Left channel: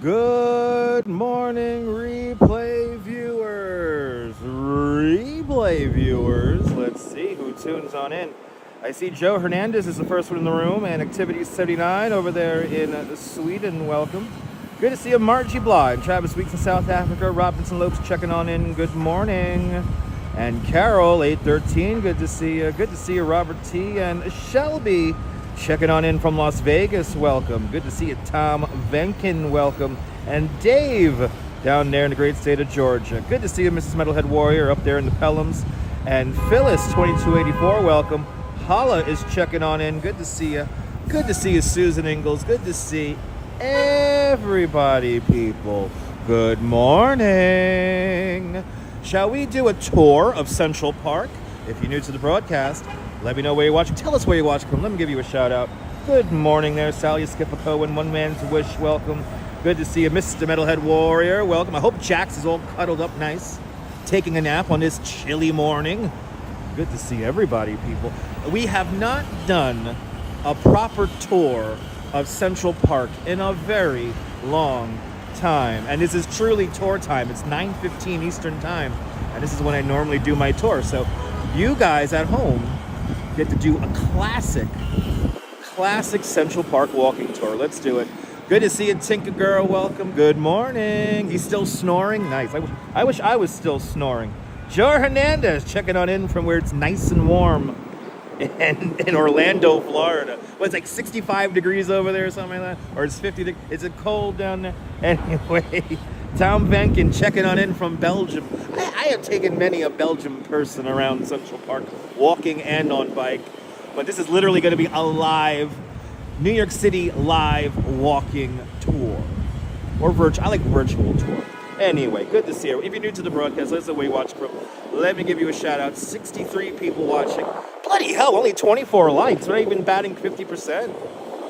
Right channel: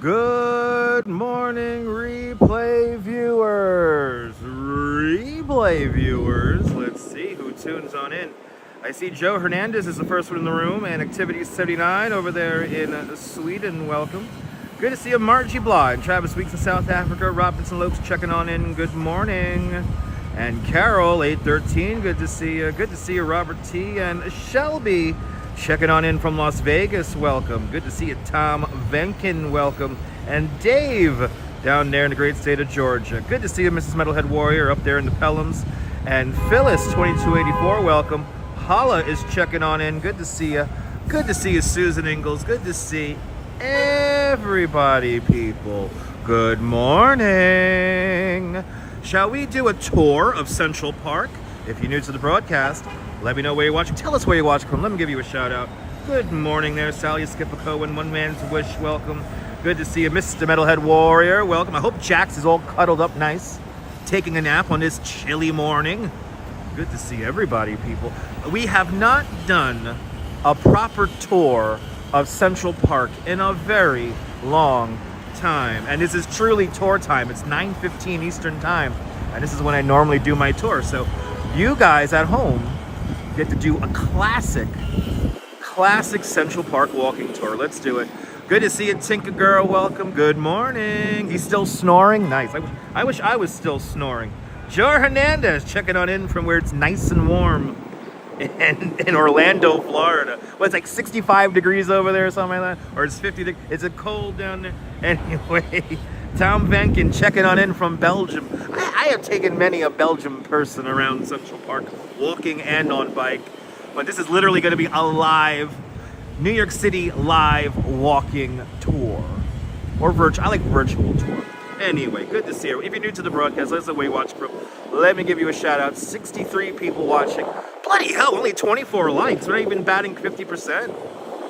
Good morning, replay viewers. Let's see who tunes on in. I see Joe Hernandez is the first one in the room, and Activity 79 over there in Sweden. Welcome. Good to see you, Margie Blah and Travis Weeks in South Africa. Robinson Lopes checking on in. Good morning. And Carol 813. Good to see you. Good to see you, Robert T. And Shelby checking on in from Las Vegas. Welcome. Good to see you, Tom Venkin. Welcome. And Dave down there in the great state of Georgia. Good to see you, Mrs. Metalhead Warrior, up there in the Pelhams. And Phyllis 2284. Welcome. Hala is checking on in. Good to see you. Good to see you, Susan Ingalls. Good to see everybody, people. Good morning. Shall we do a tour of Central Park? If you're new to the broadcast, let me know where you're watching. Tell us where you're watching from. Let me give you a shout out. Good morning there, Sally Skipaco and One Man's Wish. Welcome. Good to see you, Mr. Metalhead Warrior. Welcome. I hope Jax is all cuddled up nice, taking a nap on this chilly morning. Good to see everybody, people. We have not done a proper tour of Central Park in a very long time. And this is truly tour time. It's 9:15 Eastern time. And this is when I normally do my tour. So you guys at home get to do a classic Central Park walking tour. Let's do it. Good to see you, Tinker Girl. Welcome. Good morning. He's still snoring. Nice. I wish I was still snoring. Joe Hernandez checking on in from where it's nice and warm in Orlando, Florida. Well, it's like 65 degrees over there or something like that. Or it's 50 degrees. It's a cold down there. Anyway, Tom Venkin checking on in from Belgium. I have taken many a Belgium person around Central Park, walking and on bike. But this is literally going to be a live New York City live walking tour. Or virtual. I like virtual tour. Anyway, good to see you. If you're new to the broadcast, that's the way you watch from. Let me give you a shout out. 63 people watching. Bloody hell, only 24 likes. We're not even batting 50%.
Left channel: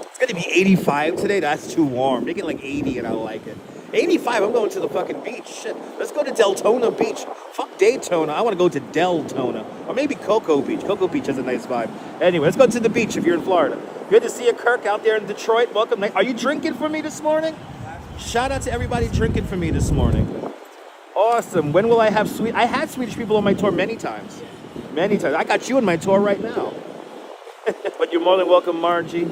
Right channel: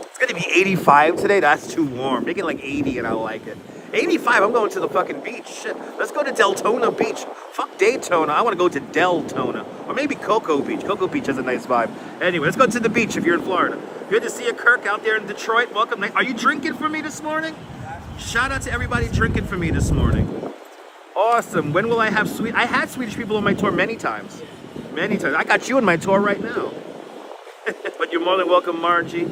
It's going to be 85 today. That's too warm. Make it like 80 and I'll like it. 85, I'm going to the fucking beach. Shit. Let's go to Deltona Beach. Fuck Daytona. I want to go to Deltona. Or maybe Cocoa Beach. Cocoa Beach has a nice vibe. Anyway, let's go to the beach if you're in Florida. Good to see you, Kirk, out there in Detroit. Welcome. Are you drinking for me this morning? Shout out to everybody drinking for me this morning. Awesome. When will I have I had Swedish people on my tour many times. Many times. I got you on my tour right now. But you're more than welcome, Margie.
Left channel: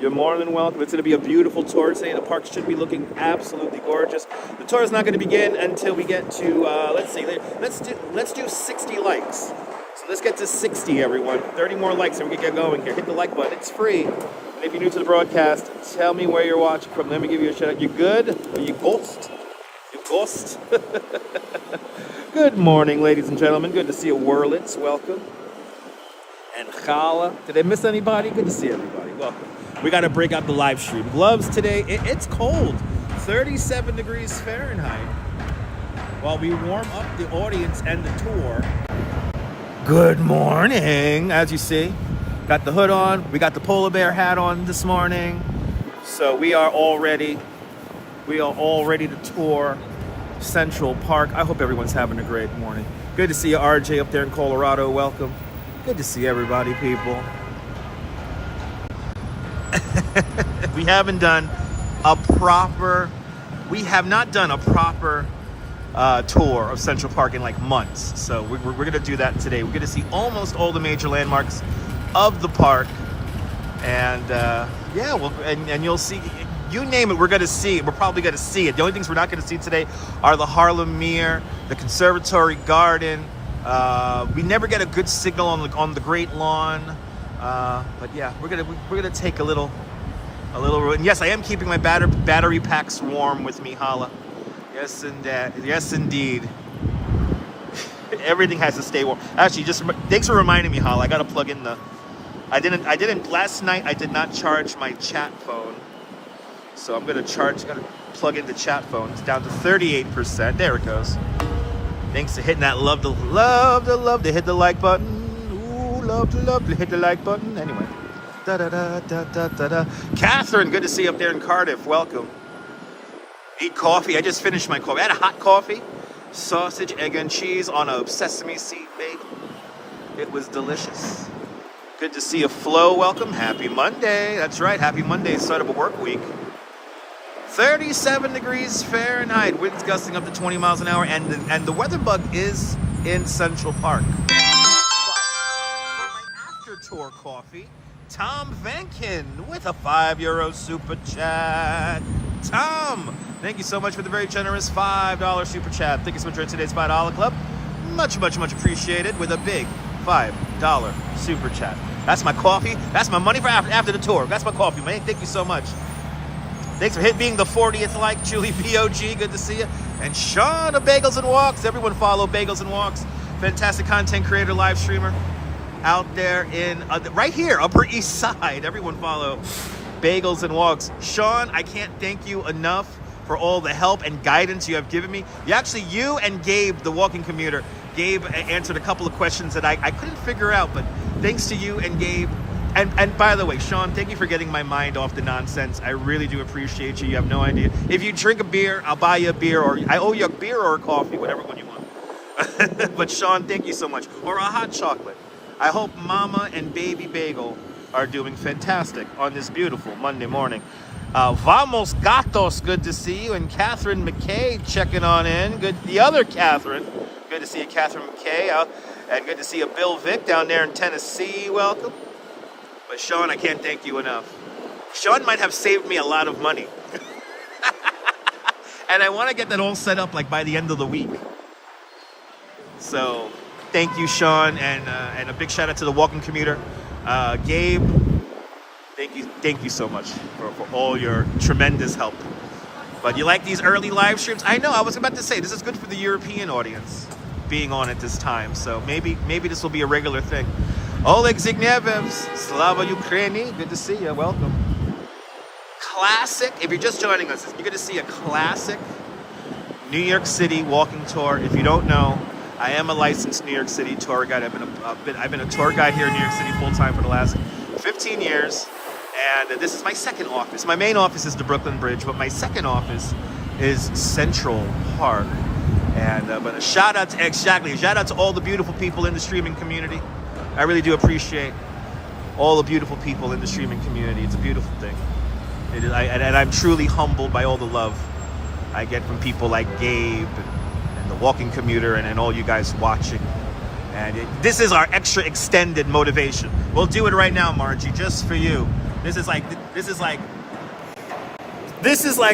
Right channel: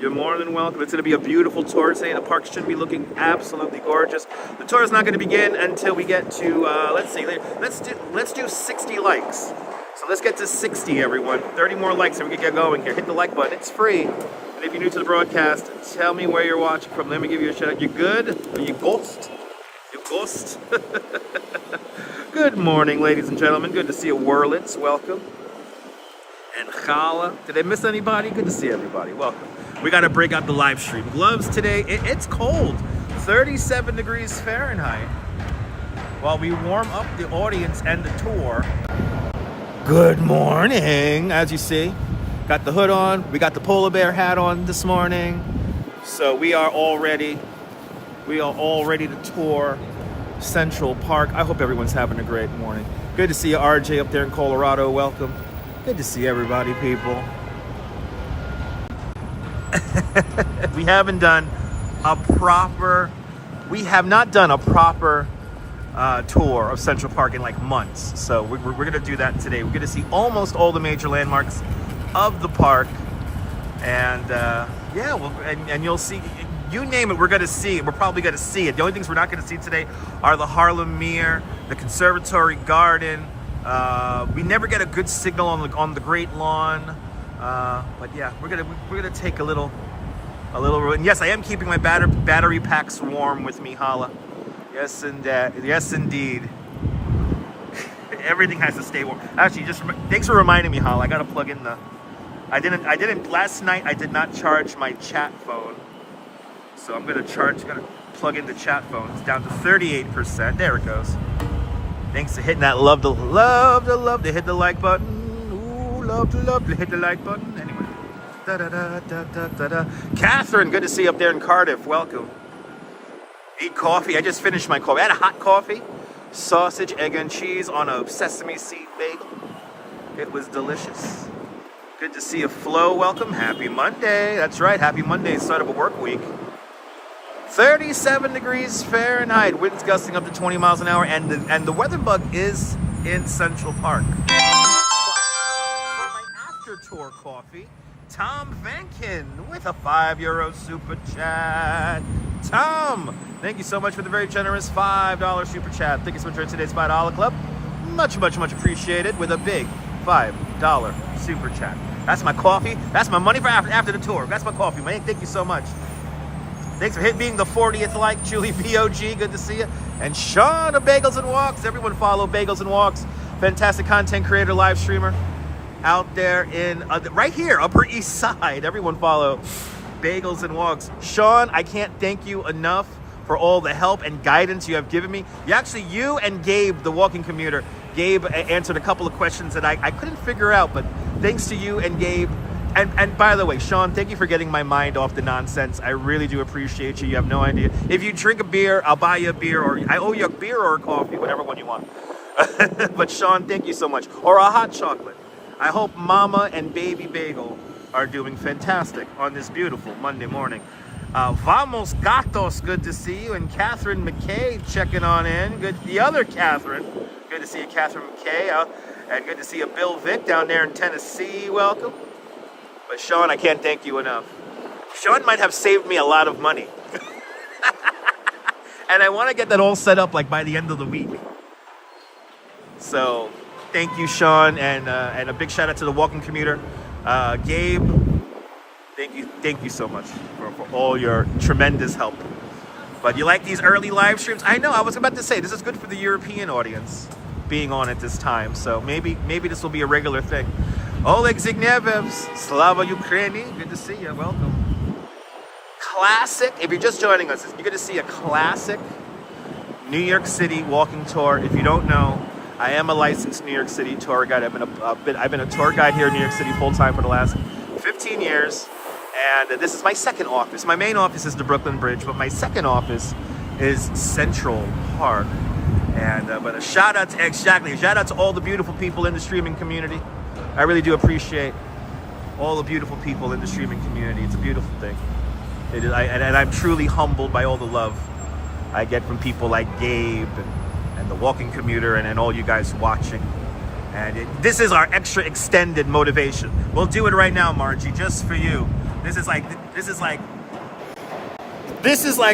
You're more than welcome. It's going to be a beautiful tour today. The park should be looking absolutely gorgeous. The tour is not going to begin until we get to, let's do 60 likes. So let's get to 60, everyone. 30 more likes and we can get going here. Hit the like button. It's free. And if you're new to the broadcast, tell me where you're watching from. Let me give you a shout out. You good? Are you ghost? You ghost? Good morning, ladies and gentlemen. Good to see you, Wurlitz. Welcome. And Chala. Did I miss anybody? Good to see everybody. Welcome. We got to break out the live stream. Gloves today. It's cold. 37 degrees Fahrenheit. While we warm up the audience and the tour. Good morning. As you see, got the hood on. We got the polar bear hat on this morning. So we are all ready. We are all ready to tour Central Park. I hope everyone's having a great morning. Good to see you, RJ, up there in Colorado. Welcome. Good to see everybody, people. We have not done a proper tour of Central Park in like months. So we're going to do that today. We're going to see almost all the major landmarks of the park. And yeah, and you'll see, you name it, we're going to see it. We're probably going to see it. The only things we're not going to see today are the Harlem Mere, the Conservatory Garden. We never get a good signal on the Great Lawn. But yeah, we're gonna take a little. And yes, I am keeping my battery packs warm with me, Hala. Yes, yes, indeed. Everything has to stay warm. Actually, just thanks for reminding me, Hala. I gotta plug in the. I didn't last night. I did not charge my chat phone, so I'm gonna plug in the chat phone. It's down to 38%. There it goes. Thanks for hitting that love to hit the like button. Ooh, love, hit the like button. Anyway. Da-da-da-da-da-da. Catherine, good to see you up there in Cardiff. Welcome. Eat coffee. I just finished my coffee. I had a hot coffee, sausage, egg, and cheese on a sesame seed bagel. It was delicious. Good to see you, Flo. Welcome. Happy Monday. That's right. Happy Monday. Start of a work week. 37 degrees Fahrenheit. Winds gusting up to 20 miles an hour. And the weather bug is in Central Park. For my after tour coffee, Tom Vankin with a €5 super chat. Tom, thank you so much for the very generous $5 super chat. Thank you so much for today's $5 club. Much, much, much appreciated with a big $5 super chat. That's my coffee. That's my money for after the tour. That's my coffee, man. Thank you so much. Thanks for being the 40th like, Julie BOG. Good to see you. And Sean of Bagels and Walks. Everyone follow Bagels and Walks. Fantastic content creator, live streamer out there in right here, Upper East Side. Everyone follow Bagels and Walks. Sean, I can't thank you enough for all the help and guidance you have given me. You and Gabe, the walking commuter, Gabe answered a couple of questions that I couldn't figure out, but thanks to you and Gabe. And by the way, Sean, thank you for getting my mind off the nonsense. I really do appreciate you. You have no idea. If you drink a beer, I'll buy you a beer, or I owe you a beer or a coffee, whatever one you want. But Sean, thank you so much. Or a hot chocolate. I hope Mama and Baby Bagel are doing fantastic on this beautiful Monday morning. Vamos Gatos, good to see you. And Catherine McKay checking on in. Good, the other Catherine. Good to see you, Catherine McKay. And good to see you, Bill Vick down there in Tennessee. Welcome. But Sean, I can't thank you enough. Sean might have saved me a lot of money. And I want to get that all set up like by the end of the week. So thank you, Sean, and a big shout out to the walking commuter. Gabe, thank you so much for all your tremendous help. But you like these early live streams? I know, I was about to say, this is good for the European audience being on at this time. So maybe this will be a regular thing. Oleg Zygnievevs, Slava Ukraini, good to see you, welcome. Classic, if you're just joining us, you're going to see a classic New York City walking tour. If you don't know, I am a licensed New York City tour guide. I've been a tour guide here in New York City full time for the last 15 years. And this is my second office. My main office is the Brooklyn Bridge, but my second office is Central Park. And but a shout out to all the beautiful people in the streaming community. I really do appreciate all the beautiful people in the streaming community. It's a beautiful thing. It is, and I'm truly humbled by all the love I get from people like Gabe and the walking commuter and all you guys watching. And this is our extra extended motivation. We'll do it right now, Margie, just for you. This is like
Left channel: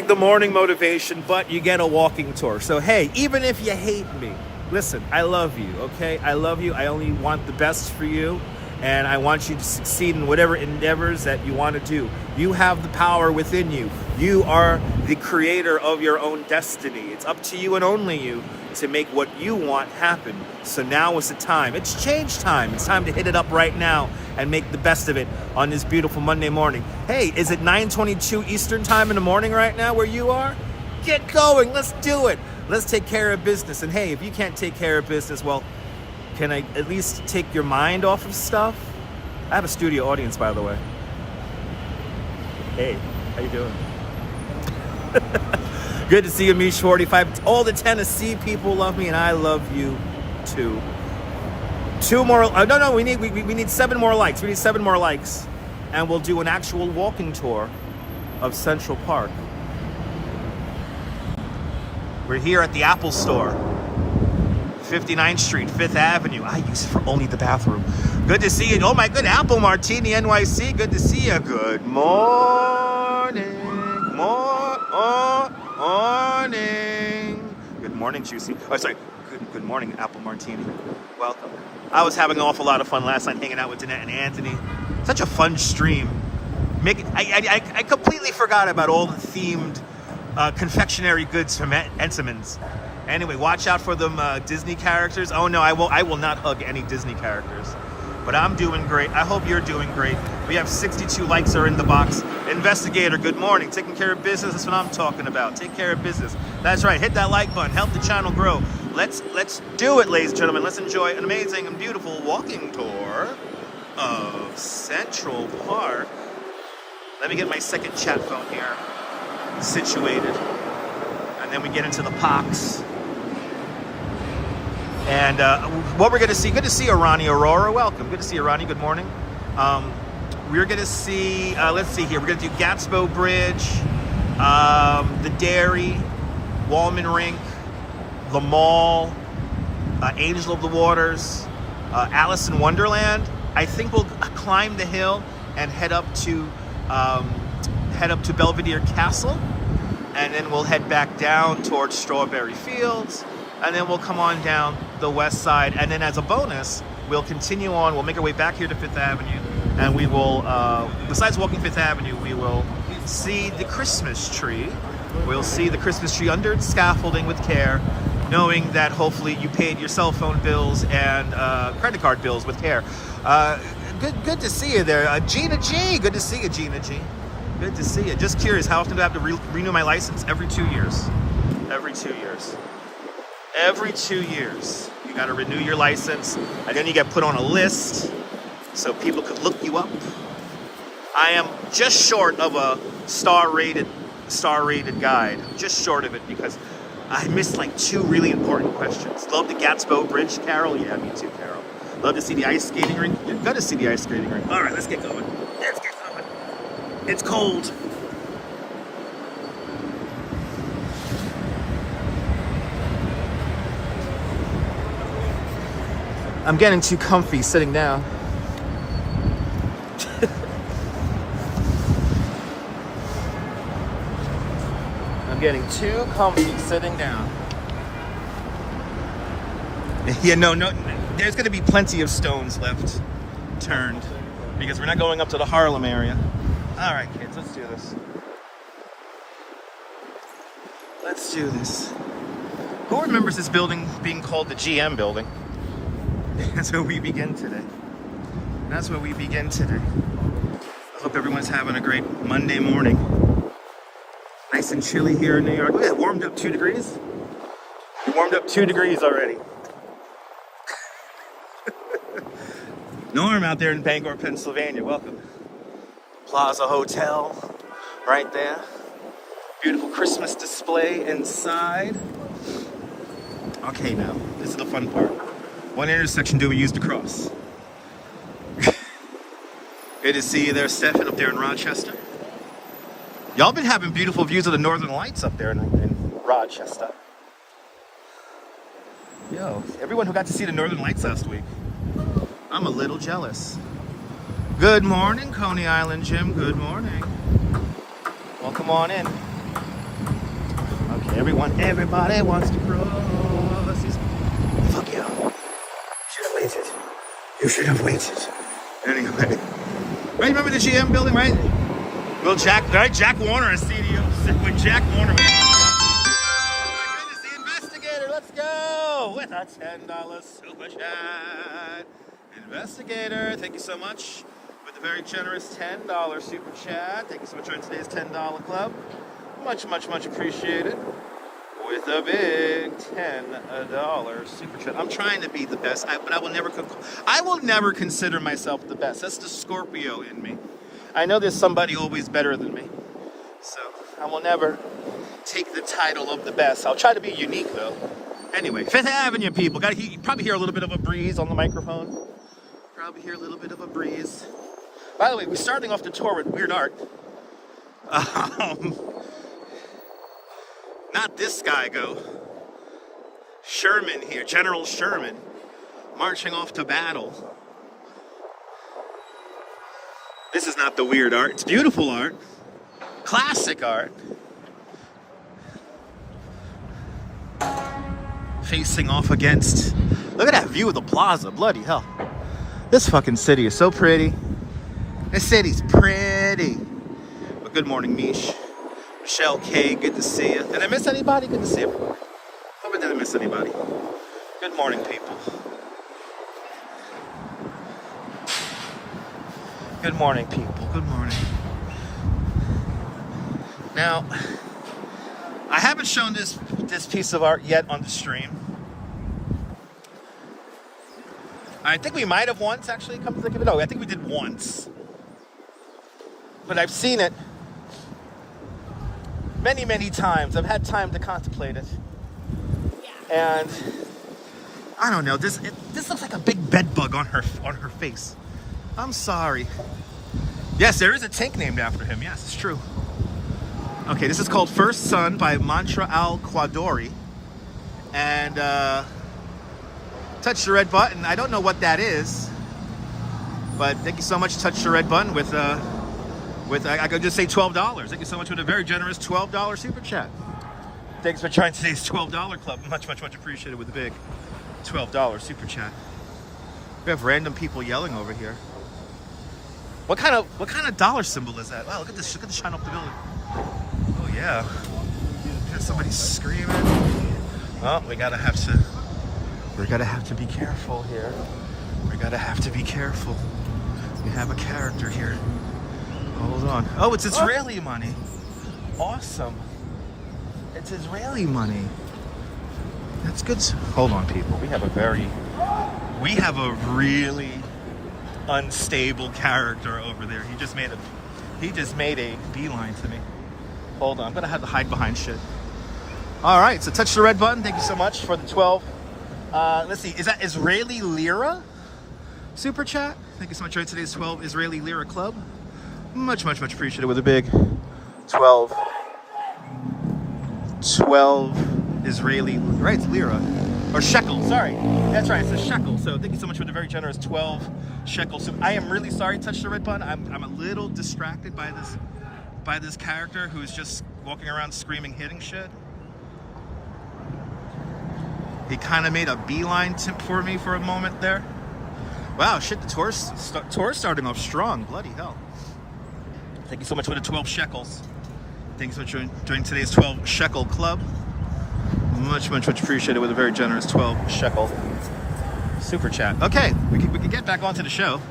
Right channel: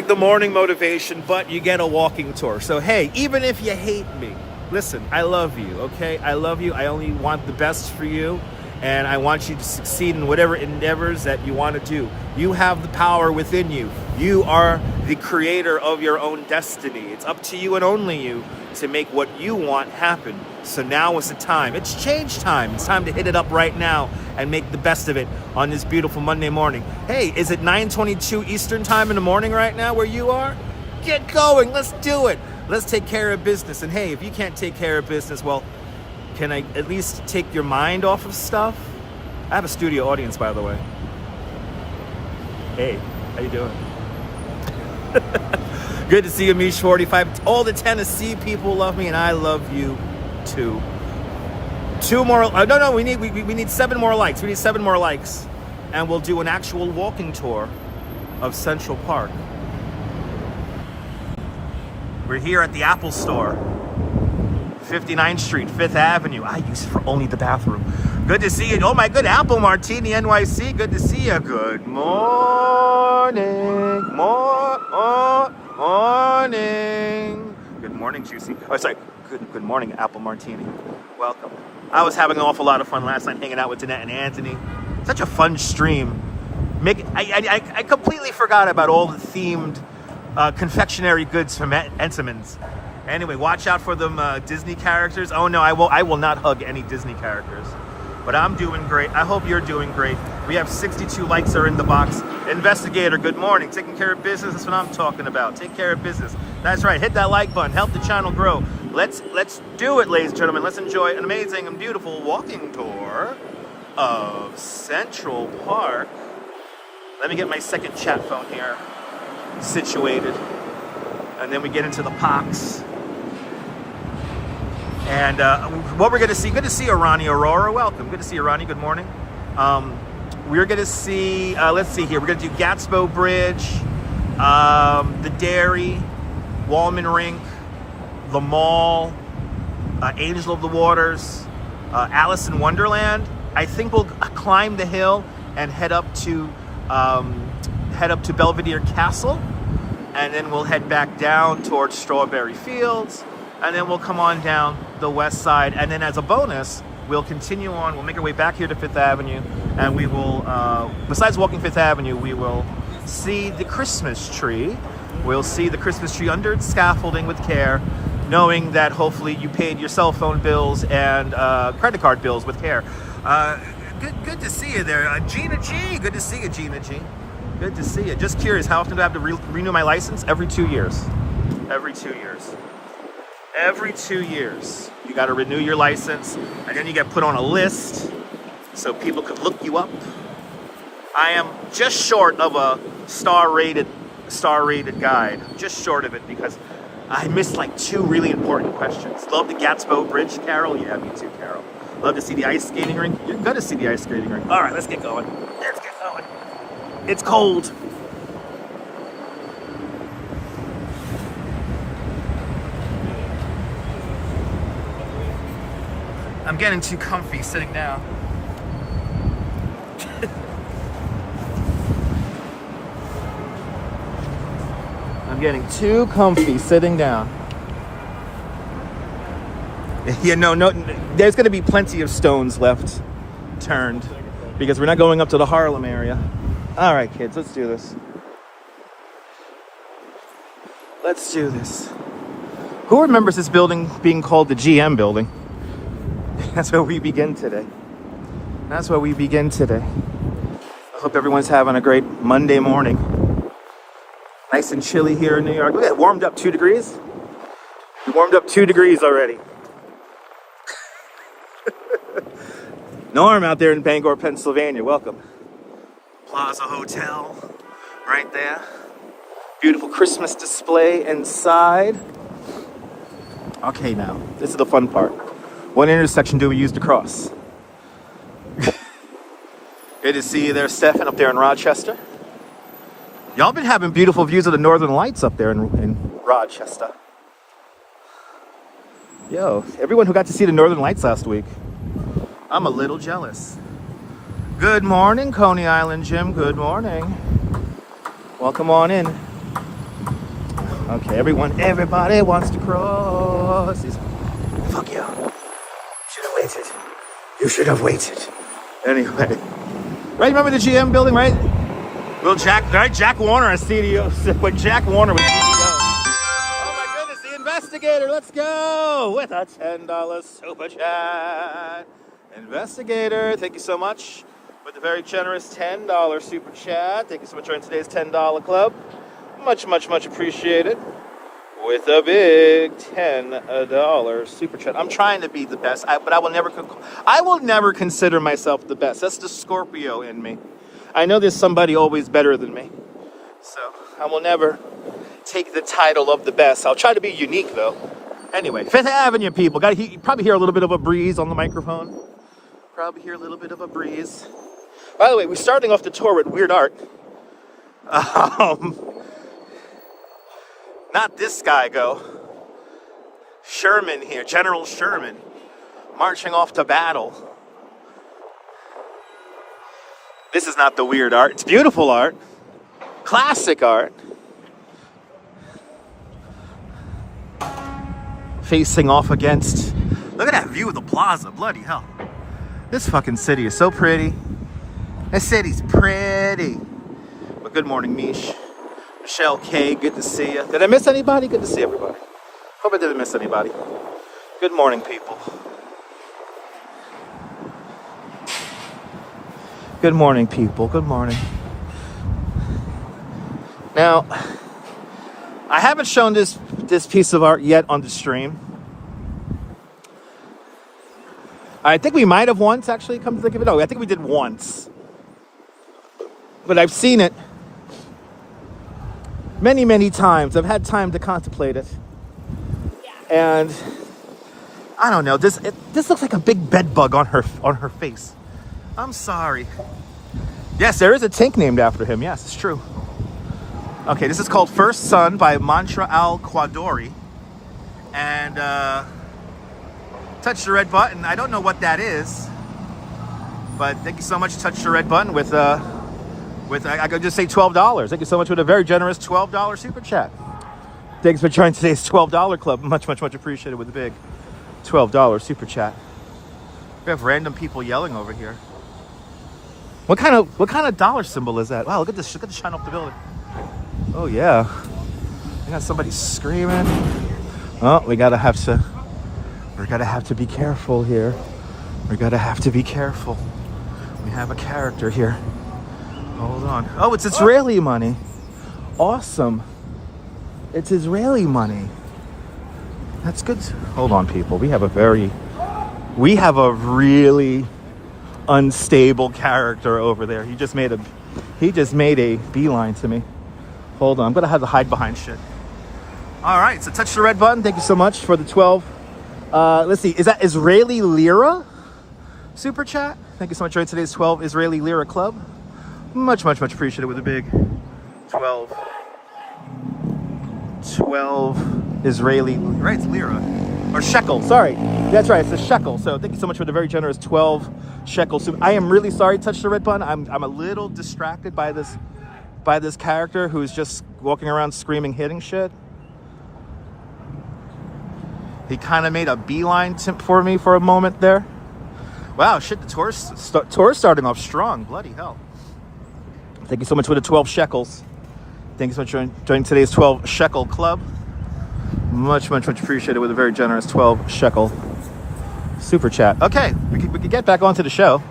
the morning motivation, but you get a walking tour. So hey, even if you hate me, listen, I love you, okay? I love you. I only want the best for you, and I want you to succeed in whatever endeavors that you want to do. You have the power within you. You are the creator of your own destiny. It's up to you and only you to make what you want happen. So now is the time. It's change time. It's time to hit it up right now and make the best of it on this beautiful Monday morning. Hey, is it 9:22 Eastern time in the morning right now where you are? Get going. Let's do it. Let's take care of business. And hey, if you can't take care of business, well, can I at least take your mind off of stuff? I have a studio audience, by the way. Hey, how you doing? Good to see you, Mish45. All the Tennessee people love me, and I love you too. Two more. No. We need 7 more likes. We need 7 more likes, and we'll do an actual walking tour of Central Park. We're here at the Apple Store, 59th Street, 5th Avenue. I use it for only the bathroom. Good to see you. Oh my good, Apple Martini NYC. Good to see you. Good morning. Morning. Good morning, Juicy. Oh, sorry. Good morning, Apple Martini. Welcome. I was having an awful lot of fun last night hanging out with Danette and Anthony. Such a fun stream. I completely forgot about all the themed confectionery goods from Entenmann's. Anyway, watch out for them Disney characters. Oh no, I will not hug any Disney characters. But I'm doing great. I hope you're doing great. We have 62 likes are in the box. Investigator, good morning. Taking care of business, that's what I'm talking about. Take care of business. That's right, hit that like button. Help the channel grow. Let's do it, ladies and gentlemen. Let's enjoy an amazing and beautiful walking tour of Central Park. Let me get my second chat phone here situated. And then we get into the parks. And what we're going to see, good to see you, Ronnie Eahora. Welcome. Good to see you, Ronnie. Good morning. We're going to see, let's see here. We're going to do Gatsbo Bridge, the Dairy, Wallman Rink, the Mall, Angel of the Waters, Alice in Wonderland. I think we'll climb the hill and head up to Belvedere Castle, and then we'll head back down towards Strawberry Fields, and then we'll come on down the west side, and then as a bonus, we'll continue on. We'll make our way back here to Fifth Avenue, and we will, besides walking Fifth Avenue, we will see the Christmas tree. We'll see the Christmas tree under scaffolding with care, knowing that hopefully you paid your cell phone bills and credit card bills with care. Good to see you there. Gina G. Good to see you, Gina G. Good to see you. Just curious, how often do I have to renew my license? Every 2 years. Every 2 years. Every 2 years. You got to renew your license, and then you get put on a list so people could look you up. I am just short of a star-rated guide. Just short of it because I missed like 2 really important questions. Love the Gatsbo Bridge, Carol? Yeah, me too, Carol. Love to see the ice skating rink? You're gonna see the ice skating rink. All right, let's get going. Let's get going. It's cold. I'm getting too comfy sitting down. I'm getting too comfy sitting down. Yeah, no, there's going to be plenty of stones left turned because we're not going up to the Harlem area. All right, kids, let's do this. Let's do this. Who remembers this building being called the GM building? That's where we begin today. That's where we begin today. I hope everyone's having a great Monday morning. Nice and chilly here in New York. Look at it, warmed up 2 degrees. We warmed up 2 degrees already. Norm out there in Bangor, Pennsylvania, welcome. Plaza Hotel, right there. Beautiful Christmas display inside. Okay, now, this is the fun part. What intersection do we use to cross? Good to see you there, Stefan, up there in Rochester. Y'all been having beautiful views of the Northern Lights up there in Rochester. Yo, everyone who got to see the Northern Lights last week, I'm a little jealous. Good morning, Coney Island Jim. Good morning. Welcome on in. Okay, everybody wants to cross. Fuck you. Should have waited. You should have waited. Anyway. Right, remember the GM building, right? Well, Jack Warner, our CDO, when Jack Warner was oh my goodness, the investigator, let's go! With a $10 super chat. Investigator, thank you so much with the very generous $10 super chat. Thank you so much for joining today's $10 club. Much, much, much appreciated. With a big $10 super chat. I'm trying to be the best, but I will never consider myself the best. That's the Scorpio in me. I know there's somebody always better than me, so I will never take the title of the best. I'll try to be unique though. Anyway, Fifth Avenue people, you probably hear a little bit of a breeze on the microphone. Probably hear a little bit of a breeze. By the way, we're starting off the tour with weird art. Not this guy, Sherman here, General Sherman, marching off to battle. This is not the weird art. It's beautiful art. Classic art. Facing off against... Look at that view of the plaza. Bloody hell. This fucking city is so pretty. This city's pretty. But good morning, Mish. Michelle K, good to see you. Did I miss anybody? Good to see you. Hope I didn't miss anybody. Good morning, people. Good morning, people. Good morning. Now, I haven't shown this piece of art yet on the stream. I think we might have once actually come to think of it. No, I think we did once. But I've seen it many, many times. I've had time to contemplate it. Yeah. And I don't know, this looks like a big bed bug on her face. I'm sorry. Yes, there is a tank named after him. Yes, it's true. Okay, this is called First Sun by Mantra Al-Quadori. And touch the red button. I don't know what that is, but thank you so much. Touch the red button with I could just say $12. Thank you so much for a very generous $12 super chat. Thanks for joining today's $12 club. Much, much, much appreciated with a big $12 super chat. We have random people yelling over here. What kind of dollar symbol is that? Wow, look at this. Look at the shine up the building. Oh yeah. We got somebody screaming. Oh, we gotta have to be careful here. We gotta have to be careful. We have a character here. Hold on. Oh, it's Israeli money. Awesome. It's Israeli money. That's good. Hold on, people. We have a really unstable character over there. He just made a beeline to me. Hold on. I'm gonna have to hide behind shit. All right. So touch the red button. Thank you so much for the 12. Let's see. Is that Israeli lira? Super chat. Thank you so much for today's 12 Israeli lira club. Much, much, much appreciated with a big 12 Israeli, right? It's lira or shekel. Sorry, that's right. It's a shekel. So thank you so much for the very generous 12 shekel. So I am really sorry. Touch the red button. I'm a little distracted by this character who's just walking around screaming, hitting shit. He kind of made a beeline for me for a moment there. Wow, shit, the tour's starting off strong. Bloody hell. Thank you so much for the 12 shekels. Thank you so much for joining today's 12 shekel club. Much, much, much appreciated with a very generous 12 shekel super chat. Okay, we can get back onto the show.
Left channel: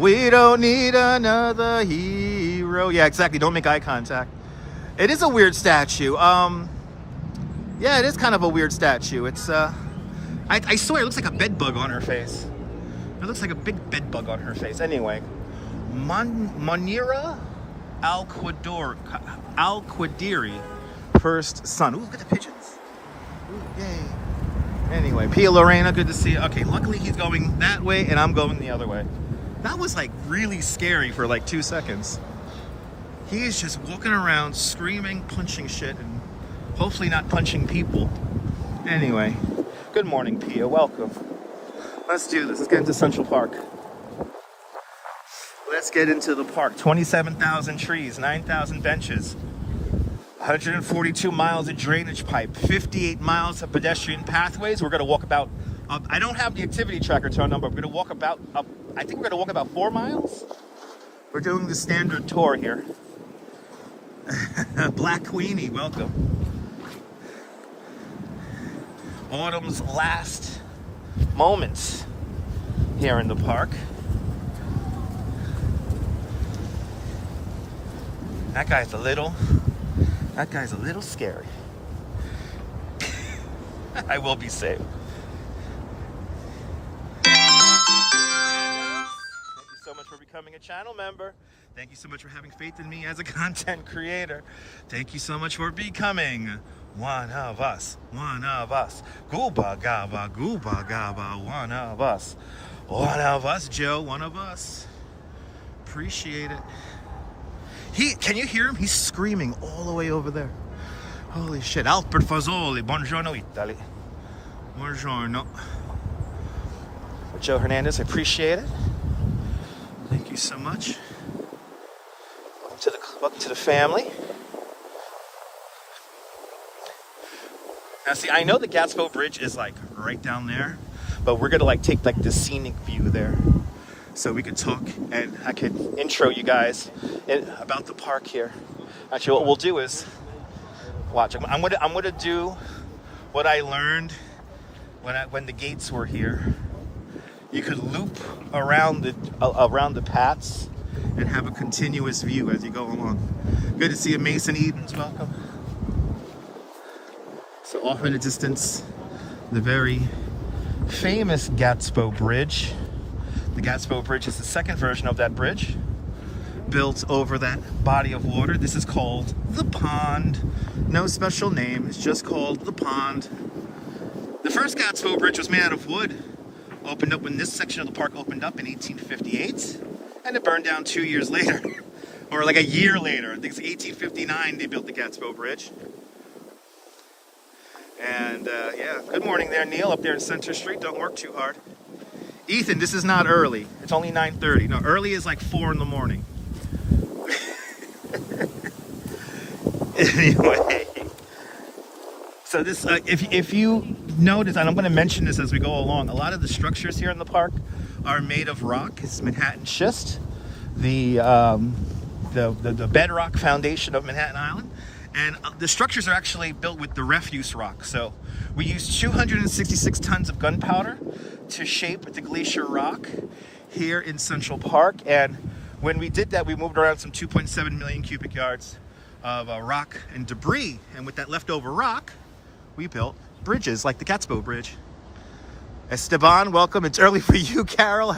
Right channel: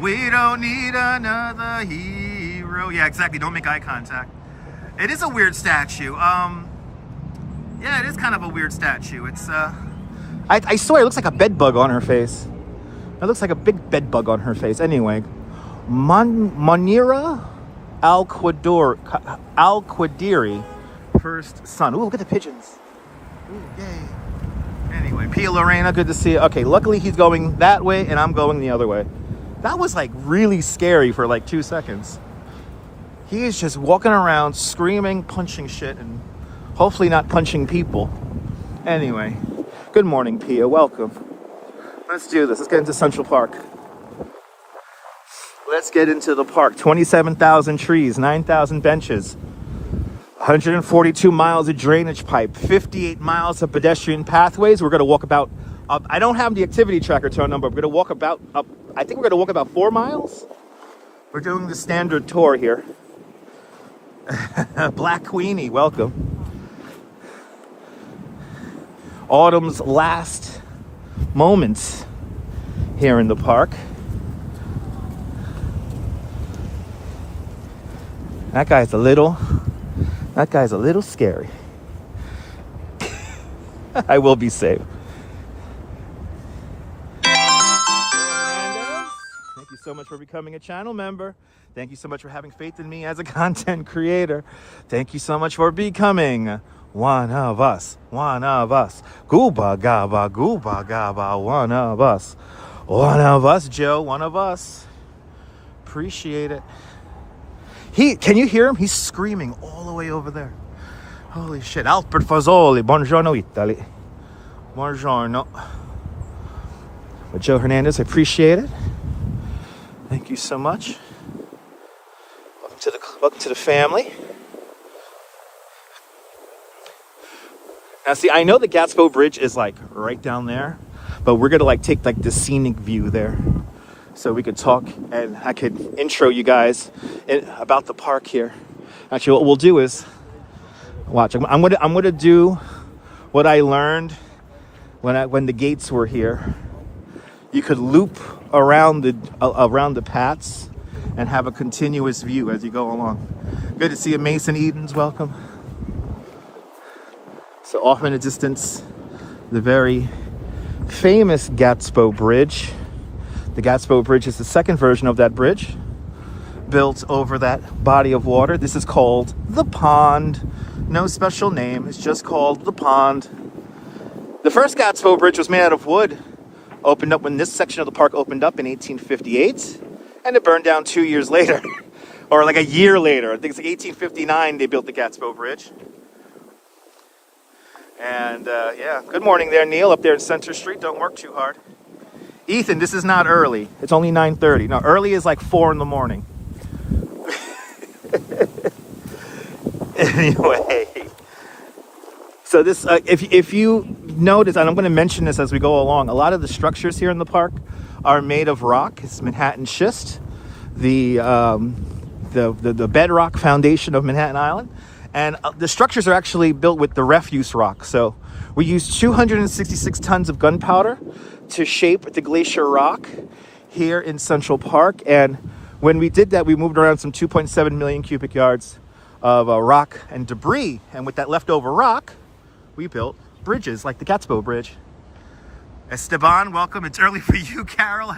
We don't need another hero. Yeah, exactly. Don't make eye contact. It is a weird statue. Yeah, it is kind of a weird statue. It's I swear it looks like a bed bug on her face. It looks like a big bed bug on her face. Anyway, Manira Al-Quadiri, First Sun. Ooh, look at the pigeons. Ooh, yay. Anyway, Pia Lorena, good to see you. Okay, luckily he's going that way and I'm going the other way. That was like really scary for like 2 seconds. He is just walking around screaming, punching shit, and hopefully not punching people. Anyway, good morning, Pia. Welcome. Let's do this. Let's get into Central Park. Let's get into the park. 27,000 trees, 9,000 benches, 142 miles of drainage pipe, 58 miles of pedestrian pathways. We're going to walk about, I don't have the activity tracker turned on, but we're going to walk about, I think we're going to walk about 4 miles. We're doing the standard tour here. Black Queenie, welcome. Autumn's last moments here in the park. That guy's a little scary. I will be safe. Thank you so much for becoming a channel member. Thank you so much for having faith in me as a content creator. Thank you so much for becoming one of us. One of us. Gooba gaba, one of us. One of us, Joe, one of us. Appreciate it. Can you hear him? He's screaming all the way over there. Holy shit. Albert Fazzoli, buongiorno Italy. Buongiorno. Joe Hernandez, appreciate it. Thank you so much. Welcome to the family. Now see, I know the Gatsbo Bridge is like right down there, but we're gonna like take like the scenic view there. So we could talk and I could intro you guys about the park here. Actually, what we'll do is, watch, I'm gonna do what I learned when the gates were here. You could loop around the paths and have a continuous view as you go along. Good to see you, Mason Edens, welcome. So off in the distance, the very famous Gatsbo Bridge. The Gatsbo Bridge is the second version of that bridge, built over that body of water. This is called the Pond. No special name, it's just called the Pond. The first Gatsbo Bridge was made out of wood. Opened up when this section of the park opened up in 1858, and it burned down 2 years later, or like a year later. I think it's 1859 they built the Gatsbo Bridge. And yeah, good morning there, Neil, up there in Center Street. Don't work too hard. Ethan, this is not early. It's only 9:30. No, early is like 4 in the morning. Anyway, so this, if you notice, and I'm going to mention this as we go along, a lot of the structures here in the park are made of rock. It's Manhattan schist, the bedrock foundation of Manhattan Island. And the structures are actually built with the refuse rock. So we used 266 tons of gunpowder to shape the glacier rock here in Central Park. And when we did that, we moved around some 2.7 million cubic yards of rock and debris. And with that leftover rock, we built bridges like the Gatsbo Bridge. Esteban, welcome. It's early for you, Carol.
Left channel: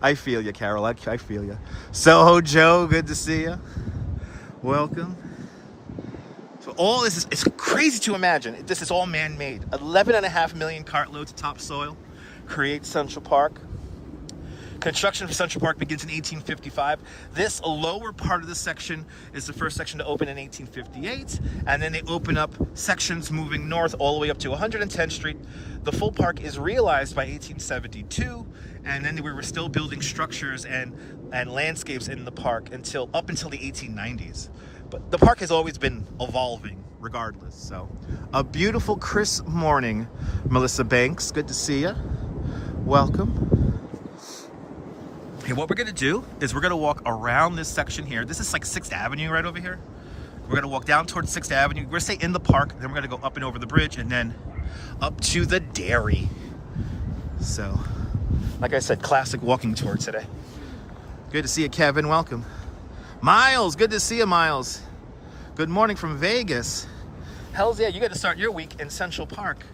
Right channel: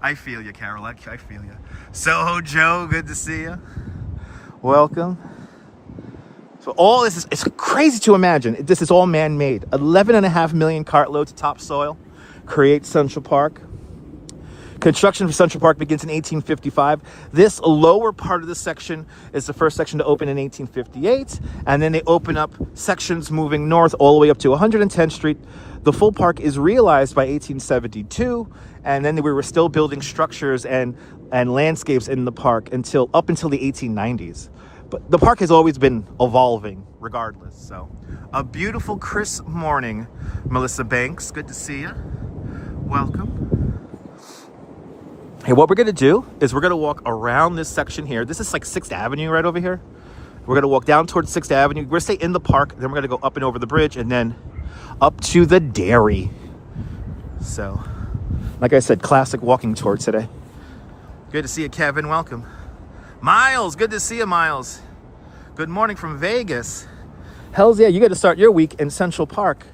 I feel you, Carol. I feel you. Soho Joe, good to see you. Welcome. So all this is, it's crazy to imagine. This is all man-made. 11.5 million cartloads of topsoil creates Central Park. Construction for Central Park begins in 1855. This lower part of this section is the first section to open in 1858. And then they open up sections moving north all the way up to 110th Street. The full park is realized by 1872. And then we were still building structures and landscapes in the park up until the 1890s. But the park has always been evolving regardless. So a beautiful crisp morning, Melissa Banks. Good to see you. Welcome. Hey, what we're gonna do is we're gonna walk around this section here. This is like 6th Avenue right over here. We're gonna walk down towards 6th Avenue. We're gonna stay in the park, then we're gonna go up and over the bridge and then up to the dairy. So, like I said, classic walking tour today. Good to see you, Kevin. Welcome. Miles, good to see you, Miles. Good morning from Vegas. Hells yeah, you got to start your week in Central Park.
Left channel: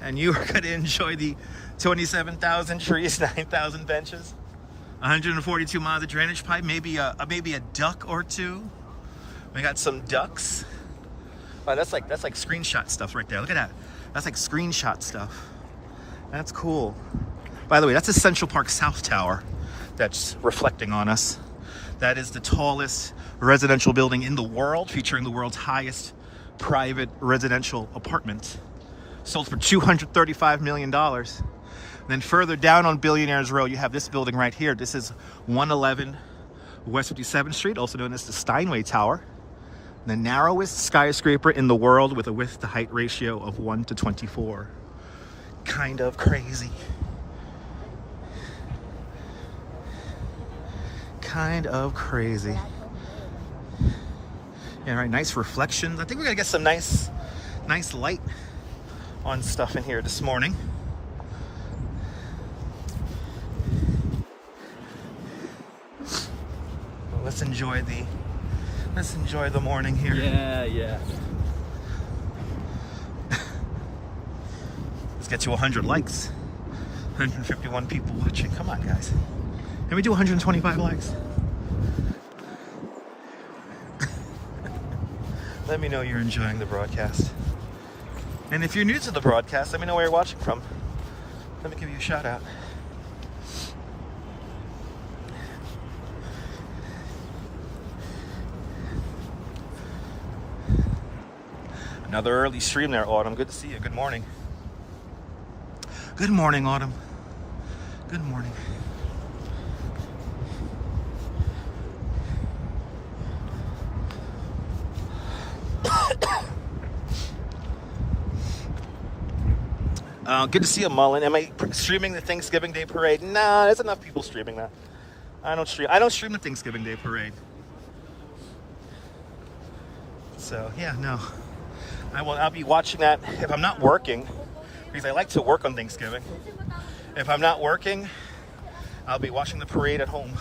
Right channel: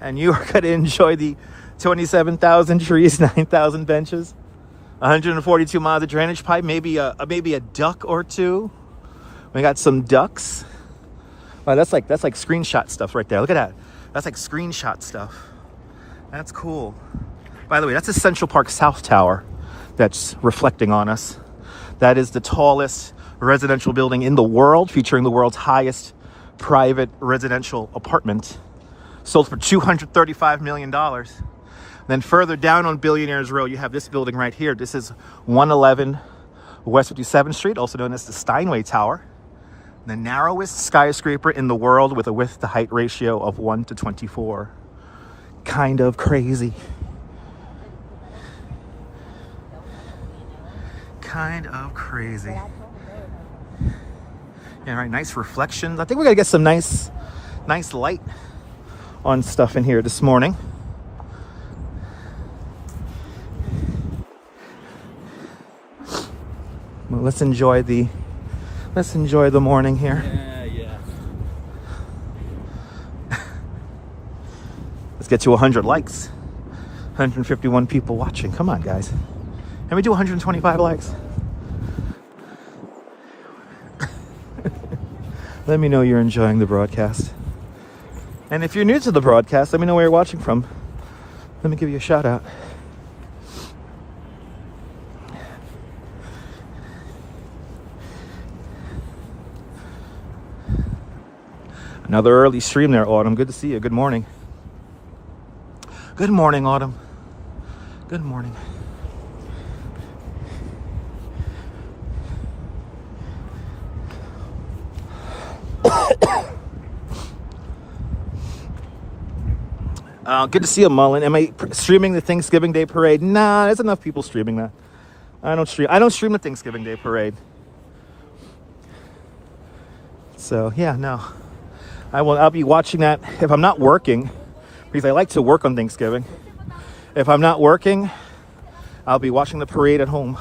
And you are going to enjoy the 27,000 trees, 9,000 benches, 142 miles of drainage pipe, maybe a duck or two. We got some ducks. Wow, that's like screenshot stuff right there. Look at that. That's like screenshot stuff. That's cool. By the way, that's a Central Park South Tower that's reflecting on us. That is the tallest residential building in the world, featuring the world's highest private residential apartment. Sold for $235 million. Then further down on Billionaires Row, you have this building right here. This is 111 West 57th Street, also known as the Steinway Tower. The narrowest skyscraper in the world with a width-to-height ratio of 1:24. Kind of crazy. Kind of crazy. Yeah, right, nice reflections. I think we're gonna get some nice light on stuff in here this morning. Well, let's enjoy the morning here. Yeah. Let's get to 100 likes. 151 people watching. Come on, guys. Can we do 125 likes? Let me know you're enjoying the broadcast. And if you're new to the broadcast, let me know where you're watching from. Let me give you a shout out. Another early stream there, Autumn. Good to see you. Good morning. Good morning, Autumn. Good morning. Good to see you, Mullen. Am I streaming the Thanksgiving Day Parade? Nah, there's enough people streaming that. I don't stream the Thanksgiving Day Parade. So yeah, no. I'll be watching that if I'm not working, because I like to work on Thanksgiving. If I'm not working, I'll be watching the parade at home.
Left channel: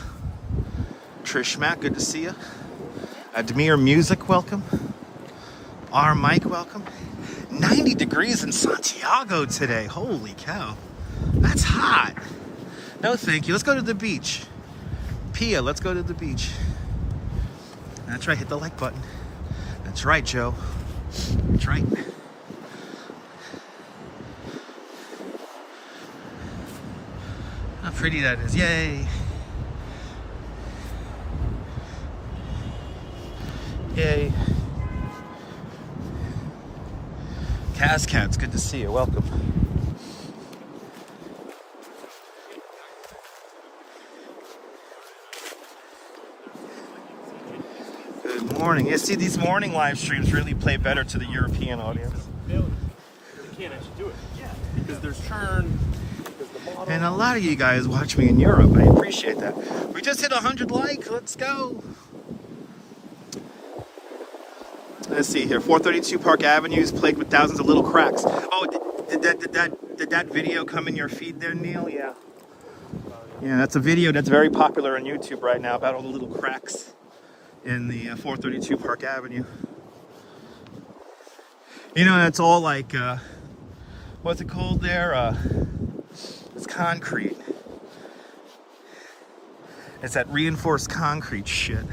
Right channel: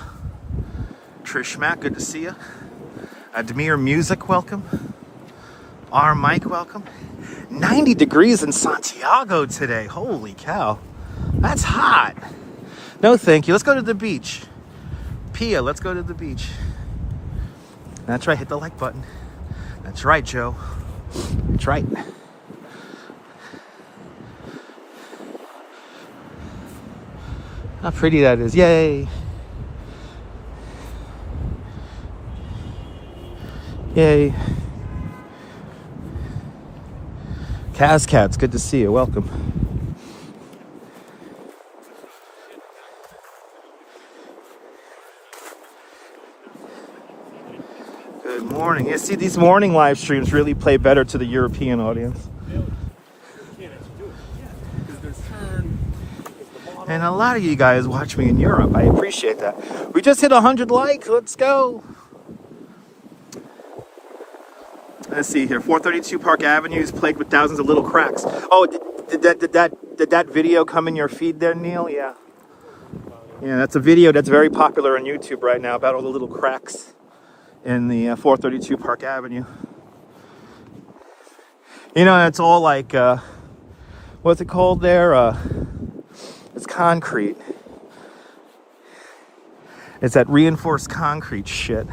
Trish Mack, good to see you. Admir Music, welcome. R. Mike, welcome. 90 degrees in Santiago today. Holy cow. That's hot. No, thank you. Let's go to the beach. Pia, let's go to the beach. That's right. Hit the like button. That's right, Joe. That's right. How pretty that is. Yay. Yay. Kaz Cats, good to see you. Welcome. Good morning. You see, these morning live streams really play better to the European audience. You can't actually do it. Yeah, because there's churn. And a lot of you guys watch me in Europe. I appreciate that. We just hit 100 likes. Let's go. Let's see here. 432 Park Avenue is plagued with thousands of little cracks. Oh, did that video come in your feed there, Neil? Yeah. Yeah, that's a video that's very popular on YouTube right now about all the little cracks in the 432 Park Avenue. You know, it's all like, what's it called there? It's concrete. It's that reinforced concrete shit.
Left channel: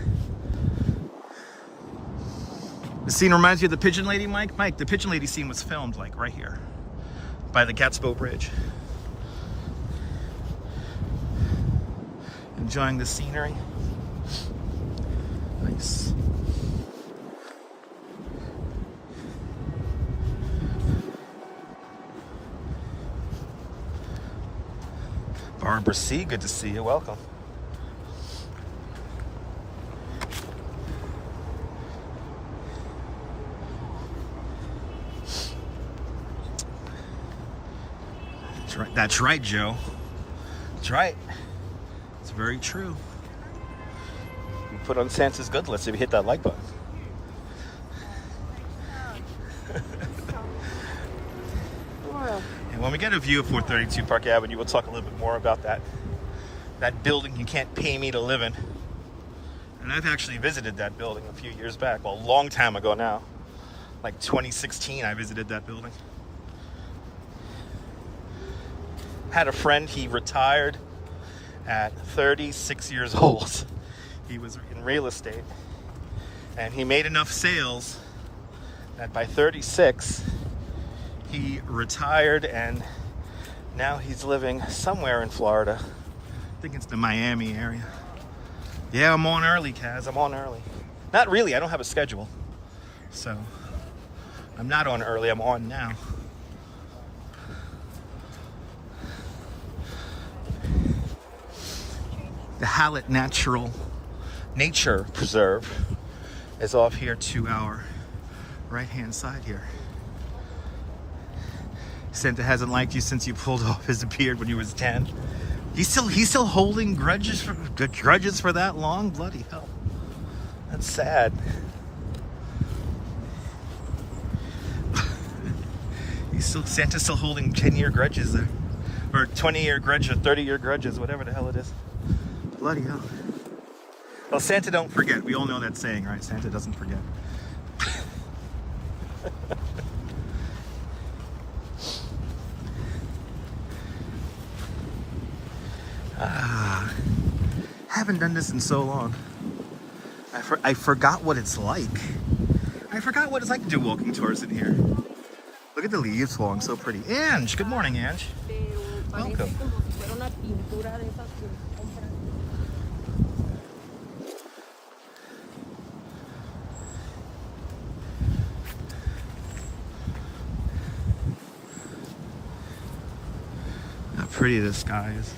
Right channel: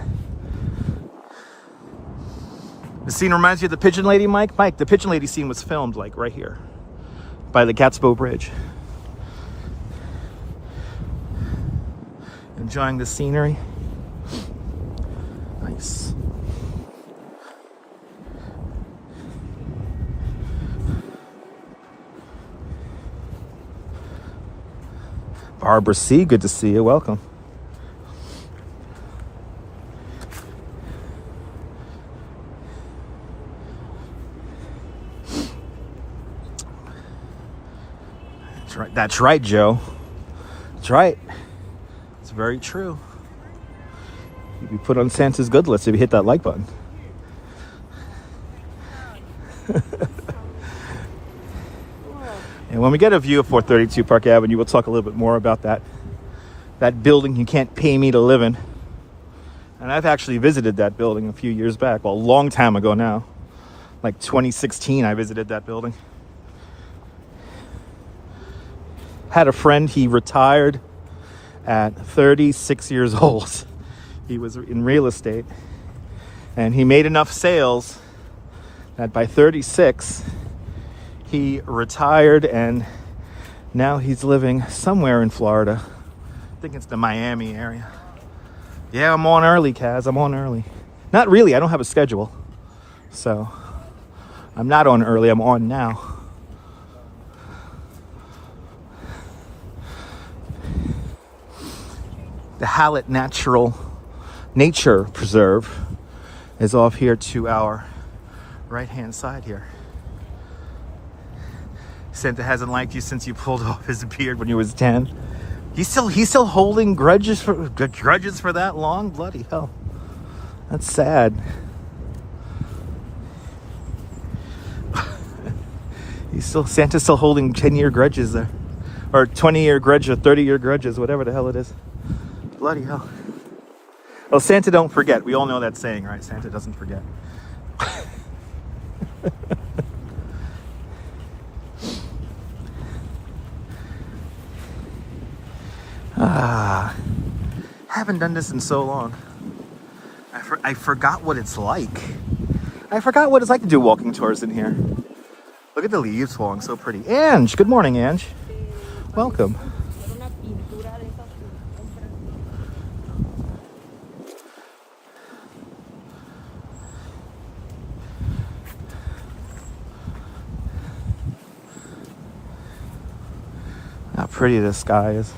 The scene reminds you of the Pigeon Lady, Mike? Mike, the Pigeon Lady scene was filmed like right here by the Gatsbo Bridge. Enjoying the scenery. Nice. Barbara C, good to see you. Welcome. That's right. That's right, Joe. That's right. It's very true. You put on Santa's good list if you hit that like button. And when we get a view of 432 Park Avenue, we'll talk a little bit more about that building you can't pay me to live in. And I've actually visited that building a few years back. Well, a long time ago now. Like 2016, I visited that building. Had a friend, he retired at 36 years old. He was in real estate. And he made enough sales that by 36, he retired, and now he's living somewhere in Florida. I think it's the Miami area. Yeah, I'm on early, Kaz. I'm on early. Not really. I don't have a schedule. So I'm not on early. I'm on now. The Hallett Nature Preserve is off here to our right-hand side here. Santa hasn't liked you since you pulled off his beard when he was 10. He's still holding grudges for that long? Bloody hell. That's sad. Santa's still holding 10-year grudges there. Or 20-year grudges, or 30-year grudges, whatever the hell it is. Bloody hell. Oh, Santa don't forget. We all know that saying, right? Santa doesn't forget. Haven't done this in so long. I forgot what it's like. I forgot what it's like to do walking tours in here. Look at the leaves falling, so pretty. Ange, good morning, Ange. Welcome. How pretty the sky is.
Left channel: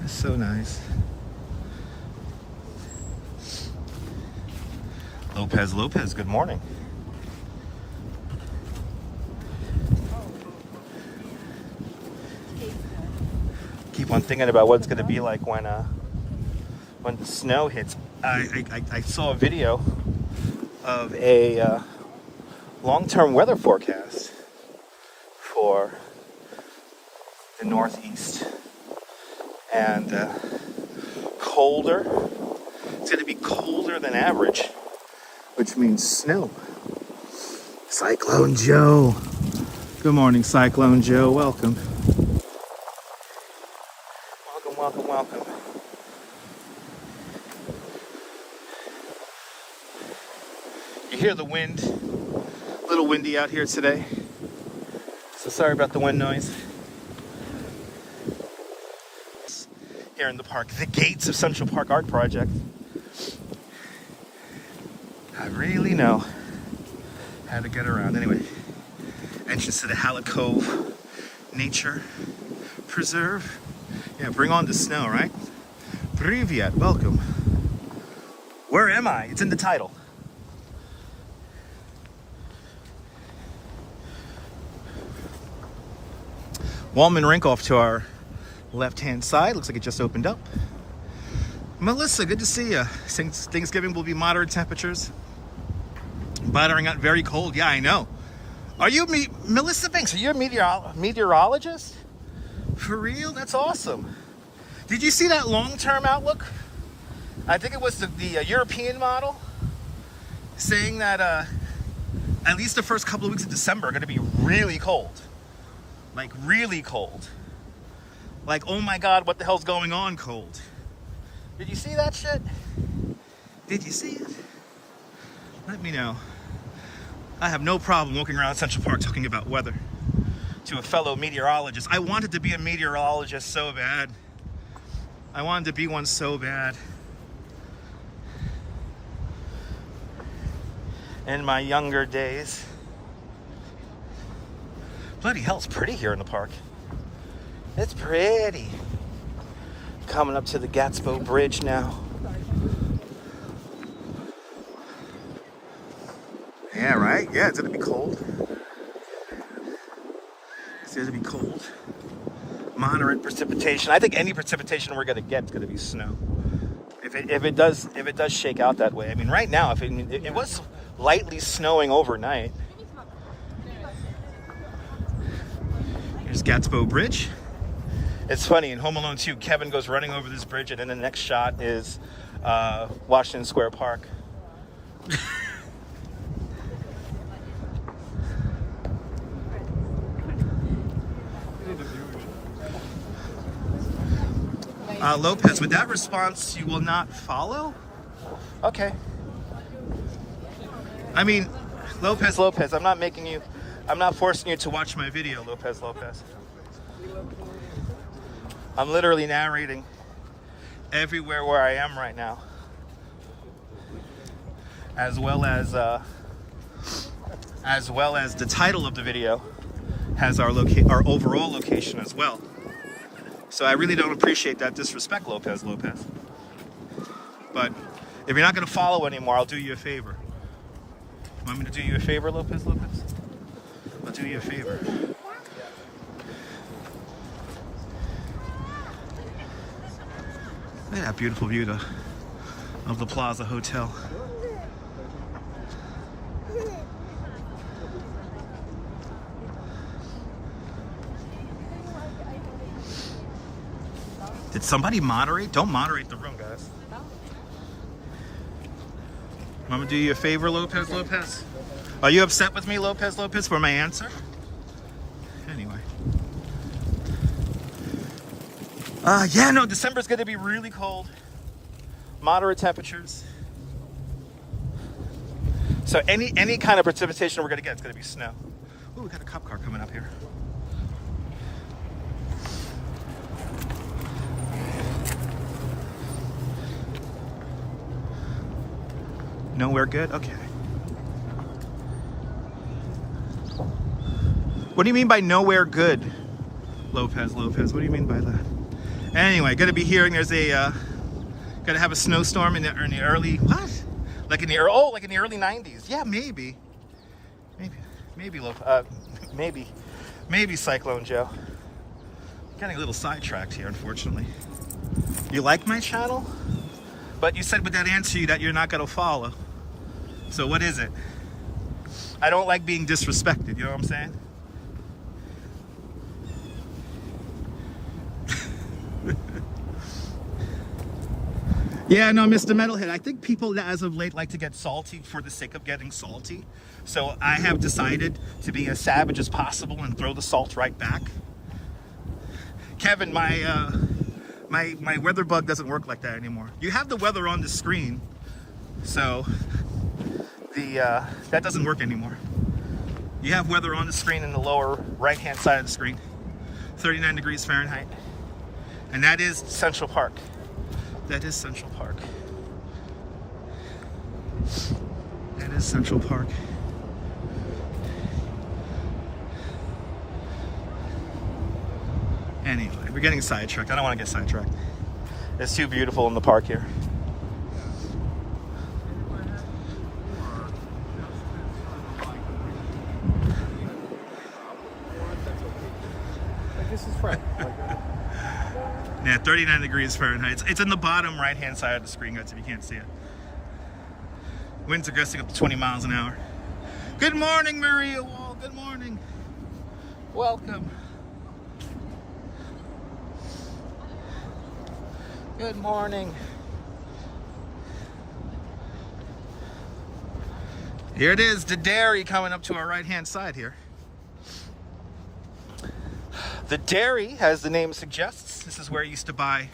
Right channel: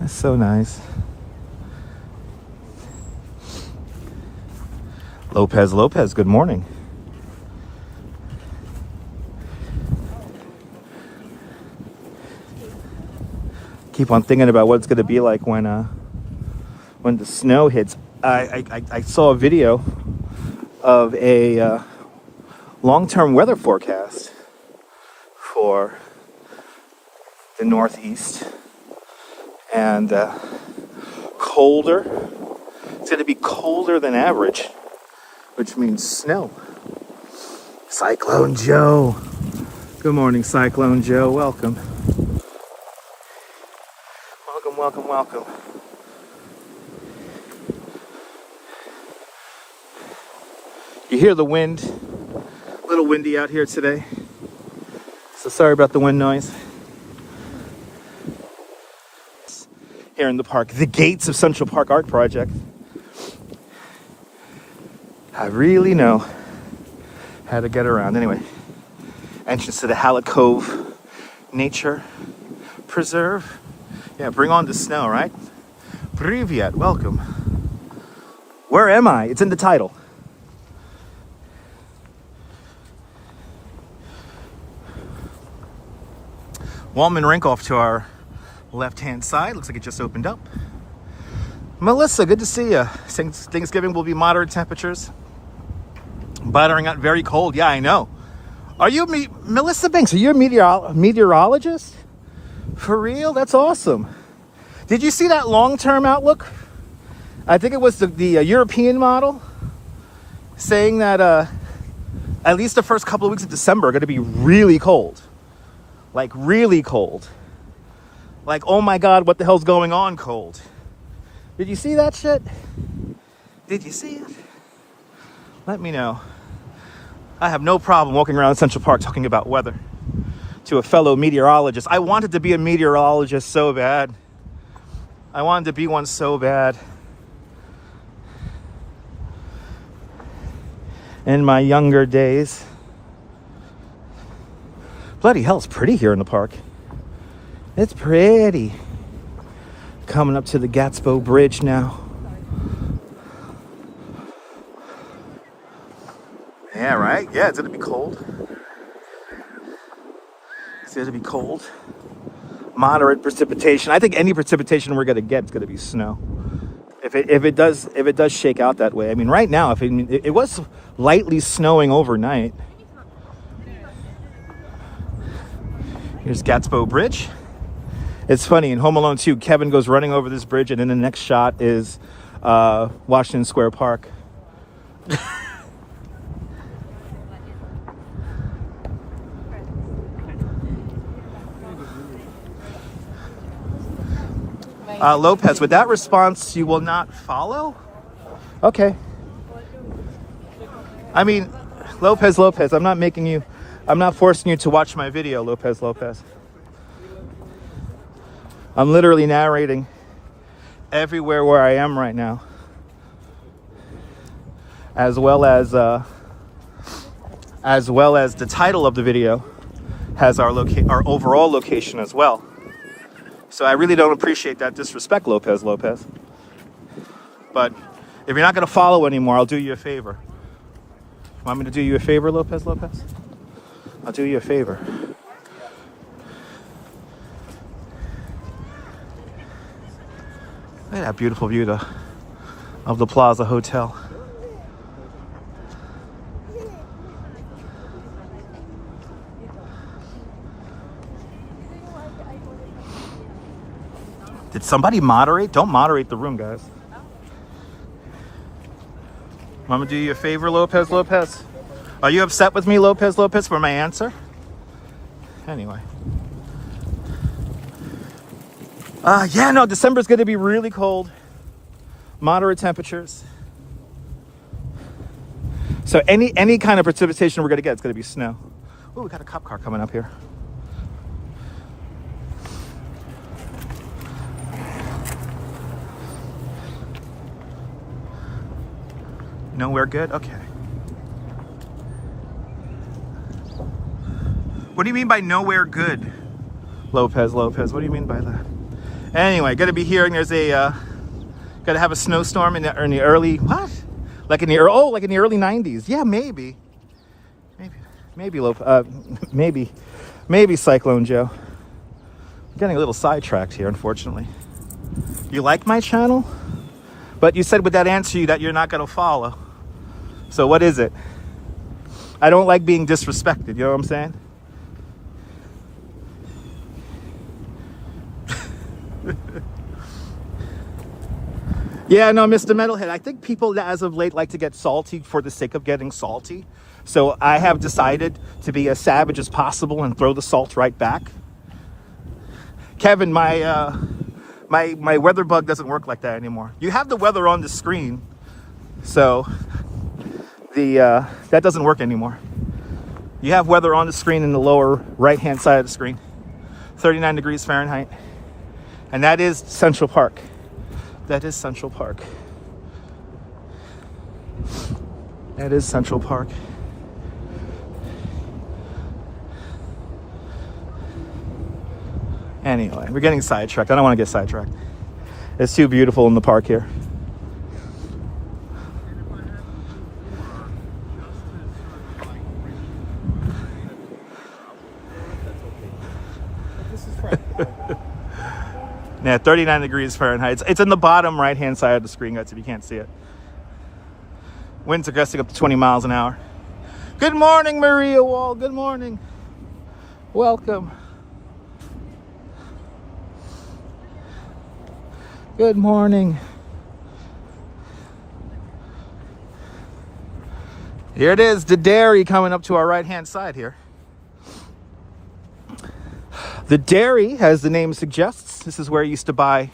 That's so nice. Lopez, good morning. Keep on thinking about what it's going to be like when the snow hits. I saw a video of a long-term weather forecast for the Northeast, and colder. It's going to be colder than average, which means snow. Cyclone Joe. Good morning, Cyclone Joe. Welcome. welcome, welcome. You hear the wind? A little windy out here today. So sorry about the wind noise. Here in the park, the gates of Central Park Art Project. I really know how to get around. Anyway, entrance to the Hallett Cove Nature Preserve. Yeah, bring on the snow, right? Privyet, welcome. Where am I? It's in the title. Wallman Rink off to our left-hand side. Looks like it just opened up. Melissa, good to see you. Thanksgiving will be moderate temperatures. Buttering out very cold. Yeah, I know. Are you Melissa Banks? Are you a meteorologist? For real? That's awesome. Did you see that long-term outlook? I think it was the European model saying that at least the first couple of weeks of December are going to be really cold. Like really cold. Like, oh my God, what the hell's going on cold? Did you see that shit? Did you see it? Let me know. I have no problem walking around Central Park talking about weather to a fellow meteorologist. I wanted to be a meteorologist so bad. I wanted to be one so bad. In my younger days. Bloody hell, it's pretty here in the park. It's pretty. Coming up to the Gatsbo Bridge now. Yeah, right? Yeah, it's gonna be cold. It's gonna be cold. Moderate precipitation. I think any precipitation we're gonna get is gonna be snow. If it does shake out that way. I mean, right now, if it was lightly snowing overnight. Here's Gatsbo Bridge. It's funny, in Home Alone 2, Kevin goes running over this bridge, and then the next shot is Washington Square Park. Lopez, with that response, you will not follow? Okay. I mean, Lopez, I'm not forcing you to watch my video, Lopez. I'm literally narrating everywhere where I am right now, as well as the title of the video has our overall location as well. So I really don't appreciate that disrespect, Lopez. But if you're not going to follow anymore, I'll do you a favor. Want me to do you a favor, Lopez? I'll do you a favor. Look at that beautiful view of the Plaza Hotel. Did somebody moderate? Don't moderate the room, guys. I'm gonna do you a favor, Lopez. Are you upset with me, Lopez, for my answer? Anyway. Yeah, no, December's gonna be really cold. Moderate temperatures. So any kind of precipitation we're gonna get, it's gonna be snow. Oh, we got a cop car coming up here. Nowhere good? Okay. What do you mean by nowhere good, Lopez? What do you mean by that? Anyway, gonna be hearing there's gonna have a snowstorm in the early, what? Like in the early 90s. Yeah, maybe Cyclone Joe. I'm getting a little sidetracked here, unfortunately. You like my channel? But you said with that answer that you're not gonna follow. So what is it? I don't like being disrespected, you know what I'm saying? Yeah, no, Mr. Metalhead, I think people as of late like to get salty for the sake of getting salty. So I have decided to be as savage as possible and throw the salt right back. Kevin, my My weather bug doesn't work like that anymore. You have the weather on the screen, so that doesn't work anymore. You have weather on the screen in the lower right-hand side of the screen. 39 degrees Fahrenheit. And that is Central Park. That is Central Park. That is Central Park. Anyway, we're getting sidetracked. I don't want to get sidetracked. It's too beautiful in the park here. Yeah, 39 degrees Fahrenheit. It's in the bottom right-hand side of the screen, guys, if you can't see it. Winds are gusting up to 20 miles an hour. Good morning, Maria Wall. Good morning. Welcome. Good morning. Here it is, the dairy coming up to our right-hand side here. The dairy, as the name suggests, this is where you used to buy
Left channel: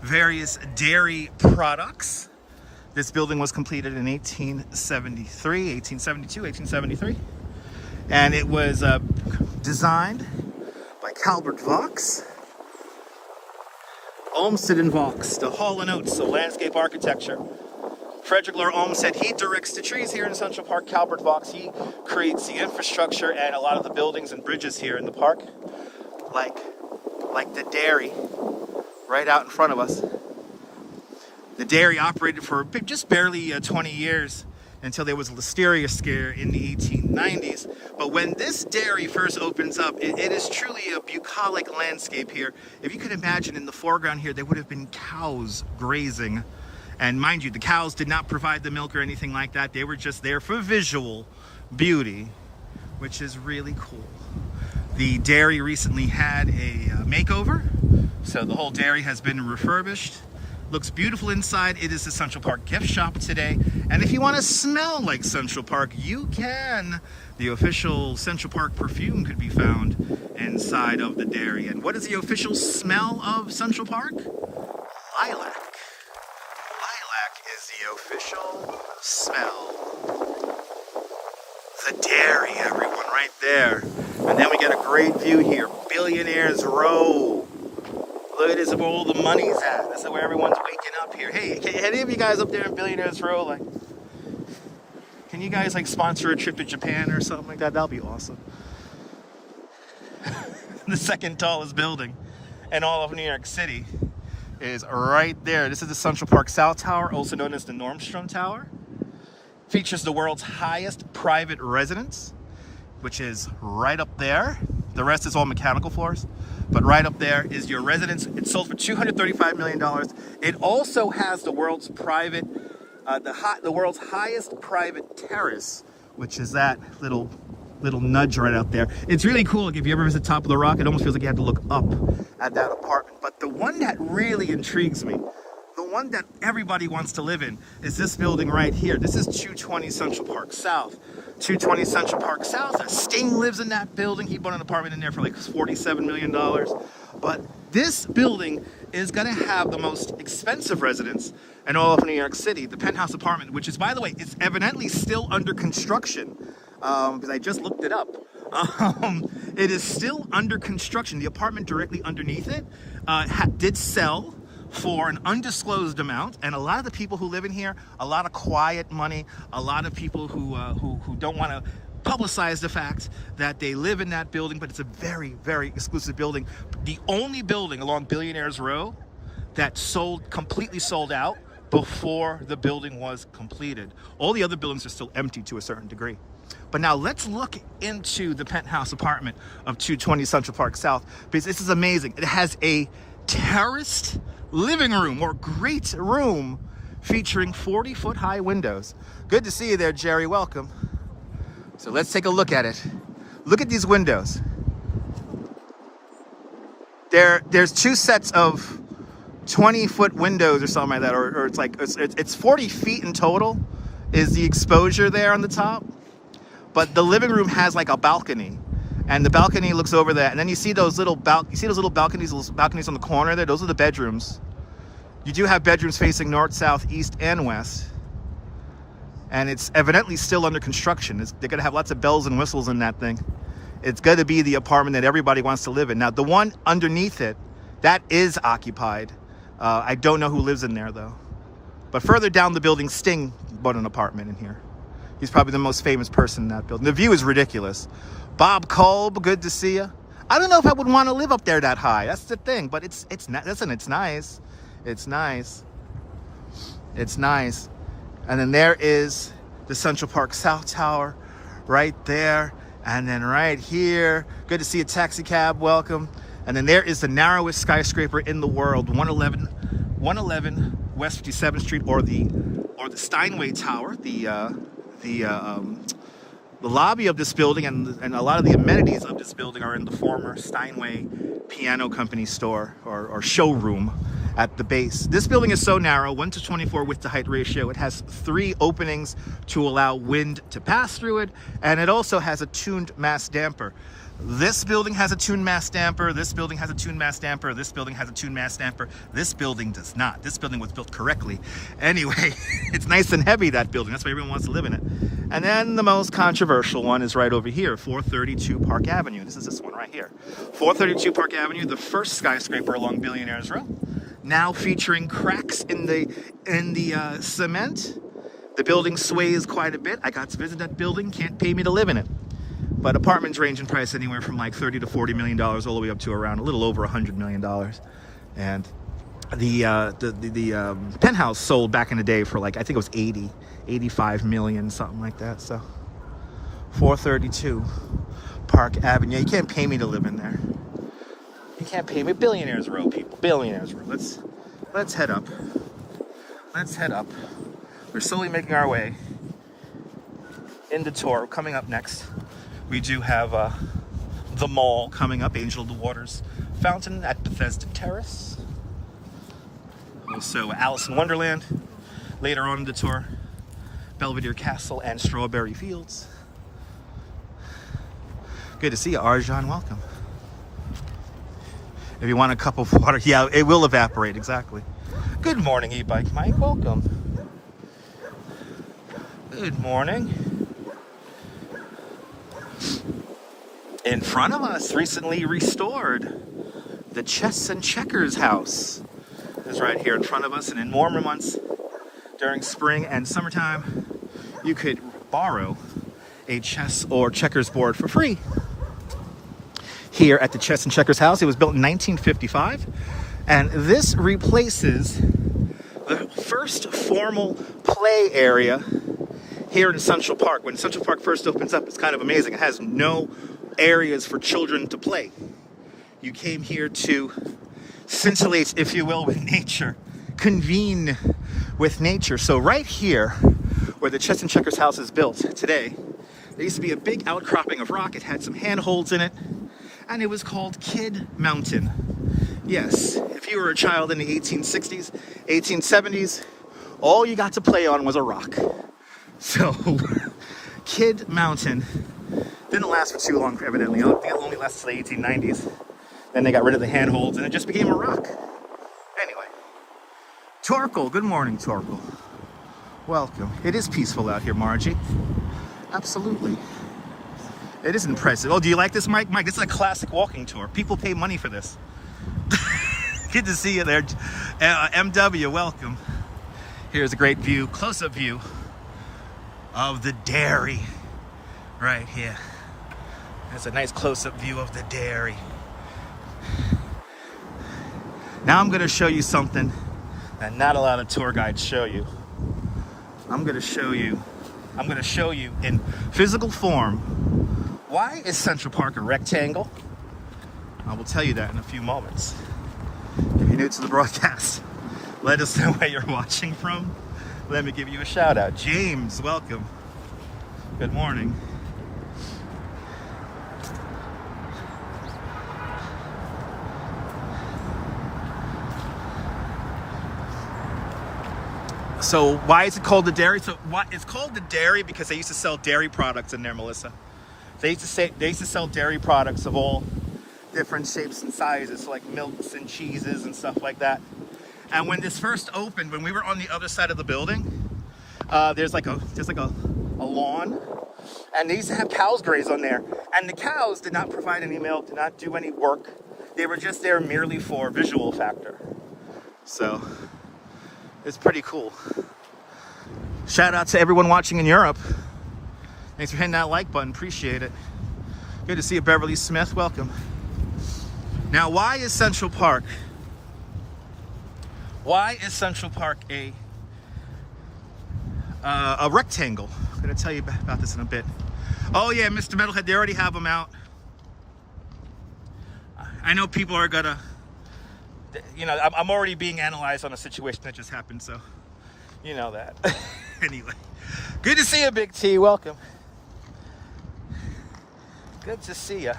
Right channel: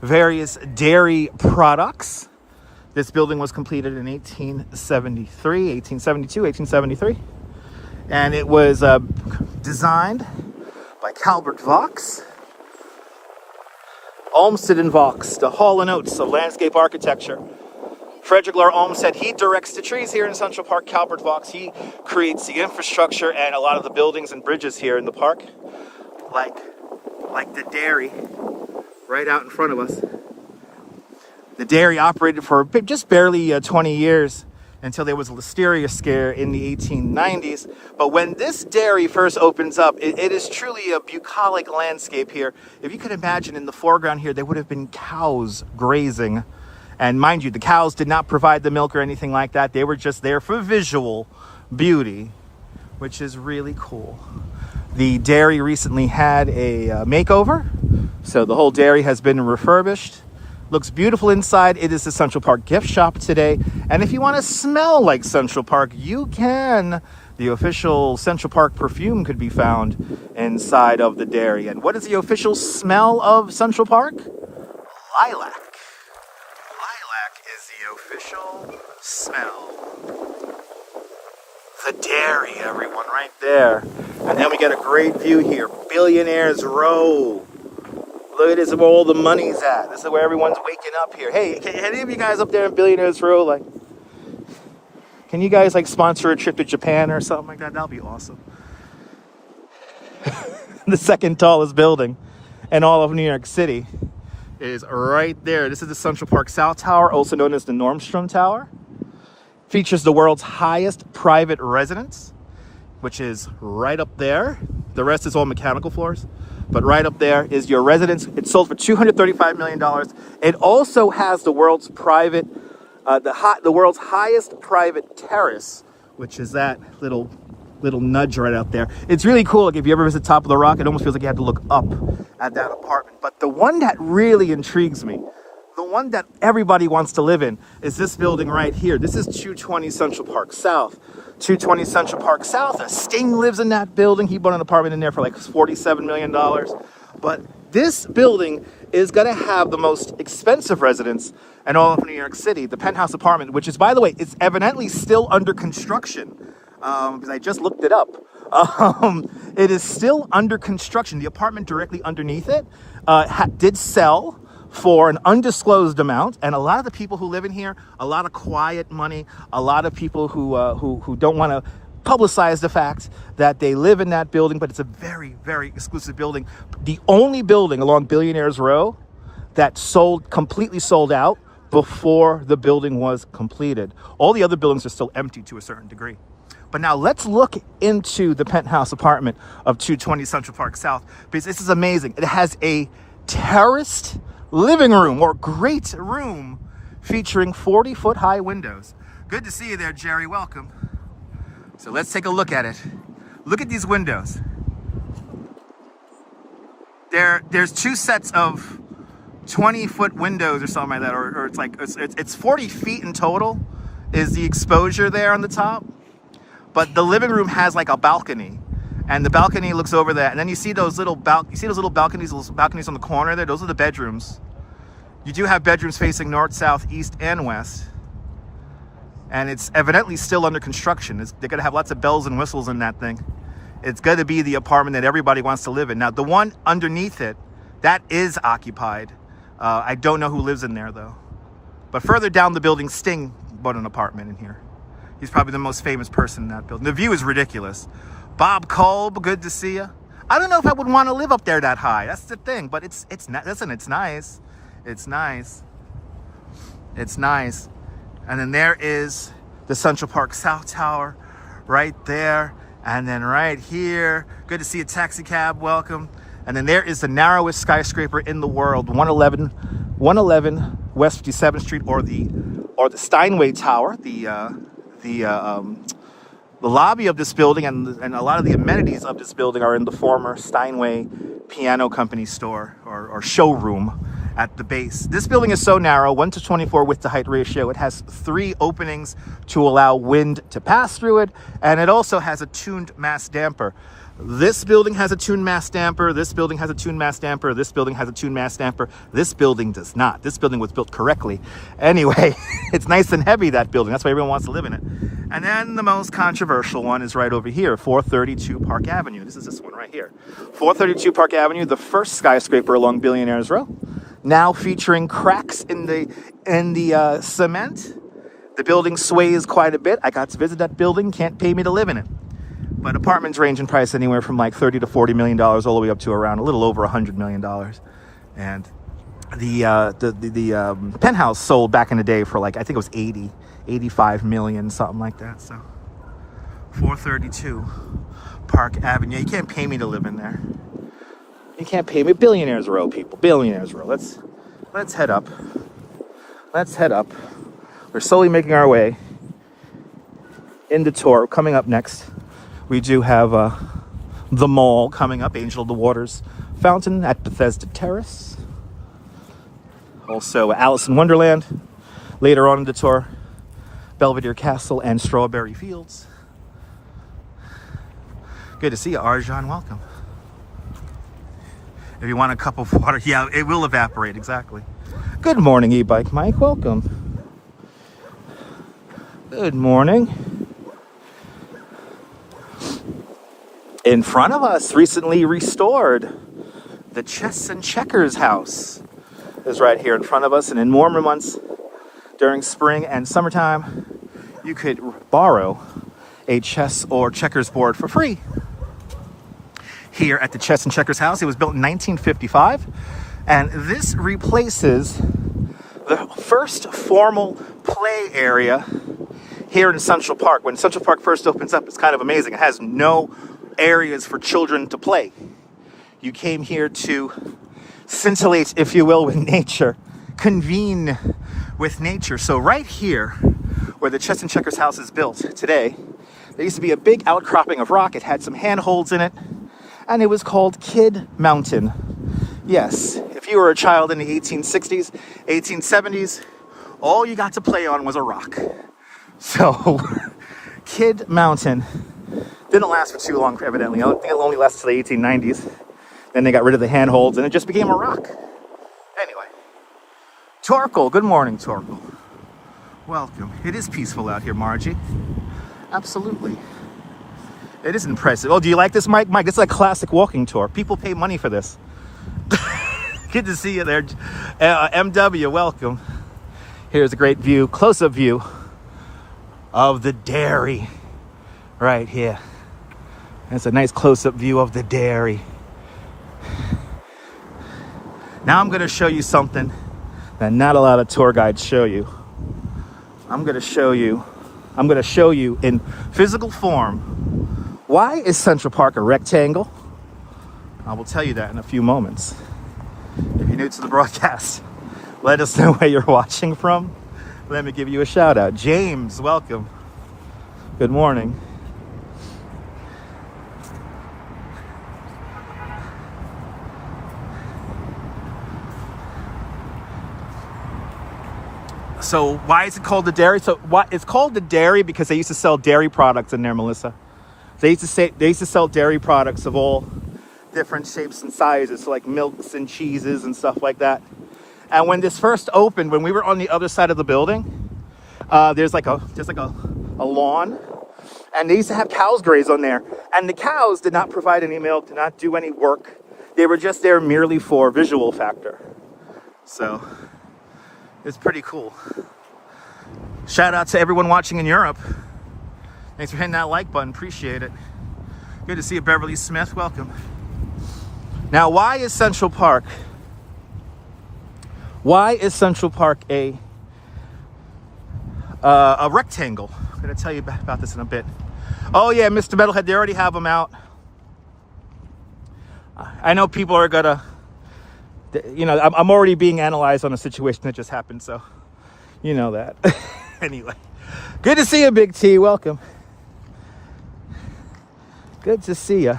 various dairy products. This building was completed in 1873, 1872, 1873. And it was designed by Calvert Vaux. Olmsted and Vaux, the Hall and Oates of landscape architecture. Frederick Law Olmsted, he directs the trees here in Central Park. Calvert Vaux, he creates the infrastructure and a lot of the buildings and bridges here in the park. Like the dairy right out in front of us. The dairy operated for just barely 20 years until there was a listeria scare in the 1890s. But when this dairy first opens up, it is truly a bucolic landscape here. If you could imagine, in the foreground here, there would have been cows grazing. And mind you, the cows did not provide the milk or anything like that. They were just there for visual beauty, which is really cool. The dairy recently had a makeover, so the whole dairy has been refurbished. Looks beautiful inside. It is the Central Park gift shop today. And if you want to smell like Central Park, you can. The official Central Park perfume could be found inside of the dairy. And what is the official smell of Central Park? Lilac. Lilac is the official smell. The dairy, everyone, right there. And then we get a great view here. Billionaires Row. Look at this, where all the money's at. This is where everyone's waking up here. Hey, can any of you guys up there in Billionaires Row, like, can you guys like sponsor a trip to Japan or something like that? That'll be awesome. The second tallest building in all of New York City is right there. This is the Central Park South Tower, also known as the Nordstrom Tower. Features the world's highest private residence, which is right up there. The rest is all mechanical floors, but right up there is your residence. It sold for $235 million. It also has the world's private, the world's highest private terrace, which is that little nudge right out there. It's really cool. Like if you ever visit Top of the Rock, it almost feels like you have to look up at that apartment. But the one that really intrigues me, the one that everybody wants to live in, is this building right here. This is 220 Central Park South. 220 Central Park South. Sting lives in that building. He bought an apartment in there for like $47 million. But this building is going to have the most expensive residence in all of New York City. The penthouse apartment, which is, by the way, it's evidently still under construction. Because I just looked it up. It is still under construction. The apartment directly underneath it did sell for an undisclosed amount, and a lot of the people who live in here, a lot of quiet money, a lot of people who don't want to publicize the fact that they live in that building, but it's a very, very exclusive building. The only building along Billionaires Row that completely sold out before the building was completed. All the other buildings are still empty to a certain degree. But now let's look into the penthouse apartment of 220 Central Park South, because this is amazing. It has a terraced living room, or great room, featuring 40-foot high windows. Good to see you there, Jerry. Welcome. So let's take a look at it. Look at these windows. There's two sets of 20-foot windows or something like that, or it's 40 feet in total is the exposure there on the top. But the living room has like a balcony, And the balcony looks over that. And then you see those little balconies on the corner there? Those are the bedrooms. You do have bedrooms facing north, south, east, and west. And it's evidently still under construction. They're going to have lots of bells and whistles in that thing. It's going to be the apartment that everybody wants to live in. Now, the one underneath it, that is occupied. I don't know who lives in there, though. But further down the building, Sting bought an apartment in here. He's probably the most famous person in that building. The view is ridiculous. Bob Kolb, good to see you. I don't know if I would want to live up there that high. That's the thing. But listen, it's nice. It's nice. It's nice. And then there is the Central Park South Tower right there. And then right here, good to see a taxi cab, welcome. And then there is the narrowest skyscraper in the world, 111 West 57th Street, or the Steinway Tower. The lobby of this building and a lot of the amenities of this building are in the former Steinway Piano Company store or showroom at the base. This building is so narrow, 1:24 width to height ratio. It has 3 openings to allow wind to pass through it, and it also has a tuned mass damper. This building has a tuned mass damper. This building has a tuned mass damper. This building has a tuned mass damper. This building does not. This building was built correctly. Anyway, it's nice and heavy, that building. That's why everyone wants to live in it. And then the most controversial one is right over here, 432 Park Avenue. This is this one right here. 432 Park Avenue, the first skyscraper along Billionaires Row. Now featuring cracks in the cement. The building sways quite a bit. I got to visit that building. Can't pay me to live in it. But apartments range in price anywhere from like $30 to $40 million, all the way up to around a little over $100 million. And the penthouse sold back in the day for like, I think it was 85 million, something like that. So 432 Park Avenue. You can't pay me to live in there. You can't pay me. Billionaires Row, people. Billionaires Row. Let's head up. Let's head up. We're slowly making our way in the tour. Coming up next, we do have the mall coming up, Angel of the Waters Fountain at Bethesda Terrace. Also Alice in Wonderland. Later on in the tour, Belvedere Castle and Strawberry Fields. Good to see you, Arjan. Welcome. If you want a cup of water, yeah, it will evaporate, exactly. Good morning, e-bike Mike. Welcome. Good morning. In front of us, recently restored, the Chess and Checkers house is right here in front of us. And in warmer months during spring and summertime, you could borrow a chess or checkers board for free. Here at the Chess and Checkers house. It was built in 1955, and this replaces the first formal play area here in Central Park. When Central Park first opens up, it's kind of amazing. It has no areas for children to play. You came here to scintillate, if you will, with nature, convene with nature. So right here, where the Chess and Checkers house is built today, there used to be a big outcropping of rock. It had some handholds in it, and it was called Kid Mountain. Yes, if you were a child in the 1860s, 1870s, all you got to play on was a rock. So, Kid Mountain didn't last for too long, evidently. I think it only lasted till the 1890s. Then they got rid of the handholds, and it just became a rock. Anyway, Torkel, good morning, Torkel. Welcome. It is peaceful out here, Margie. Absolutely. It is impressive. Oh, do you like this, Mike? Mike, this is like a classic walking tour. People pay money for this. Good to see you there. MW, welcome. Here's a great view, close-up view of the dairy right here. That's a nice close-up view of the dairy. Now I'm going to show you something that not a lot of tour guides show you. I'm going to show you in physical form. Why is Central Park a rectangle? I will tell you that in a few moments. If you're new to the broadcast, let us know where you're watching from. Let me give you a shout out. James, welcome. Good morning. So why is it called the dairy? So it's called the dairy because they used to sell dairy products in there, Melissa. They used to sell dairy products of all different shapes and sizes, so like milks and cheeses and stuff like that. And when this first opened, when we were on the other side of the building, there's like a lawn, and they used to have cows graze on there. And the cows did not provide any milk, did not do any work. They were just there merely for visual factor. So it's pretty cool. Shout out to everyone watching in Europe. Thanks for hitting that like button, appreciate it. Good to see you, Beverly Smith, welcome. Now, why is Central Park a rectangle? I'm gonna tell you about this in a bit. Oh yeah, Mr. Metalhead, they already have them out. I know people are gonna, you know, I'm already being analyzed on a situation that just happened, so you know that. Anyway, good to see you, Big T, welcome. Good to see you.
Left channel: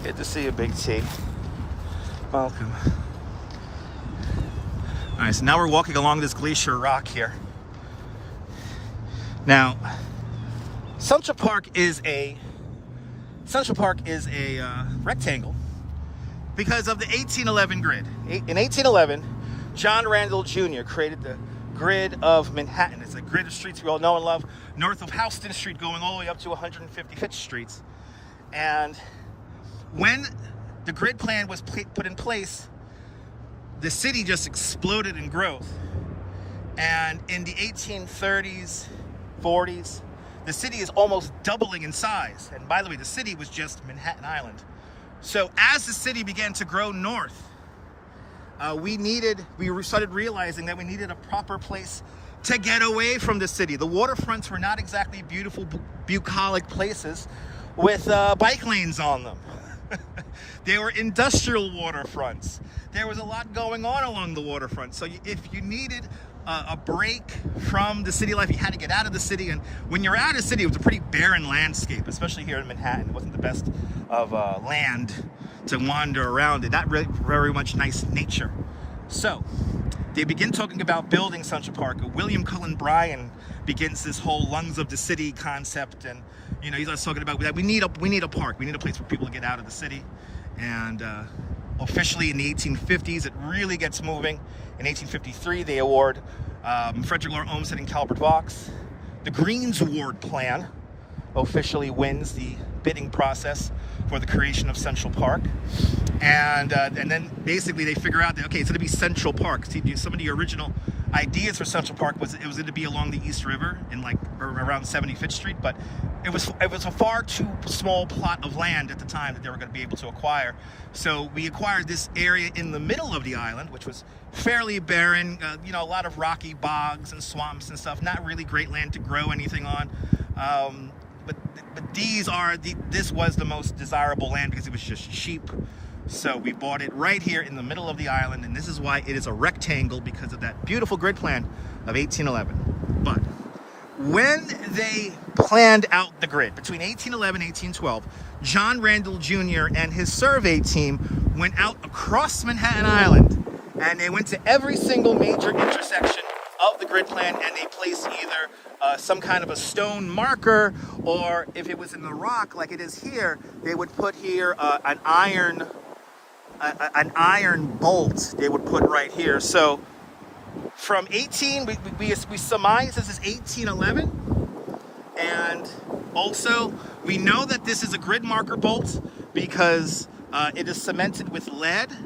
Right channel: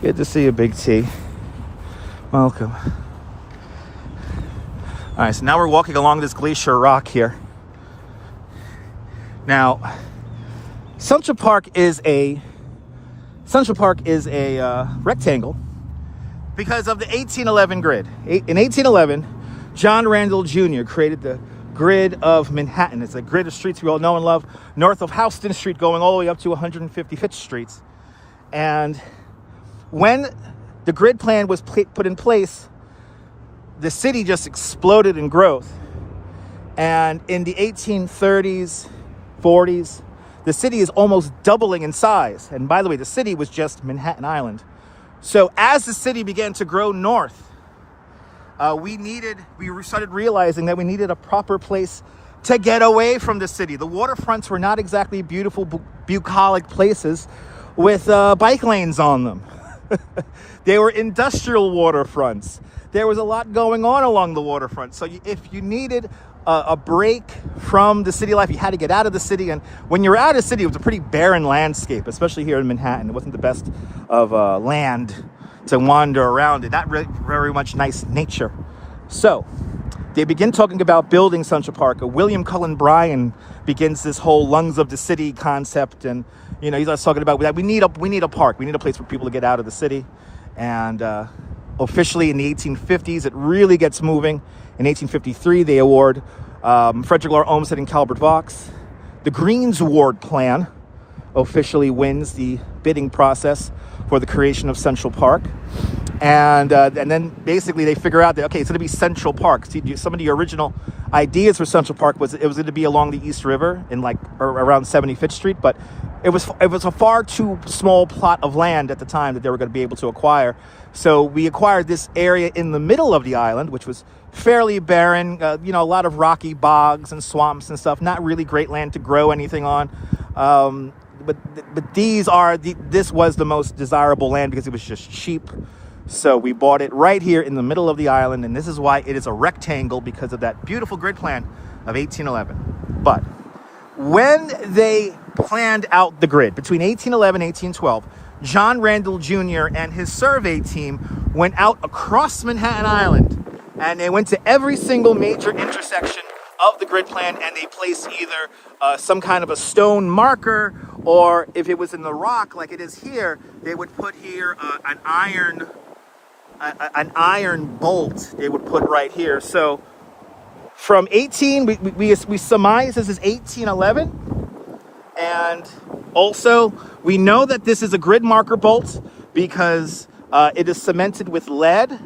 Good to see you, Big T. Welcome. All right, so now we're walking along this glacier rock here. Now, Central Park is a rectangle because of the 1811 grid. In 1811, John Randall Jr. created the grid of Manhattan. It's a grid of streets we all know and love, north of Houston Street, going all the way up to 155th Street. And when the grid plan was put in place, the city just exploded in growth. And in the 1830s, 40s, the city is almost doubling in size. And by the way, the city was just Manhattan Island. So as the city began to grow north, we started realizing that we needed a proper place to get away from the city. The waterfronts were not exactly beautiful, bucolic places with bike lanes on them. They were industrial waterfronts. There was a lot going on along the waterfront. So if you needed a break from the city life, you had to get out of the city. And when you're out of the city, it was a pretty barren landscape, especially here in Manhattan. It wasn't the best of land to wander around in. Not really very much nice nature. So they begin talking about building Central Park. William Cullen Bryan begins this whole lungs of the city concept, and you know, he's talking about that we need a park, we need a place for people to get out of the city. And officially in the 1850s, it really gets moving. In 1853, they award Frederick Law Olmsted and Calvert Vaux. The Greens Award plan officially wins the bidding process for the creation of Central Park. And then basically they figure out that, okay, it's going to be Central Park. See, some of the original ideas for Central Park was it was going to be along the East River in like around 75th Street, but it was a far too small plot of land at the time that they were going to be able to acquire. So we acquired this area in the middle of the island, which was fairly barren, you know, a lot of rocky bogs and swamps and stuff, not really great land to grow anything on. But this was the most desirable land because it was just cheap. So we bought it right here in the middle of the island, and this is why it is a rectangle, because of that beautiful grid plan of 1811. But when they planned out the grid between 1811 and 1812, John Randall Jr. and his survey team went out across Manhattan Island, and they went to every single major intersection of the grid plan, and they placed either some kind of a stone marker, or if it was in the rock like it is here, they would put here an iron bolt they would put right here. So from we surmise this is 1811, and also we know that this is a grid marker bolt because it is cemented with lead.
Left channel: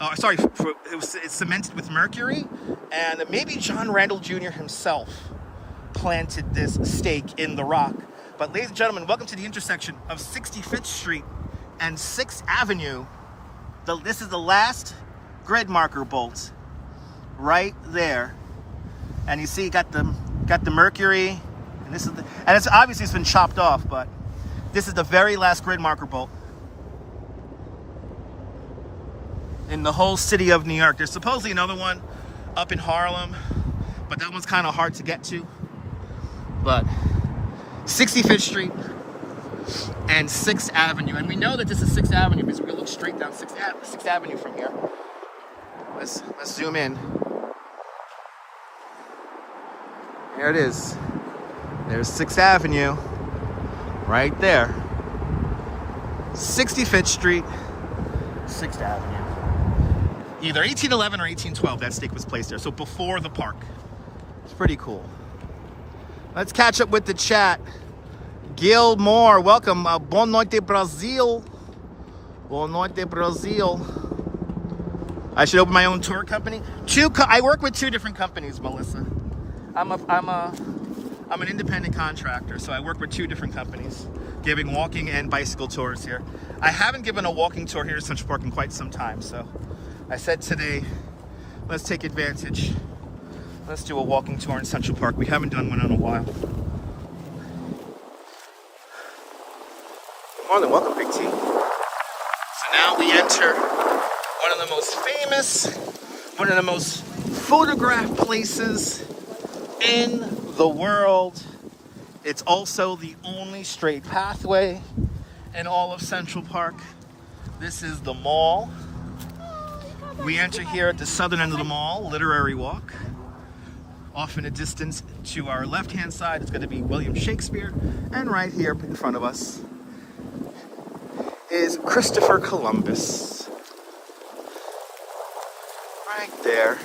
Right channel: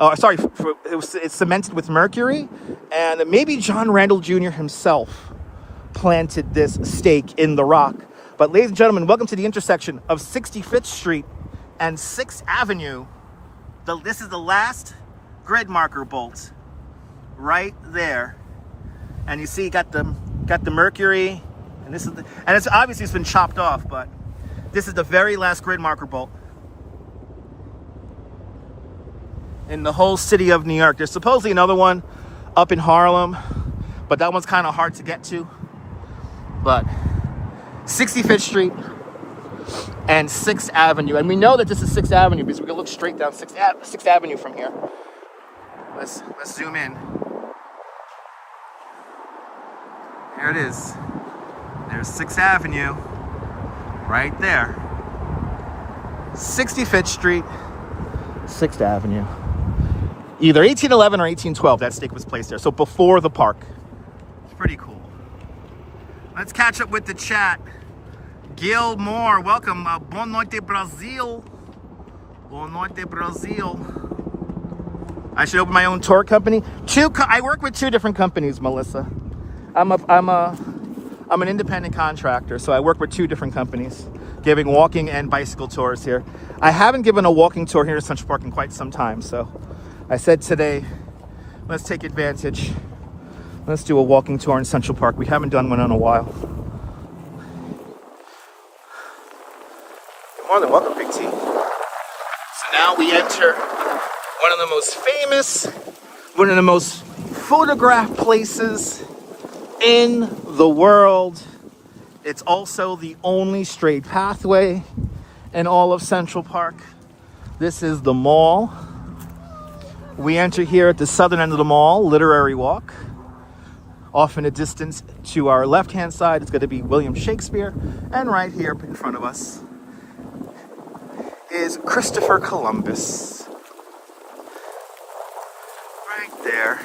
It's cemented with mercury, and maybe John Randall Jr. himself planted this stake in the rock. But ladies and gentlemen, welcome to the intersection of 65th Street and 6th Avenue. This is the last grid marker bolt right there, and you see you got the mercury, and this is and it's obviously it's been chopped off, but this is the very last grid marker bolt in the whole city of New York. There's supposedly another one up in Harlem, but that one's kind of hard to get to. But 65th Street and 6th Avenue, and we know that this is 6th Avenue because we can look straight down 6th Avenue from here. Let's zoom in. There it is. There's 6th Avenue. Right there. 65th Street, 6th Avenue. Either 1811 or 1812, that stake was placed there. So before the park. It's pretty cool. Let's catch up with the chat. Gil Moore, welcome. Boa noite, Brazil. Boa noite, Brazil. I should open my own tour company. I work with 2 different companies, Melissa. I'm an independent contractor, so I work with 2 different companies, giving walking and bicycle tours here. I haven't given a walking tour here in Central Park in quite some time, so I said today, let's take advantage. Let's do a walking tour in Central Park. We haven't done one in a while. More than welcome, Big T. So now we enter one of the most famous, one of the most photographed places in the world. It's also the only straight pathway in all of Central Park. This is the mall. We enter here at the southern end of the mall, Literary Walk. Off in the distance to our left-hand side is going to be William Shakespeare. And right here in front of us is Christopher Columbus. Right there.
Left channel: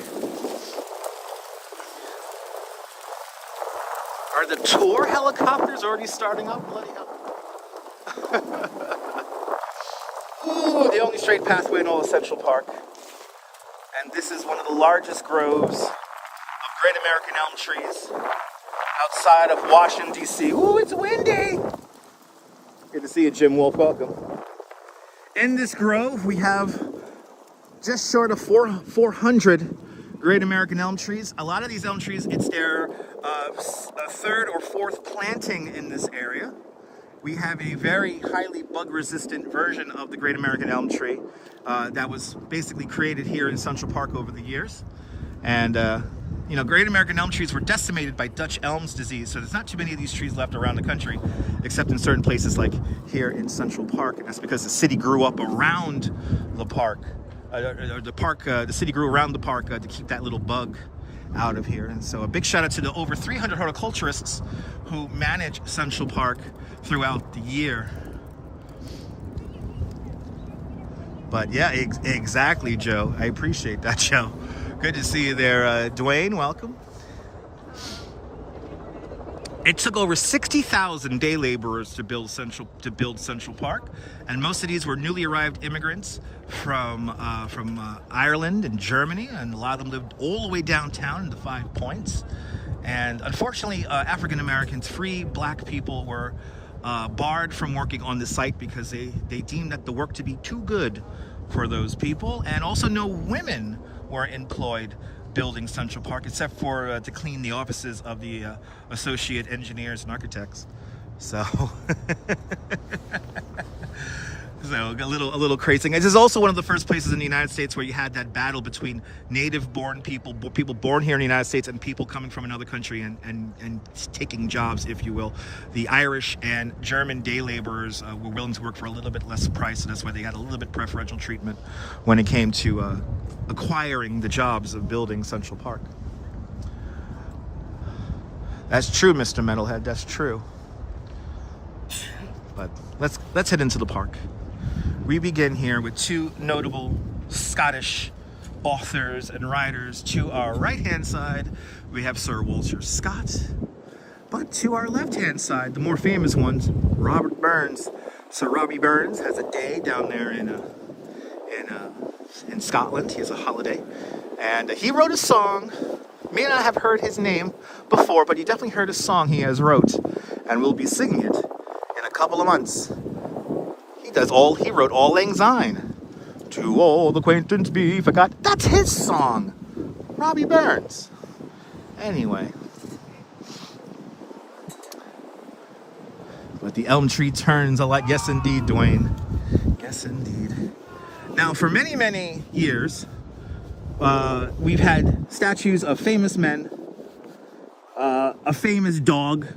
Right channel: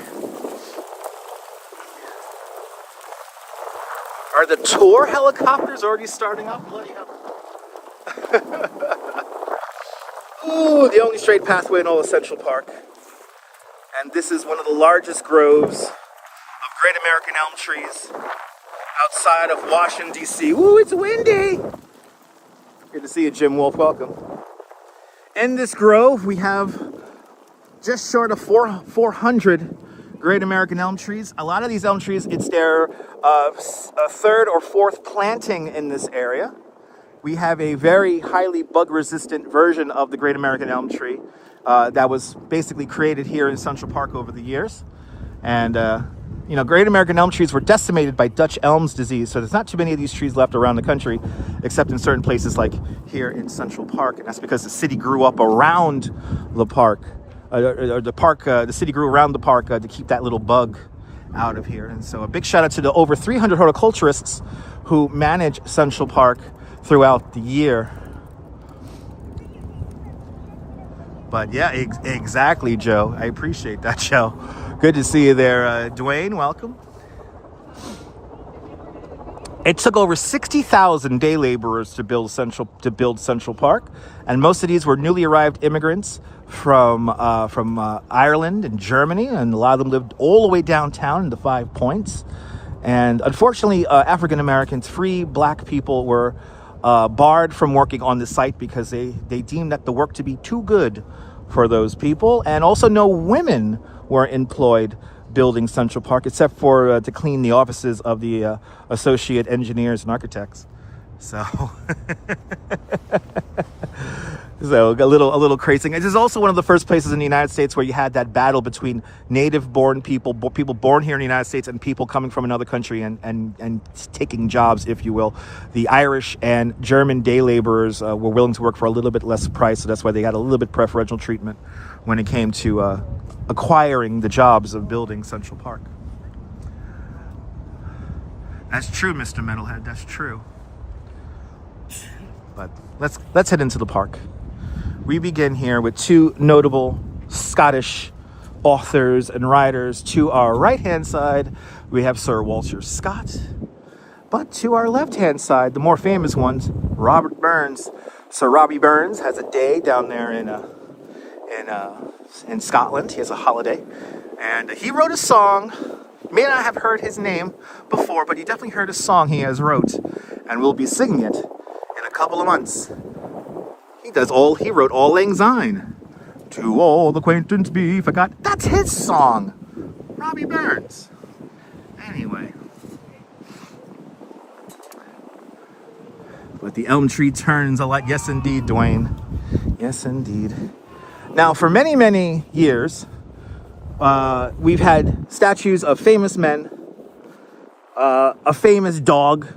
Are the tour helicopters already starting up? Bloody hell. Ooh, the only straight pathway in all of Central Park. And this is one of the largest groves of great American elm trees outside of Washington, D.C. Ooh, it's windy. Good to see you, Jim Wolf. Welcome. In this grove, we have just short of 400 great American elm trees. A lot of these elm trees, it's their 3rd or 4th planting in this area. We have a very highly bug-resistant version of the great American elm tree that was basically created here in Central Park over the years. And, you know, great American elm trees were decimated by Dutch elms disease, so there's not too many of these trees left around the country, except in certain places like here in Central Park. And that's because the city grew up around the park. The city grew around the park to keep that little bug out of here. And so a big shout out to the over 300 horticulturists who manage Central Park throughout the year. But yeah, exactly, Joe. I appreciate that, Joe. Good to see you there, Dwayne. Welcome. It took over 60,000 day laborers to build Central Park, and most of these were newly arrived immigrants from Ireland and Germany, and a lot of them lived all the way downtown in the 5 Points. And unfortunately, African Americans, 3 black people were barred from working on the site because they deemed that the work to be too good for those people, and also no women were employed building Central Park, except for to clean the offices of the associate engineers and architects. So, so a little crazy. This is also one of the first places in the United States where you had that battle between native-born people born here in the United States, and people coming from another country and taking jobs, if you will. The Irish and German day laborers were willing to work for a little bit less price, so that's why they got a little bit preferential treatment when it came to acquiring the jobs of building Central Park. That's true, Mr. Metalhead. That's true. But let's head into the park. We begin here with 2 notable Scottish authors and writers. To our right-hand side, we have Sir Walter Scott. But to our left-hand side, the more famous ones, Robert Burns. Sir Robbie Burns has a day down there in Scotland. He has a holiday. And he wrote a song. May not have heard his name before, but you definitely heard a song he has wrote. And we'll be singing it in a couple of months. He wrote Auld Lang Syne. To all acquaintance be forgot. That's his song. Robbie Burns. Anyway. But the elm tree turns a lot. Yes, indeed, Dwayne. Yes, indeed. Now, for many, many years, we've had statues of famous men. A famous dog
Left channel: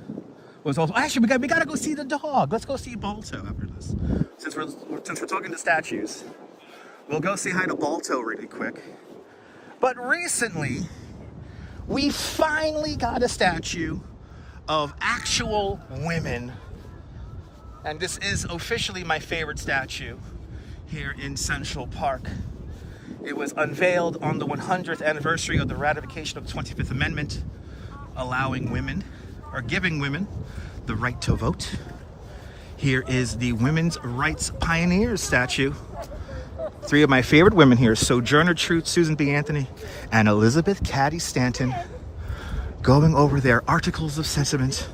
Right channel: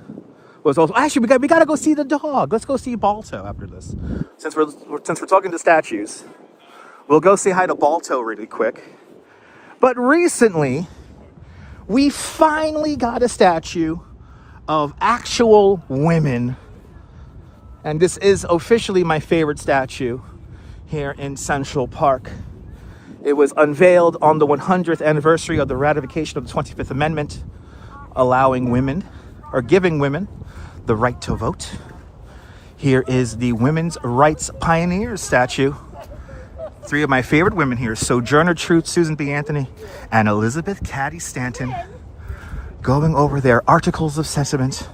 was also... Actually, we got to go see the dog. Let's go see Balto after this. Since we're talking to statues, we'll go say hi to Balto really quick. But recently, We finally got a statue of actual women. And this is officially my favorite statue here in Central Park. It was unveiled on the 100th anniversary of the ratification of the 25th Amendment, allowing women, or giving women, the right to vote. Here is the Women's Rights Pioneers statue. Three of my favorite women here, Sojourner Truth, Susan B. Anthony, and Elizabeth Cady Stanton, going over their articles of sentiment.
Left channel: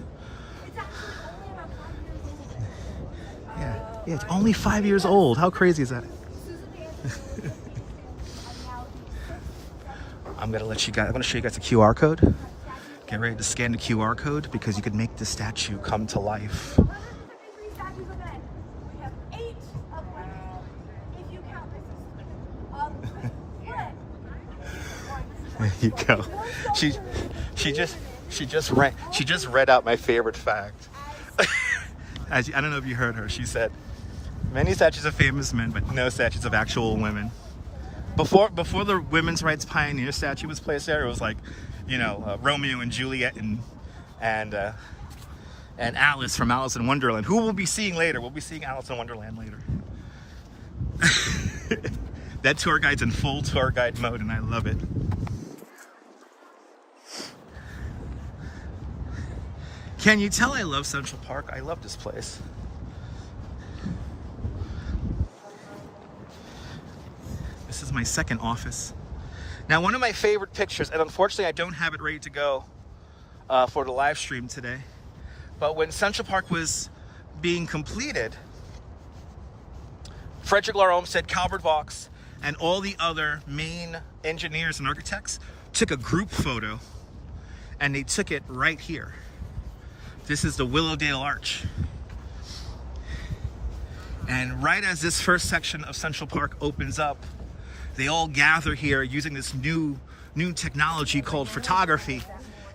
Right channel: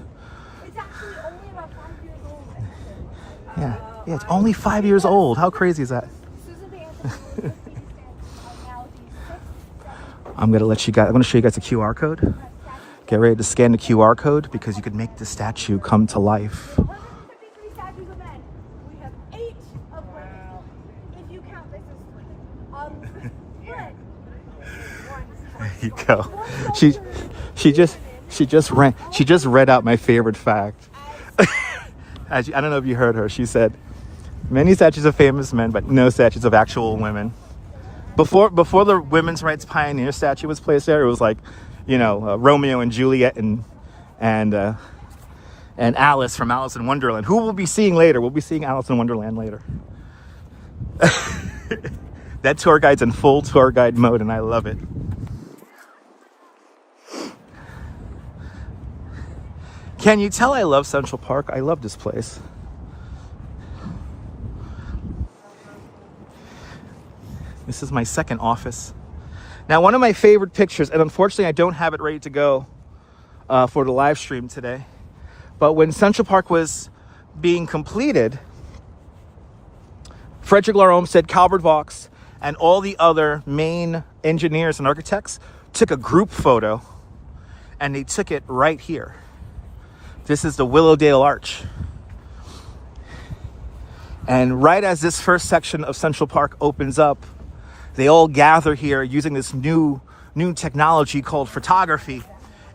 Yeah, it's only 5 years old. How crazy is that? I'm gonna show you guys a QR code. Get ready to scan the QR code because you could make the statue come to life. We have 3 statues of men. We have 8 of women. If you count this as There you go. She just read out my favorite fact. I don't know if you heard her. She said, many statues of famous men, but no statues of actual women. Before the Women's Rights Pioneer statue was placed there, it was like, you know, Romeo and Juliet and Alice from Alice in Wonderland, who we'll be seeing later. We'll be seeing Alice in Wonderland later. That tour guide's in full tour guide mode, and I love it. Can you tell I love Central Park? I love this place. This is my second office. Now, one of my favorite pictures, and unfortunately I don't have it ready to go for the live stream today, but when Central Park was being completed, Frederick Lahr Olmsted, Calvert Vaux, and all the other main engineers and architects took a group photo, and they took it right here. This is the Willowdale Arch. And right as this first section of Central Park opens up, they all gather here using this new technology called photography,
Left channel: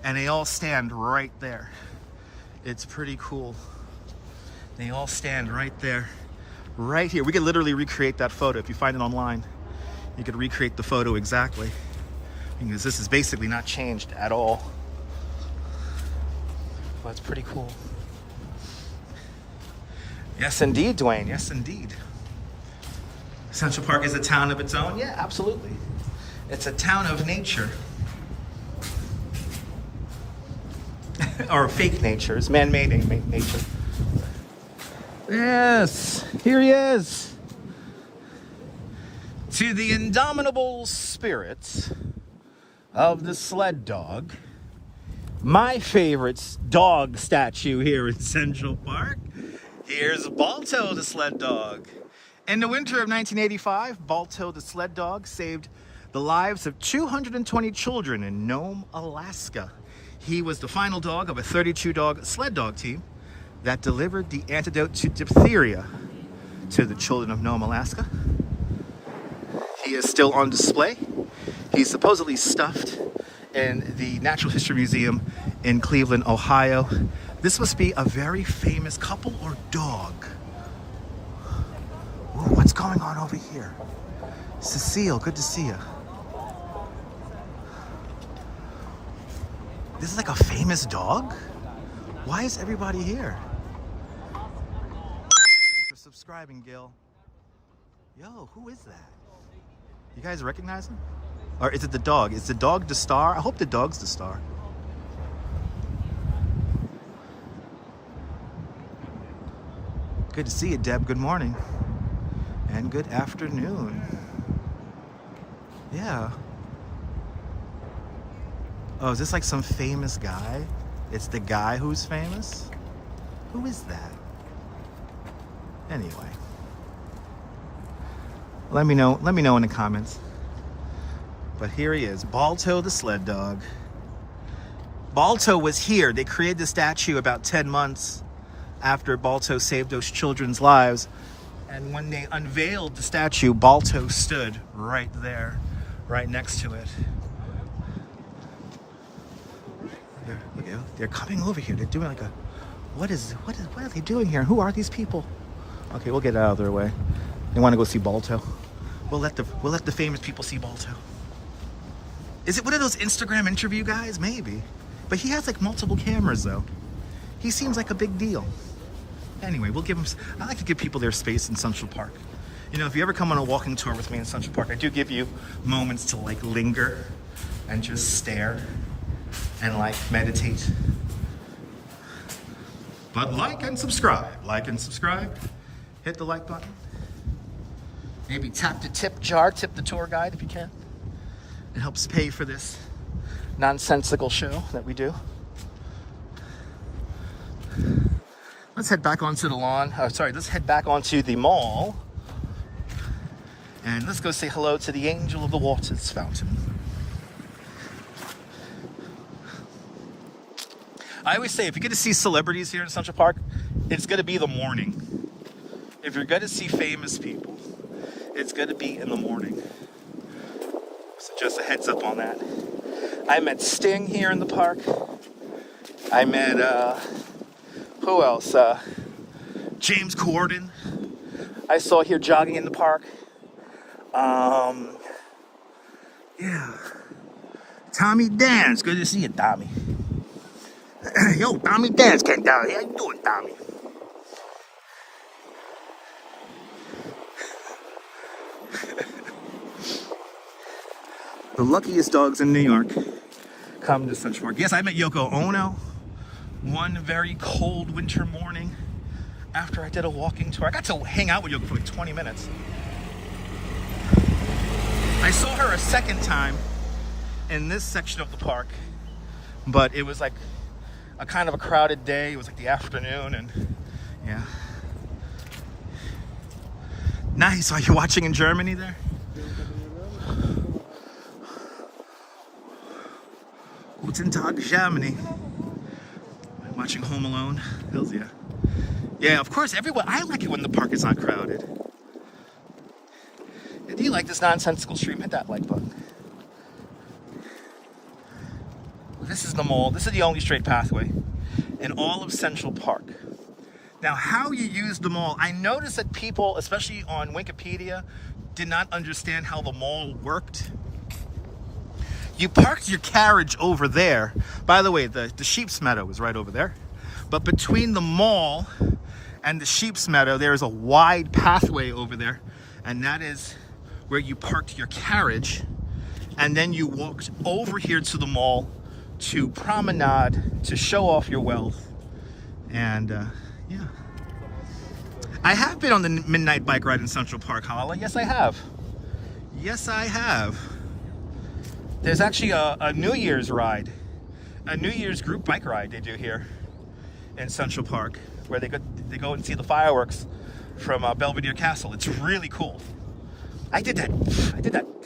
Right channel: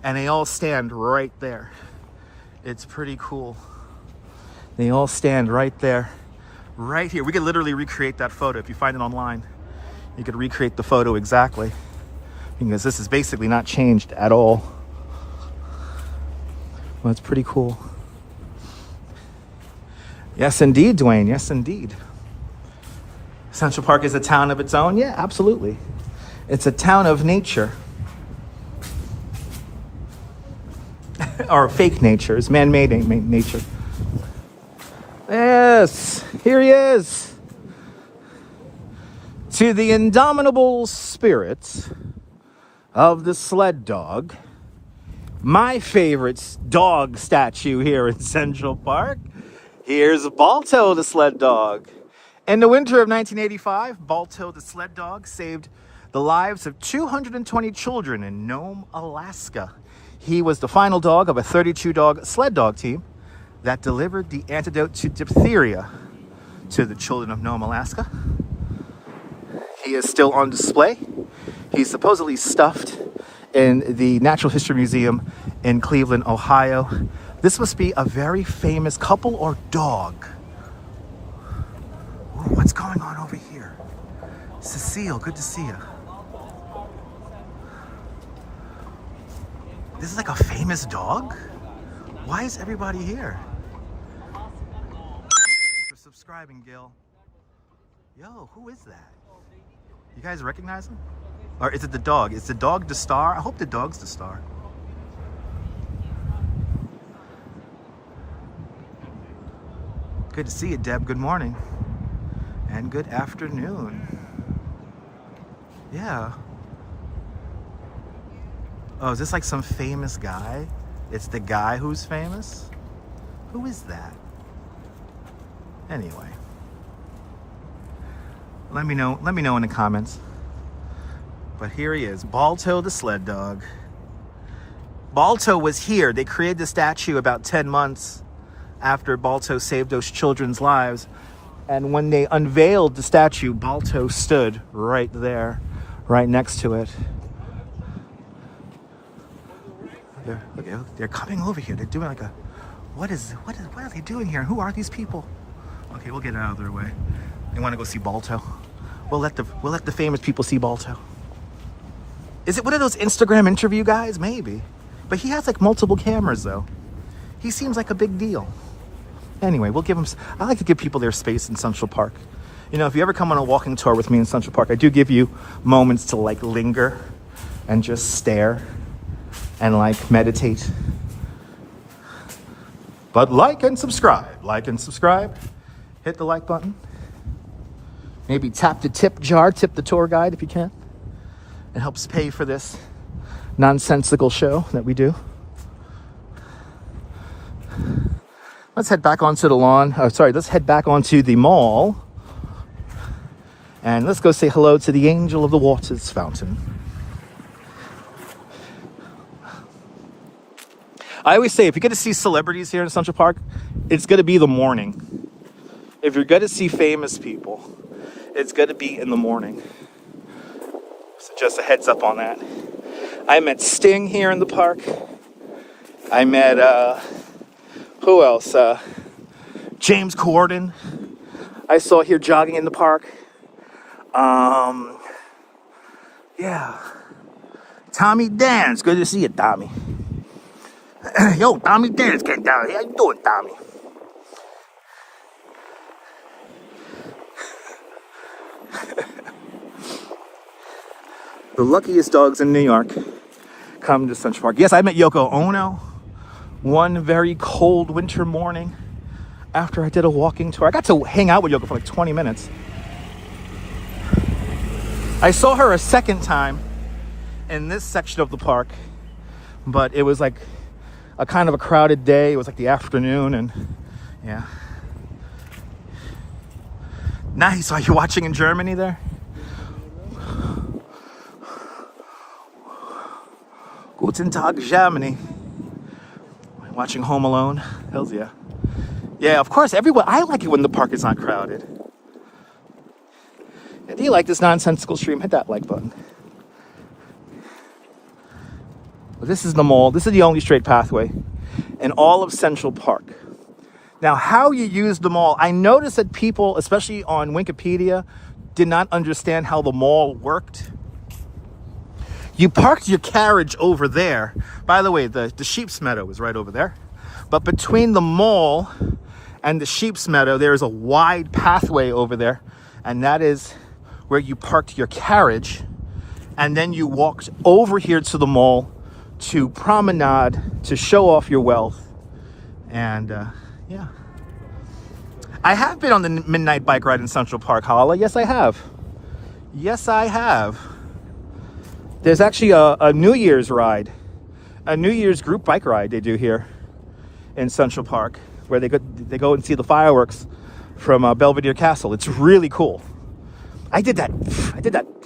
and they all stand right there. It's pretty cool. They all stand right there, right here. We could literally recreate that photo. If you find it online, you could recreate the photo exactly, because this is basically not changed at all. Well, it's pretty cool. Yes, indeed, Dwayne. Yes, indeed. Central Park is a town of its own? Yeah, absolutely. It's a town of nature. Or fake nature. It's man-made nature. Yes, here he is. To the indomitable spirits of the sled dog, my favorite dog statue here in Central Park. Here's Balto the sled dog. In the winter of 1985, Balto the sled dog saved the lives of 220 children in Nome, Alaska. He was the final dog of a 32-dog sled dog team that delivered the antidote to diphtheria to the children of Nome, Alaska. He is still on display. He's supposedly stuffed in the Natural History Museum in Cleveland, Ohio. This must be a very famous couple or dog. Ooh, what's going on over here? Cecile, good to see you. This is like a famous dog? Why is everybody here? Thanks for subscribing, Gil. Yo, who is that? You guys recognize him? Or is it the dog? Is the dog the star? I hope the dog's the star. Good to see you, Deb. Good morning. And good afternoon. Yeah. Oh, is this like some famous guy? It's the guy who's famous? Who is that? Anyway. Let me know in the comments. But here he is, Balto the sled dog. Balto was here. They created the statue about 10 months after Balto saved those children's lives. And when they unveiled the statue, Balto stood right there, right next to it. They're coming over here. They're doing like a, what are they doing here? Who are these people? Okay, we'll get out of their way. They want to go see Balto. We'll let the famous people see Balto. Is it one of those Instagram interview guys? Maybe. But he has like multiple cameras though. He seems like a big deal. Anyway, we'll give him, I like to give people their space in Central Park. You know, if you ever come on a walking tour with me in Central Park, I do give you moments to like linger and just stare and like meditate. But like and subscribe, hit the like button. Maybe tap the tip jar, tip the tour guide if you can. It helps pay for this nonsensical show that we do. Let's head back onto the lawn. Oh, sorry, let's head back onto the mall. And let's go say hello to the Angel of the Waters fountain. I always say, if you're going to see celebrities here in Central Park, it's going to be the morning. If you're going to see famous people, it's going to be in the morning. So just a heads up on that. I met Sting here in the park. I met, who else? James Corden. I saw here jogging in the park. Yeah. Tommy Dance. Good to see you, Tommy. Yo, Tommy Dance came down here. How you doing, Tommy? The luckiest dogs in New York come to Central Park. Yes, I met Yoko Ono one very cold winter morning after I did a walking tour. I got to hang out with Yoko for like 20 minutes. I saw her a second time in this section of the park, but it was like a kind of a crowded day. It was like the afternoon, and yeah. Nice. Are you watching in Germany there? Guten Tag, Germany. Watching Home Alone. Hells yeah. Yeah, of course, everyone. I like it when the park is not crowded. And do you like this nonsensical stream? Hit that like button. But this is the mall. This is the only straight pathway in all of Central Park. Now, how you use the mall, I noticed that people, especially on Wikipedia, did not understand how the mall worked. You parked your carriage over there. By the way, the Sheep's Meadow is right over there. But between the mall and the Sheep's Meadow, there is a wide pathway over there. And that is where you parked your carriage. And then you walked over here to the mall to promenade, to show off your wealth. And yeah. I have been on the midnight bike ride in Central Park, Holla. Yes, I have. Yes, I have. There's actually a New Year's ride, a New Year's group bike ride they do here in Central Park, where they go and see the fireworks from Belvedere Castle. It's really cool. I did that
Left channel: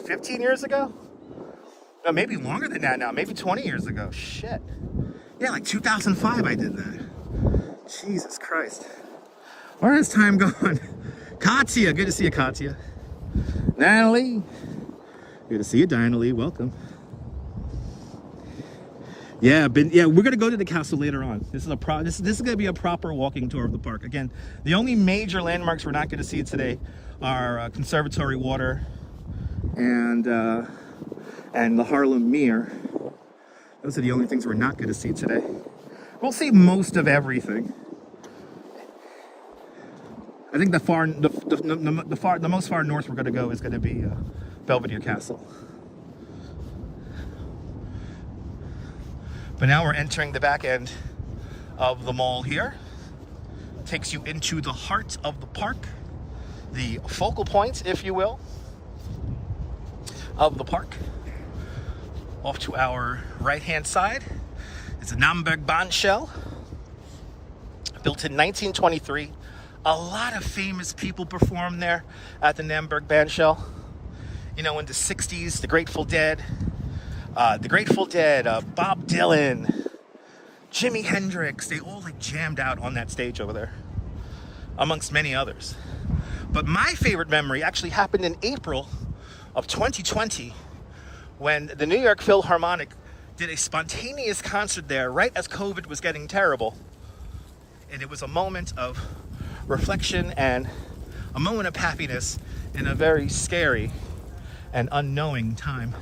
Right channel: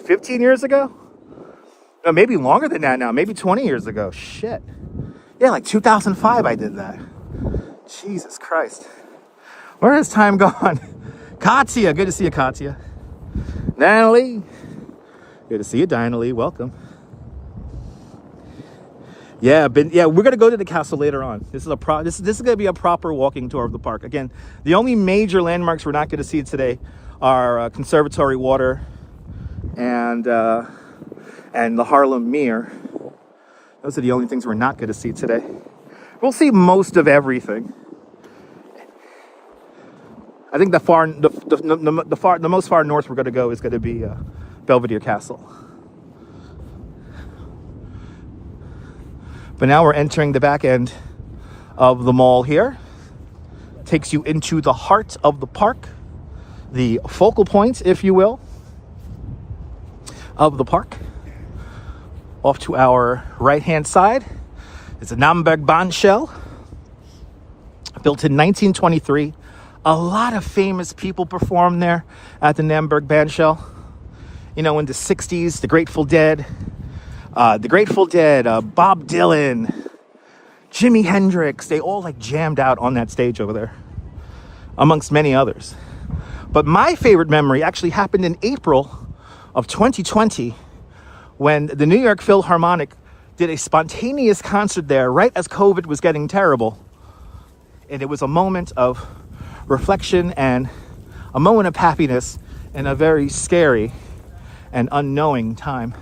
15 years ago? Or maybe longer than that now, maybe 20 years ago. Shit. Yeah, like 2005 I did that. Jesus Christ. Where has time gone? Katya, good to see you, Katya. Natalie. Good to see you, Dinah Lee. Welcome. Yeah, we're gonna go to the castle later on. This is gonna be a proper walking tour of the park. Again, the only major landmarks we're not gonna see today are Conservatory Water and the Harlem Mere. Those are the only things we're not gonna see today. We'll see most of everything. I think the most far north we're gonna go is gonna be Belvedere Castle. But now we're entering the back end of the mall here. Takes you into the heart of the park, the focal point, if you will, of the park. Off to our right-hand side is a Namberg Bandshell, built in 1923. A lot of famous people performed there at the Namberg Bandshell. You know, in the 60s, the Grateful Dead, Bob Dylan, Jimi Hendrix, they all like jammed out on that stage over there, amongst many others. But my favorite memory actually happened in April of 2020, when the New York Philharmonic did a spontaneous concert there right as COVID was getting terrible. And it was a moment of reflection and a moment of happiness in a very scary and unknowing time.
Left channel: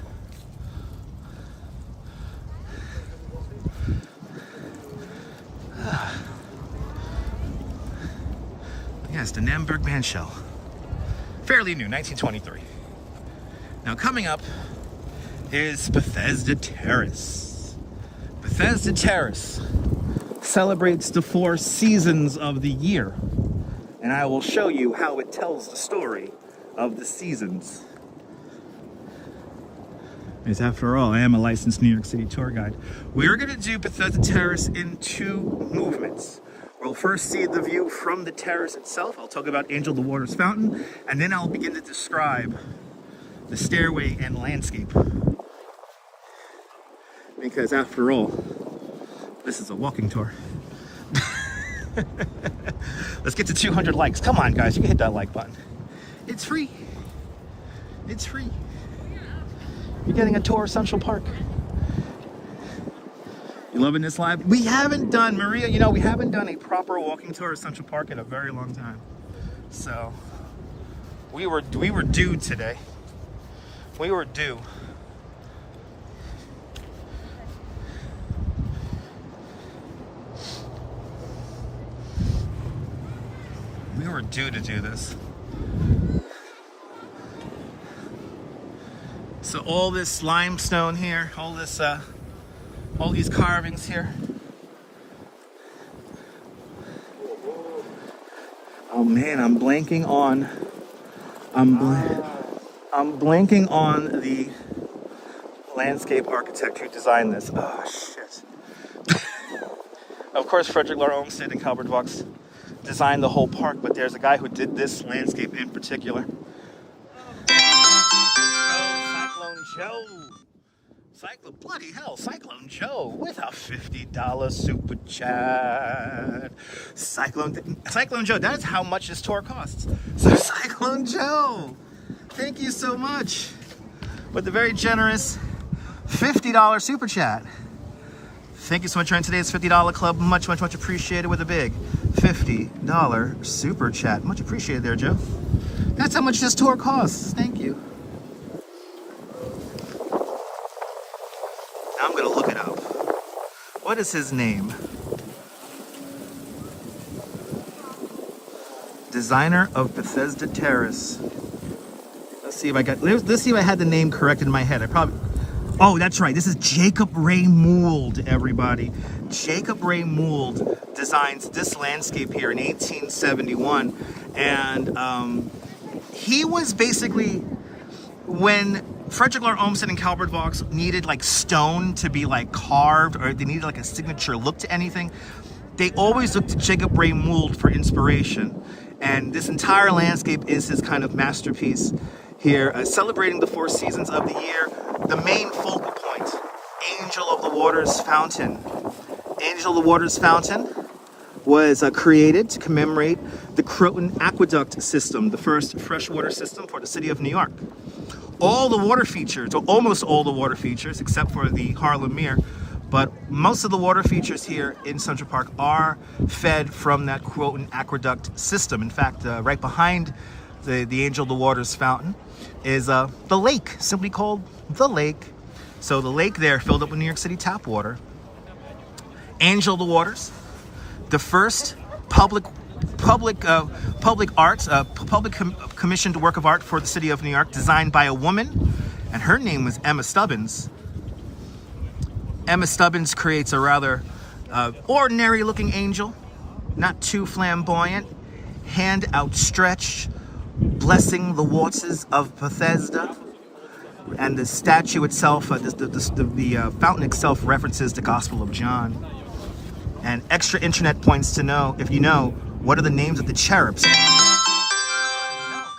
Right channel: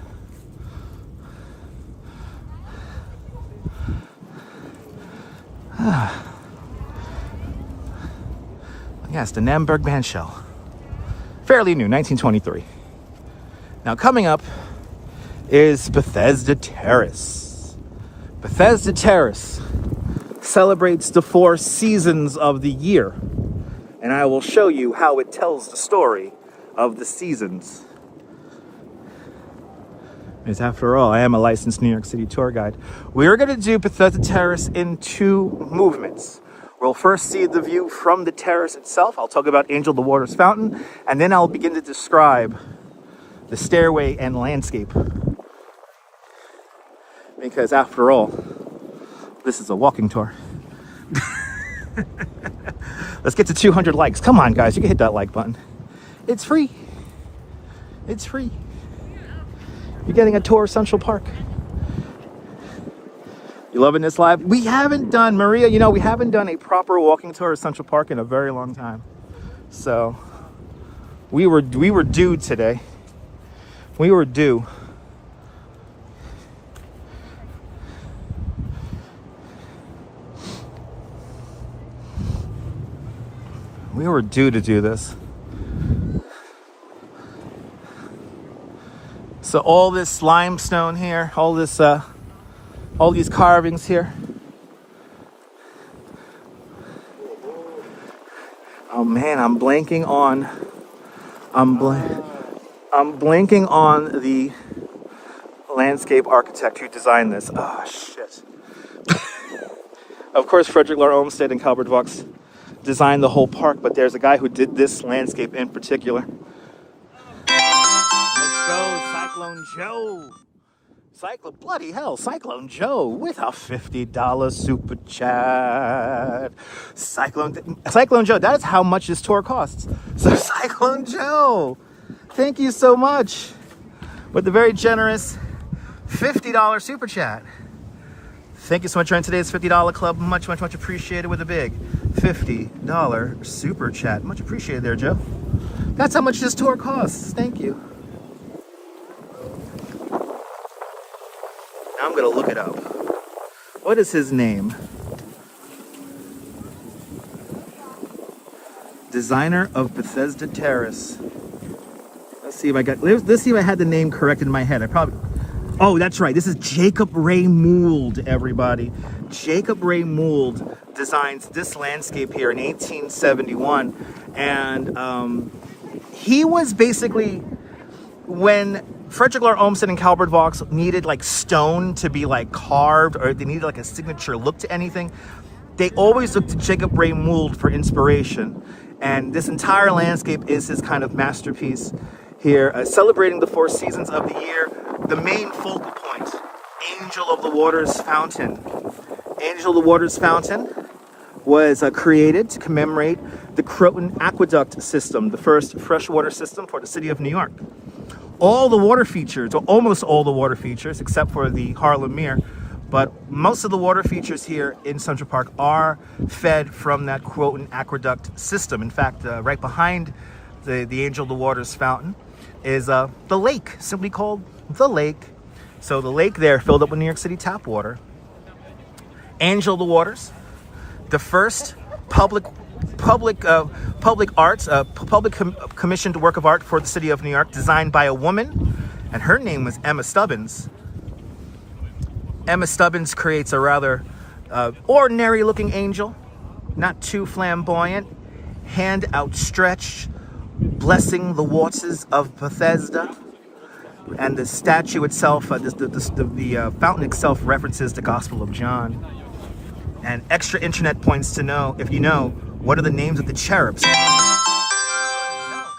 Yes, the Namberg Bandshell. Fairly new, 1923. Now coming up is Bethesda Terrace. Bethesda Terrace celebrates the 4 seasons of the year. And I will show you how it tells the story of the seasons. Because after all, I am a licensed New York City tour guide. We're going to do Bethesda Terrace in 2 movements. We'll first see the view from the terrace itself. I'll talk about Angel the Waters Fountain, and then I'll begin to describe the stairway and landscape. Because after all, this is a walking tour. Let's get to 200 likes. Come on, guys, you can hit that like button. It's free. It's free. You're getting a tour of Central Park. You loving this live? We haven't done, Maria, you know, we haven't done a proper walking tour of Central Park in a very long time. So we were due today. We were due. We were due to do this. So all this limestone here, all this, all these carvings here. Oh man, I'm blanking on the landscape architect who designed this. Oh shit. Of course, Frederick Lahr Olmsted and Calvert Vaux designed the whole park, but there's a guy who did this landscape in particular. Bloody hell, Cyclone Joe with a $50 super chat. Cyclone Joe, that's how much this tour costs. So Cyclone Joe, thank you so much with the very generous $50 super chat. Thank you so much for joining today's $50 club. Much, much, much appreciated with a big $50 super chat. Much appreciated there, Joe. That's how much this tour costs. Thank you. I'm gonna look it up. What is his name? Designer of Bethesda Terrace. Let's see if I had the name correct in my head. Oh, that's right. This is Jacob Ray Mould, everybody. Jacob Ray Mould designs this landscape here in 1871. And he was basically, when Frederick Lahr Olmsted and Calvert Vaux needed like stone to be like carved, or they needed like a signature look to anything, they always looked to Jacob Ray Mould for inspiration. And this entire landscape is his kind of masterpiece here, celebrating the 4 seasons of the year. The main focal point, Angel of the Waters Fountain. Angel of the Waters Fountain was created to commemorate the Croton Aqueduct system, the first freshwater system for the city of New York. All the water features, or almost all the water features, except for the Harlem Mere, but most of the water features here in Central Park are fed from that Croton Aqueduct system. In fact, right behind the Angel of the Waters Fountain is the lake, simply called the lake. So the lake there filled up with New York City tap water. Angel of the Waters, the first public commissioned work of art for the city of New York, designed by a woman, and her name was Emma Stubbins. Emma Stubbins creates a rather ordinary looking angel, not too flamboyant, hand outstretched, blessing the waters of Bethesda. And the statue itself, the fountain itself references the Gospel of John. And extra internet points to know, if you know, what are the names of the cherubs? Oh,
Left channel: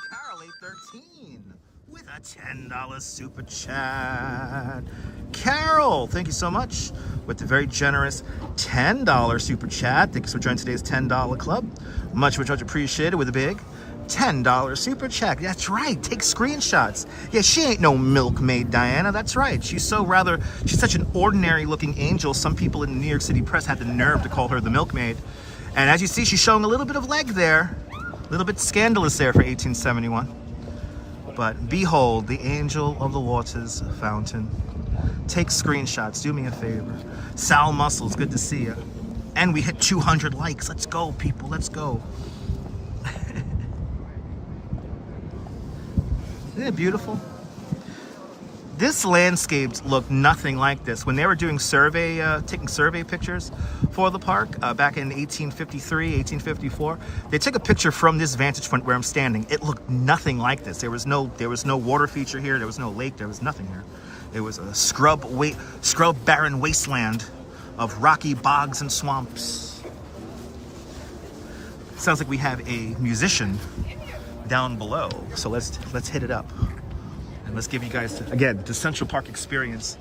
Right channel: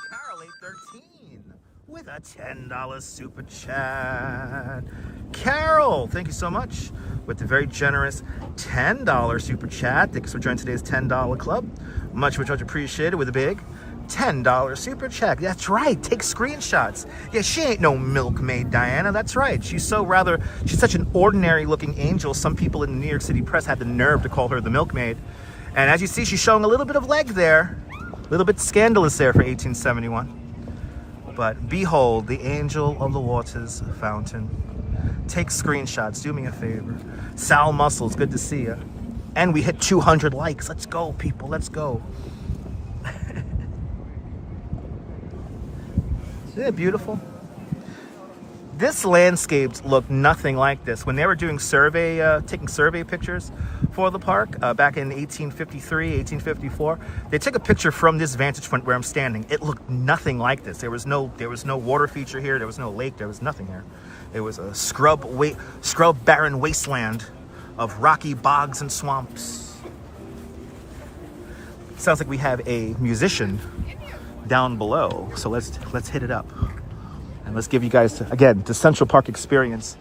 Carol 813 with a $10 super chat. Carol, thank you so much with the very generous $10 super chat. Thanks for joining today's $10 club. Much, much, much appreciated with a big $10 super chat. That's right. Take screenshots. Yeah, she ain't no milkmaid, Diana. That's right. She's such an ordinary looking angel. Some people in the New York City press had the nerve to call her the milkmaid. And as you see, she's showing a little bit of leg there. A little bit scandalous there for 1871. But behold, the Angel of the Waters Fountain. Take screenshots. Do me a favor. Sal Muscles, good to see you. And we hit 200 likes. Let's go, people. Let's go. Isn't it beautiful? This landscape looked nothing like this. When they were doing taking survey pictures for the park back in 1853, 1854, they took a picture from this vantage point where I'm standing. It looked nothing like this. There was no water feature here. There was no lake. There was nothing here. It was a scrub barren wasteland of rocky bogs and swamps. Sounds like we have a musician down below. So let's hit it up. And let's give you guys, again, the Central Park experience.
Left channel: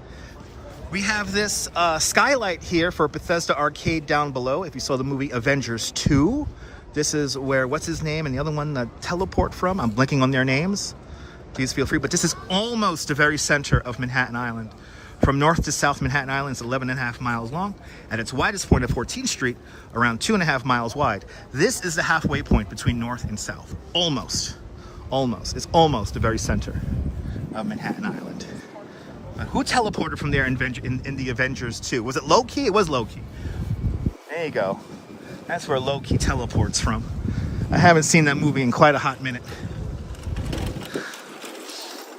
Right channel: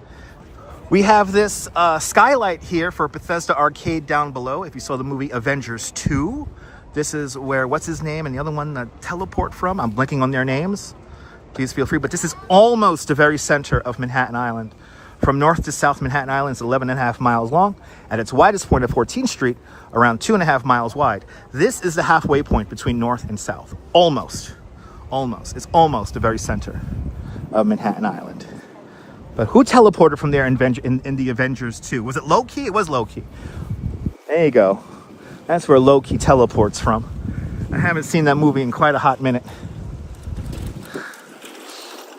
We have this skylight here for Bethesda Arcade down below. If you saw the movie Avengers 2, this is where, what's his name, and the other one teleport from. I'm blinking on their names. Please feel free. But this is almost the very center of Manhattan Island. From north to south, Manhattan Island is 11.5 miles long. At its widest point at 14th Street, around 2.5 miles wide. This is the halfway point between north and south. Almost. It's almost the very center of Manhattan Island. But who teleported from there in the Avengers 2? Was it Loki? It was Loki. There you go. That's where Loki teleports from. I haven't seen that movie in quite a hot minute.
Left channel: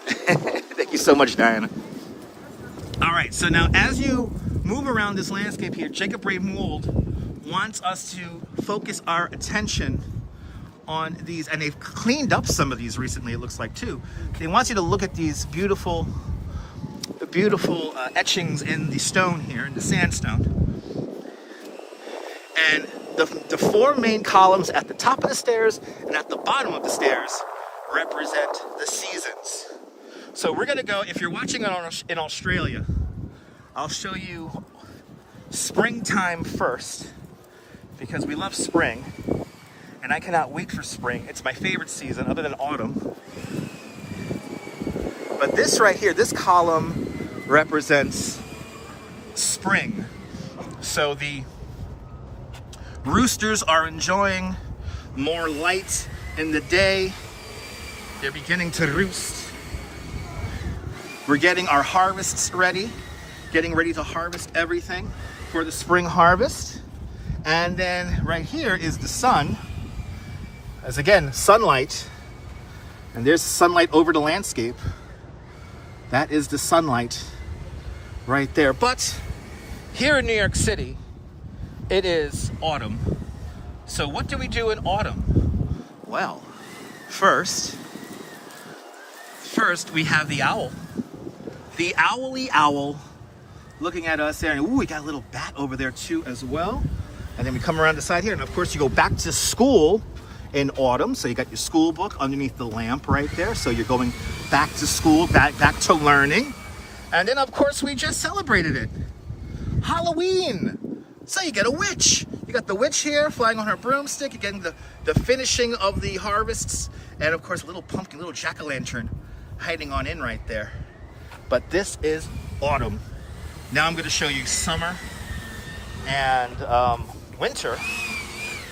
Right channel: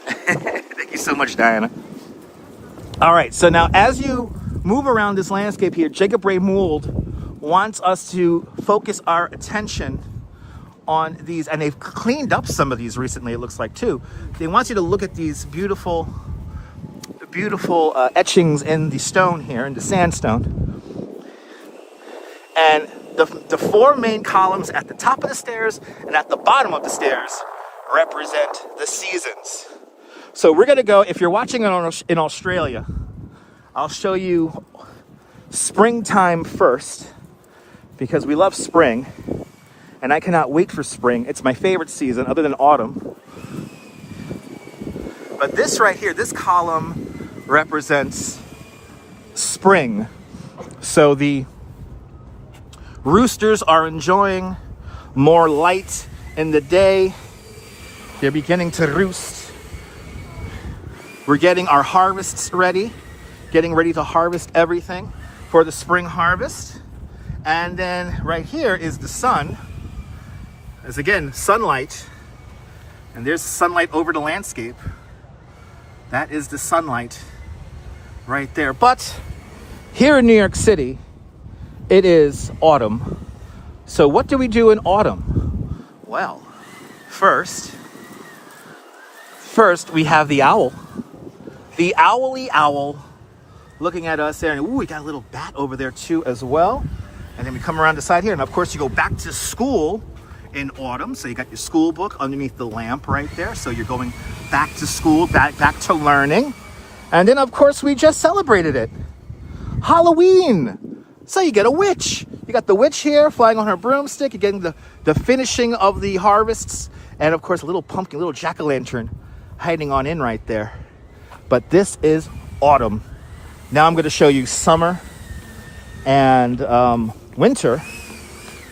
Thank you so much, Diana. All right, so now as you move around this landscape here, Jacob Ray Mould wants us to focus our attention on these, and they've cleaned up some of these recently, it looks like too. They want you to look at these beautiful etchings in the stone here, in the sandstone. And the four main columns at the top of the stairs and at the bottom of the stairs represent the seasons. So we're gonna go, if you're watching in Australia, I'll show you springtime first, because we love spring. And I cannot wait for spring. It's my favorite season other than autumn. But this right here, this column represents spring. So the roosters are enjoying more light in the day. They're beginning to roost. We're getting our harvests ready, getting ready to harvest everything for the spring harvest. And then right here is the sun. As again, sunlight, and there's sunlight over the landscape. That is the sunlight right there. But here in New York City, it is autumn. So what do we do in autumn? Well, first we have the owl. The owly owl looking at us there. And ooh, we got a little bat over there too as well. And then we come around the side here. And of course you go back to school in autumn, so you got your school book underneath the lamp right there, so you're going back to school, back to learning. And then of course we just celebrated it, Halloween. So you get a witch. You got the witch here flying on her broomstick. You're getting the finishing of the harvests, and of course a little pumpkin, little jack-o'-lantern hiding on in right there. But this is autumn. Now I'm going to show you summer and winter,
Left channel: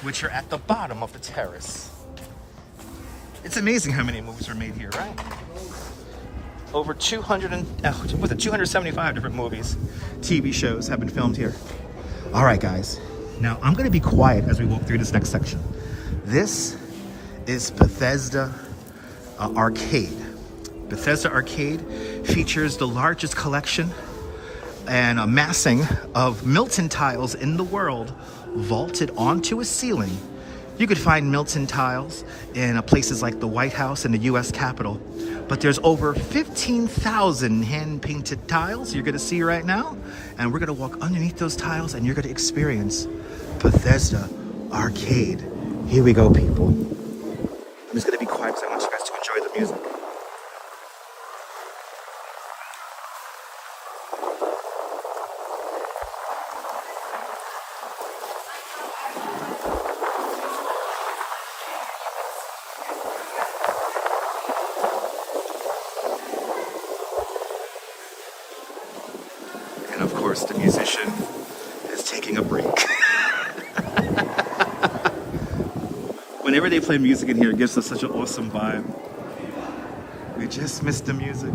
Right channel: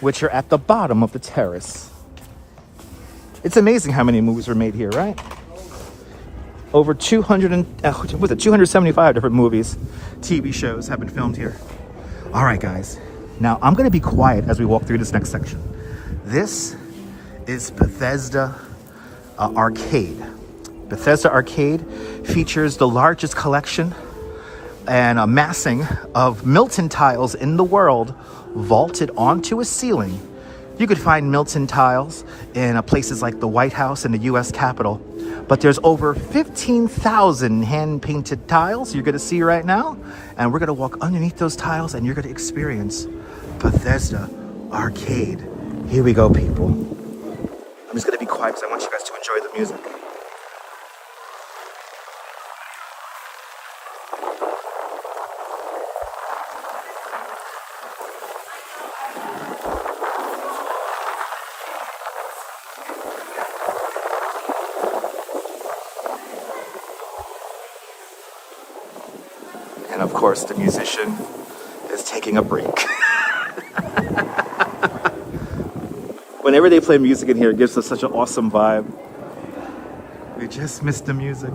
which are at the bottom of the terrace. It's amazing how many movies were made here, right? Over 275 different movies, TV shows have been filmed here. All right, guys. Now, I'm going to be quiet as we walk through this next section. This is Bethesda Arcade. Bethesda Arcade features the largest collection and amassing of Milton tiles in the world, vaulted onto a ceiling. You could find Milton tiles in places like the White House and the U.S. Capitol, but there's over 15,000 hand-painted tiles you're going to see right now, and we're going to walk underneath those tiles and you're going to experience Bethesda Arcade. Here we go, people. I'm just going to be quiet because I want you guys to enjoy the music. And of course, the musician is taking a break. Whenever they play music in here, it gives us such an awesome vibe. We just missed the music.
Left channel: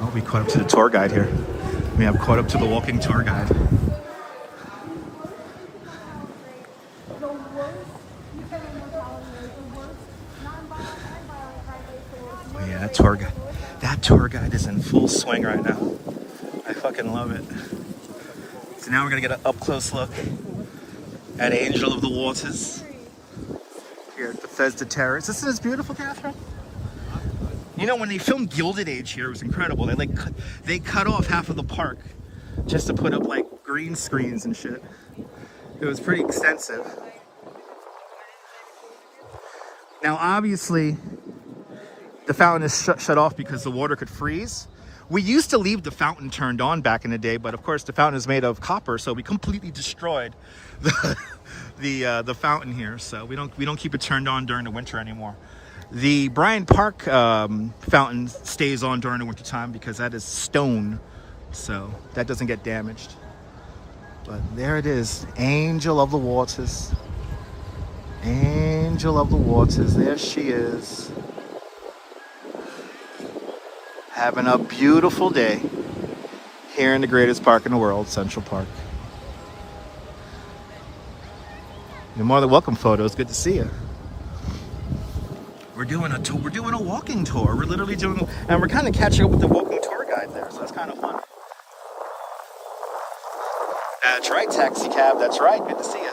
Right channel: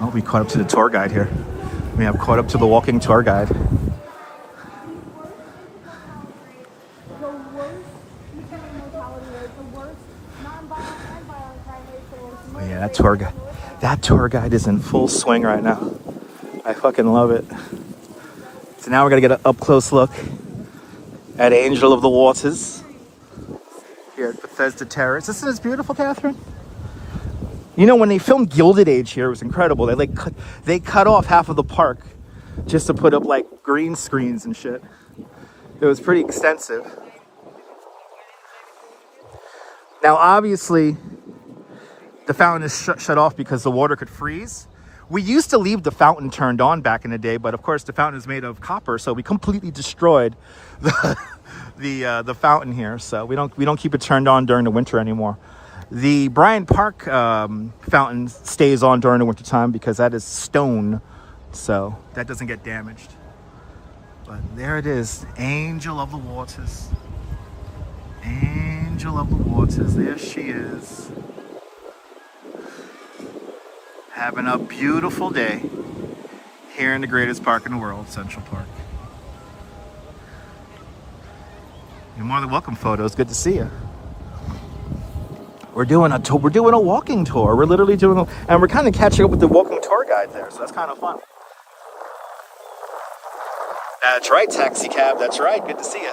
Oh, we caught up to the tour guide here. We have caught up to the walking tour guide. tour guide. That tour guide is in full swing right now. I fucking love it. So now we're gonna get an up-close look at Angel of the Waters here at Bethesda Terrace. Isn't this beautiful, Catherine? You know, when they filmed Gilded Age here, it was incredible. They cut off half of the park just to put up like green screens and shit. It was pretty extensive. Now, obviously, the fountain is shut off because the water could freeze. We used to leave the fountain turned on back in the day, but of course the fountain is made of copper, so we completely destroyed the fountain here. So we don't keep it turned on during the winter anymore. The Bryant Park fountain stays on during the winter time because that is stone, so that doesn't get damaged. But there it is, Angel of the Waters. Angel of the Waters, there she is. Having a beautiful day here in the greatest park in the world, Central Park. You're more than welcome, photos. Good to see you. We're doing a walking tour. We're literally doing, and we're kind of catching up with the walking tour guide there, so that's kind of fun. That's right, taxi cab. That's right. Good to see you.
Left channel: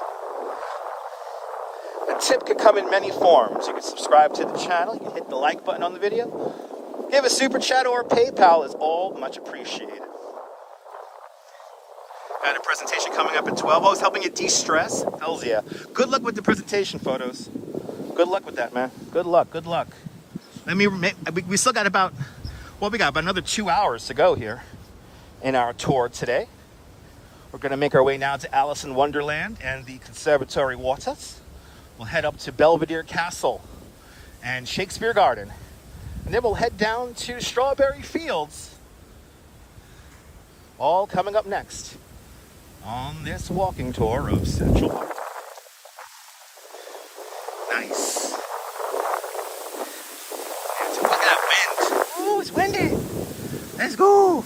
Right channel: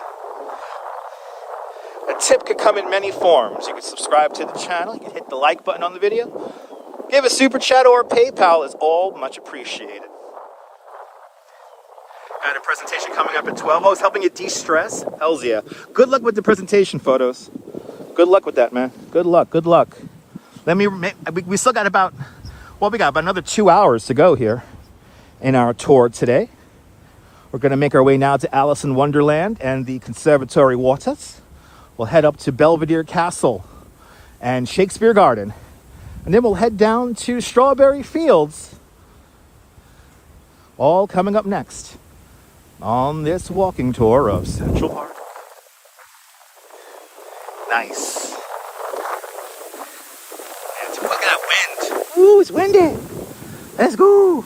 A tip could come in many forms. You can subscribe to the channel. You can hit the like button on the video. Give a super chat or PayPal is all much appreciated. Got a presentation coming up at 12. Oh, it's helping you de-stress? Hells yeah. Good luck with the presentation photos. Good luck with that, man. Good luck. Good luck. We still got about another 2 hours to go here in our tour today. We're going to make our way now to Alice in Wonderland and the Conservatory Waters. We'll head up to Belvedere Castle and Shakespeare Garden. And then we'll head down to Strawberry Fields. All coming up next on this walking tour of Central Park. Nice. Look at that wind. Ooh, it's windy. Let's go.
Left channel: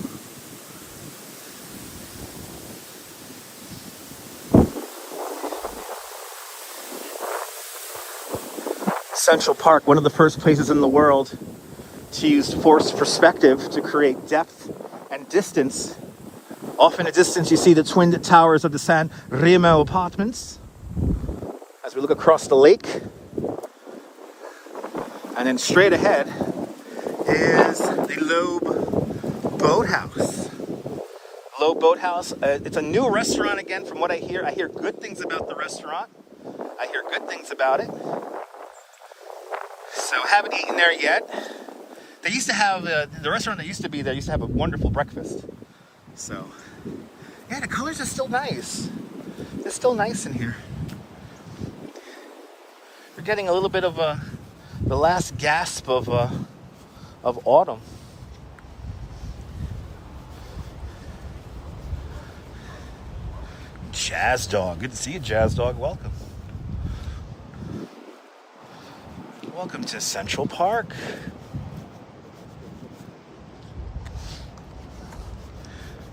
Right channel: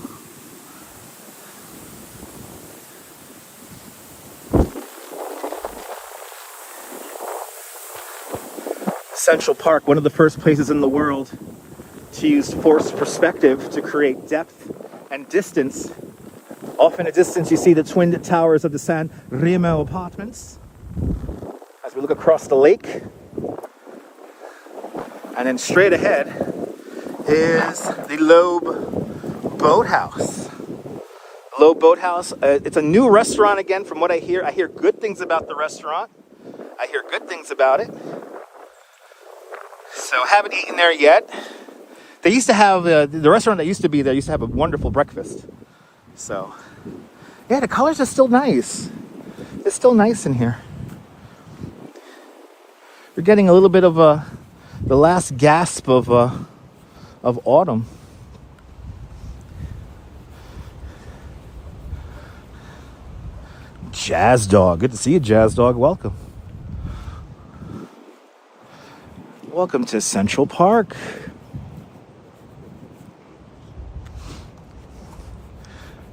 Central Park, one of the first places in the world to use forced perspective to create depth and distance. Off in the distance, you see the twin towers of the San Remo apartments. As we look across the lake, and then straight ahead is the Loeb Boathouse. Loeb Boathouse, it's a new restaurant again from what I hear. I hear good things about the restaurant. I hear good things about it. So I haven't eaten there yet. They used to have, the restaurant that used to be there used to have a wonderful breakfast. So, yeah, the colors are still nice. It's still nice in here. We're getting a little bit of the last gasp of autumn. Jazz Dog. Good to see you, Jazz Dog. Welcome. Welcome to Central Park.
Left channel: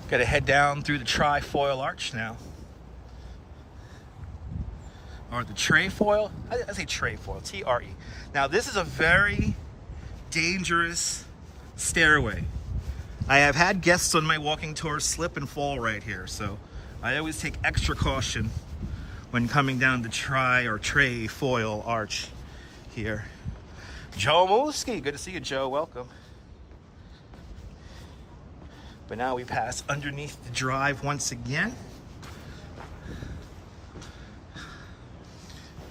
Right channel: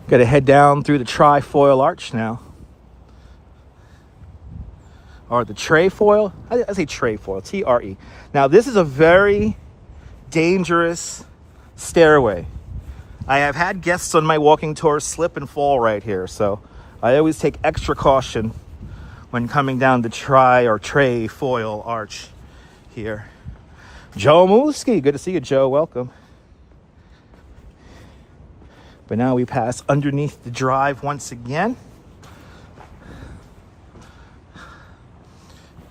Got to head down through the Trifoil Arch now. Or the Trefoil. I say Trefoil, T-R-E. Now, this is a very dangerous stairway. I have had guests on my walking tour slip and fall right here, so I always take extra caution when coming down the Trefoil Arch here. Joe Mooski, good to see you, Joe. Welcome. But now we pass underneath the drive once again.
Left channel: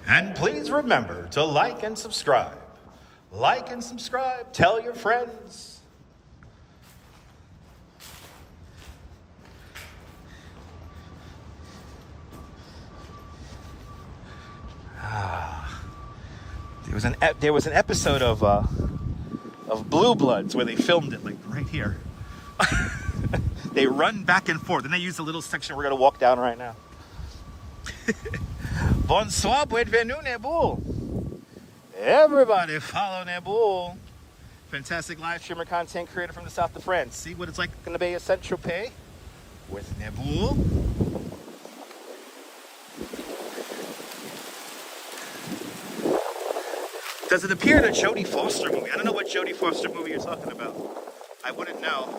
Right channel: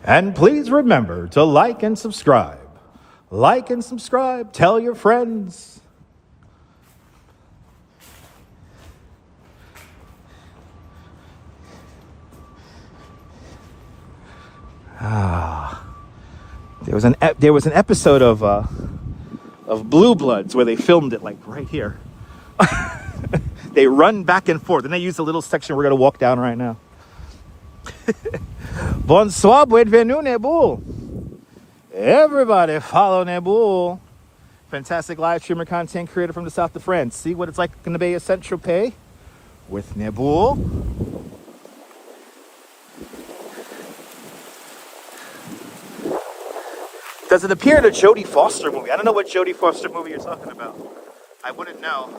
And please remember to like and subscribe. Like and subscribe. Tell your friends. There was an episode of Blue Bloods where they filmed it like right here. They run back and forth, and they use the little section we're going to walk down right now. Bonsoir, bienvenue, Nebul. Everybody follow Nebul. Fantastic live streamer content creator from the south of France. See what it's like in the Bay of Saint-Tropez with Nebul. Does it appear in a Jodie Foster movie? I don't know what Jodie Foster movie you're talking about. I wouldn't know.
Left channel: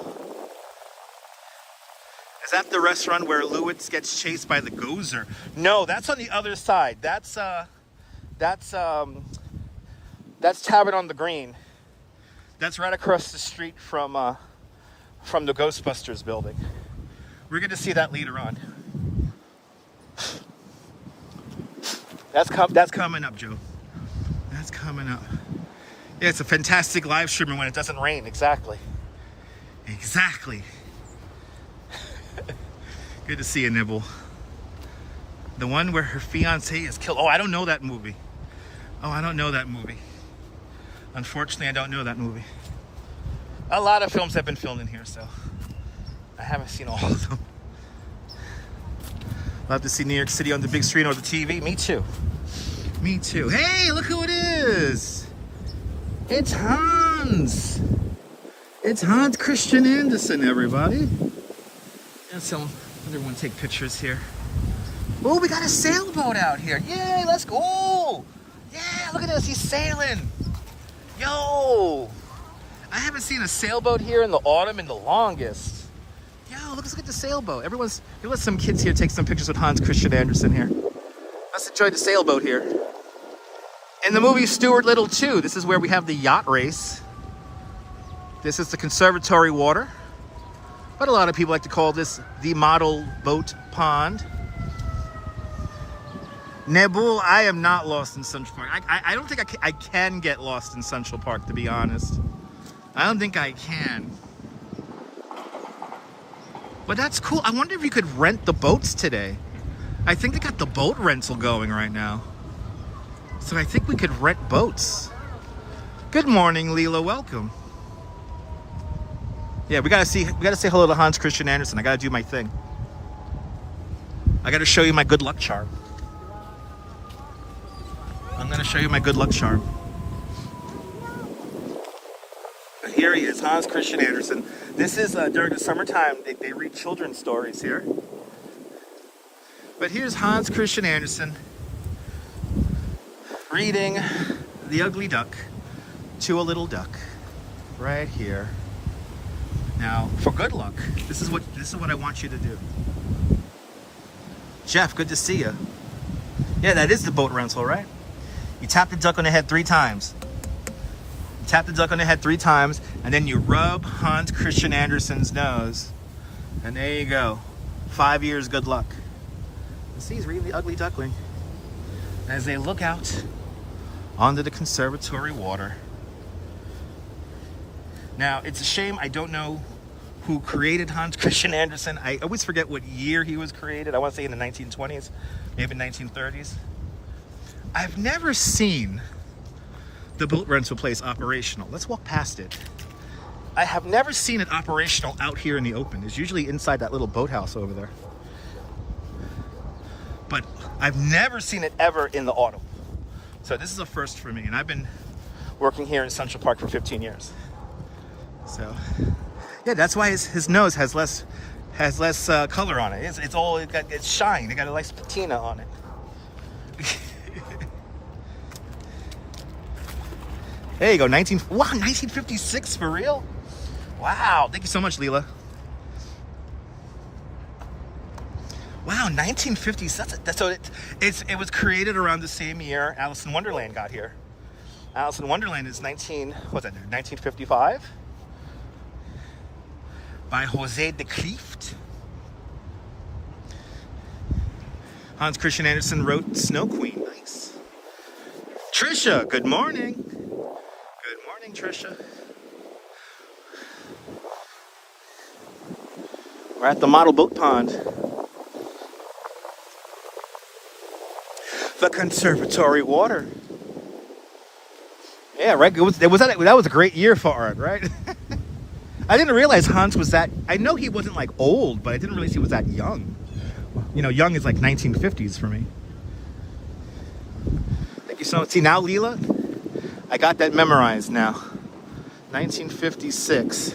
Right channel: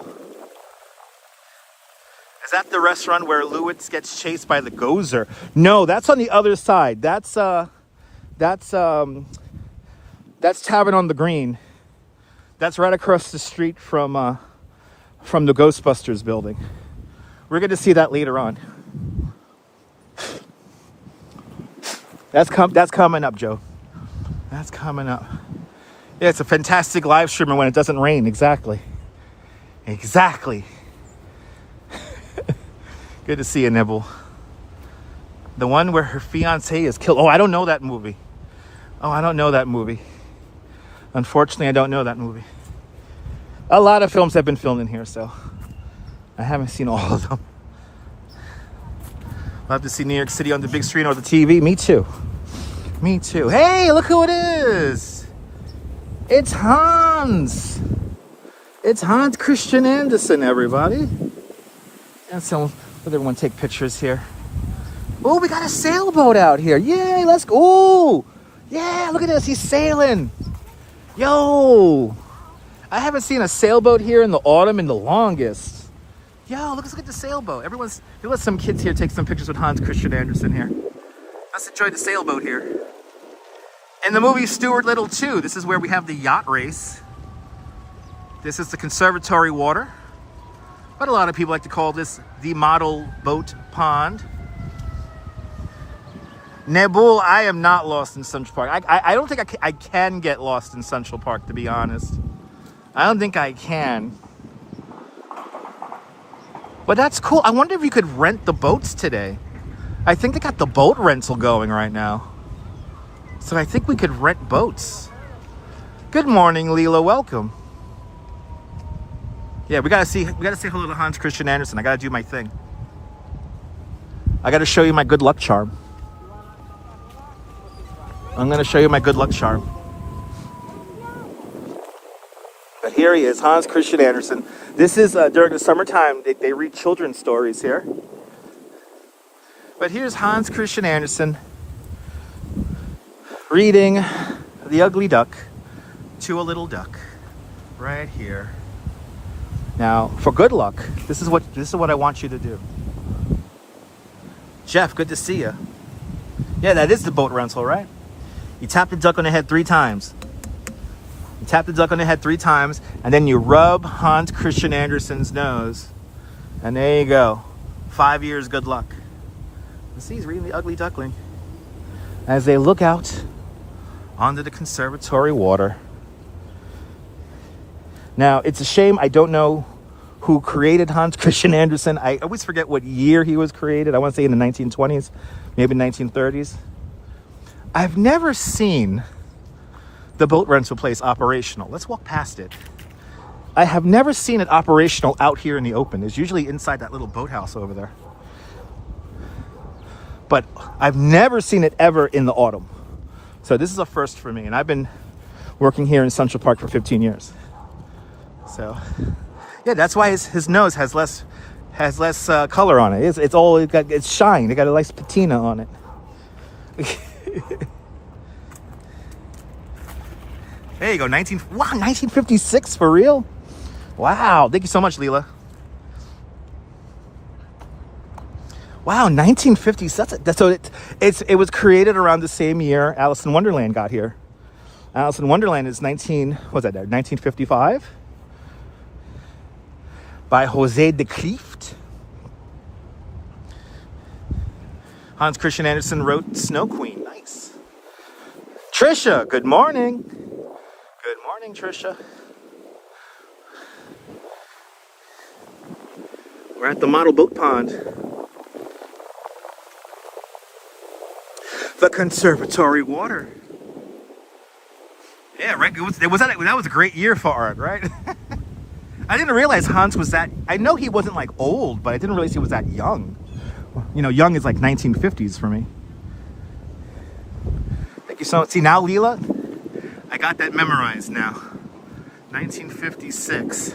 Is that the restaurant where Lewis gets chased by the Gozer? No, that's on the other side. That's Tavern on the Green. That's right across the street from the Ghostbusters building. We're going to see that later on. That's coming up, Joe. That's coming up. Yeah, it's a fantastic live streamer when it doesn't rain. Exactly. Exactly. Good to see you, Nibble. The one where her fiance is killed. Oh, I don't know that movie. Oh, I don't know that movie. Unfortunately, I don't know that movie. A lot of films have been filmed in here, so I haven't seen all of them. I'll have to see New York City on the big screen or the TV. Me too. Me too. Hey, look who it is. It's Hans. It's Hans Christian Andersen, everybody. And so, let everyone take pictures here. Oh, we got a sailboat out here. Yay, let's go. Oh, yeah, look at this. He's sailing. Yo. I haven't seen a sailboat here in the autumn in the longest. Yo, look at the sailboat. You let some kids here take some pictures with Hans Christian Andersen here. Let's enjoy the sailboat here. In the movie Stuart Little 2, this is where we have the yacht race. This is the conservatory water. But a lot of people like to call this the model boat pond. Nebul, I am not lost in Central Park. I don't think I can get lost in Central Park, to be honest. I don't think I can. But that's cool. I wonder if you could rent the boats today. I think they got the boat rental going right now. So I think we could rent boats. Good morning, Leela. Welcome. Yeah, we gotta say hello to Hans Christian Andersen. I gotta do my thing. I gotta show you my good luck charm. I'm gonna show you my good luck charm. But here he is, Hans Christian Andersen. This is during the summertime. They read children's stories here. But here's Hans Christian Andersen reading The Ugly Duck to a Little Duck right here. Now, for good luck, this is what I want you to do. Jeff, good to see you. Yeah, that is the boat rental, right? You tap the duck on the head 3 times. You tap the duck on the head 3 times, and then you rub Hans Christian Andersen's nose, and there you go. 5 years, good luck. You see, he's reading The Ugly Duckling as they look out onto the conservatory water. Now, it's a shame I don't know who created Hans Christian Andersen. I always forget what year he was created. I want to say in the 1920s, maybe 1930s. I've never seen the boat rental place operational. Let's walk past it. I have never seen it operational out here in the open. It's usually inside that little boathouse over there. But I've never seen it ever in the autumn. So this is a first for me. And I've been working here in Central Park for 15 years. So, yeah, that's why his nose has less color on it. It's shine. It got a nice patina on it. There you go, 1956 for real? Wow, thank you so much, Leela. Wow, 1950s. So it was created around the same year Alice in Wonderland got here. Alice in Wonderland is 1955 by Jose de Klieft. Hans Christian Andersen wrote Snow Queen. Nice. Trisha, good morning. Good morning, Trisha. We're at the model boat pond. The conservatory water. Yeah, right. That was a great year for art, right? I didn't realize Hans was that. I know he wasn't like old, but I didn't realize he was that young. You know, young is like 1950s for me. Thank you so much. See, now, Leela, I got that memorized now. 1956.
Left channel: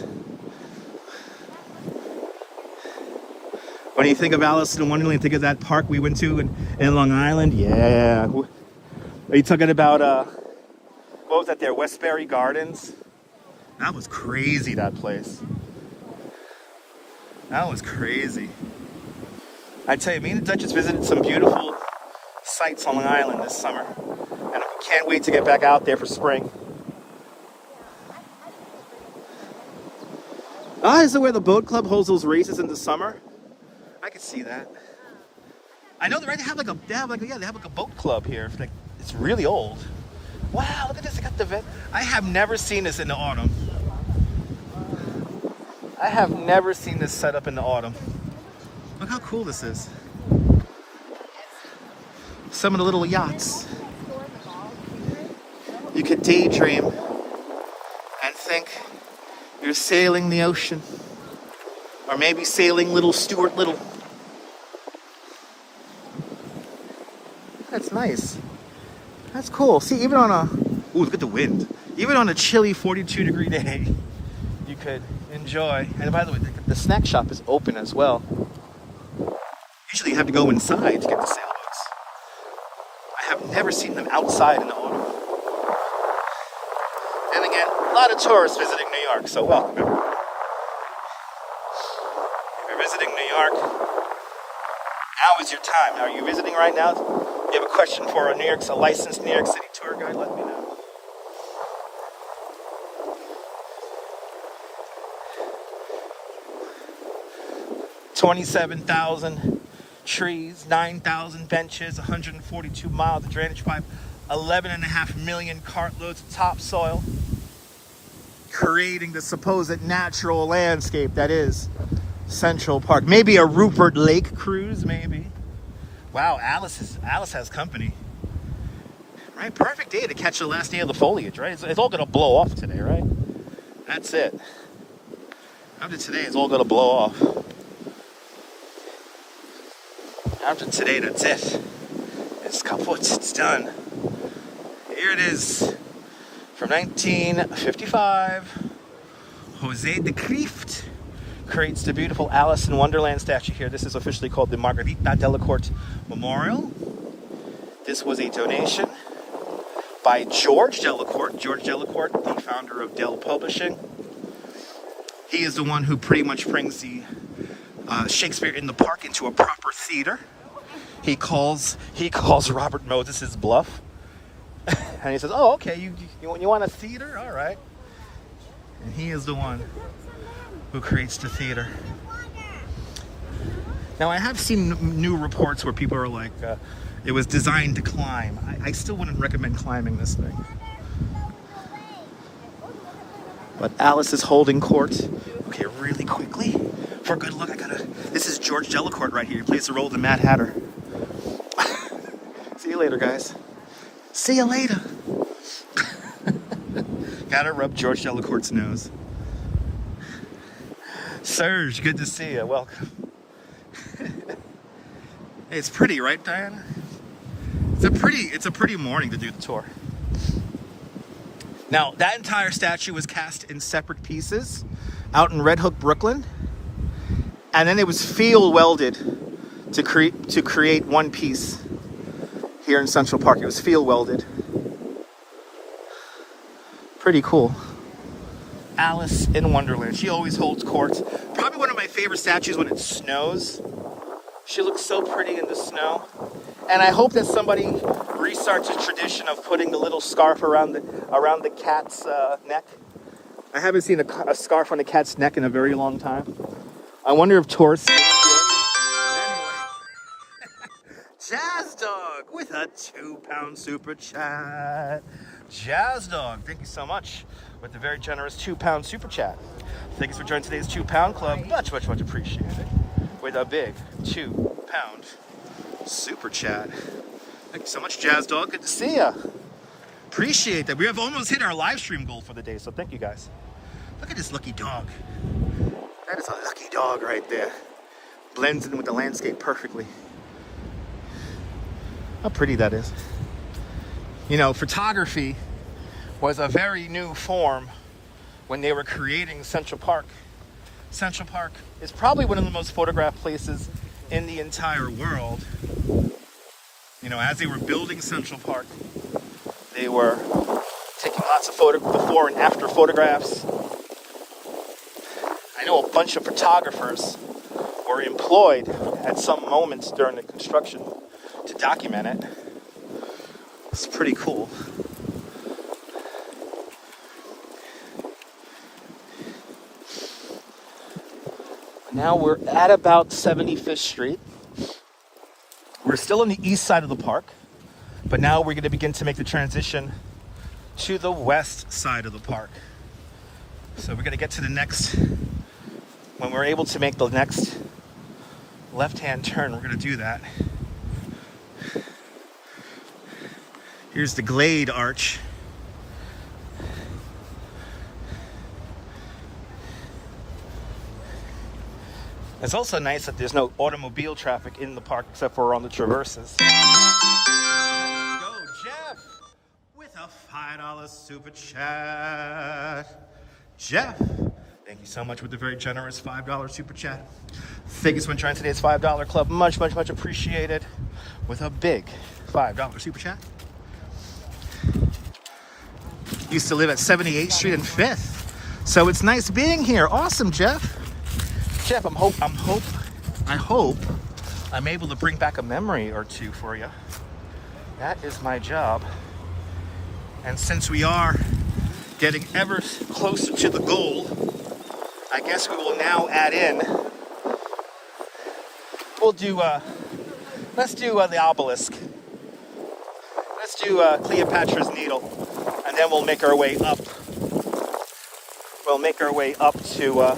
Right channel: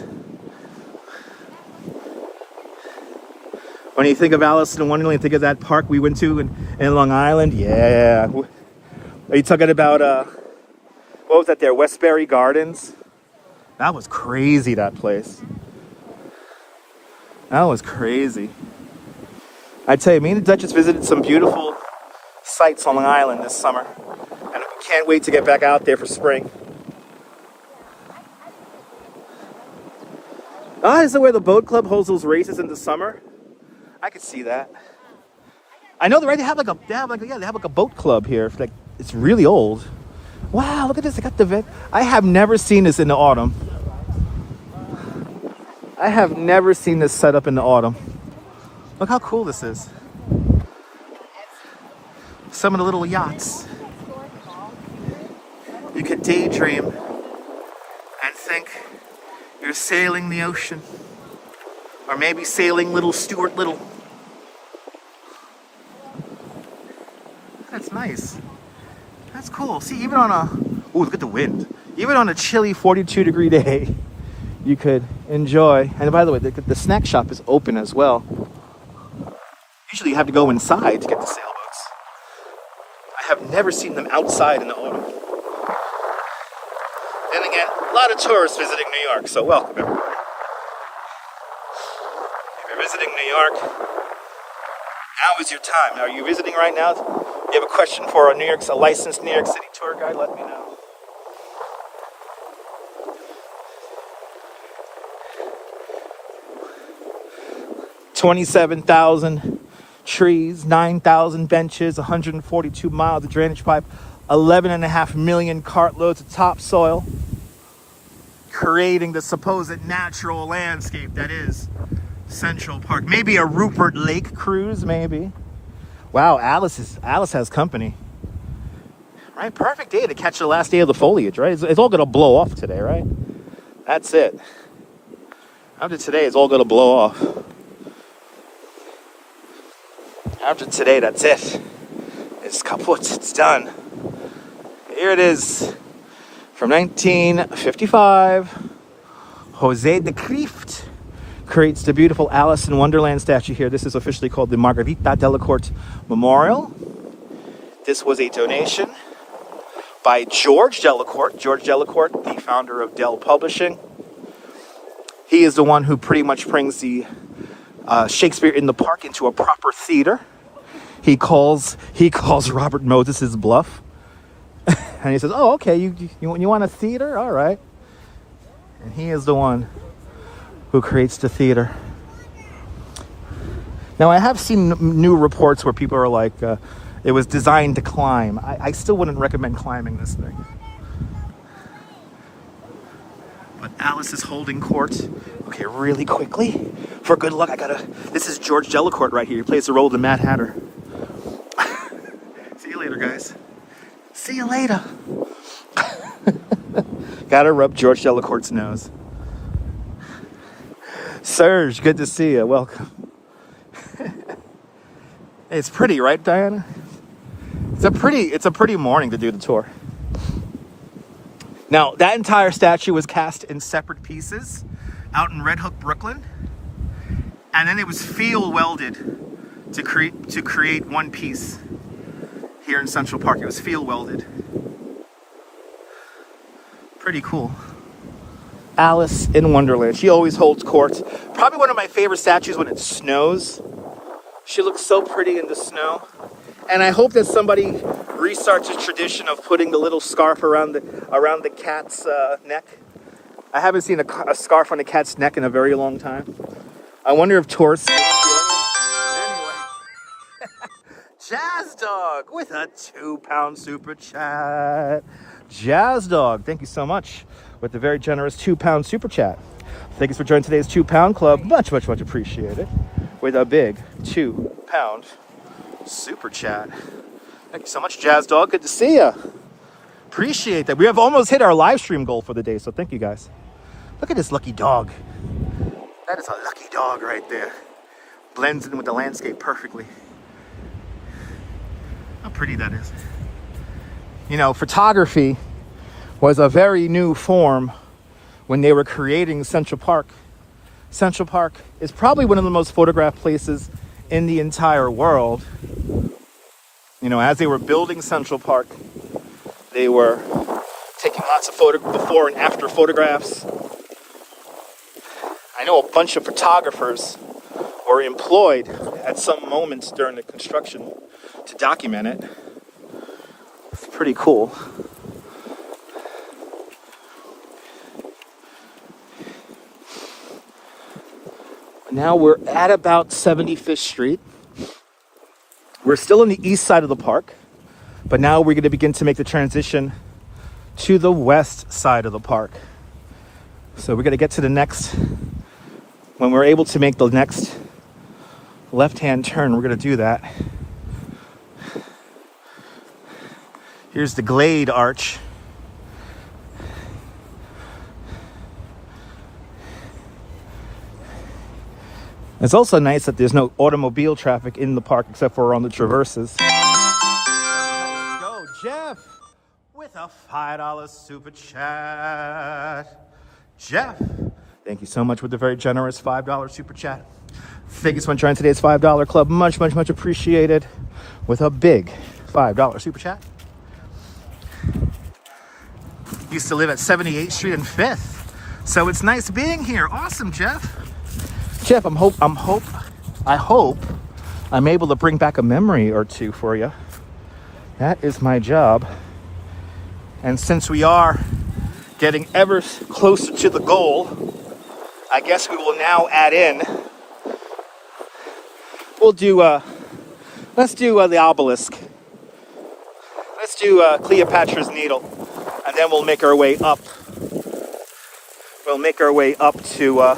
When you think of Alice in Wonderland, think of that park we went to in Long Island. Yeah. Are you talking about, what was at their Westbury Gardens. That was crazy, that place. That was crazy. I tell you, me and the Duchess visited some beautiful sites on Long Island this summer. And I can't wait to get back out there for spring. Ah, is it where the boat club holds those races in the summer? I could see that. I know, right? They have like a boat club here. Like, it's really old. Wow, look at this. They got the. I have never seen this in the autumn. I have never seen this set up in the autumn. Look how cool this is. Some of the little yachts. You could daydream and think you're sailing the ocean. Or maybe sailing little Stuart Little. That's nice. That's cool. See, even on a... Ooh, look at the wind. Even on a chilly 42-degree day, you could enjoy. And by the way, the snack shop is open as well. Usually you have to go inside to get the sailboats. I have never seen them outside in the autumn. And again, a lot of tourists visiting New York, so welcome everybody. If you're visiting New York, now is your time. Now, are you visiting right now? If you have a question for a licensed New York City tour guide, let me know. $27,000 trees, 9,000 benches, 142 miles of drainage pipe, 11.5 million cartloads of topsoil, creating the supposed natural landscape that is Central Park. Maybe a Rupert Lake cruise, maybe. Wow, Alice has company. Right, perfect day to catch the last day of the foliage, right? It's all gonna blow off today, right? That's it. After today, it's all gonna blow off. After today, that's it. It's done. Here it is. From 1955, Jose de Kreeft creates the beautiful Alice in Wonderland statue here. This is officially called the Margarita Delacorte Memorial. This was a donation by George Delacorte. George Delacorte, the founder of Dell Publishing. He is the one who pretty much brings the Shakespeare in the Park into a proper theater. He calls Robert Moses' bluff. And he says, oh, okay, you want a theater? All right. And he is the one who creates the theater. Now, I have seen new reports where people are like, it was designed to climb. I still wouldn't recommend climbing this thing. But Alice is holding court. Okay, really quickly. For good luck, this is George Delacorte right here. He plays the role of the Mad Hatter. See you later, guys. See you later. Gotta rub George Delacorte's nose. Serge, good to see you. Welcome. It's pretty, right, Diana? It's a pretty morning to do the tour. Now, that entire statue was cast in separate pieces out in Red Hook, Brooklyn. And then it was field welded to create one piece here in Central Park. It was field welded. Pretty cool. Alice in Wonderland. She always holds court. Probably one of my favorite statues when it snows. She looks so pretty in the snow. And I hope that somebody restarts a tradition of putting the little scarf around the cat's neck. I haven't seen a scarf on a cat's neck in a very long time. I wonder if tourists... Anyway. Jazz Dog with a £2 super chat. Jazz Dog, thank you so much with the very generous £2 super chat. Thanks for joining today's £2 club. Much, much, much appreciated. With a big £2 super chat. Thank you so much, Jazz Dog. Good to see you. Appreciate that. We have almost hit our live stream goal for the day, so thank you guys. Look at this lucky dog. That is a lucky dog right there. Blends in with the landscape perfectly. How pretty that is. You know, photography was a very new form when they were creating Central Park. Central Park is probably one of the most photographed places in the entire world. You know, as they were building Central Park, they were taking lots before and after photographs. I know a bunch of photographers were employed at some moments during the construction to document it. It's pretty cool. Now we're at about 75th Street. We're still on the east side of the park, but now we're going to begin to make the transition to the west side of the park. So we're going to get to the next, when we're able to make the next left-hand turn, we're going to do that. Here's the Glade Arch. It's also nice that there's no automobile traffic in the park except for on the traverses. Let's go, Jeff, with a $5 super chat. Jeff, thank you so much with the very generous $5 super chat. Thank you so much for joining today's $5 club. Much, much, much appreciated. With a big $5 super chat. Used to live at 78th Street and 5th, so it's nice being here. Awesome, Jeff. Jeff, I hope I'm able to bring back a memory or two for you. That is my job. And since we are getting ever closer to the goal, I guess we will now add in. We'll do, let's do the Obelisk. Let's do Cleopatra's Needle, and then we'll make our way up. We'll make our way up to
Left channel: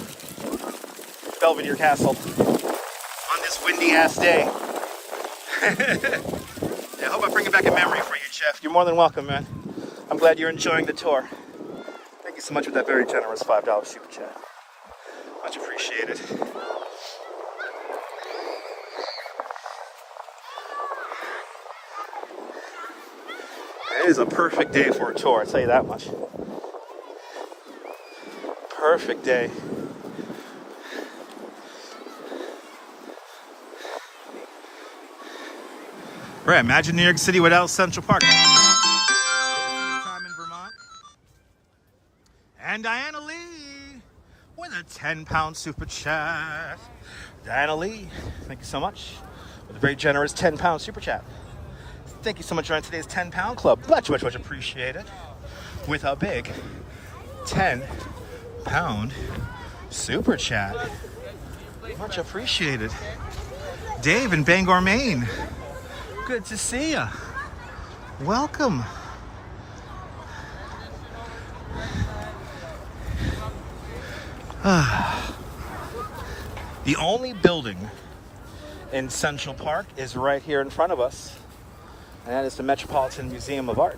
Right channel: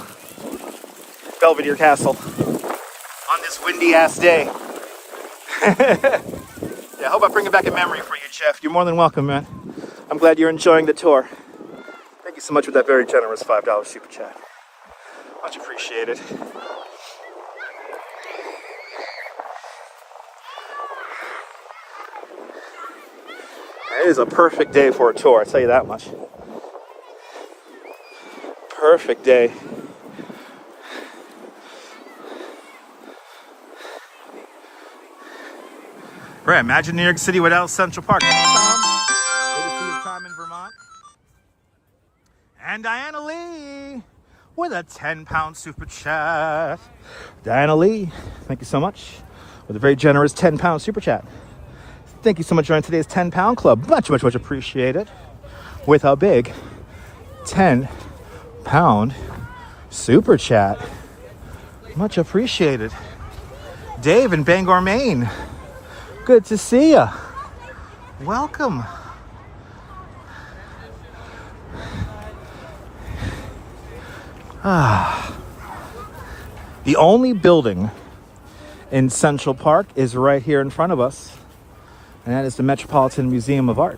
Belvedere Castle on this windy ass day. Yeah, I hope I bring it back a memory for you, Jeff. You're more than welcome, man. I'm glad you're enjoying the tour. Thank you so much for that very generous $5 super chat. Much appreciated. It is a perfect day for a tour, I'll tell you that much. Perfect day. Right, imagine New York City without Central Park. Time in Vermont. And Diana Lee with a £10 super chat. Diana Lee, thank you so much with a very generous £10 super chat. Thank you so much for joining today's £10 club. Much, much, much appreciated. With a big £10 super chat. Much appreciated. Dave in Bangor, Maine. Good to see ya. Welcome. The only building in Central Park is right here in front of us, and that is the Metropolitan Museum of Art.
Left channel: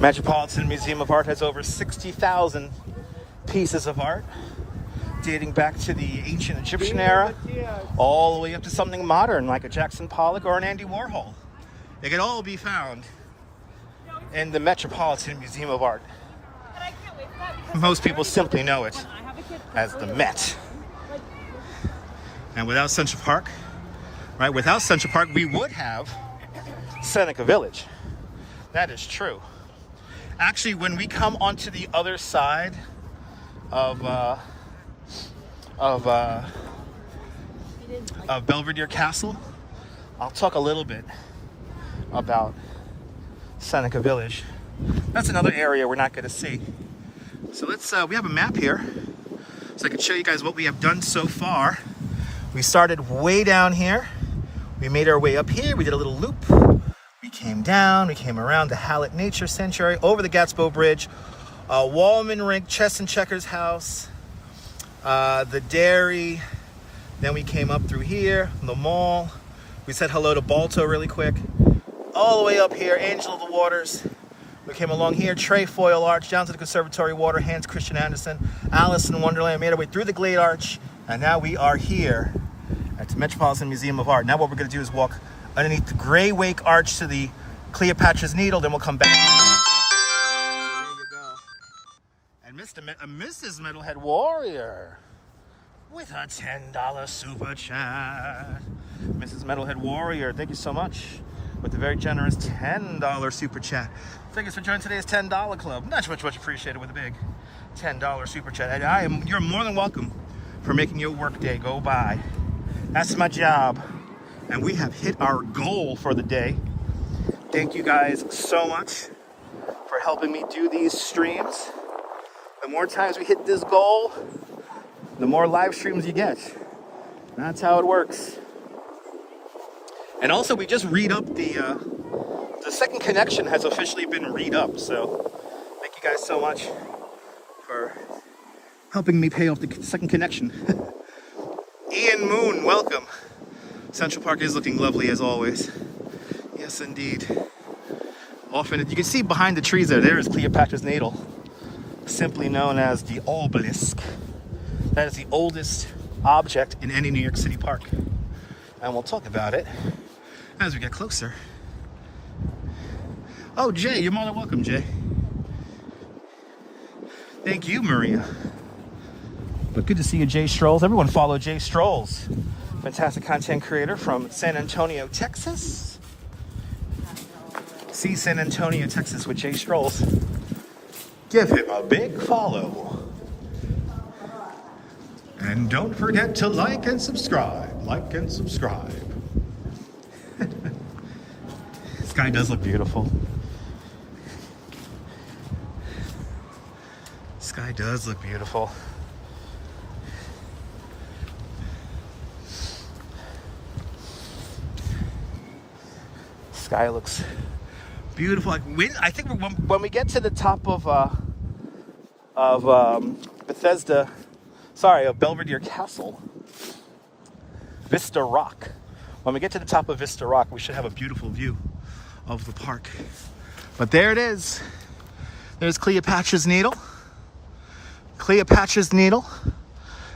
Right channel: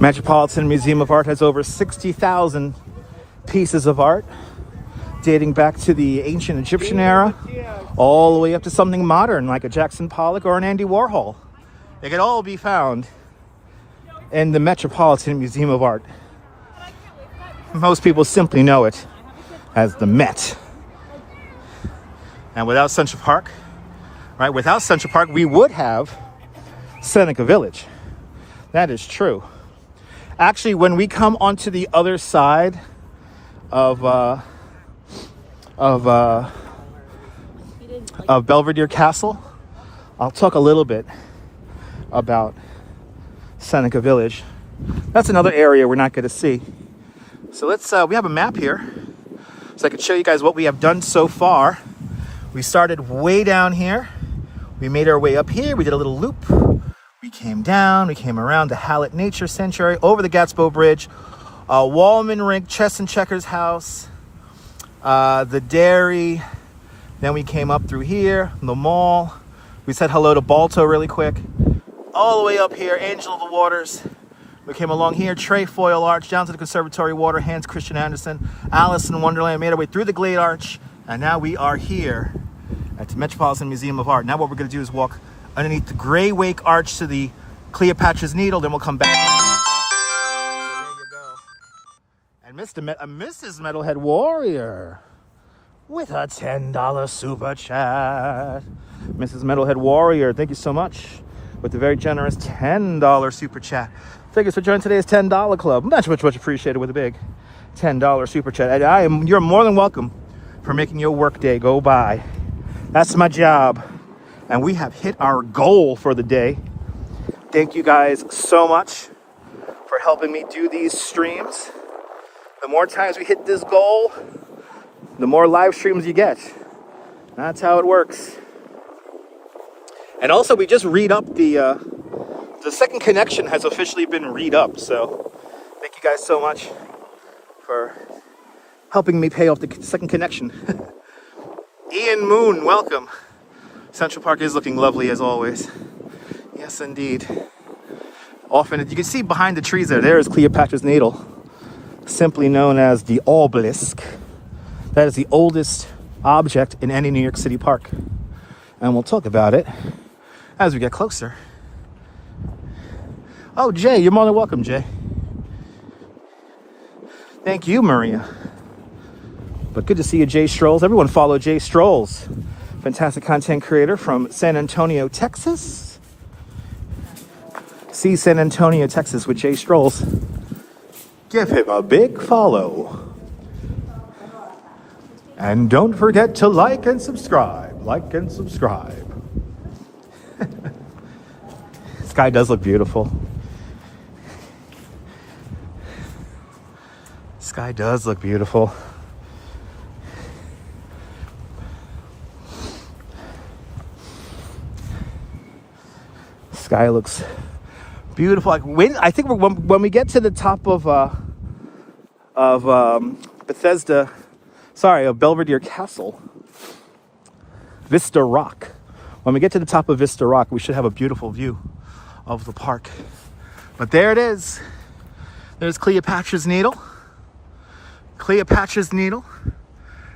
Metropolitan Museum of Art has over 60,000 pieces of art dating back to the ancient Egyptian era all the way up to something modern like a Jackson Pollock or an Andy Warhol. They could all be found in the Metropolitan Museum of Art. Most people simply know it as the Met. And without Central Park, right, without Central Park, we would have Seneca Village. That is true. Actually, when we come onto the other side of Belvedere Castle, I'll talk a little bit about Seneca Village. That's another area we're not going to see. So let's, we have a map here, so I can show you guys what we have done so far. We started way down here. We made our way up here. We did a little loop. We came down, we came around the Hallett Nature Sanctuary, over the Gatsbo Bridge, Wallman Rink, Chess and Checkers House, the dairy. Then we came up through here, the mall. We said hello to Balto really quick. All the way up here, Angel of the Waters. We came along here, Trefoil Arch, down to the Conservatory Water, Hans Christian Andersen, Alice in Wonderland, made our way through the Glade Arch, and now we are here at the Metropolitan Museum of Art. Now what we're going to do is walk underneath the Grey Wake Arch to the Cleopatra's Needle, then we'll come back. There you go. And Mrs. Metalhead Warrior with a $10 super chat. Mrs. Metalhead Warrior, thank you so much with the very generous $10 super chat. Thank you for joining today's $10 club. Much appreciated with a big $10 super chat. You're more than welcome for making your workday go by. That's my job. And we have hit our goal for the day. Thank you guys so much for helping me do these streams. The more times we hit this goal, the more live streams you get. That's how it works. And also, we just read up the second connection has officially been read up. So thank you guys so much for helping me pay off the second connection. Ian Moon, welcome. Central Park is looking lovely as always. Yes, indeed. Often, you can see behind the trees there is Cleopatra's Needle, simply known as the Obelisk. That is the oldest object in any New York City park. And we'll talk about it as we get closer. Oh, Jay, you're more than welcome, Jay. Thank you, Maria. But good to see you, Jay Strolls. Everyone follow Jay Strolls. Fantastic content creator from San Antonio, Texas. See San Antonio, Texas with Jay Strolls. Give him a big follow. And don't forget to like and subscribe. Like and subscribe. Sky does look beautiful. Sky does look beautiful. Sky looks beautiful. Like I think when we get to the top of Belvedere Castle, Vista Rock. When we get to the top of Vista Rock, we should have a beautiful view of the park. But there it is. There's Cleopatra's Needle. Cleopatra's Needle.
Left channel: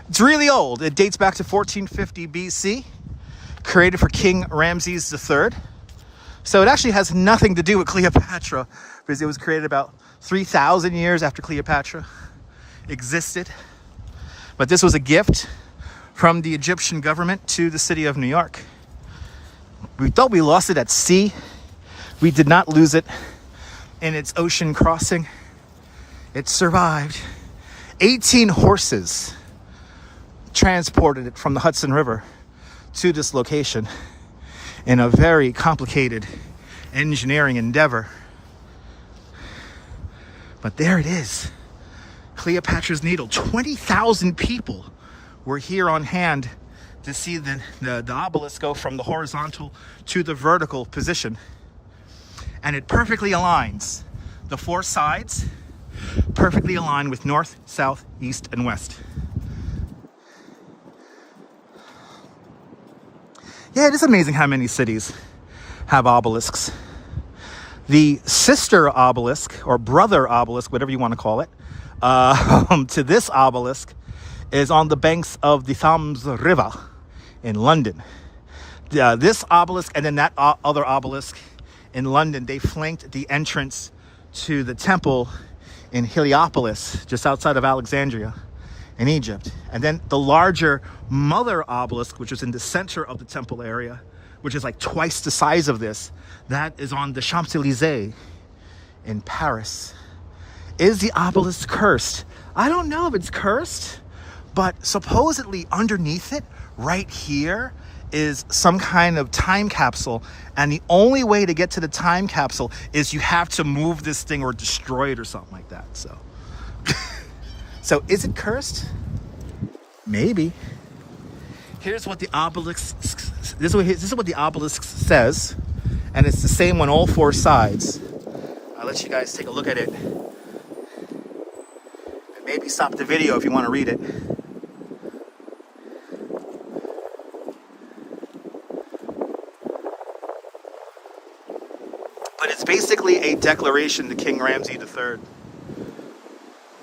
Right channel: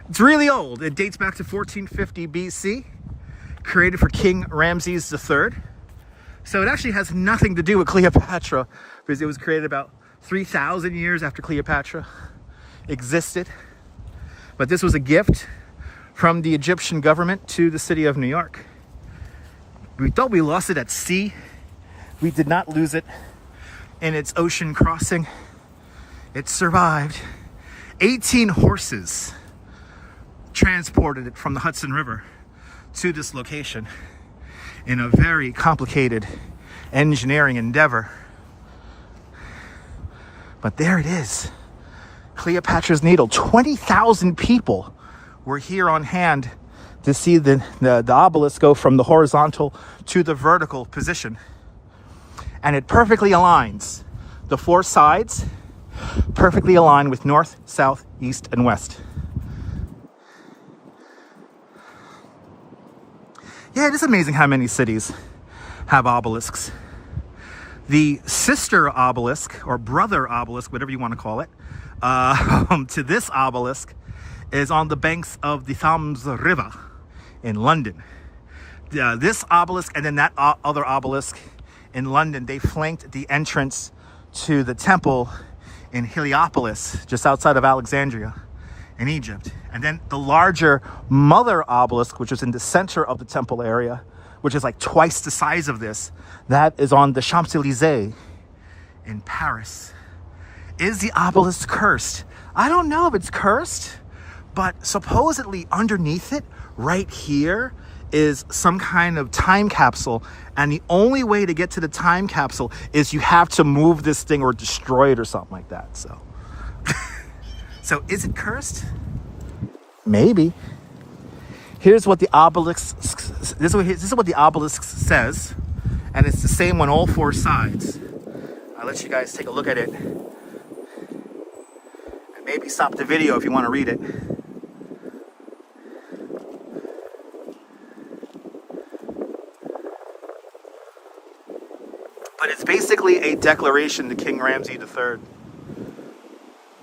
It's really old. It dates back to 1450 BC. Created for King Ramses III. So it actually has nothing to do with Cleopatra, because it was created about 3,000 years after Cleopatra existed. But this was a gift from the Egyptian government to the city of New York. We thought we lost it at sea. We did not lose it in its ocean crossing. It survived. 18 horses transported it from the Hudson River to this location in a very complicated engineering endeavor. But there it is. Cleopatra's Needle. 20,000 people were here on hand to see the obelisk go from the horizontal to the vertical position. And it perfectly aligns. The four sides perfectly align with north, south, east, and west. Yeah, it is amazing how many cities have obelisks. The sister obelisk, or brother obelisk, whatever you want to call it, to this obelisk is on the banks of the Thames River in London. This obelisk and then that other obelisk in London, they flanked the entrance to the temple in Heliopolis, just outside of Alexandria in Egypt. And then the larger mother obelisk, which was in the center of the temple area, which is like twice the size of this, that is on the Champs-Élysées in Paris. Is the obelisk cursed? I don't know if it's cursed, but supposedly underneath it, right here, is some kind of time capsule. And the only way to get to the time capsule is you have to move this thing or destroy it or something like that. So, so is it cursed? Maybe. Here's what the obelisk, this is what the obelisk says. And it's the same on all four sides. I'll let you guys take a look at it. And maybe stop the video if you want to read it. But it's basically a declaration to King Ramses III.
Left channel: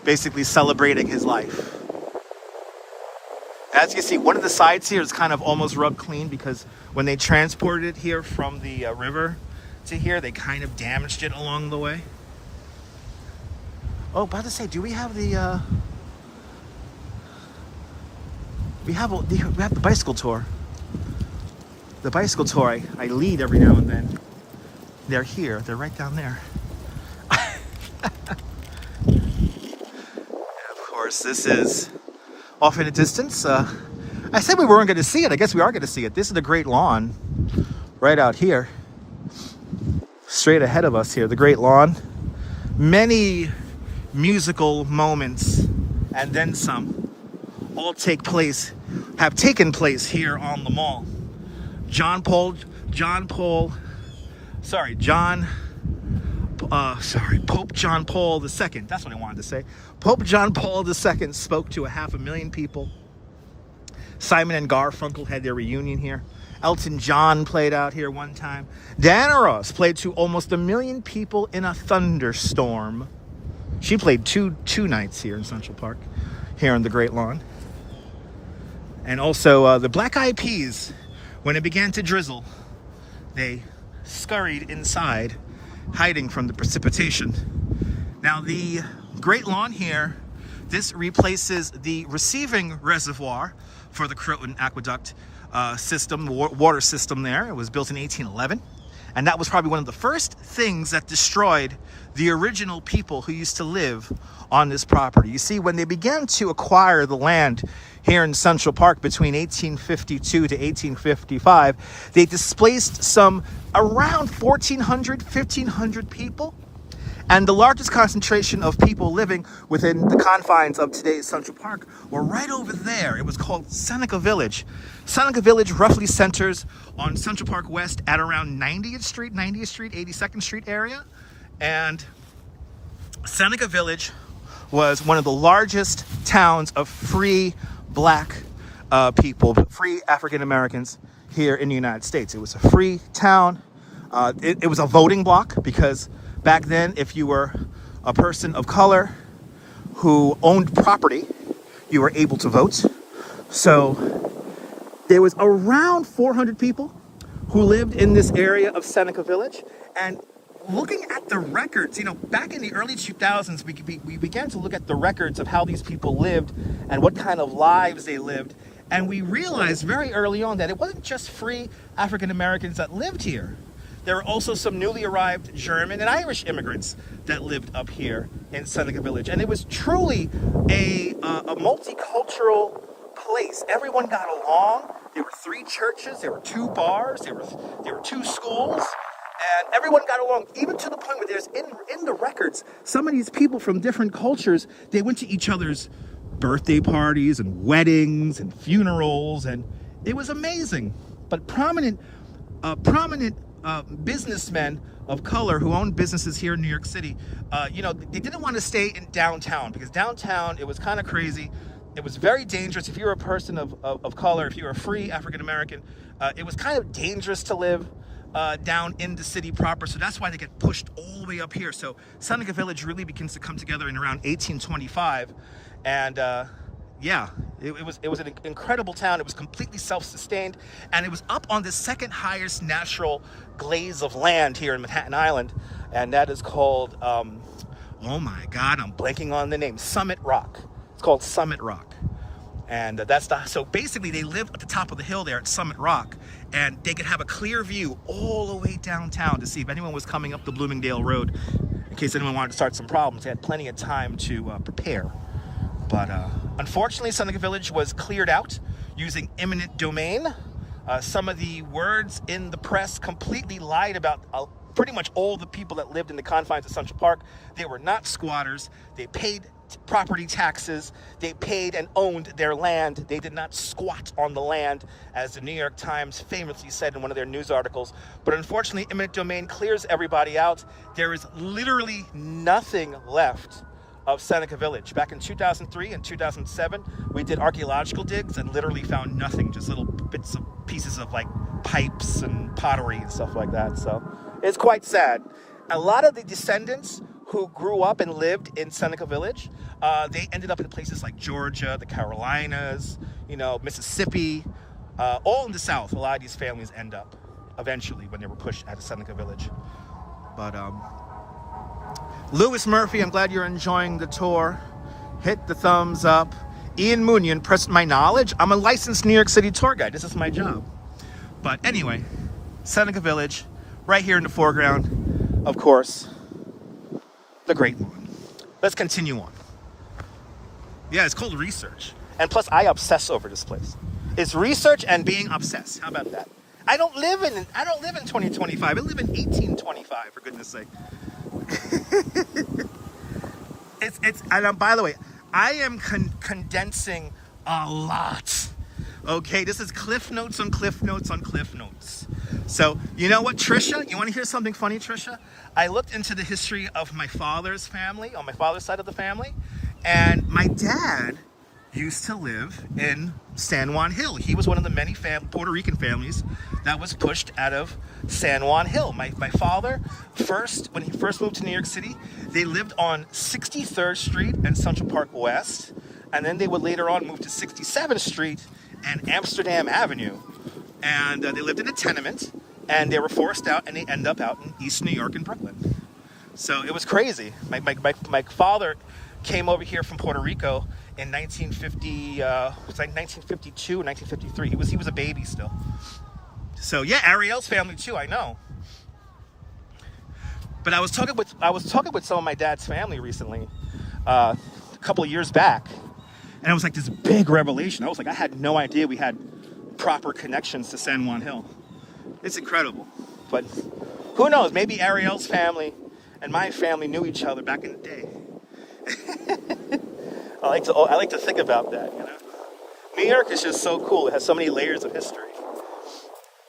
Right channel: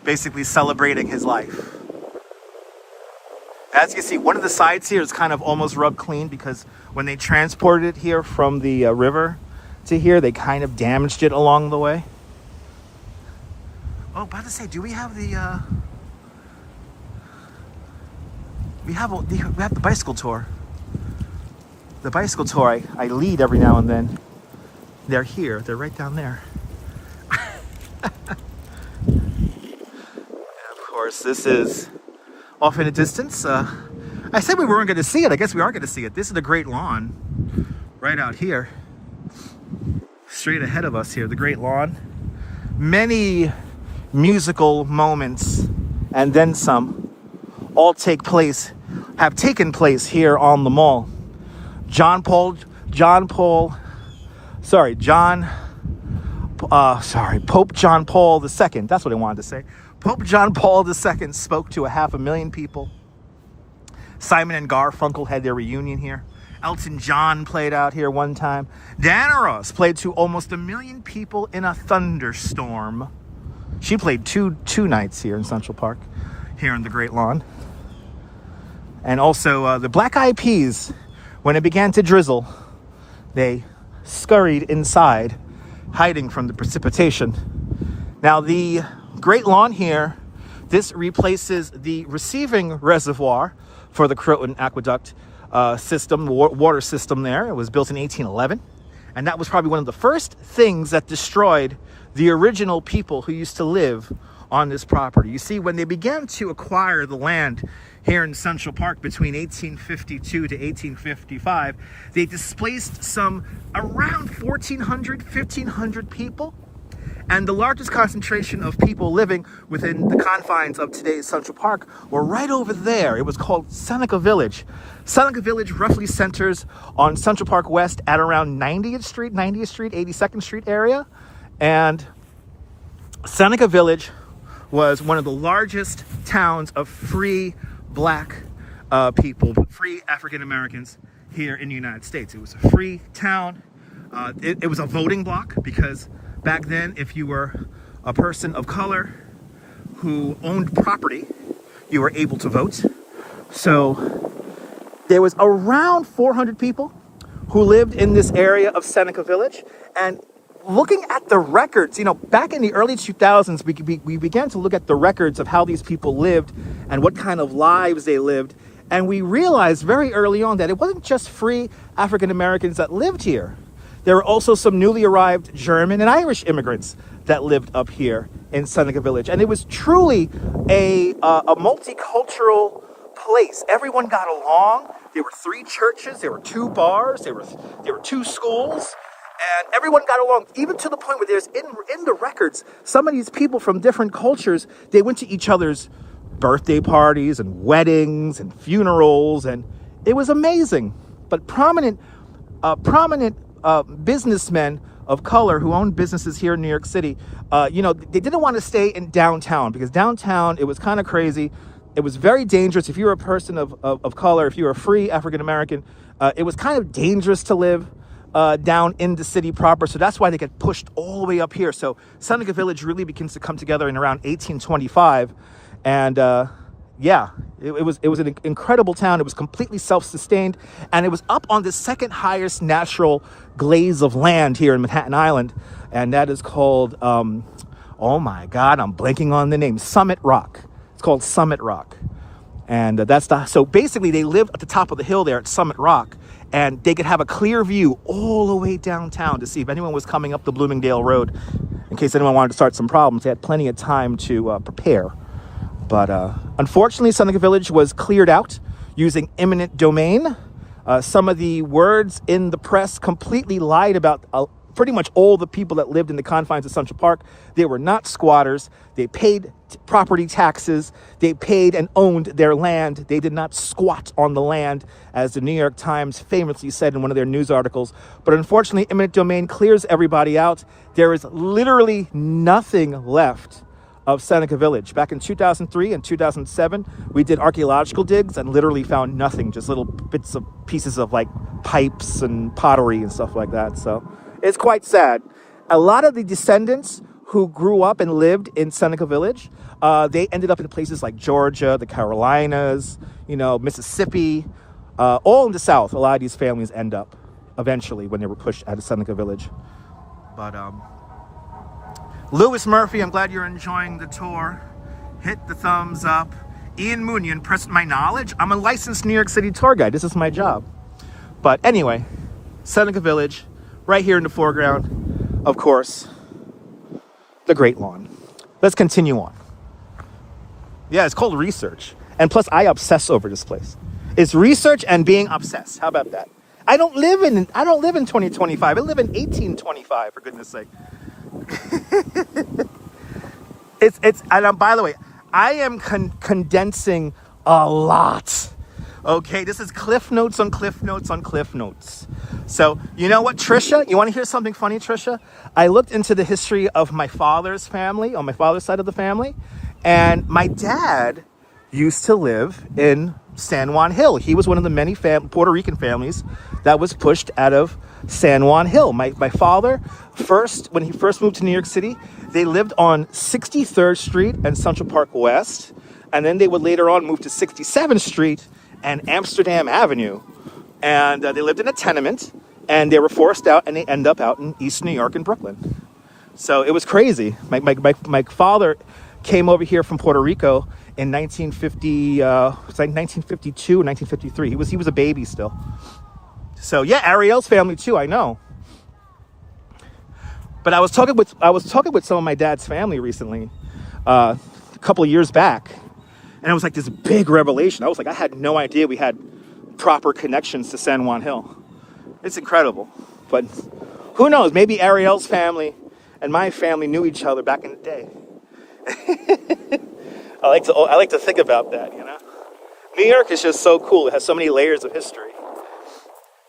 Basically celebrating his life. As you see, one of the sides here is kind of almost rubbed clean because when they transported it here from the river to here, they kind of damaged it along the way. Oh, about to say, do we have the we have the bicycle tour. The bicycle tour I lead every now and then. They're here. They're right down there. And of course, this is off in the distance. I said we weren't going to see it. I guess we are going to see it. This is the Great Lawn right out here. Straight ahead of us here, the Great Lawn. Many musical moments and then some all have taken place here on the mall. Pope John Paul II. That's what I wanted to say. Pope John Paul II spoke to 500,000 people. Simon and Garfunkel had their reunion here. Elton John played out here one time. Diana Ross played to almost 1 million people in a thunderstorm. She played two nights here in Central Park, here on the Great Lawn. And also the Black Eyed Peas, when it began to drizzle, they scurried inside, hiding from the precipitation. Now the Great Lawn here, this replaces the receiving reservoir for the Croton Aqueduct system, water system there. It was built in 1811. And that was probably one of the first things that destroyed the original people who used to live on this property. You see, when they began to acquire the land here in Central Park between 1852 to 1855, they displaced some around 1,500 people. And the largest concentration of people living within the confines of today's Central Park were right over there. It was called Seneca Village. Seneca Village roughly centers on Central Park West at around 90th Street, 82nd Street area. And Seneca Village was one of the largest towns of free black people, free African Americans here in the United States. It was a free town. It was a voting block because back then, if you were a person of color who owned property, you were able to vote. So there was around 400 people who lived in this area of Seneca Village. And looking at the records, back in the early 2000s, we began to look at the records of how these people lived and what kind of lives they lived. And we realized very early on that it wasn't just free African Americans that lived here. There were also some newly arrived German and Irish immigrants that lived up here in Seneca Village. And it was truly a multicultural place. Everyone got along. There were 3 churches, there were 2 bars, there were 2 schools, and everyone got along, even to the point where there's in the records, some of these people from different cultures, they went to each other's birthday parties and weddings and funerals, and it was amazing. But prominent businessmen of color who owned businesses here in New York City, they didn't want to stay in downtown because downtown, it was kind of crazy. It was very dangerous. If you were a person of color, if you were a free African American, it was kind of dangerous to live down in the city proper. So that's why they get pushed all the way up here. So Seneca Village really begins to come together in around 1825. And it was an incredible town. It was completely self-sustained. And it was up on the second highest natural glaze of land here in Manhattan Island. And that is called, oh my God, I'm blanking on the name, Summit Rock. It's called Summit Rock. And so basically they lived at the top of the hill there at Summit Rock, and they could have a clear view all the way downtown to see if anyone was coming up the Bloomingdale Road. In case anyone wanted to start some problems, they had plenty of time to prepare. But unfortunately, Seneca Village was cleared out using eminent domain. Some of the words in the press completely lied about pretty much all the people that lived in the confines of Central Park. They were not squatters. They paid property taxes. They paid and owned their land. They did not squat on the land, as the New York Times famously said in one of their news articles. But unfortunately, eminent domain clears everybody out. There is literally nothing left of Seneca Village. Back in 2003 and 2007, we did archaeological digs and literally found nothing, just little pieces of like pipes and pottery and stuff like that. So it's quite sad. A lot of the descendants who grew up and lived in Seneca Village, they ended up in places like Georgia, the Carolinas, Mississippi, all in the South. A lot of these families end up eventually when they were pushed out of Seneca Village. But Lewis Murphy, I'm glad you're enjoying the tour. Hit the thumbs up. Ian Moonion, press my knowledge. I'm a licensed New York City tour guide. This is my job. But anyway, Seneca Village, right here in the foreground, of course, the Great Lawn. Let's continue on. Yeah, it's called research. And plus, I obsess over this place. It's research and being obsessed. How about that? I don't live in 2025. I live in 1825, for goodness sake. And by the way, I am condensing a lot. Okay, this is cliff notes on cliff notes on cliff notes. So, you know what, Trisha? You want to hear something funny, Trisha? I looked into the history of my father's family, on my father's side of the family, and my dad used to live in San Juan Hill. He was one of the many Puerto Rican families that was pushed out of San Juan Hill. My father, when he first moved to New York City, they lived on 63rd Street and Central Park West, and then they would later on move to 67th Street and Amsterdam Avenue. And they lived in a tenement, and they were forced out, and they end up out in East New York and Brooklyn. So it was crazy. My father came over here from Puerto Rico in 1950, it's like 1952, 1953. He was a baby still. So yeah, Ariel's family too, I know. But I was talking with some of my dad's family recently, a couple of years back, and it was like this big revelation. I was like, I had no idea we had proper connections to San Juan Hill. It's incredible. But who knows? Maybe Ariel's family and my family knew each other back in the day. I like to think about that, you know? New York is just so cool. It has so many layers of history.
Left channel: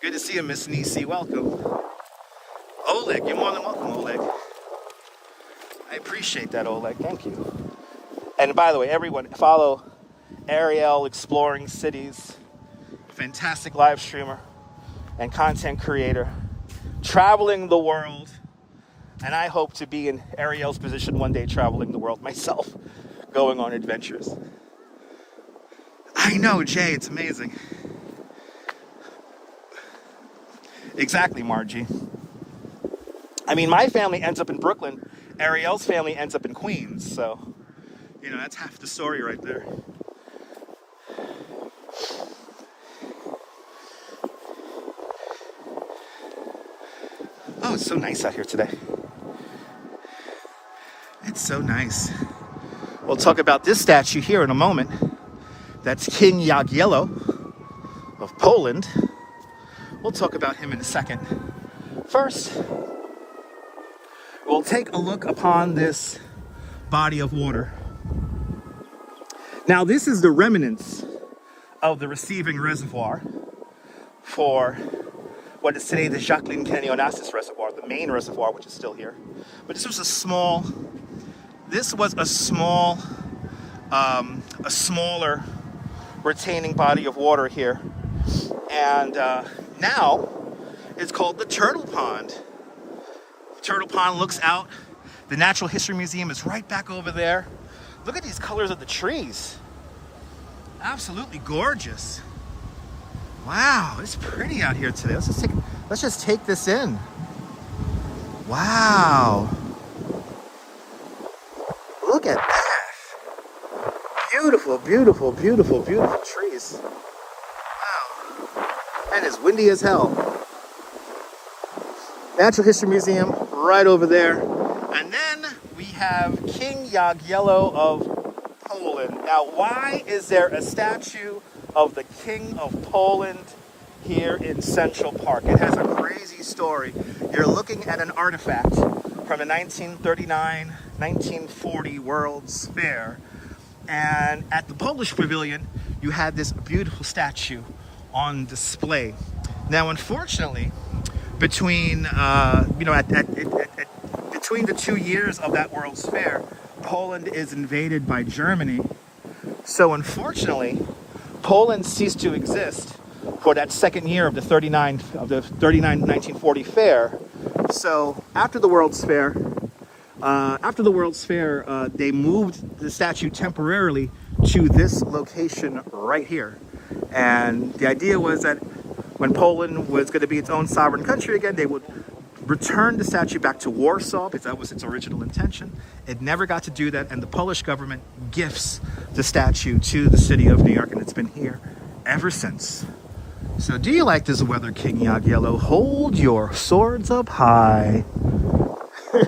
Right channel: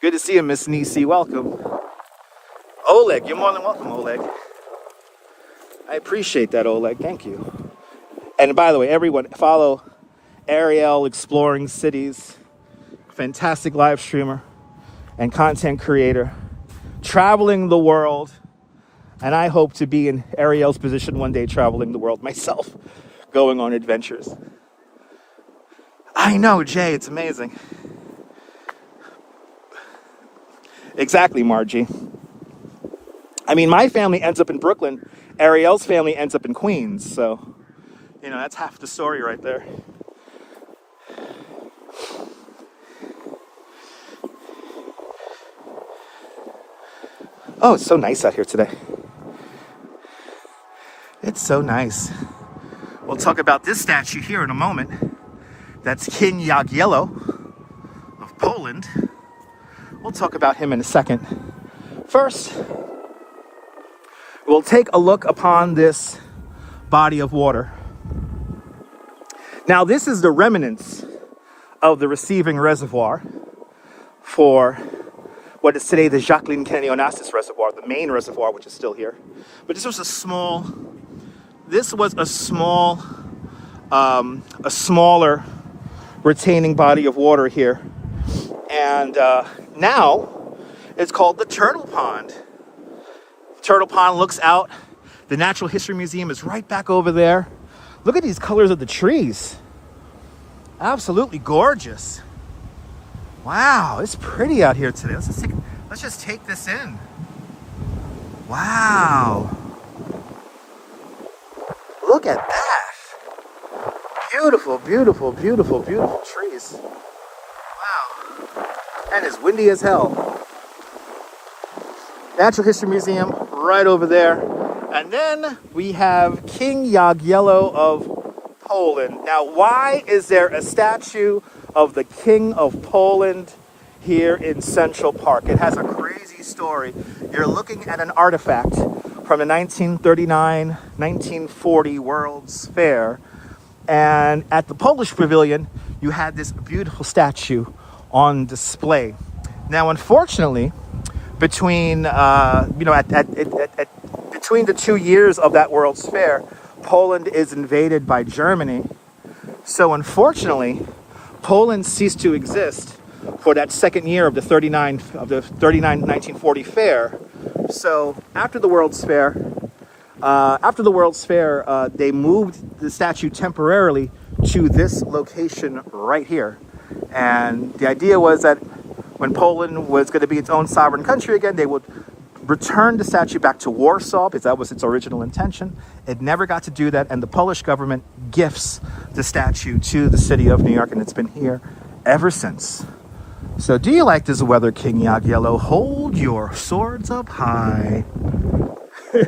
Good to see you, Miss Nisi. Welcome. Oleg, you're more than welcome, Oleg. I appreciate that, Oleg. Thank you. And by the way, everyone, follow Ariel Exploring Cities. Fantastic live streamer and content creator. Traveling the world. And I hope to be in Ariel's position one day, traveling the world myself, going on adventures. I know, Jay, it's amazing. Exactly, Margie. I mean, my family ends up in Brooklyn. Ariel's family ends up in Queens. So, you know, that's half the story right there. Oh, it's so nice out here today. It's so nice. We'll talk about this statue here in a moment. That's King Jagiello of Poland. We'll talk about him in a second. First, we'll take a look upon this body of water. Now, this is the remnants of the receiving reservoir for what is today the Jacqueline Kennedy Onassis Reservoir, the main reservoir, which is still here. But this was a smaller retaining body of water here. And now it's called the Turtle Pond. Turtle Pond looks out. The Natural History Museum is right back over there. Look at these colors of the trees. Absolutely gorgeous. Wow, it's pretty out here today. Let's just take this in. Wow. Look at that. Beautiful, beautiful, beautiful, beautiful trees. Wow. And it's windy as hell. Natural History Museum right over there. And then we have King Jagiello of Poland. Now, why is there a statue of the King of Poland here in Central Park? It has a crazy story. You're looking at an artifact from the 1939-1940 World's Fair. And at the Polish Pavilion, you had this beautiful statue on display. Now, unfortunately, between between the 2 years of that World's Fair, Poland is invaded by Germany. So unfortunately, Poland ceased to exist for that second year of the 1940 fair. So after the World's Fair, they moved the statue temporarily to this location right here. And the idea was that when Poland was going to be its own sovereign country again, they would returned the statue back to Warsaw because that was its original intention. It never got to do that, and the Polish government gifts the statue to the city of New York, and it's been here ever since. So do you like this weather, King Jagiello? Hold your swords up high. There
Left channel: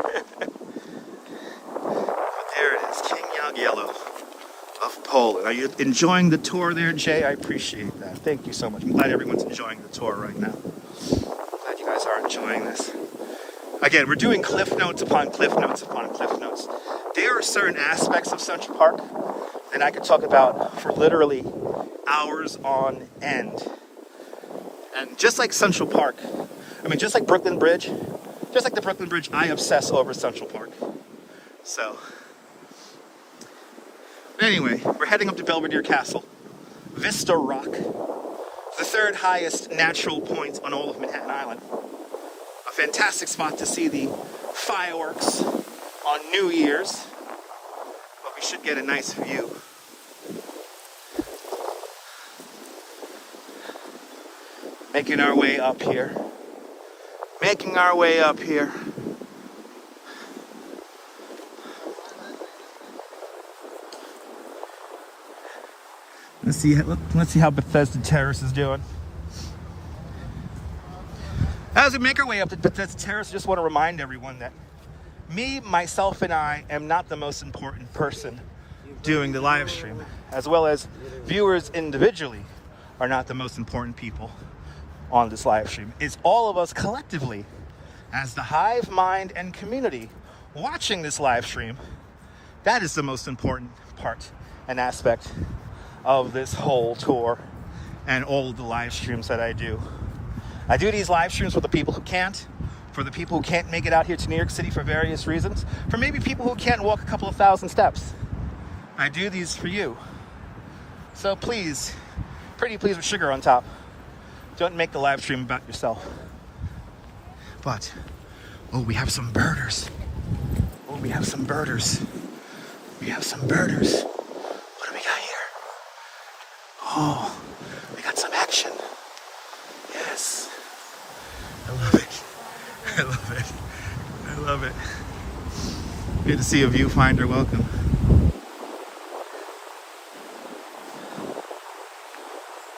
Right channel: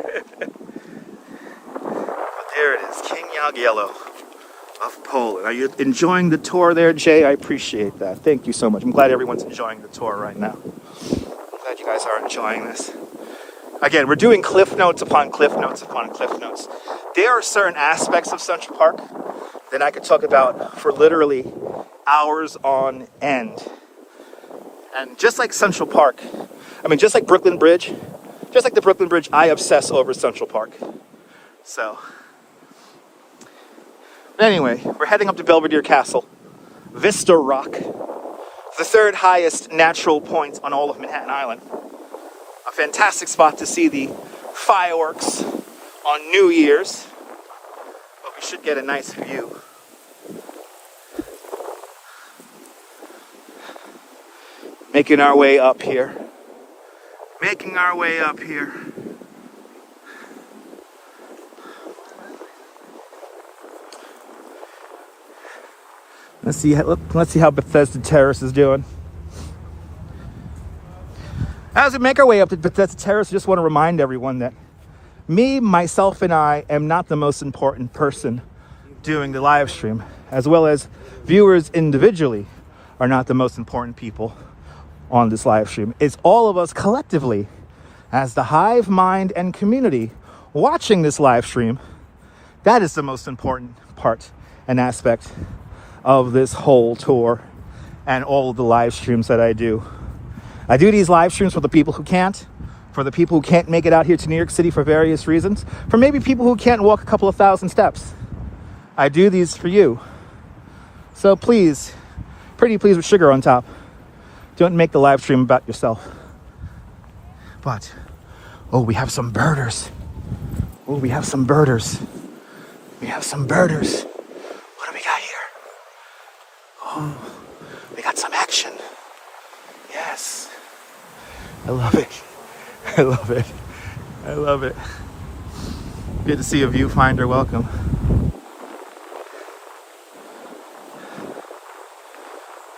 it is, King Jagiello of Poland. Are you enjoying the tour there, Jay? I appreciate that. Thank you so much. I'm glad everyone's enjoying the tour right now. Glad you guys are enjoying this. Again, we're doing cliff notes upon cliff notes upon cliff notes. There are certain aspects of Central Park that I could talk about for literally hours on end. And just like Central Park, just like Brooklyn Bridge, just like the Brooklyn Bridge, I obsess over Central Park. So, anyway, we're heading up to Belvedere Castle. Vista Rock, the third highest natural point on all of Manhattan Island. A fantastic spot to see the fireworks on New Year's. But we should get a nice view. Making our way up here. Making our way up here. Let's see how Bethesda Terrace is doing. As we make our way up to Bethesda Terrace, I just want to remind everyone that me, myself, and I am not the most important person doing the live stream, as well as viewers individually are not the most important people on this live stream. It's all of us collectively as the hive mind and community watching this live stream. That is the most important part and aspect of this whole tour and all of the live streams that I do. I do these live streams for the people who can't, for the people who can't make it out here to New York City for various reasons, for maybe people who can't walk a couple of thousand steps. I do these for you. So please, pretty please with sugar on top. Don't make the live stream about yourself. But, oh, we have some birders. Oh, we have some birders. We have some birders. What do we got here? Oh, we got some action. Yes. I love it. I love it. I love it. Good to see a viewfinder. Welcome.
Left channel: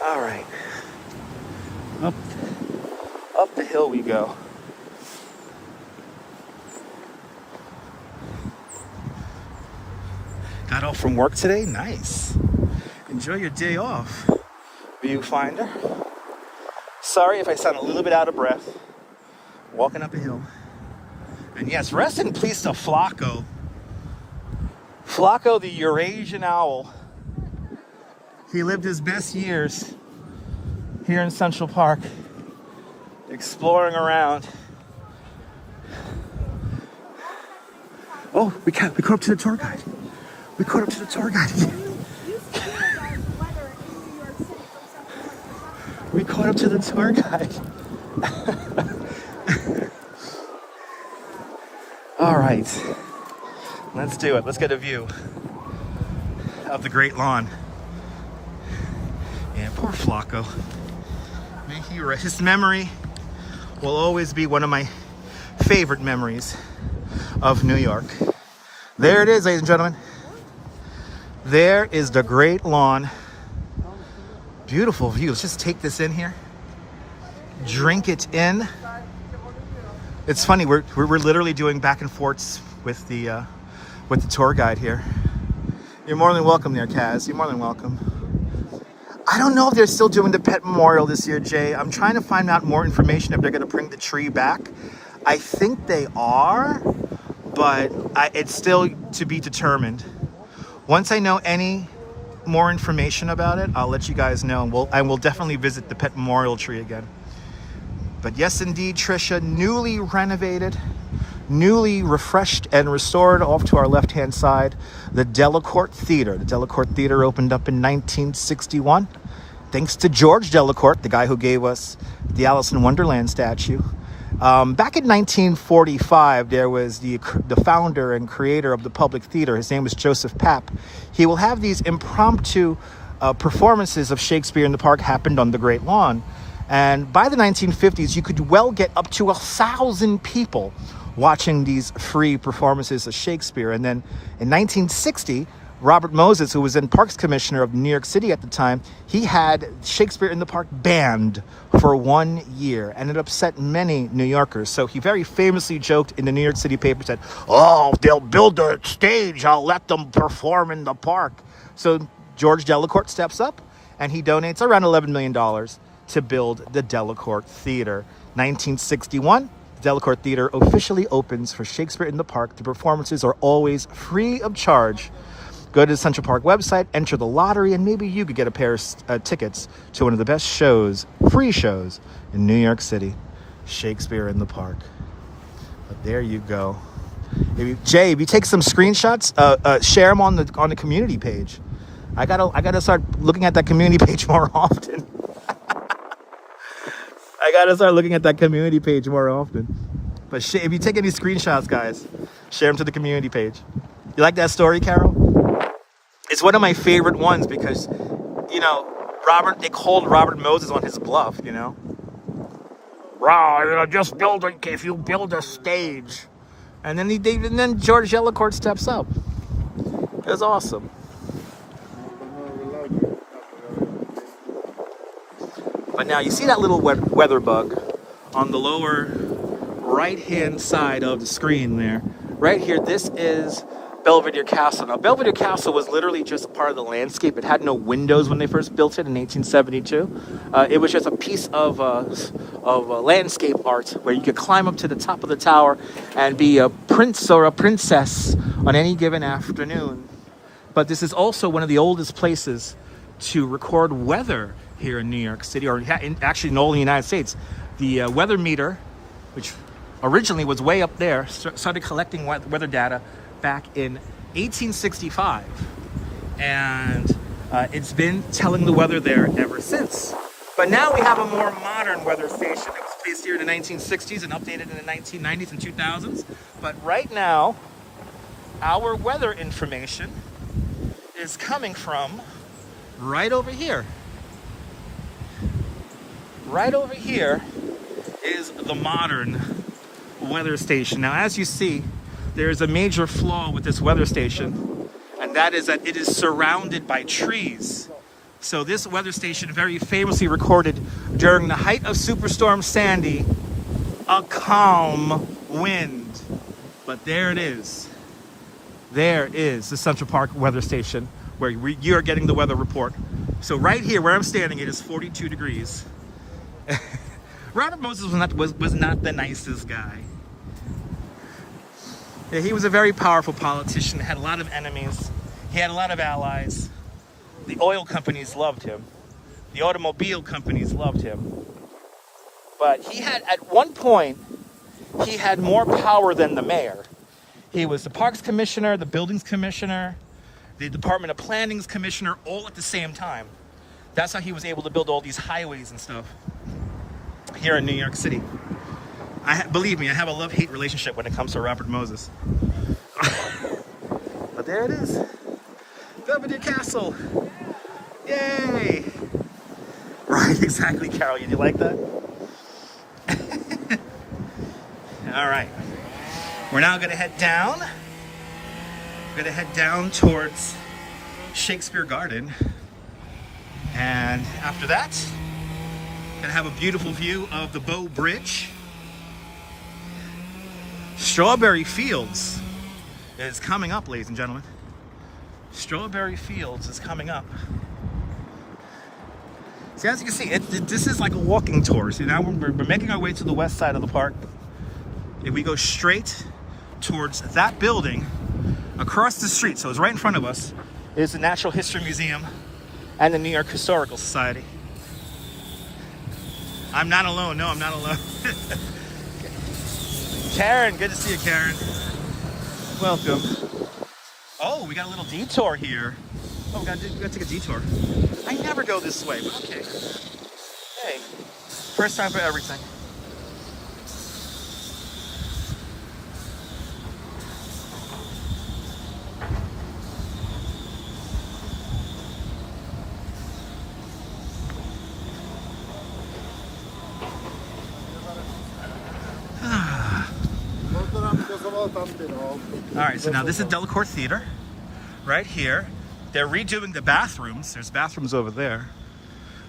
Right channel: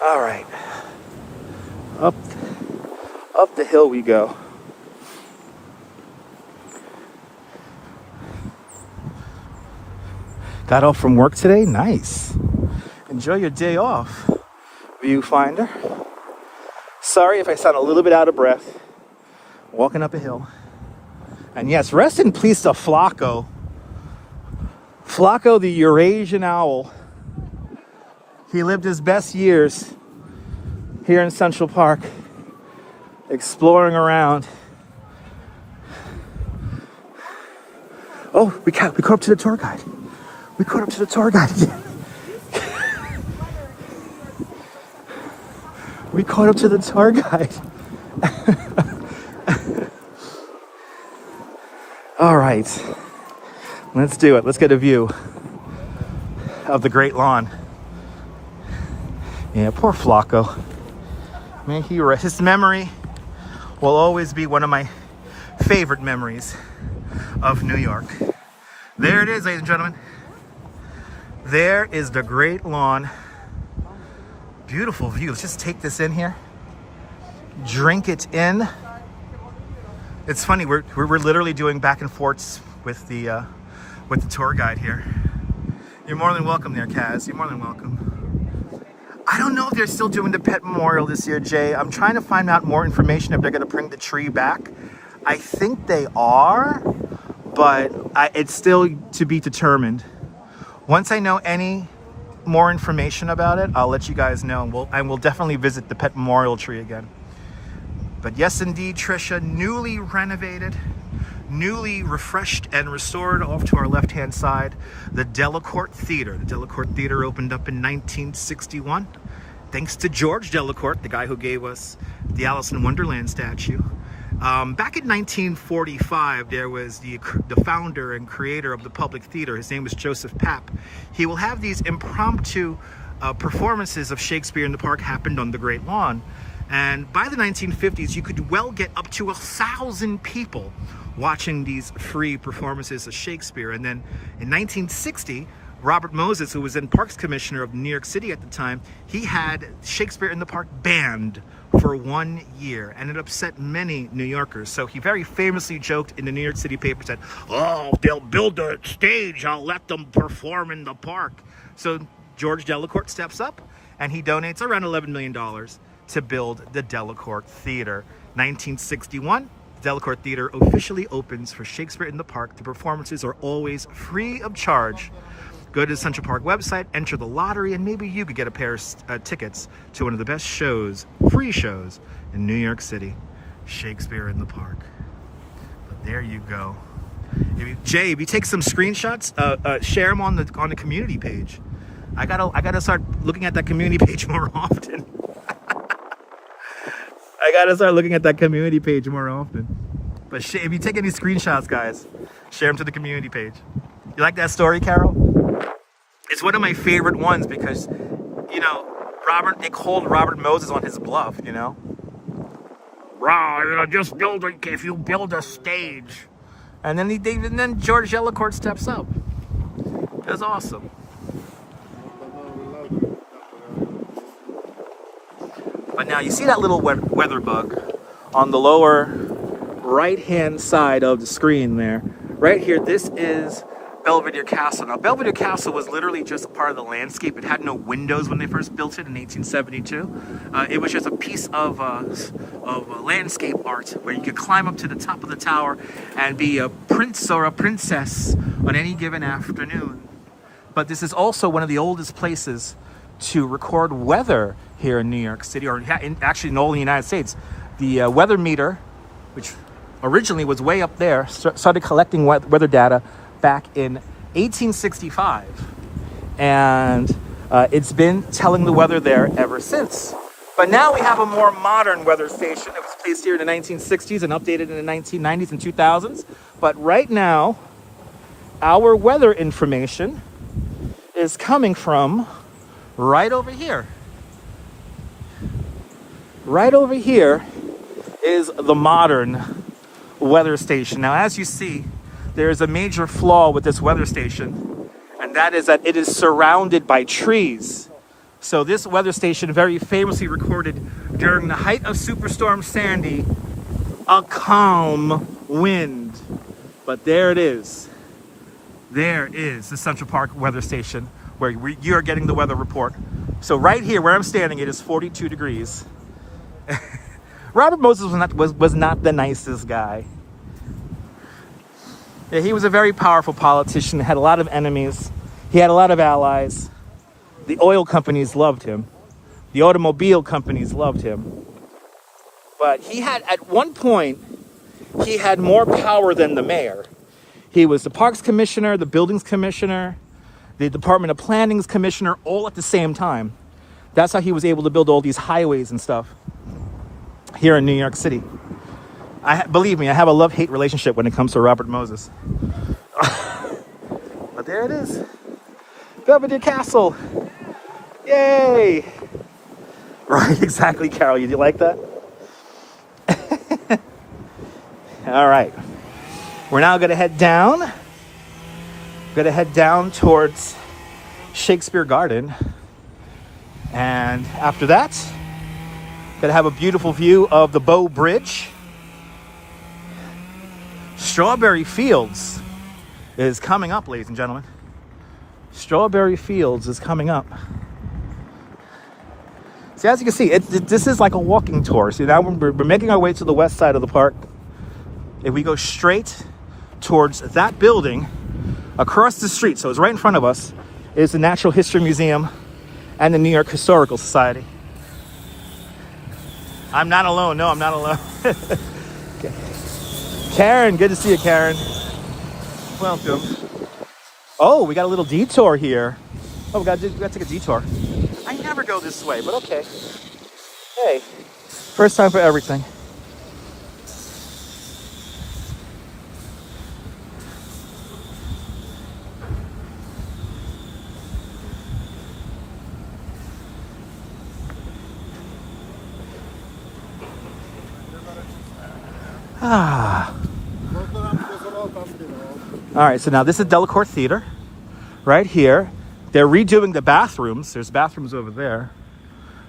All right. Up the hill we go. Got off from work today? Nice. Enjoy your day off, viewfinder. Sorry if I sound a little bit out of breath. Walking up a hill. And yes, rest in peace to Flacco. Flacco, the Eurasian owl. He lived his best years here in Central Park, exploring around. Oh, we caught up to the tour guide. We caught up to the tour guide again. We caught up to the tour guide. All right, let's do it. Let's get a view of the Great Lawn. Yeah, poor Flacco. Man, his memory will always be one of my favorite memories of New York. There it is, ladies and gentlemen. There is the Great Lawn. Beautiful view. Let's just take this in here. Drink it in. It's funny, we're literally doing back and forths with the tour guide here. You're more than welcome there, Kaz. You're more than welcome. I don't know if they're still doing the pet memorial this year, Jay. I'm trying to find out more information if they're going to bring the tree back. I think they are, but it's still to be determined. Once I know any more information about it, I'll let you guys know. I will definitely visit the pet memorial tree again. But yes, indeed, Trisha, newly renovated, newly refreshed and restored. Off to our left-hand side, the Delacorte Theater. The Delacorte Theater opened up in 1961. Thanks to George Delacorte, the guy who gave us the Alice in Wonderland statue. Back in 1945, there was the founder and creator of the Public Theater. His name was Joseph Papp. He will have these impromptu performances of Shakespeare in the Park happened on the Great Lawn. And by the 1950s, you could well get up to 1,000 people watching these free performances of Shakespeare. And then in 1960, Robert Moses, who was then Parks Commissioner of New York City at the time, he had Shakespeare in the Park banned for 1 year, and it upset many New Yorkers. So he very famously joked in the New York City paper, said, "Oh, they'll build a stage, I'll let them perform in the park." So George Delacorte steps up, and he donates around $11 million to build the Delacorte Theater. 1961, the Delacorte Theater officially opens for Shakespeare in the Park. The performances are always free of charge. Go to the Central Park website, enter the lottery, and maybe you could get a pair of tickets to one of the best shows, free shows, in New York City, Shakespeare in the Park. But there you go. Jay, if you take some screenshots, share them on the community page. I gotta start looking at that community page more often. I gotta start looking at that community page more often. But if you take any screenshots, guys, share them to the community page. You like that story, Carol? It's one of my favorite ones because, you know, they called Robert Moses on his bluff, you know? Just if you build a stage. And then George Delacorte steps up. It was awesome. But now you see that little weather bug on the lower right-hand side of the screen there. Right here, this is Belvedere Castle. Now, Belvedere Castle was literally just a part of the landscape. It had no windows when they first built it in 1872. It was just a piece of landscape art where you could climb up to the top of the tower and be a prince or a princess on any given afternoon. But this is also one of the oldest places to record weather here in New York City, or actually in all the United States. The weather meter, which originally was way up there, started collecting weather data back in 1865, and it's been telling the weather there ever since. But now we have a more modern weather station. It was placed here in the 1960s and updated in the 1990s and 2000s. But right now, our weather information is coming from right over here. Right over here is the modern weather station. Now, as you see, there is a major flaw with this weather station, and that is that it is surrounded by trees. So this weather station very famously recorded during the height of Superstorm Sandy, a calm wind. But there it is. There is the Central Park weather station where you are getting the weather report. So right here where I'm standing, it is 42 degrees. Robert Moses was not the nicest guy. Yeah, he was a very powerful politician, had a lot of enemies. He had a lot of allies. The oil companies loved him. The automobile companies loved him. But he had, at one point, he had more power than the mayor. He was the Parks Commissioner, the Buildings Commissioner, the Department of Planning's Commissioner, all at the same time. That's how he was able to build all these highways and stuff here in New York City. Believe me, I have a love-hate relationship when it comes to Robert Moses. But there it is. Belvedere Castle. Yay! Right, exactly, Carol. You like that? All right. We're now going to head down. Going to head down towards Shakespeare Garden. And after that, going to have a beautiful view of the Bow Bridge. Strawberry Fields is coming up, ladies and gentlemen. Strawberry Fields is coming up. See, as you can see, this is like a walking tour. See, now we're making our way to the west side of the park. If we go straight towards that building, across the street, so it's right in front of us, is the Natural History Museum and the New York Historical Society. I'm not alone. No, I'm not alone. Karen, good to see you, Karen. Welcome. Oh, we got a little detour here. Oh, we got to take a detour. I never go this way, but okay. Hey, first time for everything. Ah. All right, so now this is Delacorte Theater, right here. They're redoing the bathrooms. There's bathrooms over there.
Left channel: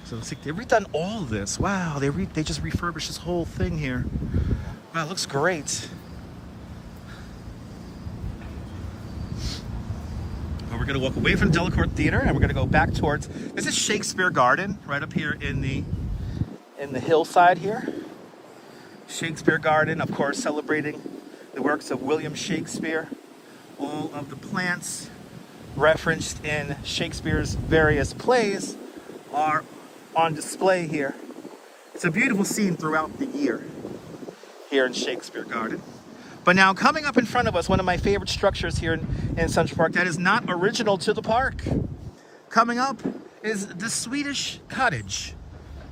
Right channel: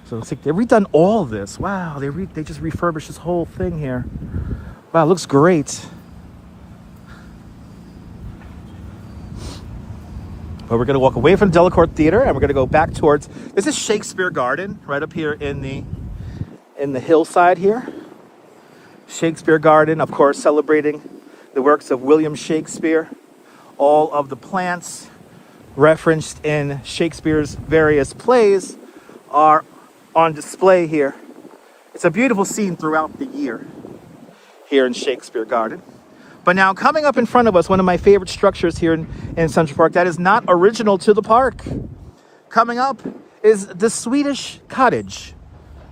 So it's like they've redone all this. Wow, they just refurbished this whole thing here. Wow, it looks great. But we're gonna walk away from Delacorte Theater and we're gonna go back towards, this is Shakespeare Garden, right up here in the hillside here. Shakespeare Garden, of course, celebrating the works of William Shakespeare. All of the plants referenced in Shakespeare's various plays are on display here. It's a beautiful scene throughout the year here in Shakespeare Garden. But now coming up in front of us, one of my favorite structures here in Central Park that is not original to the park. Coming up is the Swedish Cottage.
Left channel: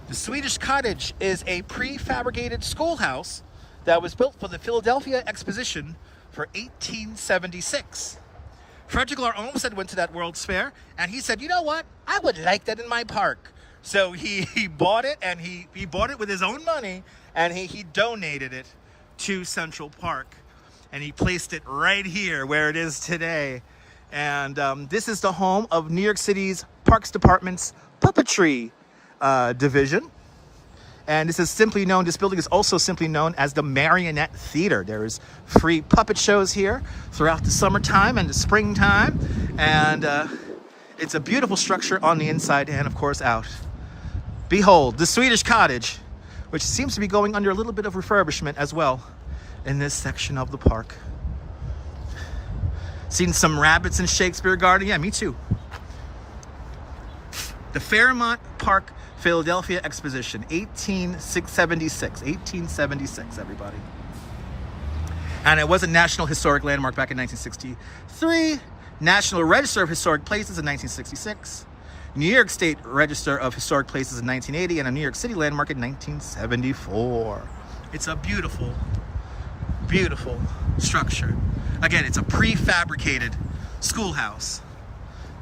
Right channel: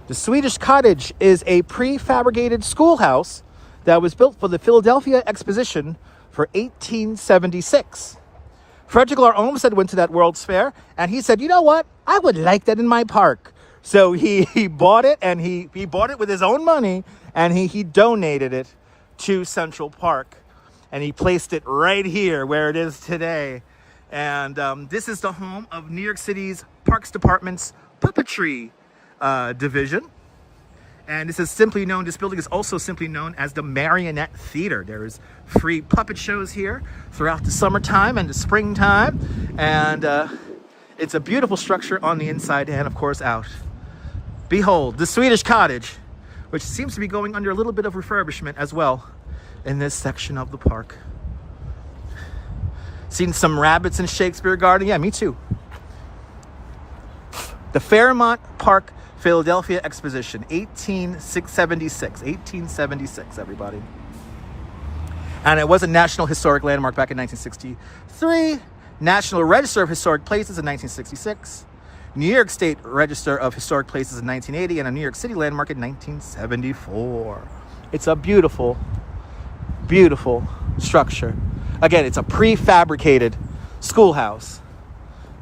The Swedish Cottage is a prefabricated schoolhouse that was built for the Philadelphia Exposition for 1876. Frederick Lahr Olmsted went to that World's Fair and he said, you know what? I would like that in my park. So he bought it, and he bought it with his own money, and he donated it to Central Park. And he placed it right here where it is today. And this is the home of New York City's Parks Department's puppetry division. And this building is also simply known as the Marionette Theater. There is free puppet shows here throughout the summertime and the springtime. And it's a beautiful structure on the inside and, of course, out. Behold, the Swedish Cottage, which seems to be going under a little bit of refurbishment as well in this section of the park. Seen some rabbits in Shakespeare Garden? Yeah, me too. The Fairmont Park Philadelphia Exposition, 1876, everybody. And it was a National Historic Landmark back in 1963, National Register of Historic Places in 1966, New York State Register of Historic Places in 1980, and a New York City landmark in 1974. It's a beautiful, beautiful structure. Again, it's a prefabricated schoolhouse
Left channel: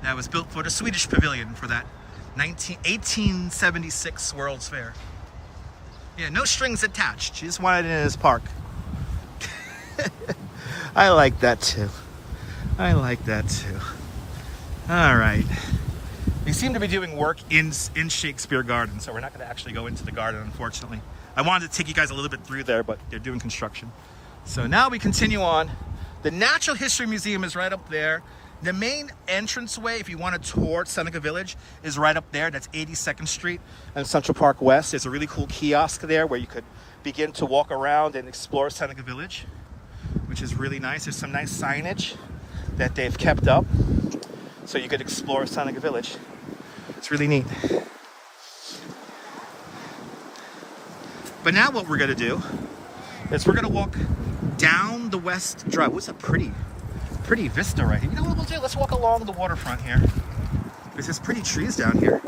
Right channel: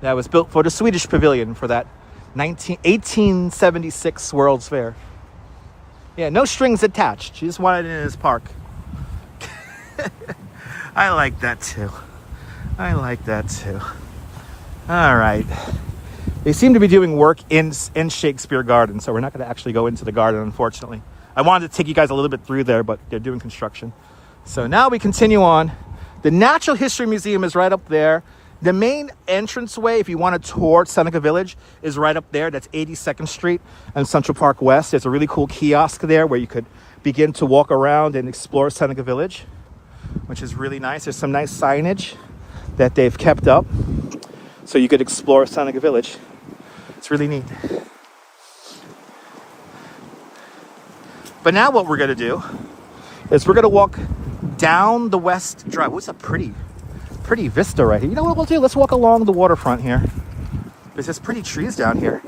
that was built for the Swedish Pavilion for that 1876 World's Fair. Yeah, no strings attached. She just wanted it in his park. I like that too. I like that too. All right. They seem to be doing work in Shakespeare Garden, so we're not going to actually go into the garden, unfortunately. I wanted to take you guys a little bit through there, but they're doing construction. So now we continue on. The Natural History Museum is right up there. The main entranceway, if you want to tour Seneca Village, is right up there. That's 82nd Street and Central Park West. There's a really cool kiosk there where you could begin to walk around and explore Seneca Village, which is really nice. There's some nice signage that they've kept up so you could explore Seneca Village. It's really neat. But now what we're going to do is we're going to walk down the West Drive. What's a pretty vista right here. You know what we'll do? Let's walk along the waterfront here. There's pretty trees down here.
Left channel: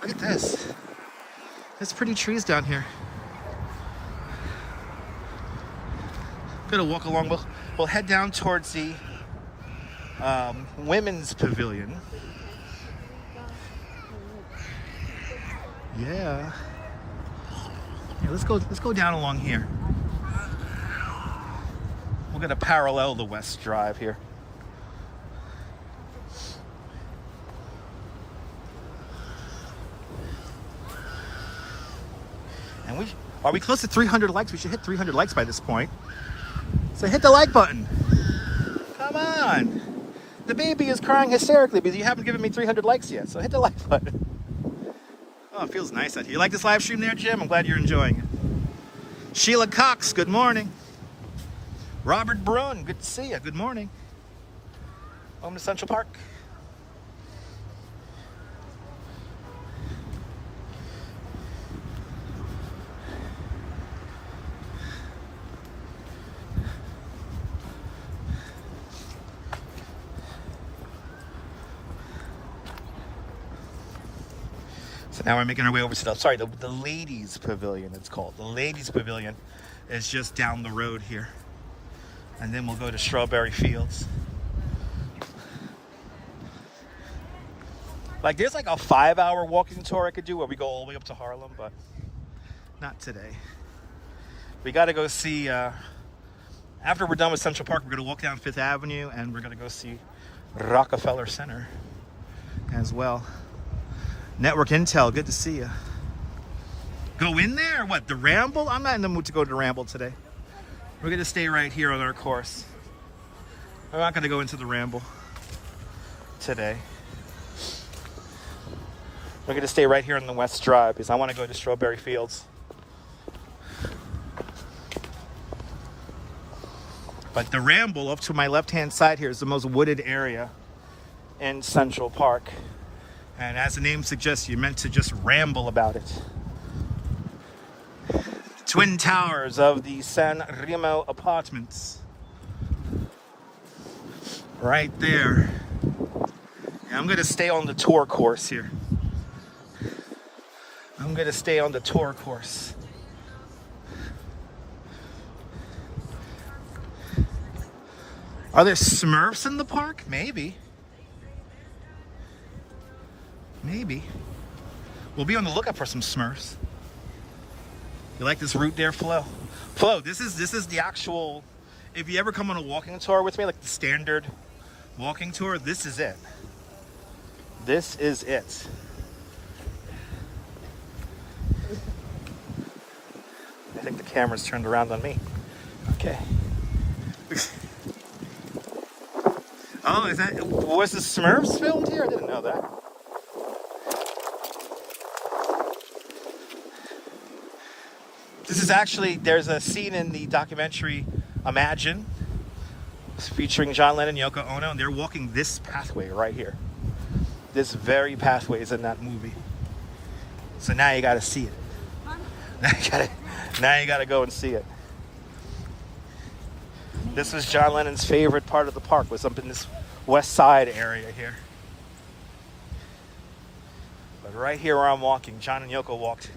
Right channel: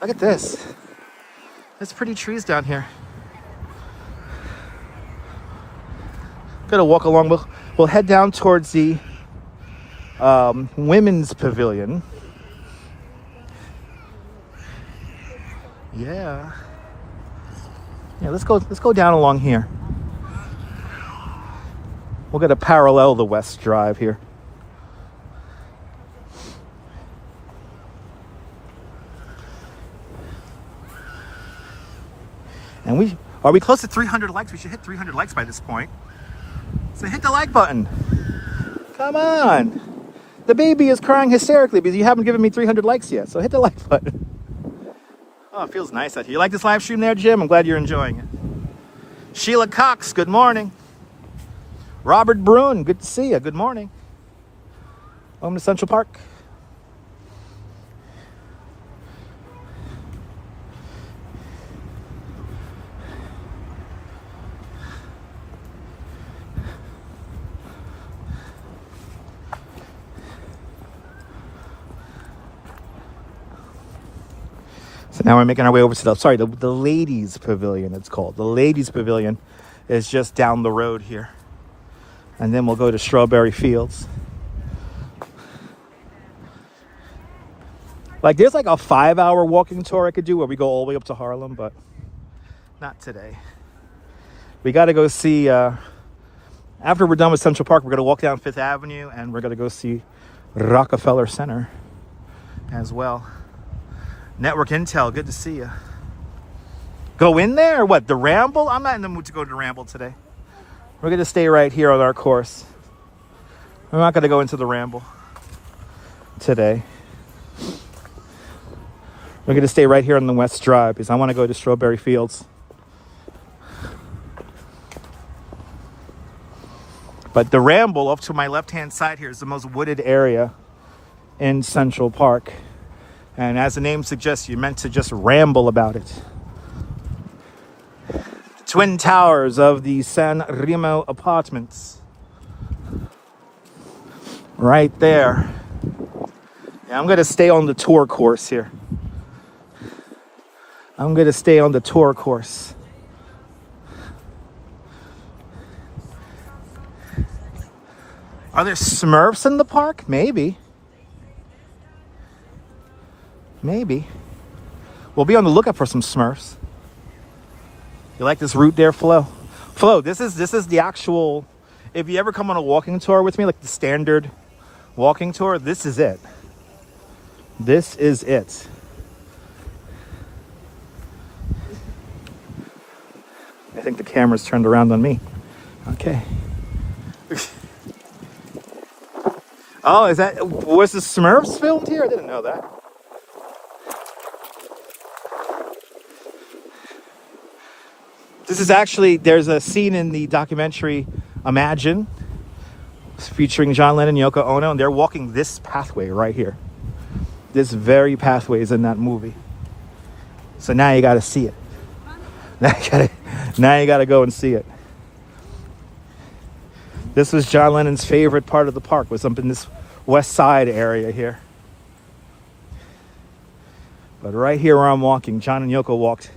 Look at this. There's pretty trees down here. Gonna walk along. We'll head down towards the women's pavilion. Yeah. Let's go down along here. We're going to parallel the West Drive here. And are we close to 300 likes? We should hit 300 likes by this point. So hit the like button. Come on. The baby is crying hysterically because you haven't given me 300 likes yet. So hit the like button. Oh, it feels nice out here. You like this live stream there, Jim? I'm glad you're enjoying it. Sheila Cox, good morning. Robert Bruin, good to see you. Good morning. Welcome to Central Park. So now we're making our way over to the Ladies Pavilion, it's called. The Ladies Pavilion is just down the road here. And then we'll go to Strawberry Fields. There's a 5-hour walking tour I could do where we go all the way up to Harlem, but not today. We got to go see, after we're done with Central Park, we're going to walk down 5th Avenue and we're going to go see Rockefeller Center as well. Network Intel, good to see you. Go in there or what? The Ramble? I'm not in the mood to go to the Ramble today. We're going to stay right here on our course. I'm not going to go into the Ramble today. We're going to stay right here on the West Drive because I want to go to Strawberry Fields. But the Ramble off to my left-hand side here is the most wooded area in Central Park. And as the name suggests, you're meant to just ramble about it. Twin towers of the San Remo apartments. Right there. Yeah, I'm going to stay on the tour course here. I'm going to stay on the tour course. Are there Smurfs in the park? Maybe. Maybe. We'll be on the lookout for some Smurfs. You like this route there, Flo? Flo, this is the actual, if you ever come on a walking tour with me, like the standard walking tour, this is it. This is it. I think the camera's turned around on me. Okay. Oh, was the Smurfs filmed here? I didn't know that. This is actually, there's a scene in the documentary Imagine, featuring John Lennon and Yoko Ono, and they're walking this pathway right here. This very pathway is in that movie. So now you gotta see it. Now you gotta go and see it. This was John Lennon's favorite part of the park, was up in this west side area here. But right here where I'm walking, John and Yoko walked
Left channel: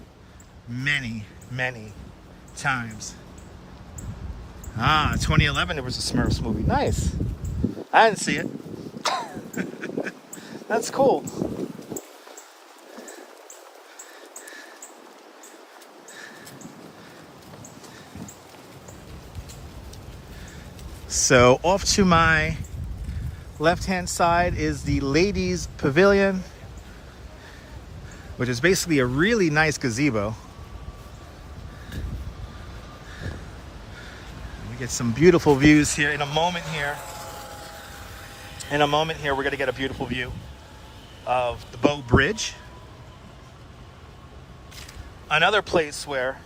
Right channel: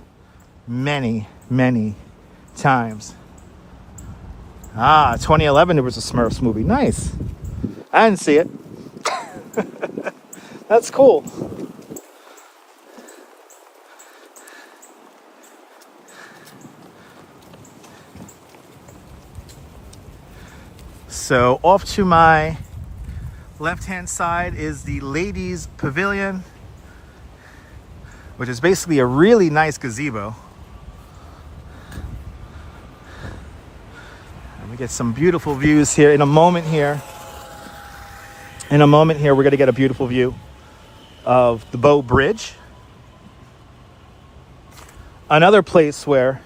many, many times. 2011 there was a Smurfs movie. Nice. I didn't see it. That's cool. So off to my left-hand side is the ladies' pavilion, which is basically a really nice gazebo. And we get some beautiful views here in a moment here. In a moment here, we're going to get a beautiful view of the Bow Bridge. Another place where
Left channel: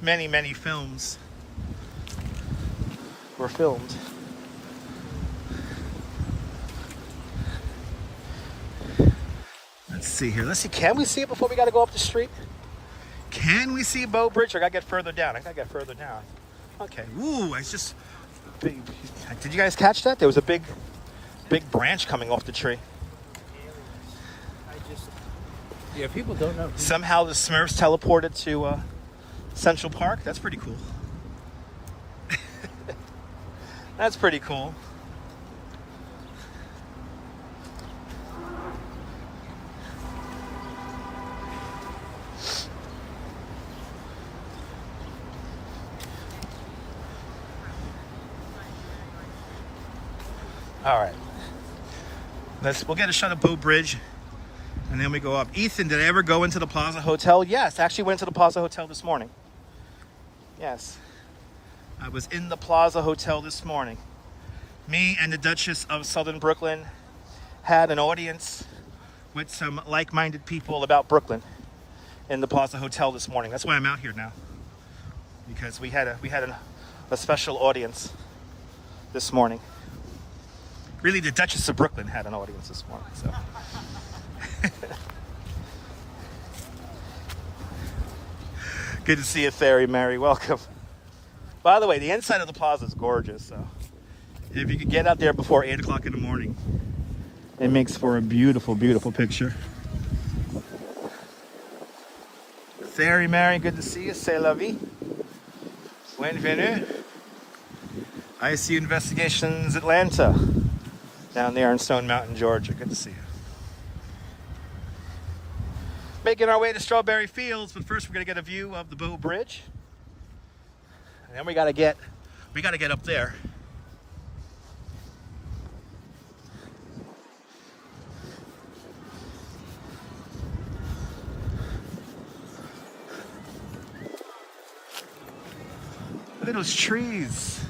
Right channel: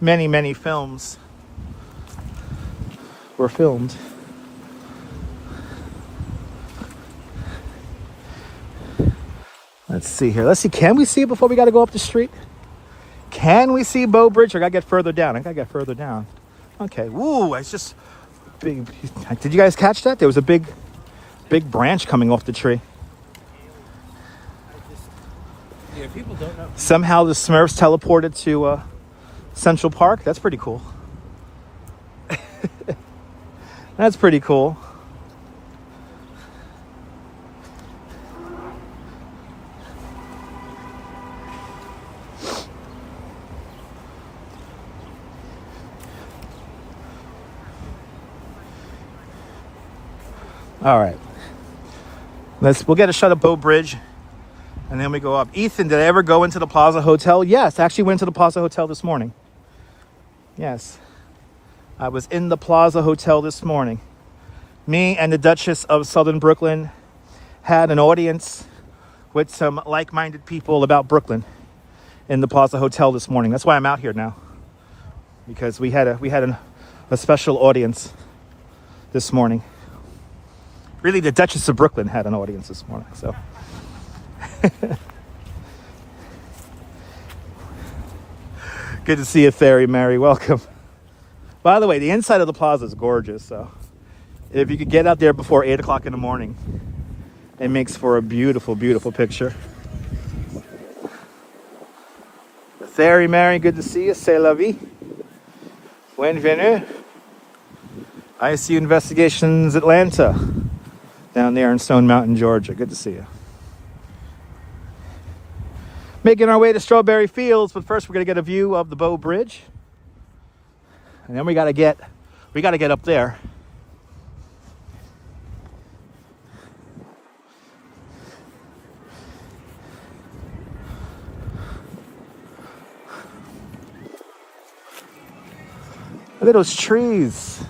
many, many films were filmed. Let's see here. Let's see. Can we see it before we got to go up the street? Can we see Bow Bridge? Or I got to get further down. I got to get further down. Okay. Woo! It's just big. Did you guys catch that? There was a big branch coming off the tree. Yeah, people don't know. Somehow the Smurfs teleported to Central Park. That's pretty cool. That's pretty cool. All right. We'll get a shot of Bow Bridge and then we go up. Ethan, did I ever go into the Plaza Hotel? Yes, I actually went to the Plaza Hotel this morning. Yes. I was in the Plaza Hotel this morning. Me and the Duchess of Southern Brooklyn had an audience with some like-minded people about Brooklyn in the Plaza Hotel this morning. That's why I'm out here now, because we had a special audience this morning. Really, the Duchess of Brooklyn had an audience this morning. So, good to see you, Fairy Mary. Welcome. By the way, the inside of the plaza is gorgeous, so if you could get out there before 8 o'clock in the morning, it makes for a beautiful, beautiful picture. Fairy Mary, good to see you. C'est la vie. Bienvenue. ICU Investigations Atlanta, down there in Stone Mountain, Georgia. Good to see you. Making our way to Strawberry Fields, but first we're gonna get a view of the Bow Bridge. And then we gotta get up there. Look at those trees.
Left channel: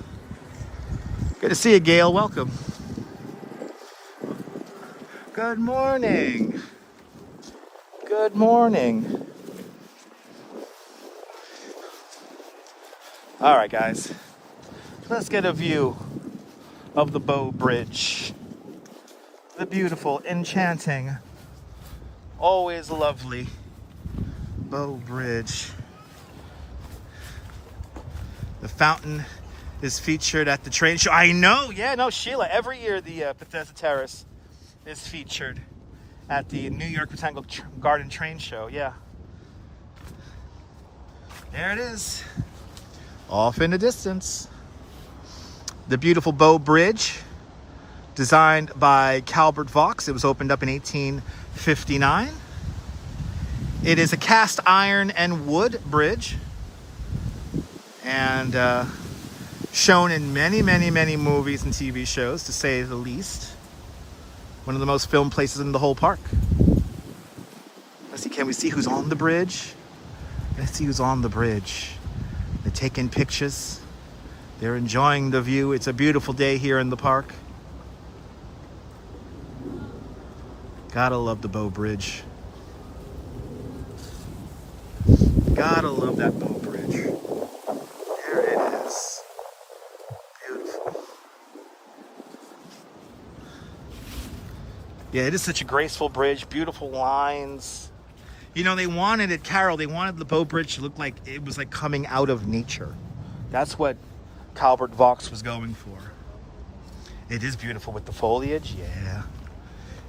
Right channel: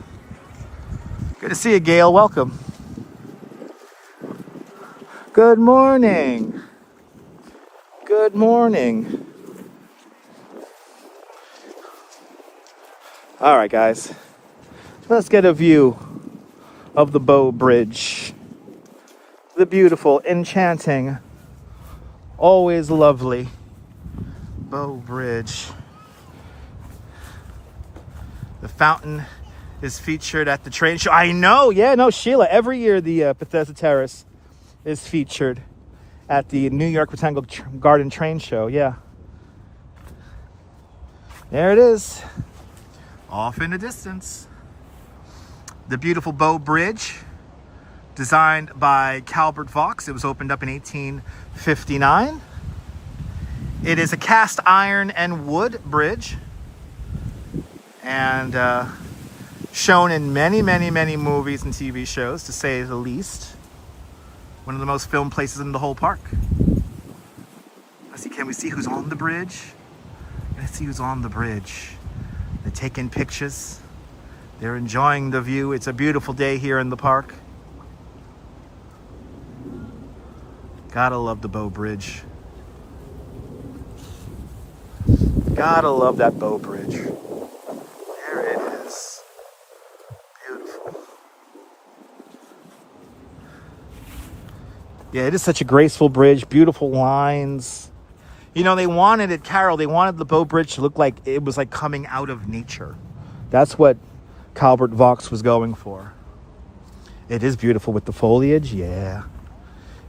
Good to see you, Gail. Welcome. Good morning. Good morning. All right, guys. Let's get a view of the Bow Bridge. The beautiful, enchanting, always lovely Bow Bridge. The fountain is featured at the train show. I know, yeah, no, Sheila. Every year the Bethesda Terrace is featured at the New York Botanical Garden train show, yeah. There it is, off in the distance. The beautiful Bow Bridge, designed by Calvert Vaux. It was opened up in 1859. It is a cast iron and wood bridge, and shown in many, many, many movies and TV shows, to say the least. One of the most filmed places in the whole park. Let's see, can we see who's on the bridge? Let's see who's on the bridge. They're taking pictures. They're enjoying the view. It's a beautiful day here in the park. Gotta love the Bow Bridge. Gotta love that Bow Bridge. There it is. Beautiful. Yeah, it is such a graceful bridge. Beautiful lines. You know, they wanted it, Carol, they wanted the Bow Bridge to look like it was like coming out of nature. That's what Calvert Vaux was going for. It is beautiful with the foliage, yeah.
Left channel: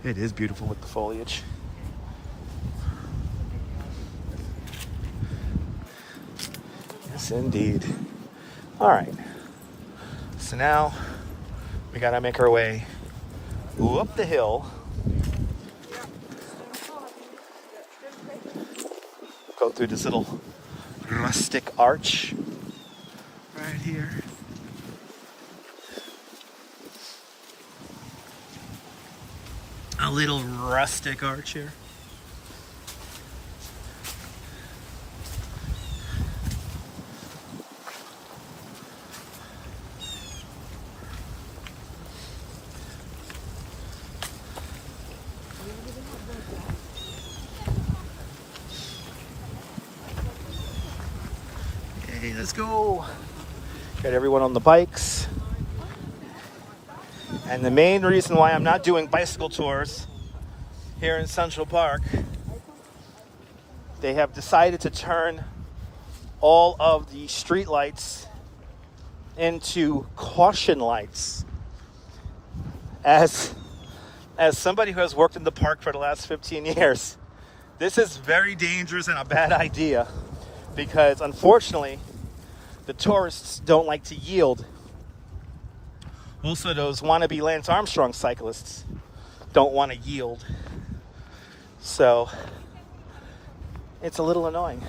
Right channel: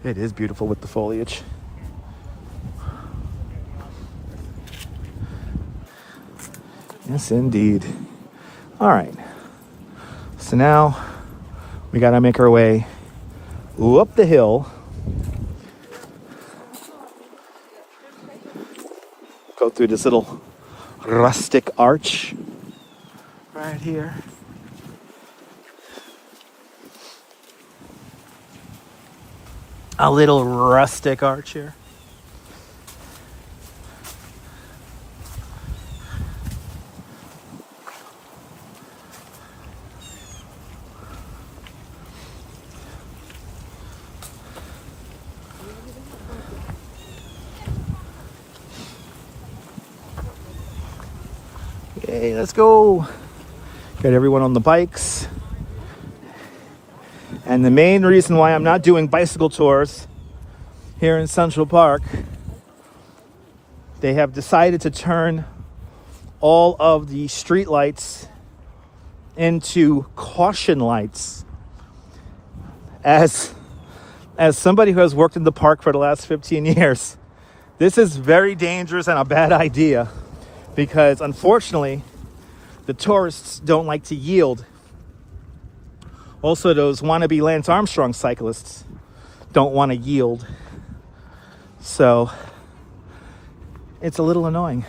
It is beautiful with the foliage. Yes, indeed. All right. So now we gotta make our way up the hill. Go through this little rustic arch right here. A little rustic arch here. Hey, let's go. Got everyone on the bikes. And the main reason why I'm not doing bicycle tours here in Central Park, they have decided to turn all of the street lights into caution lights. As somebody who has worked in the park for the last 15 years, this is very dangerous and a bad idea, because unfortunately the tourists don't like to yield. Also, those wannabe Lance Armstrong cyclists don't want to yield. So it's a little annoying.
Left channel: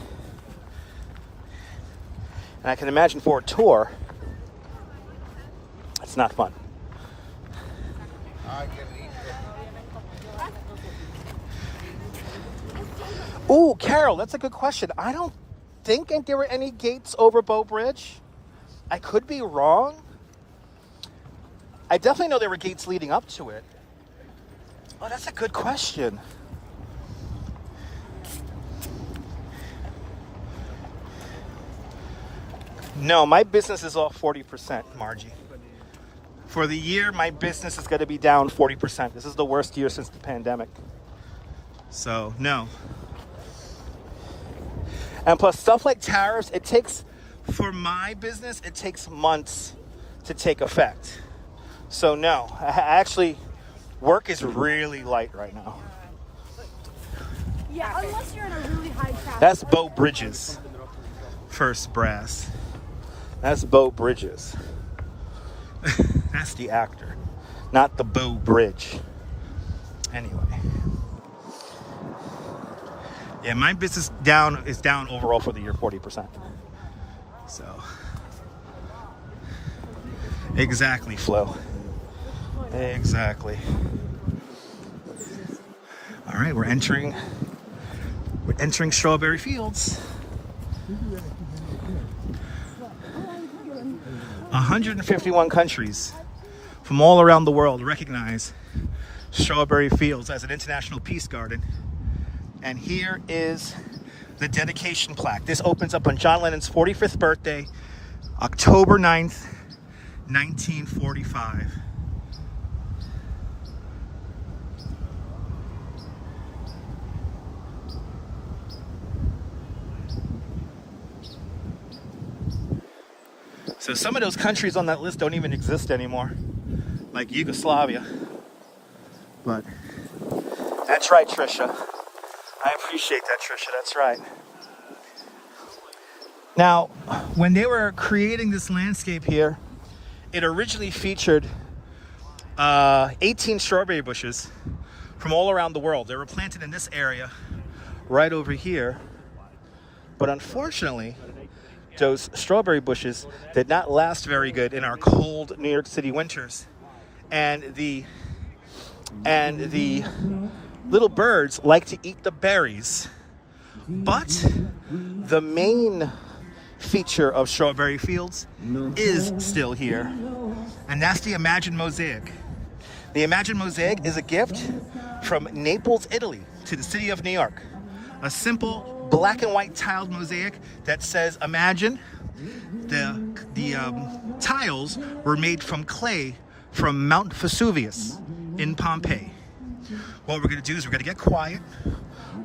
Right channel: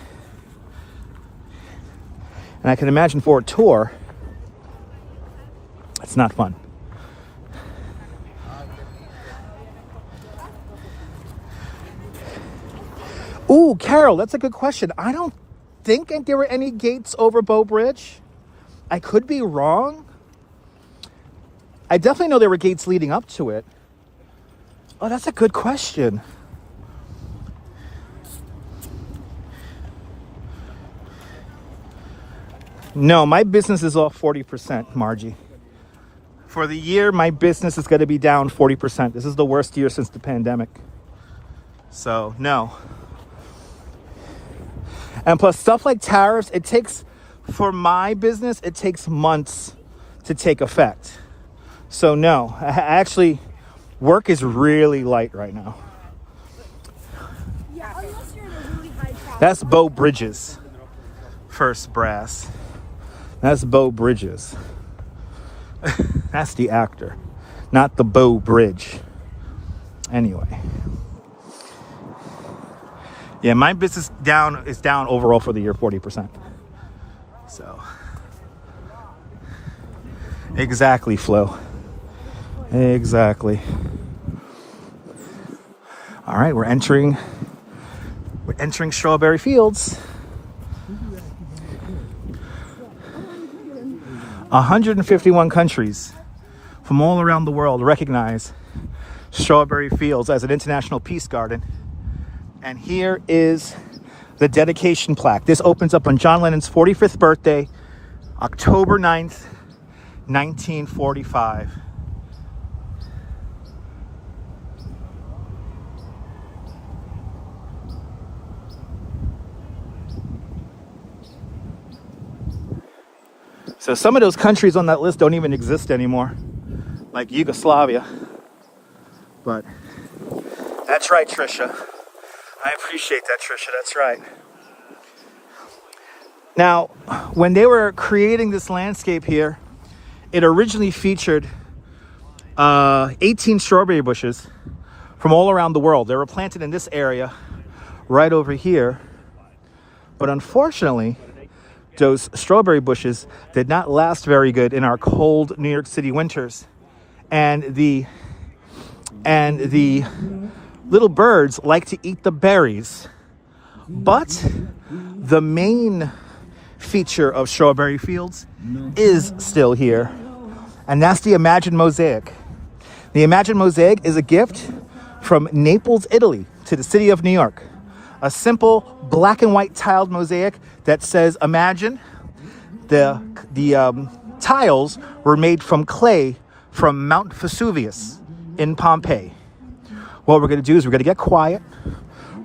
And I can imagine for a tour, it's not fun. Ooh, Carol, that's a good question. I don't think there were any gates over Bow Bridge. I could be wrong. I definitely know there were gates leading up to it. Oh, that's a good question. No, my business is off 40%, Margie. For the year, my business is going to be down 40%. This is the worst year since the pandemic. So, no. And plus, stuff like tariffs, it takes, for my business, it takes months to take effect. So no, actually, work is really light right now. Yeah, unless you're in a really high traffic. That's Bow Bridges. First Brass. That's Bow Bridges. That's the actor, not the Bow Bridge. Anyway. Yeah, my business is down overall for the year 40%. So, exactly, Flo. Exactly. All right, we're entering Strawberry Fields. 151 countries from all around the world recognize Strawberry Fields as an international peace garden. And here is the dedication plaque. This opens up on John Lennon's 45th birthday, October 9th, 1945. So some of those countries on that list don't even exist anymore, like Yugoslavia. But that's right, Trisha. I appreciate that, Trisha. That's right. Now, when they were creating this landscape here, it originally featured 18 strawberry bushes from all around the world. They were planted in this area right over here. But unfortunately, those strawberry bushes did not last very good in our cold New York City winters. And the little birds like to eat the berries. But the main feature of Strawberry Fields is still here. And that's the Imagine Mosaic. The Imagine Mosaic is a gift from Naples, Italy to the city of New York. A simple black and white tiled mosaic that says Imagine. The tiles were made from clay from Mount Vesuvius in Pompeii. What we're going to do is we're going to get quiet,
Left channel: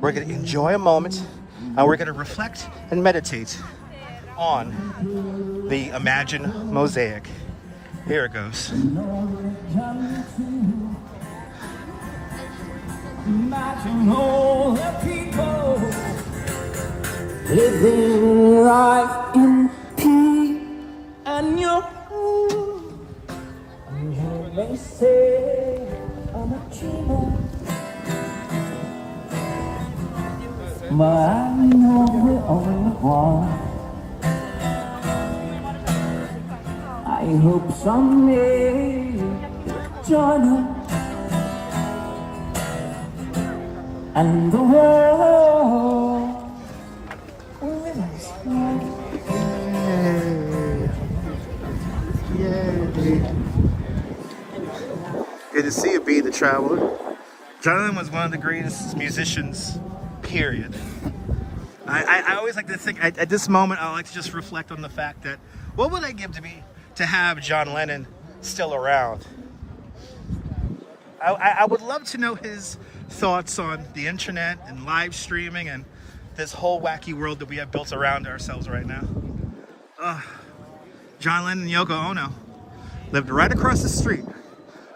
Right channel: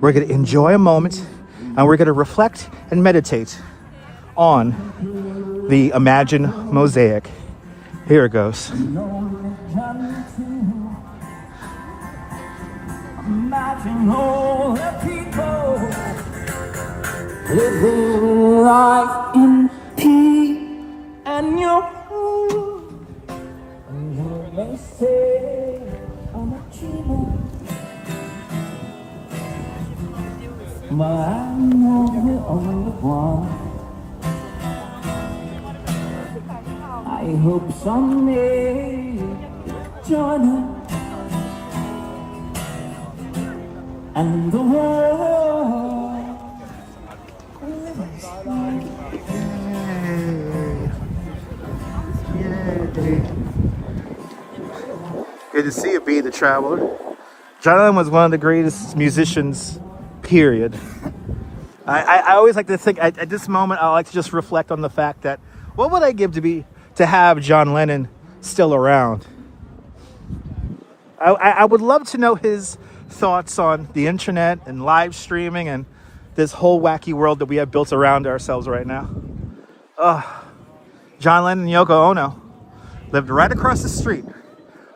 we're going to enjoy a moment, and we're going to reflect and meditate on the Imagine Mosaic. Here it goes. Imagine all the people living right in peace and your home. They say I'm a dreamer, but I know we're only one. I hope someday join us and the world. Yay. Good to see you, B the Traveler. John Lennon was one of the greatest musicians, period. I always like to think, at this moment, I like to just reflect on the fact that what would I give to have John Lennon still around? I would love to know his thoughts on the internet and live streaming and this whole wacky world that we have built around ourselves right now. John Lennon and Yoko Ono lived right across the street,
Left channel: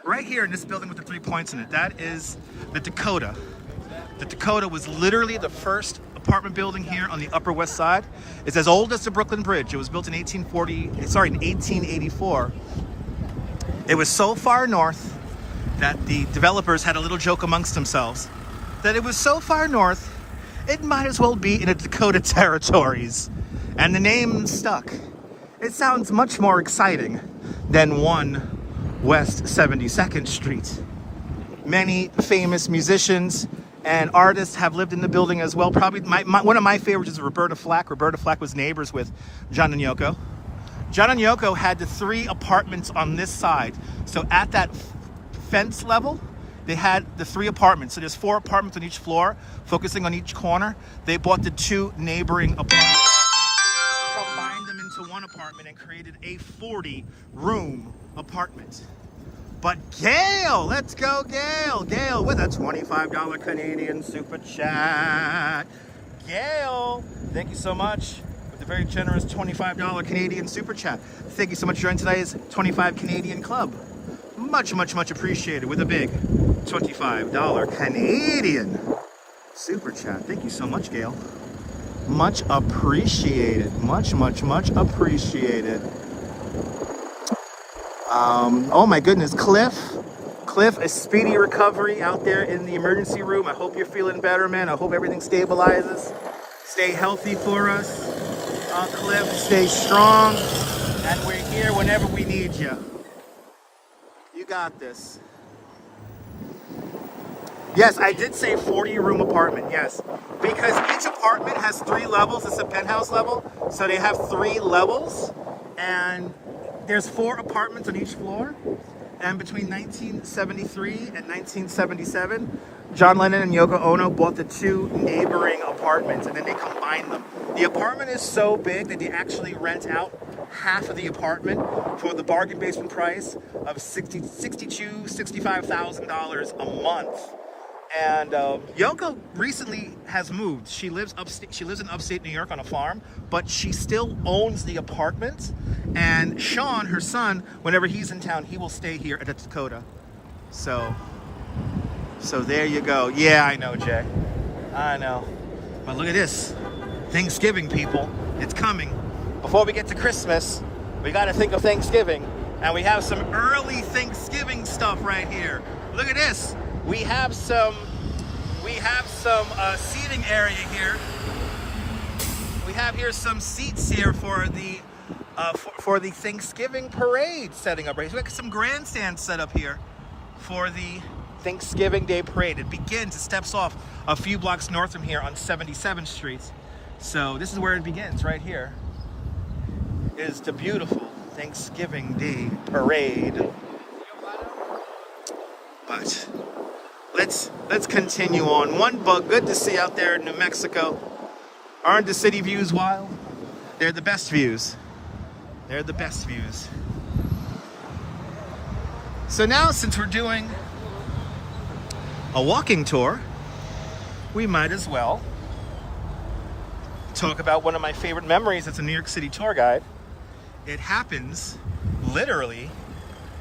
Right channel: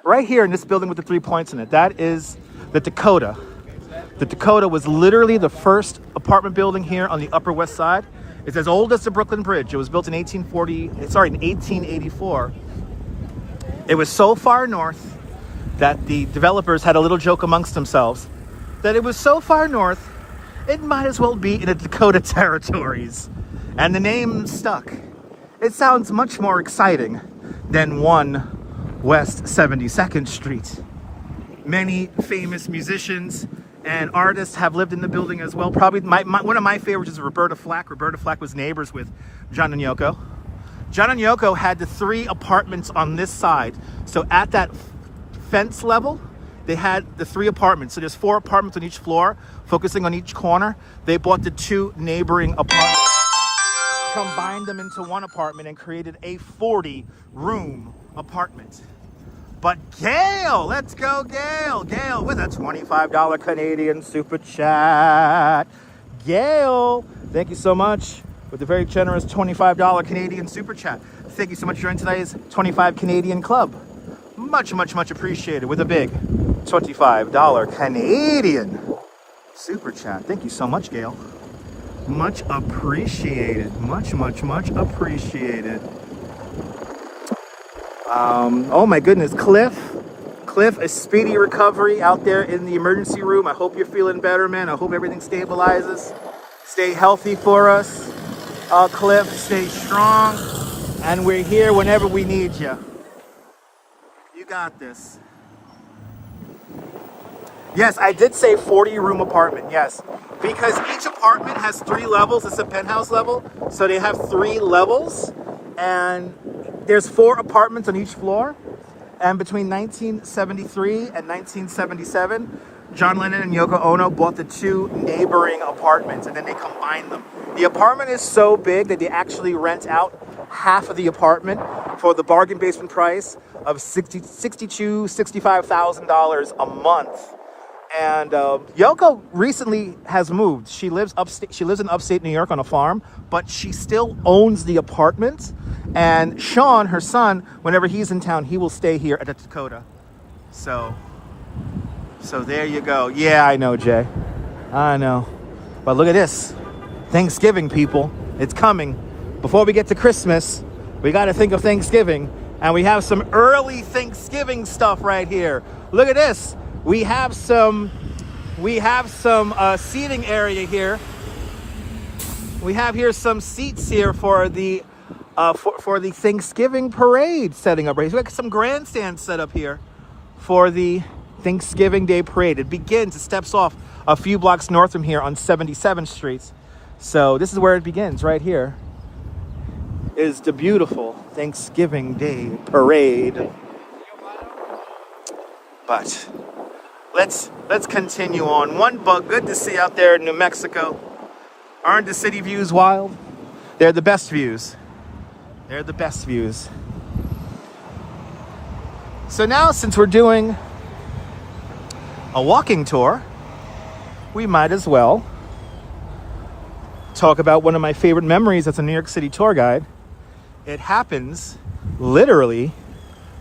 right here in this building with the 3 points in it. That is the Dakota. The Dakota was literally the first apartment building here on the Upper West Side. It's as old as the Brooklyn Bridge. It was built in 1884. It was so far north that the developers had a little joke amongst themselves that it was so far north, it might as well be in the Dakota territories. And the name stuck. It sounds much more exciting than 1 West 72nd Street. Many famous musicians and artists have lived in the building as well. Probably one of my favorites is Roberta Flack. Roberta Flack was neighbors with John and Yoko. John and Yoko had the 3 apartments on this side. So at that fence level, they had the 3 apartments. So there's 4 apartments on each floor, focusing on each corner. They bought the 2 neighboring apartments, combined them into 1 apartment, and created a 40-room apartment. But Gail, let's go Gail. Gail with a $25 Canadian super chat. Gail, thank you so much with a very generous $25 Canadian super chat. Thank you so much for joining today's 25 Canadian Club. Much, much, much appreciated with a big $25 Canadian super chat. Thank you so much, Gail. Much appreciated. Much, much, much appreciated. Oh my goodness, Cliff Cliff, a speedy recovery out there in the emergency room. I hope you're feeling better, man. I hope everything stabilizes. Stay healthy for us. Cliff, stay strong. And we're here whenever we need you. You got this. Yes, I did say 40-room apartment, yes. Because each apartment has 3 levels. It's a penthouse level. So they have 3 levels. And there's 4 apartments on each floor. And between 1973 and 1977, John Lennon and Yoko Ono bought the 2 neighboring apartments, and then they combined them. The apartment is so big that they actually rent out half of the apartment for the bargain basement price of $65,000 a month. And Yoko recently has moved. She lives upstate. She lives in upstate New York on a farm, but she still owns the apartment. And Sean, her son, whenever he's in town, he will stay here at the Dakota. So there you go. Yeah, I know, Jay. I know. But look at this. Thanksgiving, people. It's coming. Before we get to Christmas, we got to think of Thanksgiving. And we have some early Thanksgiving stuff right here. Look at this. We have some seating area here. We have here some seats here for the Thanksgiving parade setting up right here. Like some grandstands set up here for the Thanksgiving Day parade. It steps off a few blocks north from here on 77th Street. So this is where it begins, right here. Is the beautiful Thanksgiving Day parade. But let's continue on. One bug, good to see out there in New Mexico. Aren't the city views wild? They're the best views. They're the best views. So now, since we're doing a walking tour, we might as well talk about one of my favorite memories as a New York City tour guide. It happens literally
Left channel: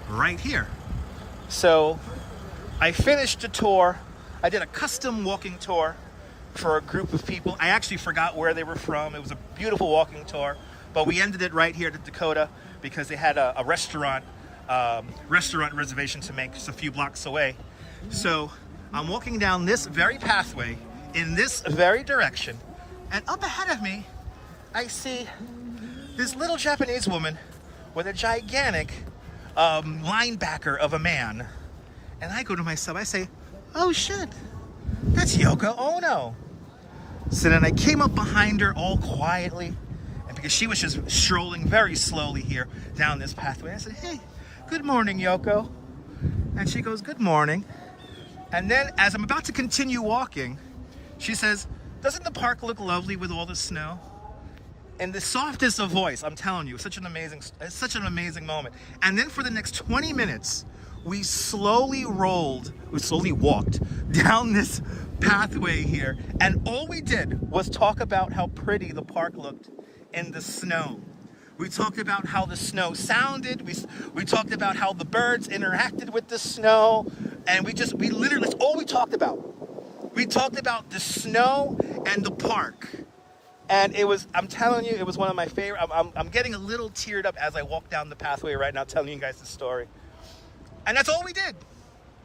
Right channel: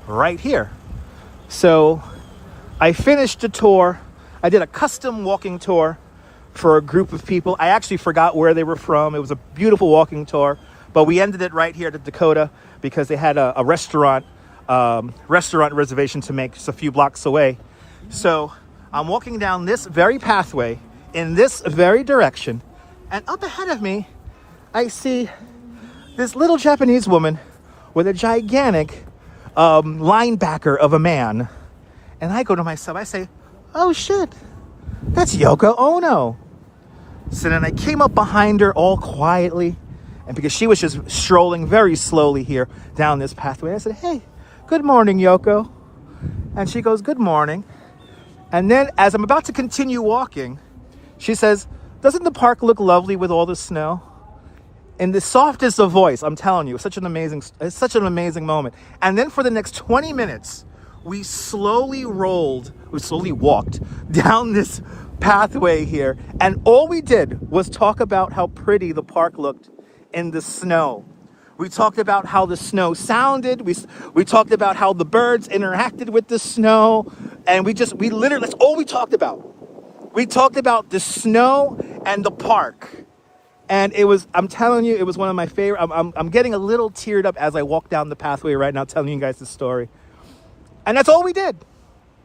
right here. So I finished the tour. I did a custom walking tour for a group of people. I actually forgot where they were from. It was a beautiful walking tour, but we ended it right here at the Dakota because they had a restaurant reservation to make just a few blocks away. So I'm walking down this very pathway in this very direction, and up ahead of me, I see this little Japanese woman with a gigantic linebacker of a man. And I go to myself, I say, oh shit, that's Yoko Ono. So then I came up behind her all quietly, and because she was just strolling very slowly here down this pathway, I said, hey, good morning, Yoko. And she goes, good morning. And then as I'm about to continue walking, she says, doesn't the park look lovely with all the snow? In the softest of voice, I'm telling you, it's such an amazing moment. And then for the next 20 minutes, we slowly walked down this pathway here. And all we did was talk about how pretty the park looked in the snow. We talked about how the snow sounded. We talked about how the birds interacted with the snow. And we literally, that's all we talked about. We talked about the snow and the park. And it was, I'm telling you, it was one of my favorite. I'm getting a little teared up as I walk down the pathway right now, telling you guys the story. And that's all we did.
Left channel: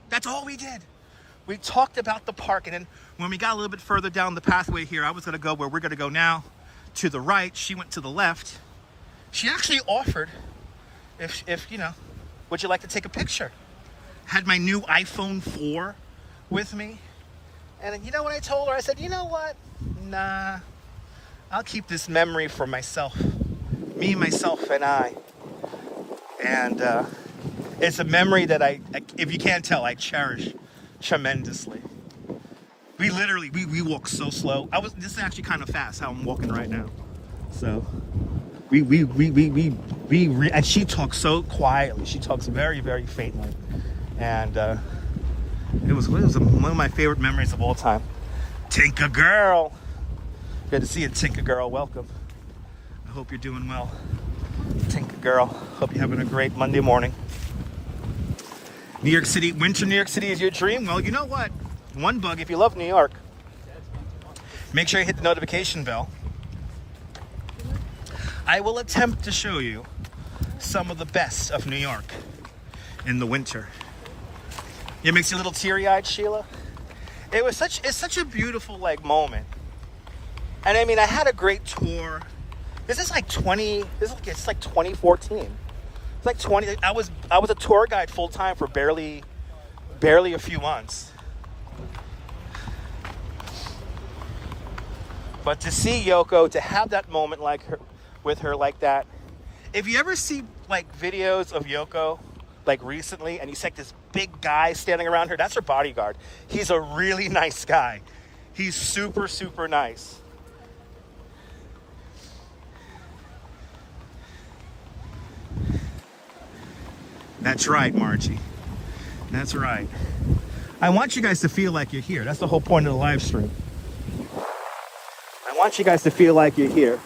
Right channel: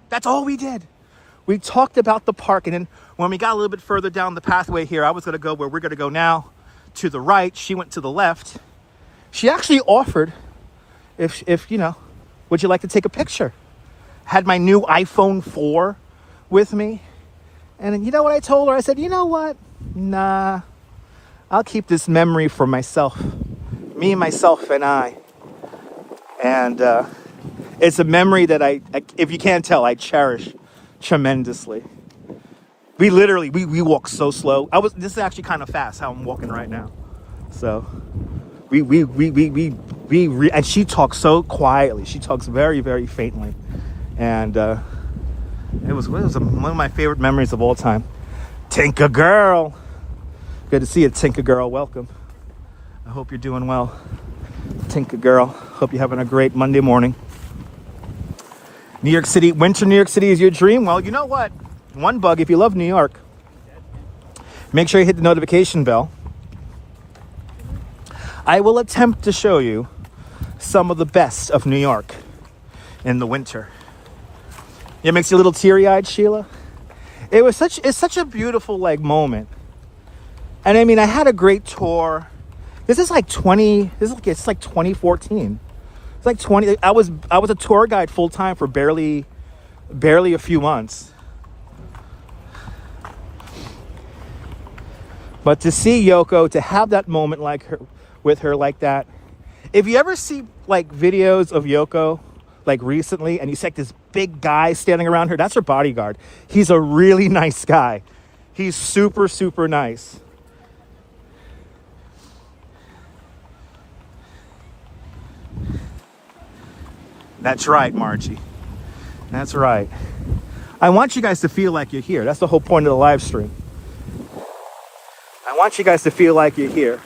That's all we did. We talked about the park. And then when we got a little bit further down the pathway here, I was going to go where we're going to go now, to the right. She went to the left. She actually offered, if you know, would you like to take a picture? Had my new iPhone 4 with me. And you know what I told her? I said, you know what? Nah, I'll keep this memory for myself. Me, myself, and I. And it's a memory that I, if you can't tell, I cherish tremendously. We literally, we walk so slow. This is actually kind of fast how I'm walking right now. So and she talks so quietly. She talks very, very faintly. And it was one of my favorite memories of all time. Tinker girl. Good to see you, Tinker girl. Welcome. I hope you're doing well. Tinker girl. Hope you're having a great Monday morning. New York City, winter New York City is your dream? Well, you know what? One bug, if you love New York, make sure you hit the notification bell. I will attempt to show you some of the best of New York in the winter. It makes you a little teary-eyed, Sheila. It's such a beautiful like moment. And I mean, I had a great tour. This is like 2014. It's like 20. I was a tour guide full time for barely a few months. But to see Yoko, to have that moment with her like that. If you ever see like videos of Yoko, like recently, and you see like this big guy standing around her, that's her bodyguard. He's a really nice guy. He's super, super nice. That's right, Margie. That's right. I want you guys to feel like you're here. That's the whole point of the live stream. I want you guys to feel like you're here.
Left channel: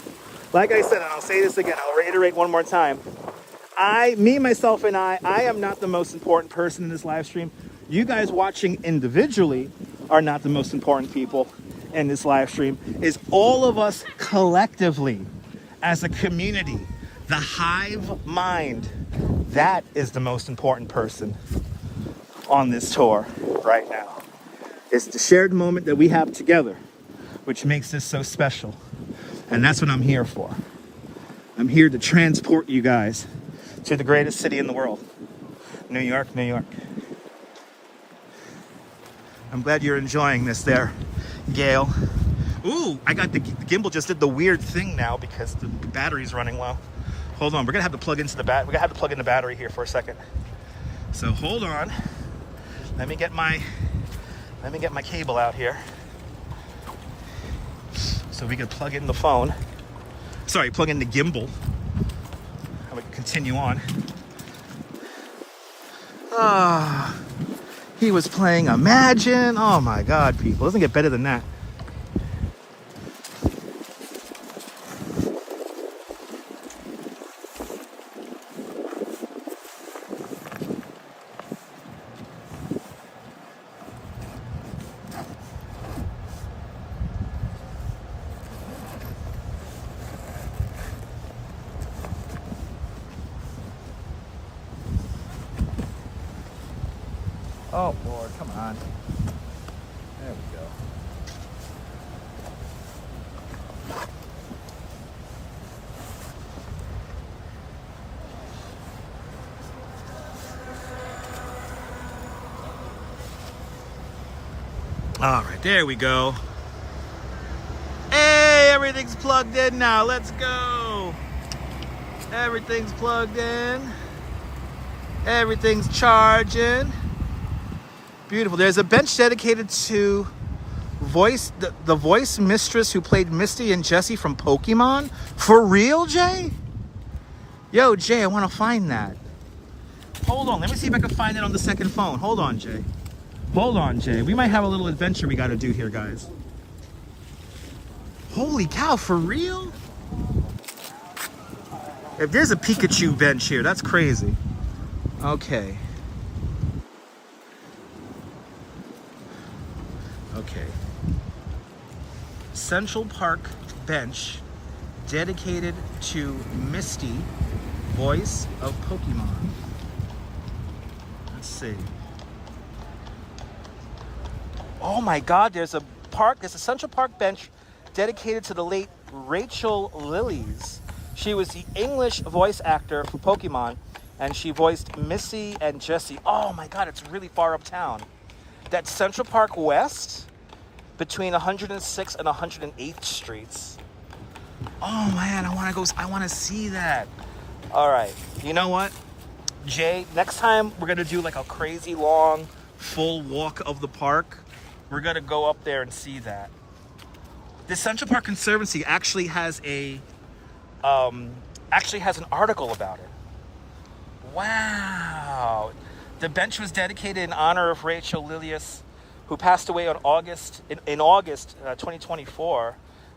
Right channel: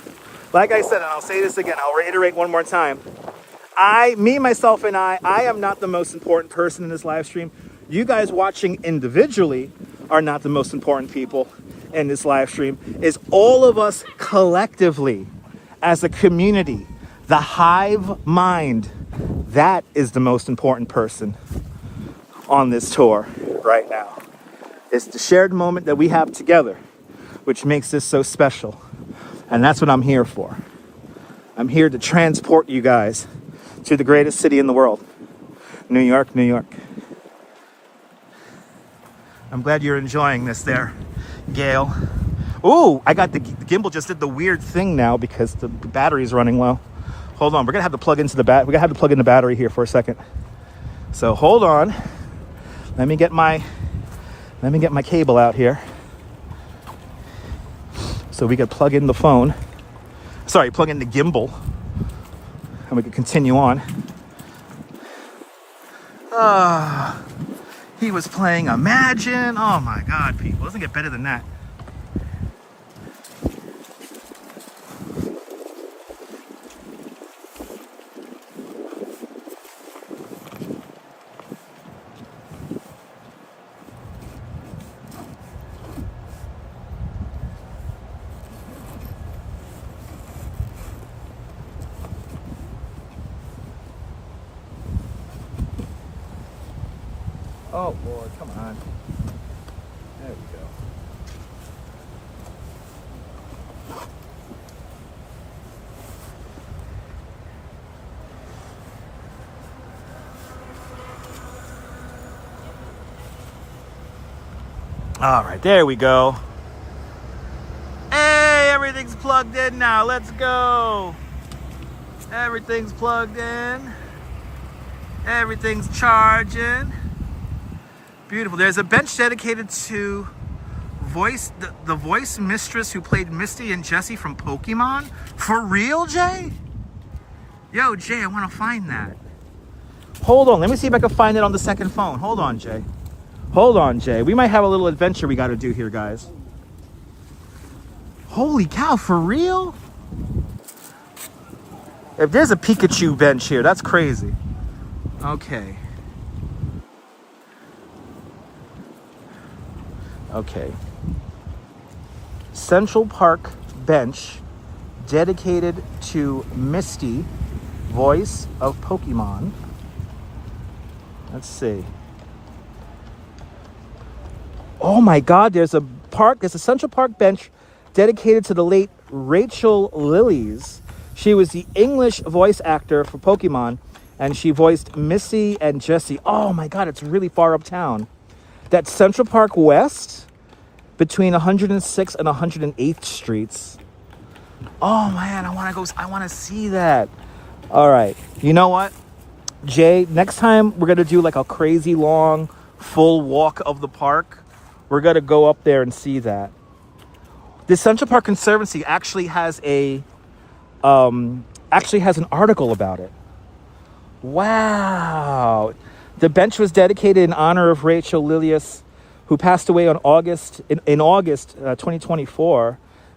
Like I said, and I'll say this again, I'll reiterate one more time. Myself, and I am not the most important person in this live stream. You guys watching individually are not the most important people in this live stream. It's all of us collectively as a community, the hive mind. That is the most important person on this tour right now. It's the shared moment that we have together, which makes this so special. And that's what I'm here for. I'm here to transport you guys to the greatest city in the world. New York, New York. I'm glad you're enjoying this there, Gail. Ooh, I got the gimbal just did the weird thing now because the battery's running low. Hold on, we're gonna have to plug into the we're gonna have to plug in the battery here for a second. So hold on. Let me get my cable out here. So we can plug in the phone. Sorry, plug in the gimbal. And we can continue on. He was playing Imagine. Oh my God, people. It doesn't get better than that. Oh Lord, come on. There we go. All right, there we go. Hey, everything's plugged in now. Let's go. Everything's plugged in. Everything's charging. Beautiful. There's a bench dedicated to the voice mistress who played Misty and Jessie from Pokemon. For real, Jay? Yo, Jay, I want to find that. Hold on. Let me see if I can find it on the second phone. Hold on, Jay. Hold on, Jay. We might have a little adventure we got to do here, guys. Holy cow, for real? If there's a Pikachu bench here, that's crazy. Okay. Okay. Central Park bench dedicated to Misty, voice of Pokemon. Let's see. Oh my God, there's a Central Park bench dedicated to the late Rachel Lillies. She was the English voice actor for Pokemon, and she voiced Misty and Jessie. Oh my God, it's really far uptown. That's Central Park West, between 106th and 108th Streets. Oh man, I want to see that. All right, you know what, Jay? Next time we're gonna do like a crazy long, full walk of the park. We're gonna go up there and see that. The Central Park Conservancy actually has an article about it. Wow. The bench was dedicated in honor of Rachel Lillies, who passed away on August 2024.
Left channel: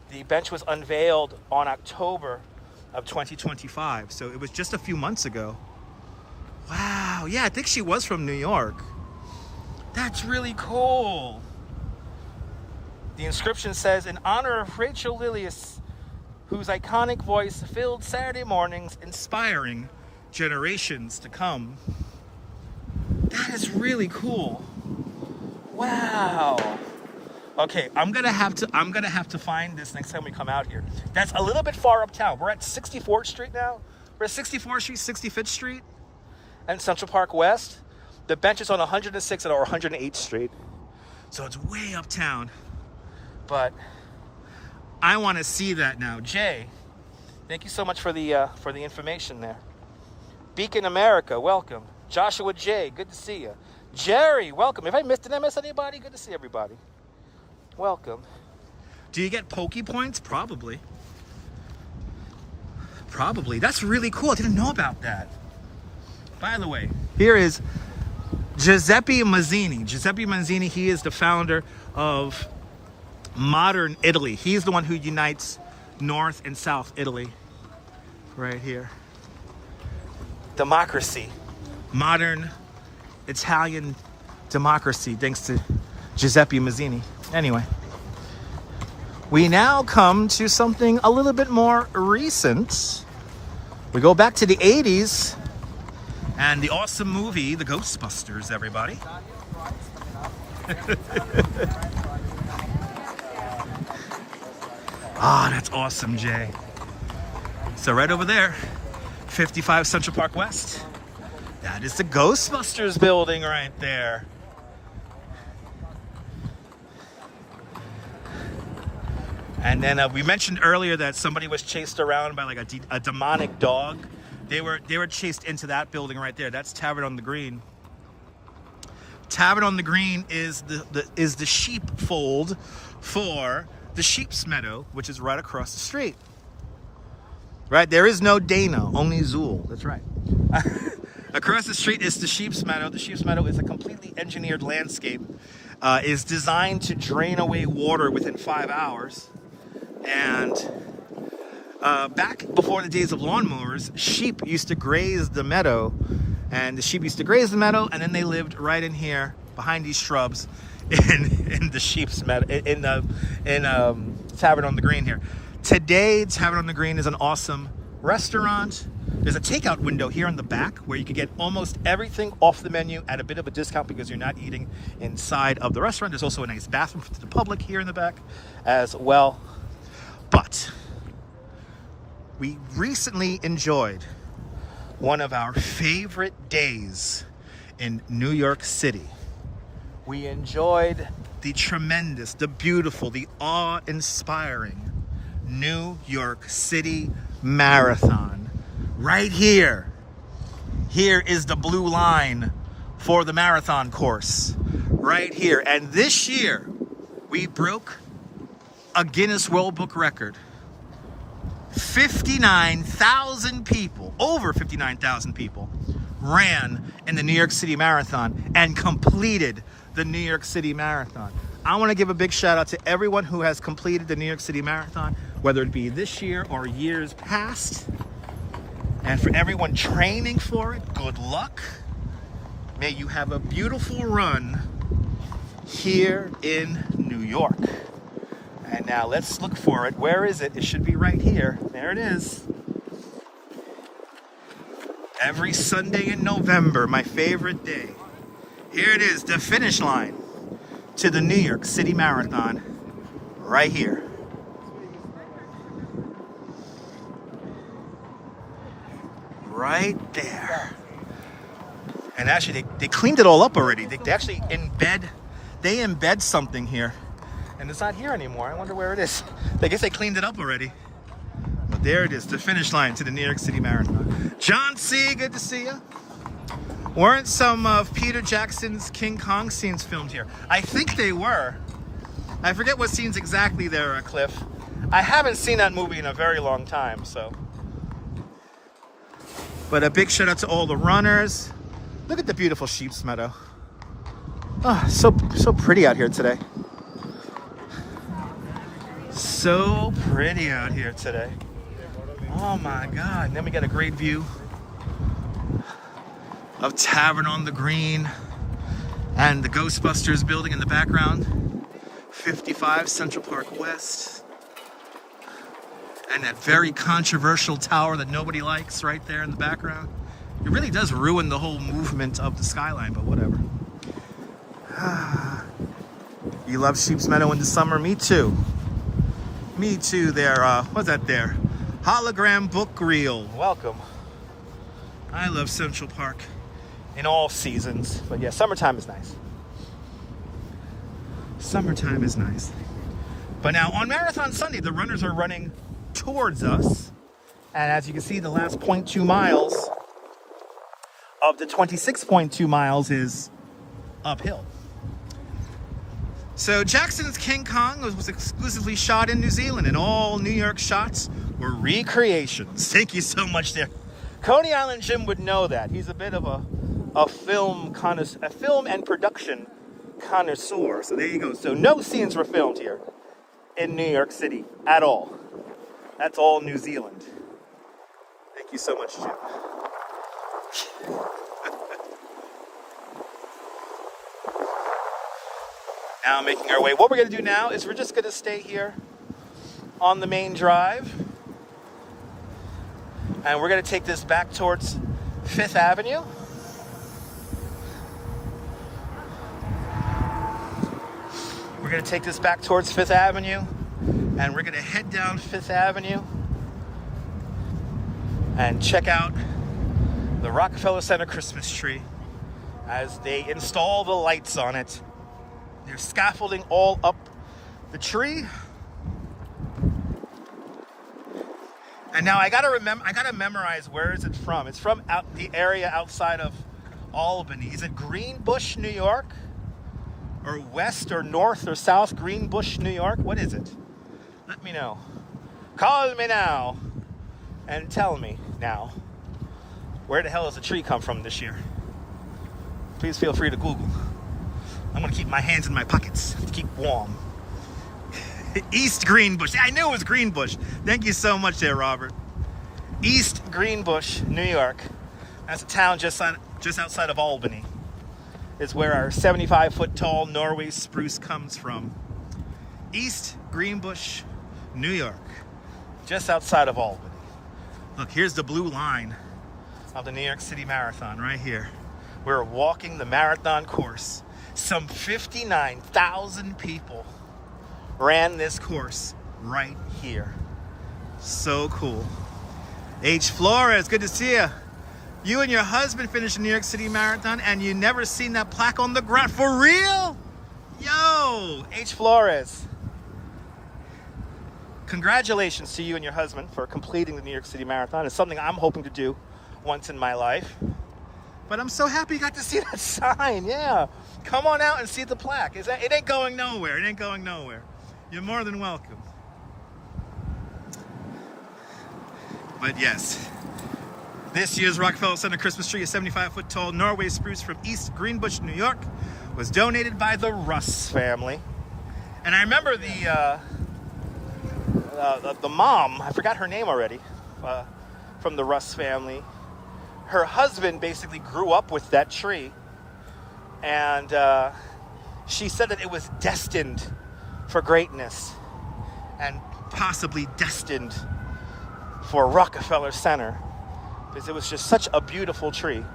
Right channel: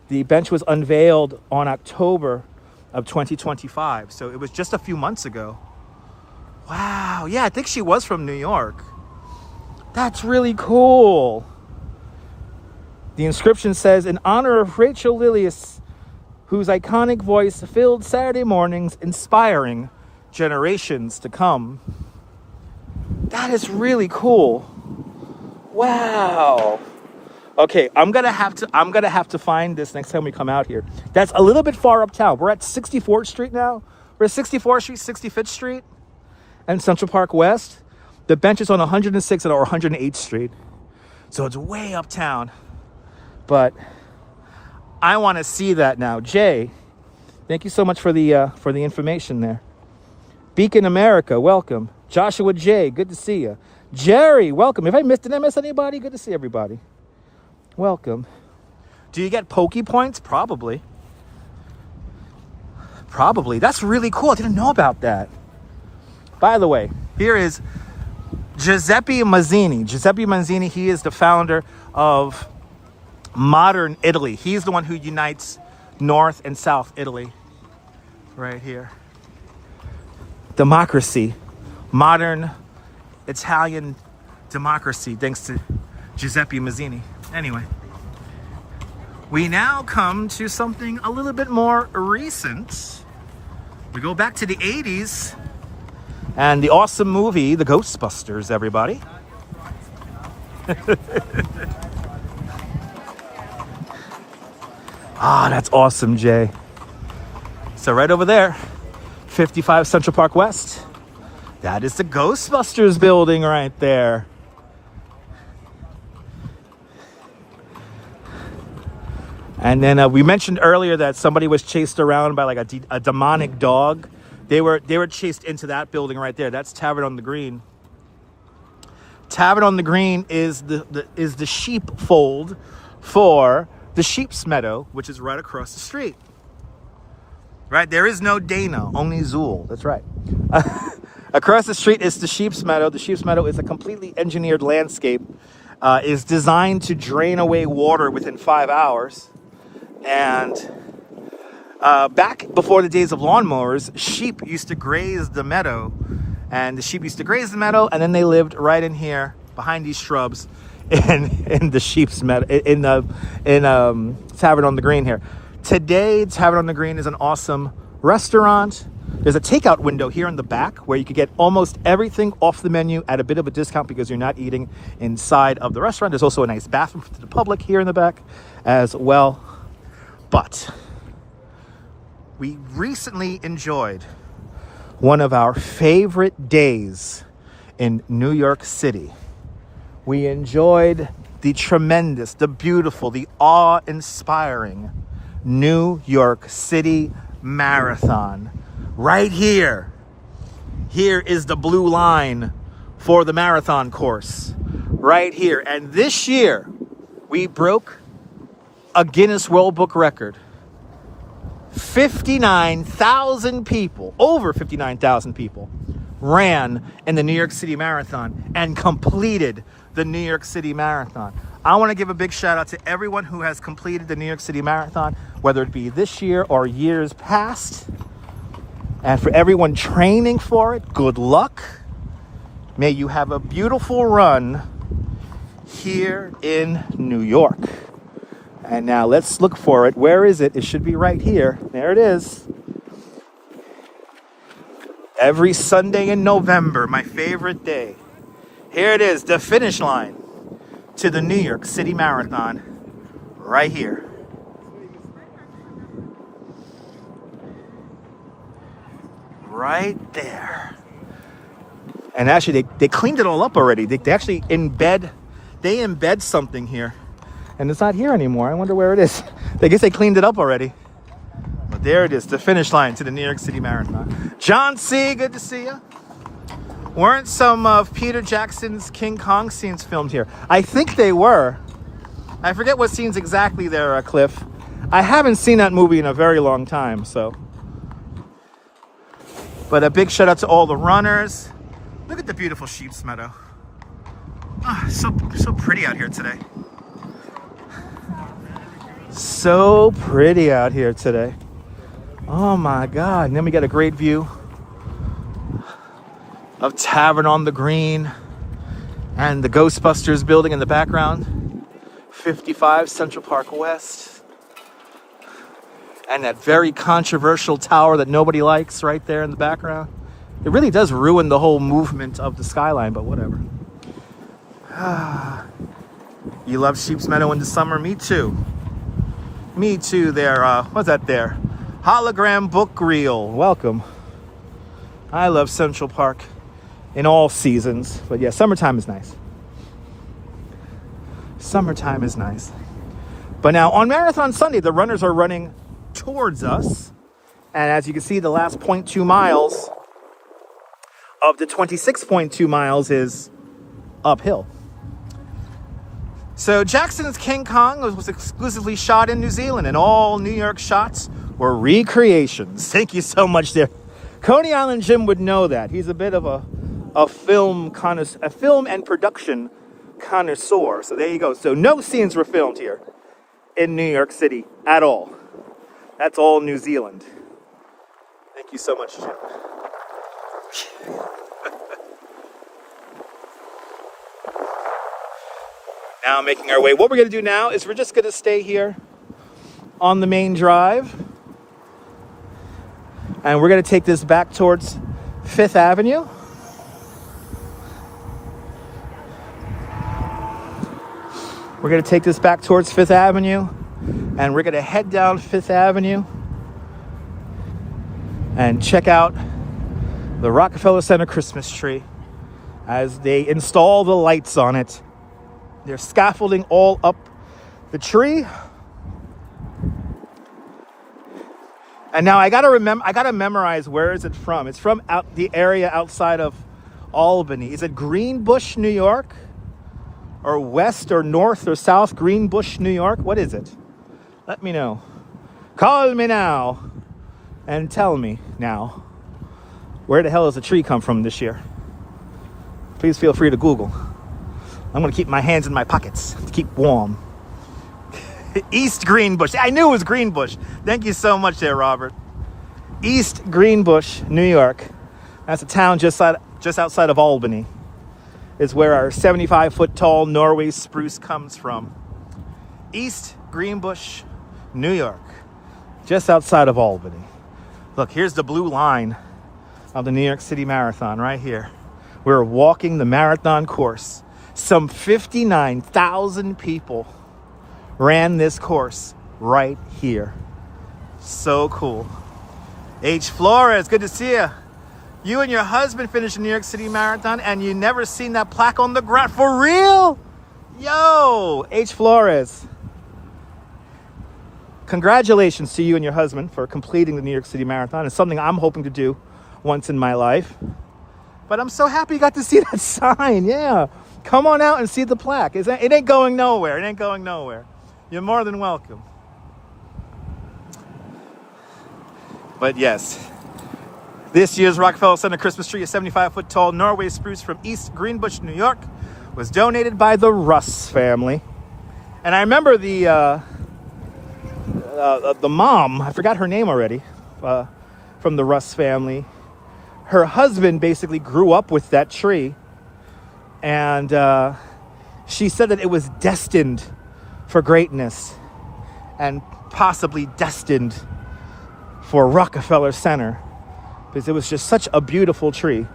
The bench was unveiled on October of 2025. So it was just a few months ago. Wow. Yeah, I think she was from New York. That's really cool. The inscription says, in honor of Rachel Lillies, whose iconic voice filled Saturday mornings, inspiring generations to come. That is really cool. Wow. Okay, I'm gonna have to find this next time we come out here. That's a little bit far uptown. We're at 64th Street now. We're at 64th Street, 65th Street, and Central Park West. The bench is on 106th or 108th Street. So it's way uptown. But I want to see that now. Jay, thank you so much for the information there. Beacon America, welcome. Joshua J, good to see you. Jerry, welcome. Did I miss anybody? Good to see everybody. Welcome. Do you get Poke Points? Probably. Probably. That's really cool. I didn't know about that. By the way, here is Giuseppe Mazzini. Giuseppe Mazzini, he is the founder of modern Italy. He's the one who unites North and South Italy. Right here. Democracy. Modern Italian democracy, thanks to Giuseppe Mazzini. Anyway, we now come to something a little bit more recent. We go back to the 80s and the awesome movie, The Ghostbusters, everybody. Ah, that's awesome, Jay. So right over there, 55 Central Park West. That is the Ghostbusters building right there. And then we mentioned earlier that somebody was chased around by like a demonic dog. They were chased into that building right there. That's Tavern on the Green. Tavern on the Green is the sheepfold for the Sheep's Meadow, which is right across the street. Right? There is no Dana, only Zool. That's right. Across the street is the Sheep's Meadow. The Sheep's Meadow is a completely engineered landscape. Is designed to drain away water within 5 hours. And back before the days of lawnmowers, sheep used to graze the meadow. And the sheep used to graze the meadow, and then they lived right in here, behind these shrubs, in the Sheep's Meadow, in Tavern on the Green here. Today, Tavern on the Green is an awesome restaurant. There's a takeout window here in the back where you can get almost everything off the menu at a bit of a discount because you're not eating inside of the restaurant. There's also a nice bathroom for the public here in the back as well. But we recently enjoyed one of our favorite days in New York City. We enjoyed the tremendous, the beautiful, the awe-inspiring New York City Marathon. Right here. Here is the blue line for the marathon course. Right here. And this year, we broke a Guinness World Book record. 59,000 people, over 59,000 people, ran in the New York City Marathon and completed the New York City Marathon. I want to give a big shout out to everyone who has completed the New York City Marathon, whether it be this year or years past. And for everyone training for it, good luck. May you have a beautiful run here in New York. And now let's look for it. Where is it? It should be right here. There it is. Every Sunday in November, my favorite day. Here it is, the finish line to the New York City Marathon. Right here. Right there. And actually, they cleaned it all up already. They actually embed something here. And it's not here anymore. I wonder where it is. I guess they cleaned it up already. But there it is, the finish line to the New York City Marathon. John C., good to see you. Weren't some of Peter Jackson's King Kong scenes filmed here? I think they were. I forget what scenes exactly there, Cliff. I haven't seen that movie in a very long time, so. But a big shout out to all the runners. Look at the beautiful Sheep's Meadow. Oh, so pretty out here today. So pretty out here today. Oh my God. And then we got a great view of Tavern on the Green and the Ghostbusters building in the background. 55 Central Park West. And that very controversial tower that nobody likes right there in the background. It really does ruin the whole movement of the skyline, but whatever. You love Sheep's Meadow in the summer? Me too. Me too there. What's that there? Hologram book reel. Welcome. I love Central Park in all seasons. But yeah, summertime is nice. Summertime is nice. But now on Marathon Sunday, the runners are running towards us. And as you can see, the last 0.2 miles of the 26.2 miles is uphill. So Jackson's King Kong was exclusively shot in New Zealand, and all New York shots were recreations. Thank you so much there. Coney Island Jim would know that. He's a bit of a film and production connoisseur. So there you go. So no scenes were filmed here in New York City at all. That's all New Zealand. Thank you so much, Jim. Now making our way. What we're going to do now is we're just going to stay here on the main drive. And we're going to take this back towards 5th Avenue. We're going to take this back towards 5th Avenue. And we're going to head down 5th Avenue and check out the Rockefeller Center Christmas tree as they install the lights on it. They're scaffolding all up the tree. And now I gotta memorize, where is it from? It's from the area outside of Albany. Is it Greenbush, New York? Or west or north or south Greenbush, New York? What is it? Let me know. Call me now and tell me now. Where the hell does the tree come from this year? Please feel free to Google. I'm gonna keep my hands in my pockets to keep warm. East Greenbush. I knew it was Greenbush. Thank you so much there, Robert. East Greenbush, New York. That's a town just outside of Albany. Is where our 75-foot tall Norway spruce comes from. East Greenbush, New York. Just outside of Albany. Look, here's the blue line of the New York City Marathon right here. We're walking the marathon course. Some 59,000 people ran this course right here. So cool. H. Flores, good to see you. You and your husband finished the New York City Marathon and you never seen that plaque on the ground. For real? Yo, H. Flores. Congratulations to you and your husband for completing the New York City Marathon. It's something I'm hoping to do once in my life. But I'm so happy you got to see that sign. Yeah. Come on out and see the plaque. It ain't going nowhere. It ain't going nowhere. You're more than welcome. But yes, this year's Rockefeller Center Christmas tree, a 75-foot tall Norway spruce from East Greenbush, New York, was donated by the Russ family. And I remember the mom, I forgot her name already, from the Russ family. Her husband basically grew up with that tree. And she said that it was destined for greatness and possibly destined for Rockefeller Center, because it was just such a beautiful tree.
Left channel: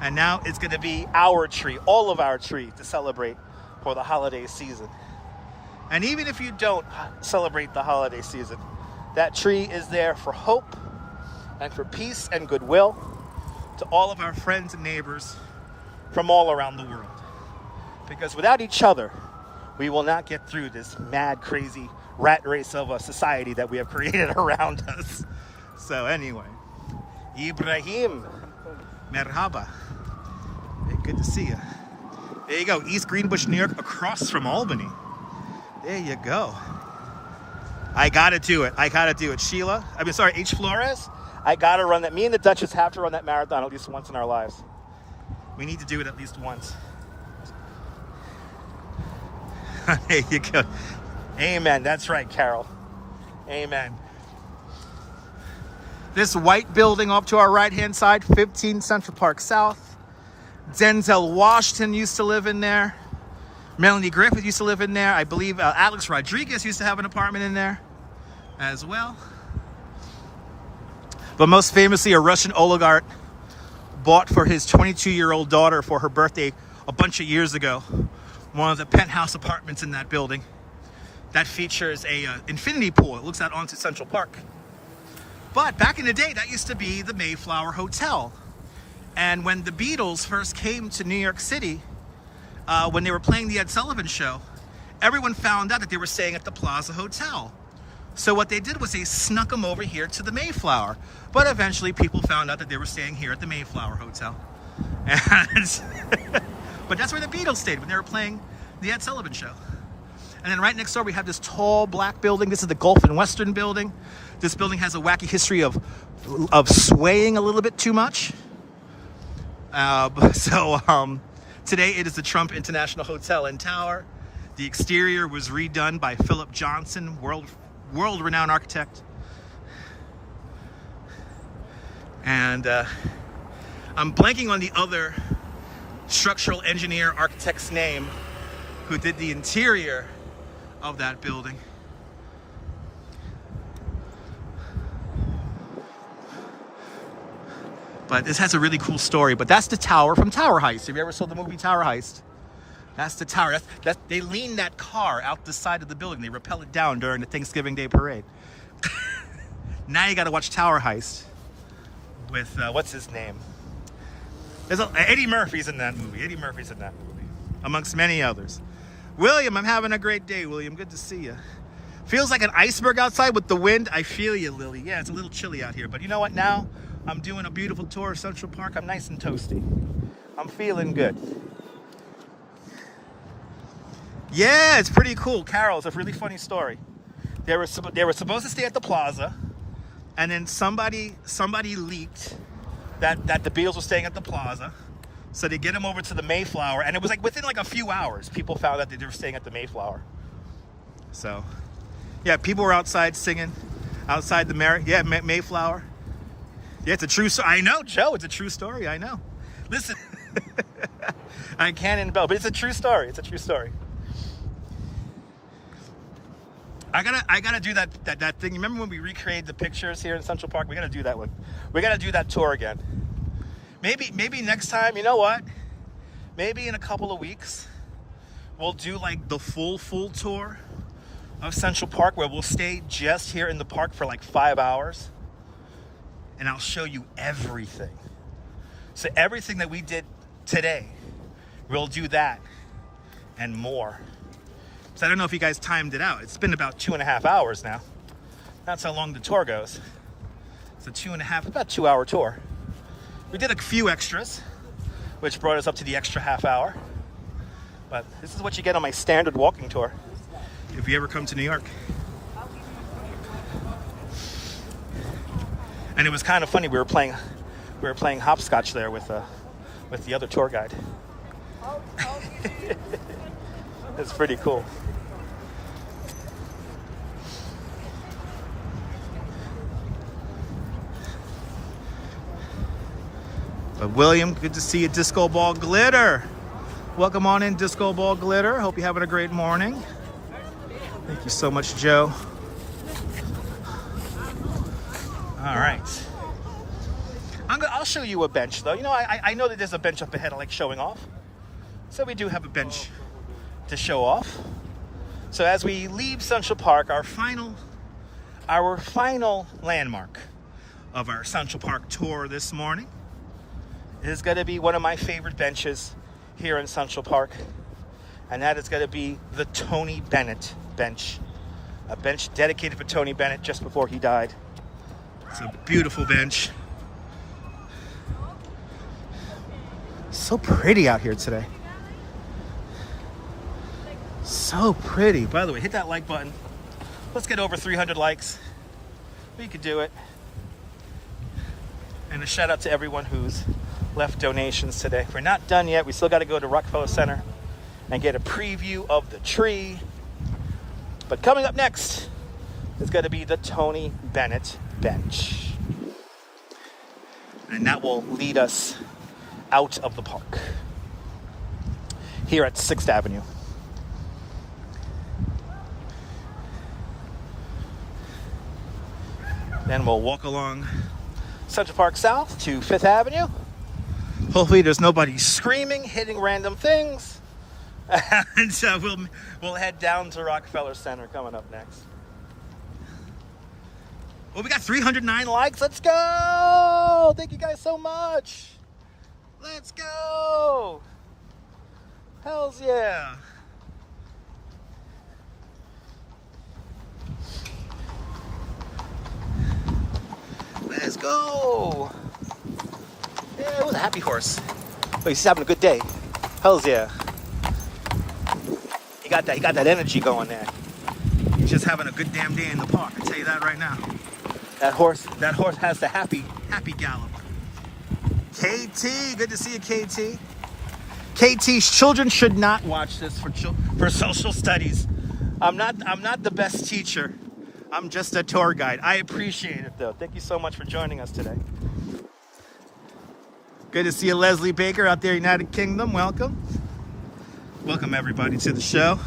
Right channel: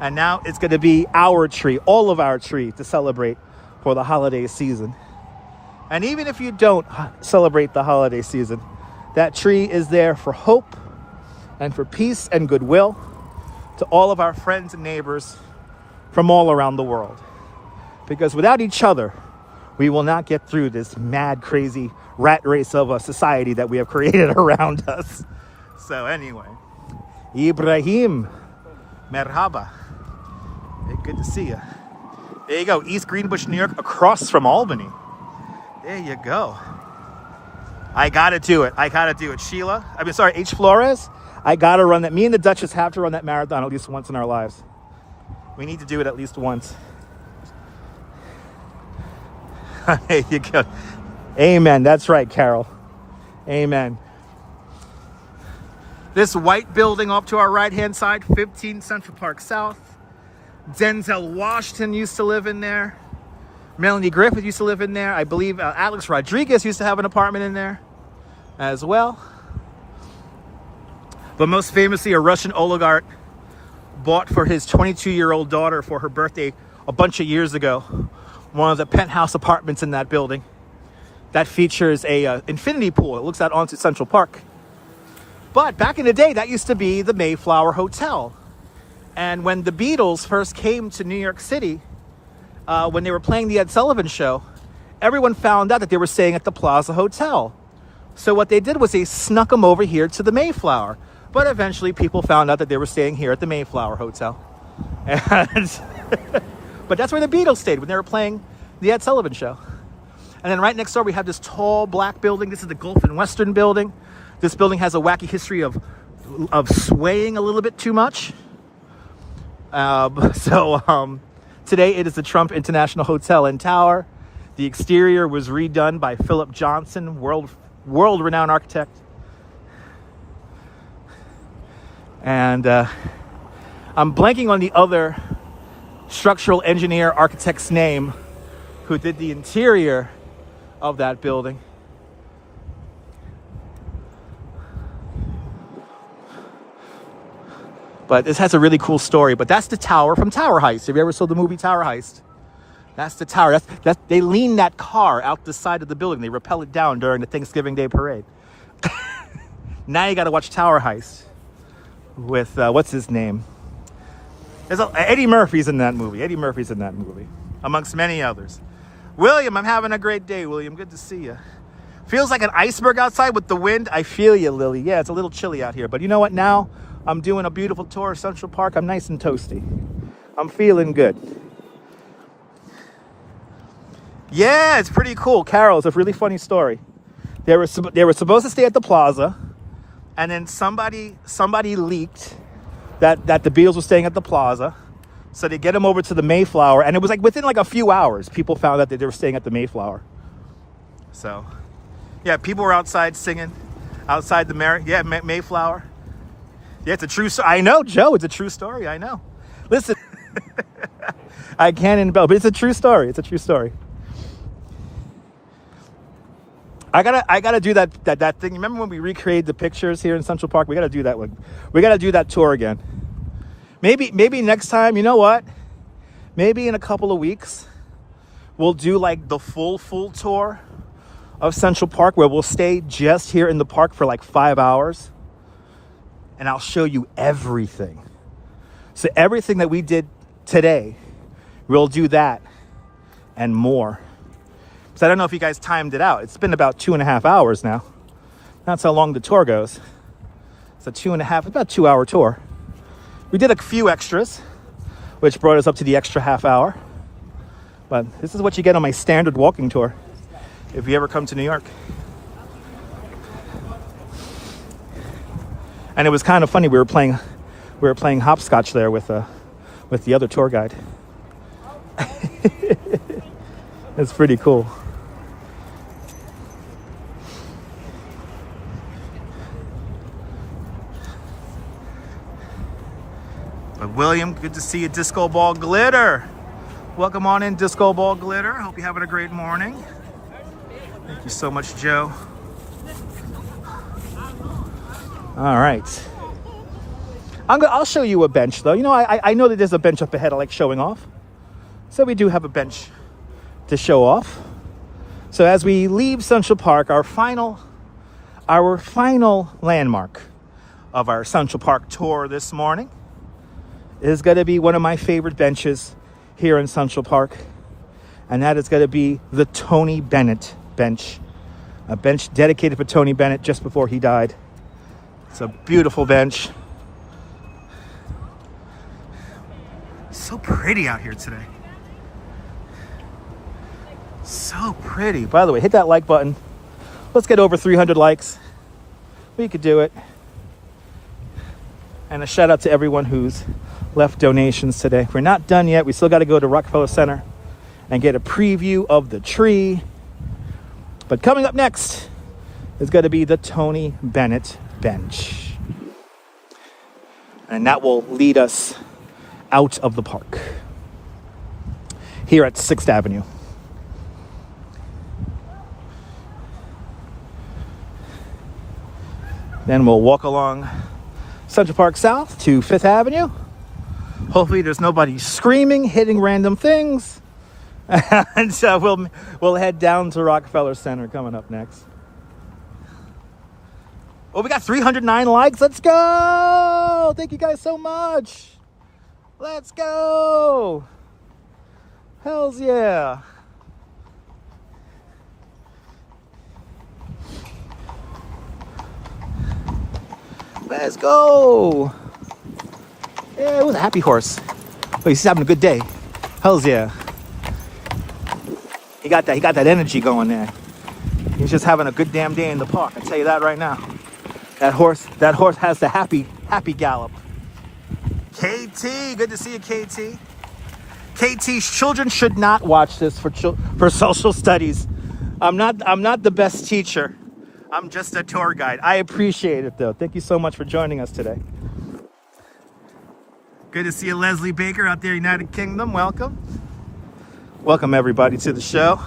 And now it's going to be our tree, all of our tree, to celebrate for the holiday season. And even if you don't celebrate the holiday season, that tree is there for hope and for peace and goodwill to all of our friends and neighbors from all around the world. Because without each other, we will not get through this mad, crazy rat race of a society that we have created around us. So anyway, Ibrahim, merhaba. Hey, good to see you. There you go, East Greenbush, New York, across from Albany. There you go. I gotta do it. Sheila, H. Flores, I gotta run that. Me and the Duchess have to run that marathon at least once in our lives. We need to do it at least once. There you go. Amen. That's right, Carol. Amen. This white building up to our right-hand side, 15 Central Park South. Denzel Washington used to live in there. Melanie Griffith used to live in there. I believe Alex Rodriguez used to have an apartment in there as well. But most famously, a Russian oligarch bought for his 22-year-old daughter for her birthday a bunch of years ago, one of the penthouse apartments in that building that features a infinity pool. It looks out onto Central Park. But back in the day, that used to be the Mayflower Hotel. And when the Beatles first came to New York City, when they were playing the Ed Sullivan Show, everyone found out that they were staying at the Plaza Hotel. So what they did was they snuck them over here to the Mayflower. But eventually people found out that they were staying here at the Mayflower Hotel. And but that's where the Beatles stayed when they were playing the Ed Sullivan Show. And then right next door, we have this tall black building. This is the Gulf and Western building. This building has a wacky history of swaying a little bit too much. Today it is the Trump International Hotel and Tower. The exterior was redone by Philip Johnson, world-renowned architect. And I'm blanking on the other structural engineer architect's name who did the interior of that building. But this has a really cool story. But that's the tower from Tower Heist. Have you ever saw the movie Tower Heist? That's the tower. They lean that car out the side of the building. They rappel it down during the Thanksgiving Day parade. Now you got to watch Tower Heist with, what's his name? Eddie Murphy's in that movie. Eddie Murphy's in that movie, amongst many others. William, I'm having a great day, William. Good to see you. Feels like an iceberg outside with the wind. I feel you, Lily. Yeah, it's a little chilly out here. But you know what? Now I'm doing a beautiful tour of Central Park. I'm nice and toasty. I'm feeling good. Yeah, it's pretty cool. Carol, it's a really funny story. They were supposed to stay at the Plaza, and then somebody leaked that the Beatles were staying at the Plaza. So they get them over to the Mayflower, and it was like within like a few hours, people found out that they were staying at the Mayflower. So, yeah, people were outside singing, outside the Mayflower. Yeah, it's a true story. I know, Joe, it's a true story. I know. Listen, I can't embellish, but it's a true story. It's a true story. I gotta do that thing. Remember when we recreated the pictures here in Central Park? We gotta do that one. We gotta do that tour again. Maybe next time, you know what? Maybe in a couple of weeks, we'll do like the full tour of Central Park, where we'll stay just here in the park for like 5 hours. And I'll show you everything. So everything that we did today, we'll do that and more. So I don't know if you guys timed it out. It's been about 2.5 hours now. That's how long the tour goes. It's about 2 hour tour. We did a few extras, which brought us up to the extra half hour. But this is what you get on my standard walking tour if you ever come to New York. And it was kind of funny. We were playing hopscotch there with the other tour guide. It's pretty cool. But William, good to see you. Disco Ball Glitter. Welcome on in, Disco Ball Glitter. Hope you're having a great morning. Thank you so much, Joe. All right. I'll show you a bench, though. You know, I know that there's a bench up ahead I like showing off. So we do have a bench to show off. So as we leave Central Park, our final landmark of our Central Park tour this morning is going to be one of my favorite benches here in Central Park. And that is going to be the Tony Bennett bench. A bench dedicated for Tony Bennett just before he died. It's a beautiful bench. So pretty out here today. So pretty. By the way, hit that like button. Let's get over 300 likes. We could do it. And a shout out to everyone who's left donations today. We're not done yet. We still got to go to Rockefeller Center and get a preview of the tree. But coming up next is going to be the Tony Bennett bench. And that will lead us out of the park here at 6th Avenue. Then we'll walk along Central Park South to 5th Avenue, Hopefully there's nobody screaming, hitting random things. And so we'll head down to Rockefeller Center coming up next. Oh, we got 309 likes. Let's go. Thank you guys so much. Let's go. Hells yeah. Let's go. Yeah, with a happy horse. Oh, he's having a good day. Hells yeah. He got that energy going there. He's just having a good damn day in the park. I tell you that right now. That horse has the happy gallop. KT, good to see you, KT. KT, children should not watch this for social studies. I'm not the best teacher. I'm just a tour guide. I appreciate it though. Thank you so much for joining us today. Good to see you, Leslie Baker out there, United Kingdom. Welcome. Welcome everybody to the show.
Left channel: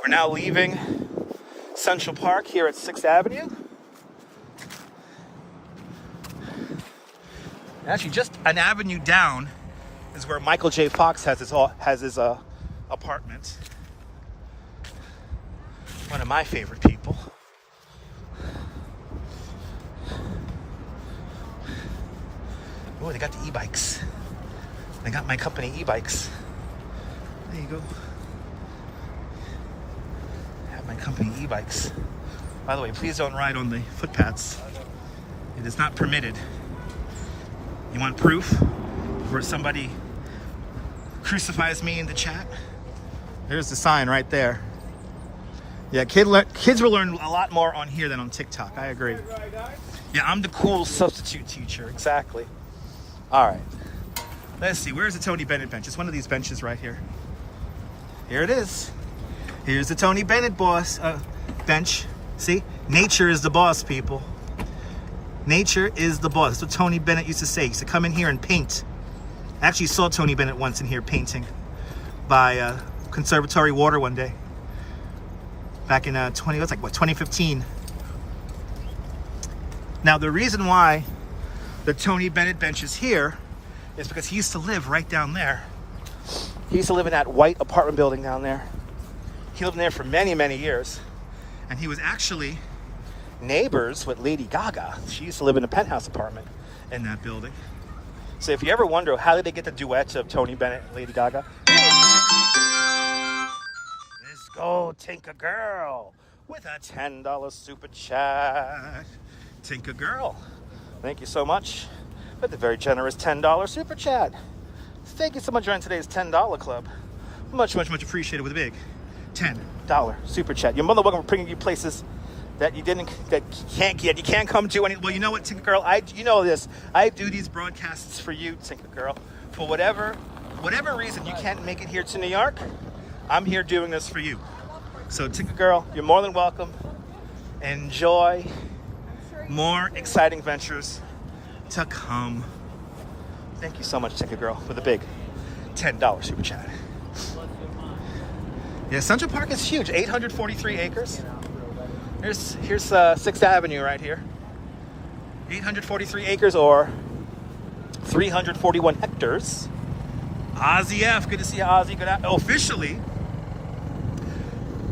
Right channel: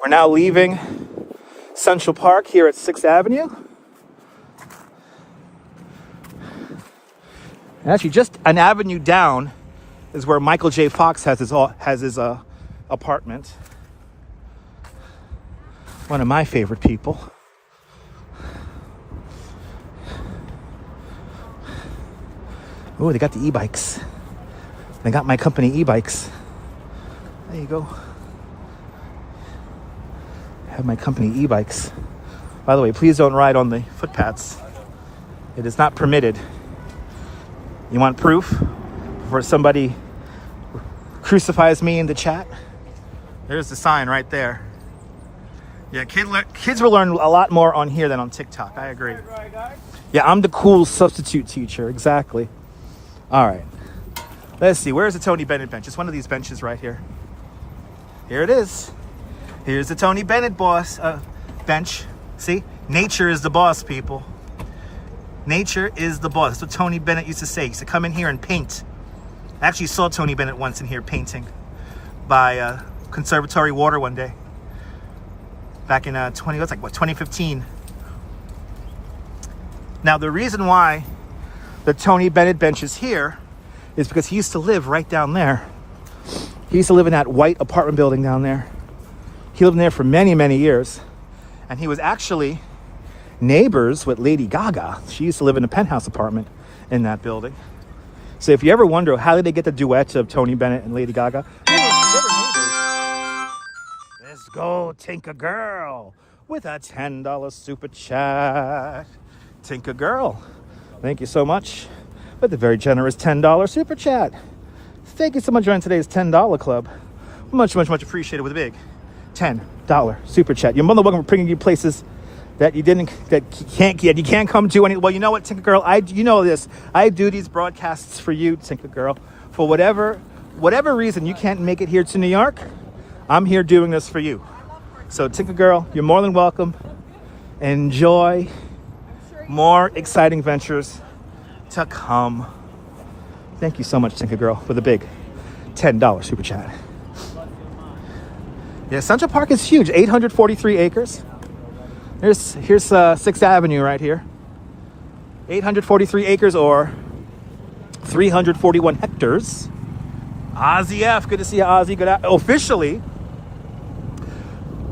We're now leaving Central Park here at 6th Avenue. And actually, just an avenue down is where Michael J. Fox has his apartment. One of my favorite people. Oh, they got the e-bikes. They got my company e-bikes. There you go. I have my company e-bikes. By the way, please don't ride on the footpaths. It is not permitted. You want proof before somebody crucifies me in the chat? There's the sign right there. Yeah, kids will learn a lot more on here than on TikTok. I agree. Yeah, I'm the cool substitute teacher. Exactly. All right. Let's see. Where's the Tony Bennett bench? It's one of these benches right here. Here it is. Here's the Tony Bennett bench. See? Nature is the boss, people. Nature is the boss. That's what Tony Bennett used to say. He used to come in here and paint. I actually saw Tony Bennett once in here painting by Conservatory Water one day. Back in 2015. Now, the reason why the Tony Bennett bench is here is because he used to live right down there. He used to live in that white apartment building down there. He lived in there for many, many years. And he was actually neighbors with Lady Gaga. She used to live in a penthouse apartment in that building. So if you ever wonder how did they get the duet of Tony Bennett and Lady Gaga? Let's go, Tinker Girl, with a $10 super chat. Tinker Girl, thank you so much for the very generous $10 super chat. Thank you so much for joining today's $10 club. Much, much, much appreciated with a big $10 super chat. You're more than welcome for bringing you places that you can't come to any. Well, you know what, Tinker Girl, you know this. I do these broadcasts for you, Tinker Girl. For whatever reason you can't make it here to New York, I'm here doing this for you. So Tinker Girl, you're more than welcome. Enjoy more exciting ventures to come. Thank you so much, Tinker Girl, for the big $10 super chat. Yeah, Central Park is huge, 843 acres. Here's 6th Avenue right here. 843 acres or 341 hectares. Ozzy F, good to see you, Ozzy. Officially,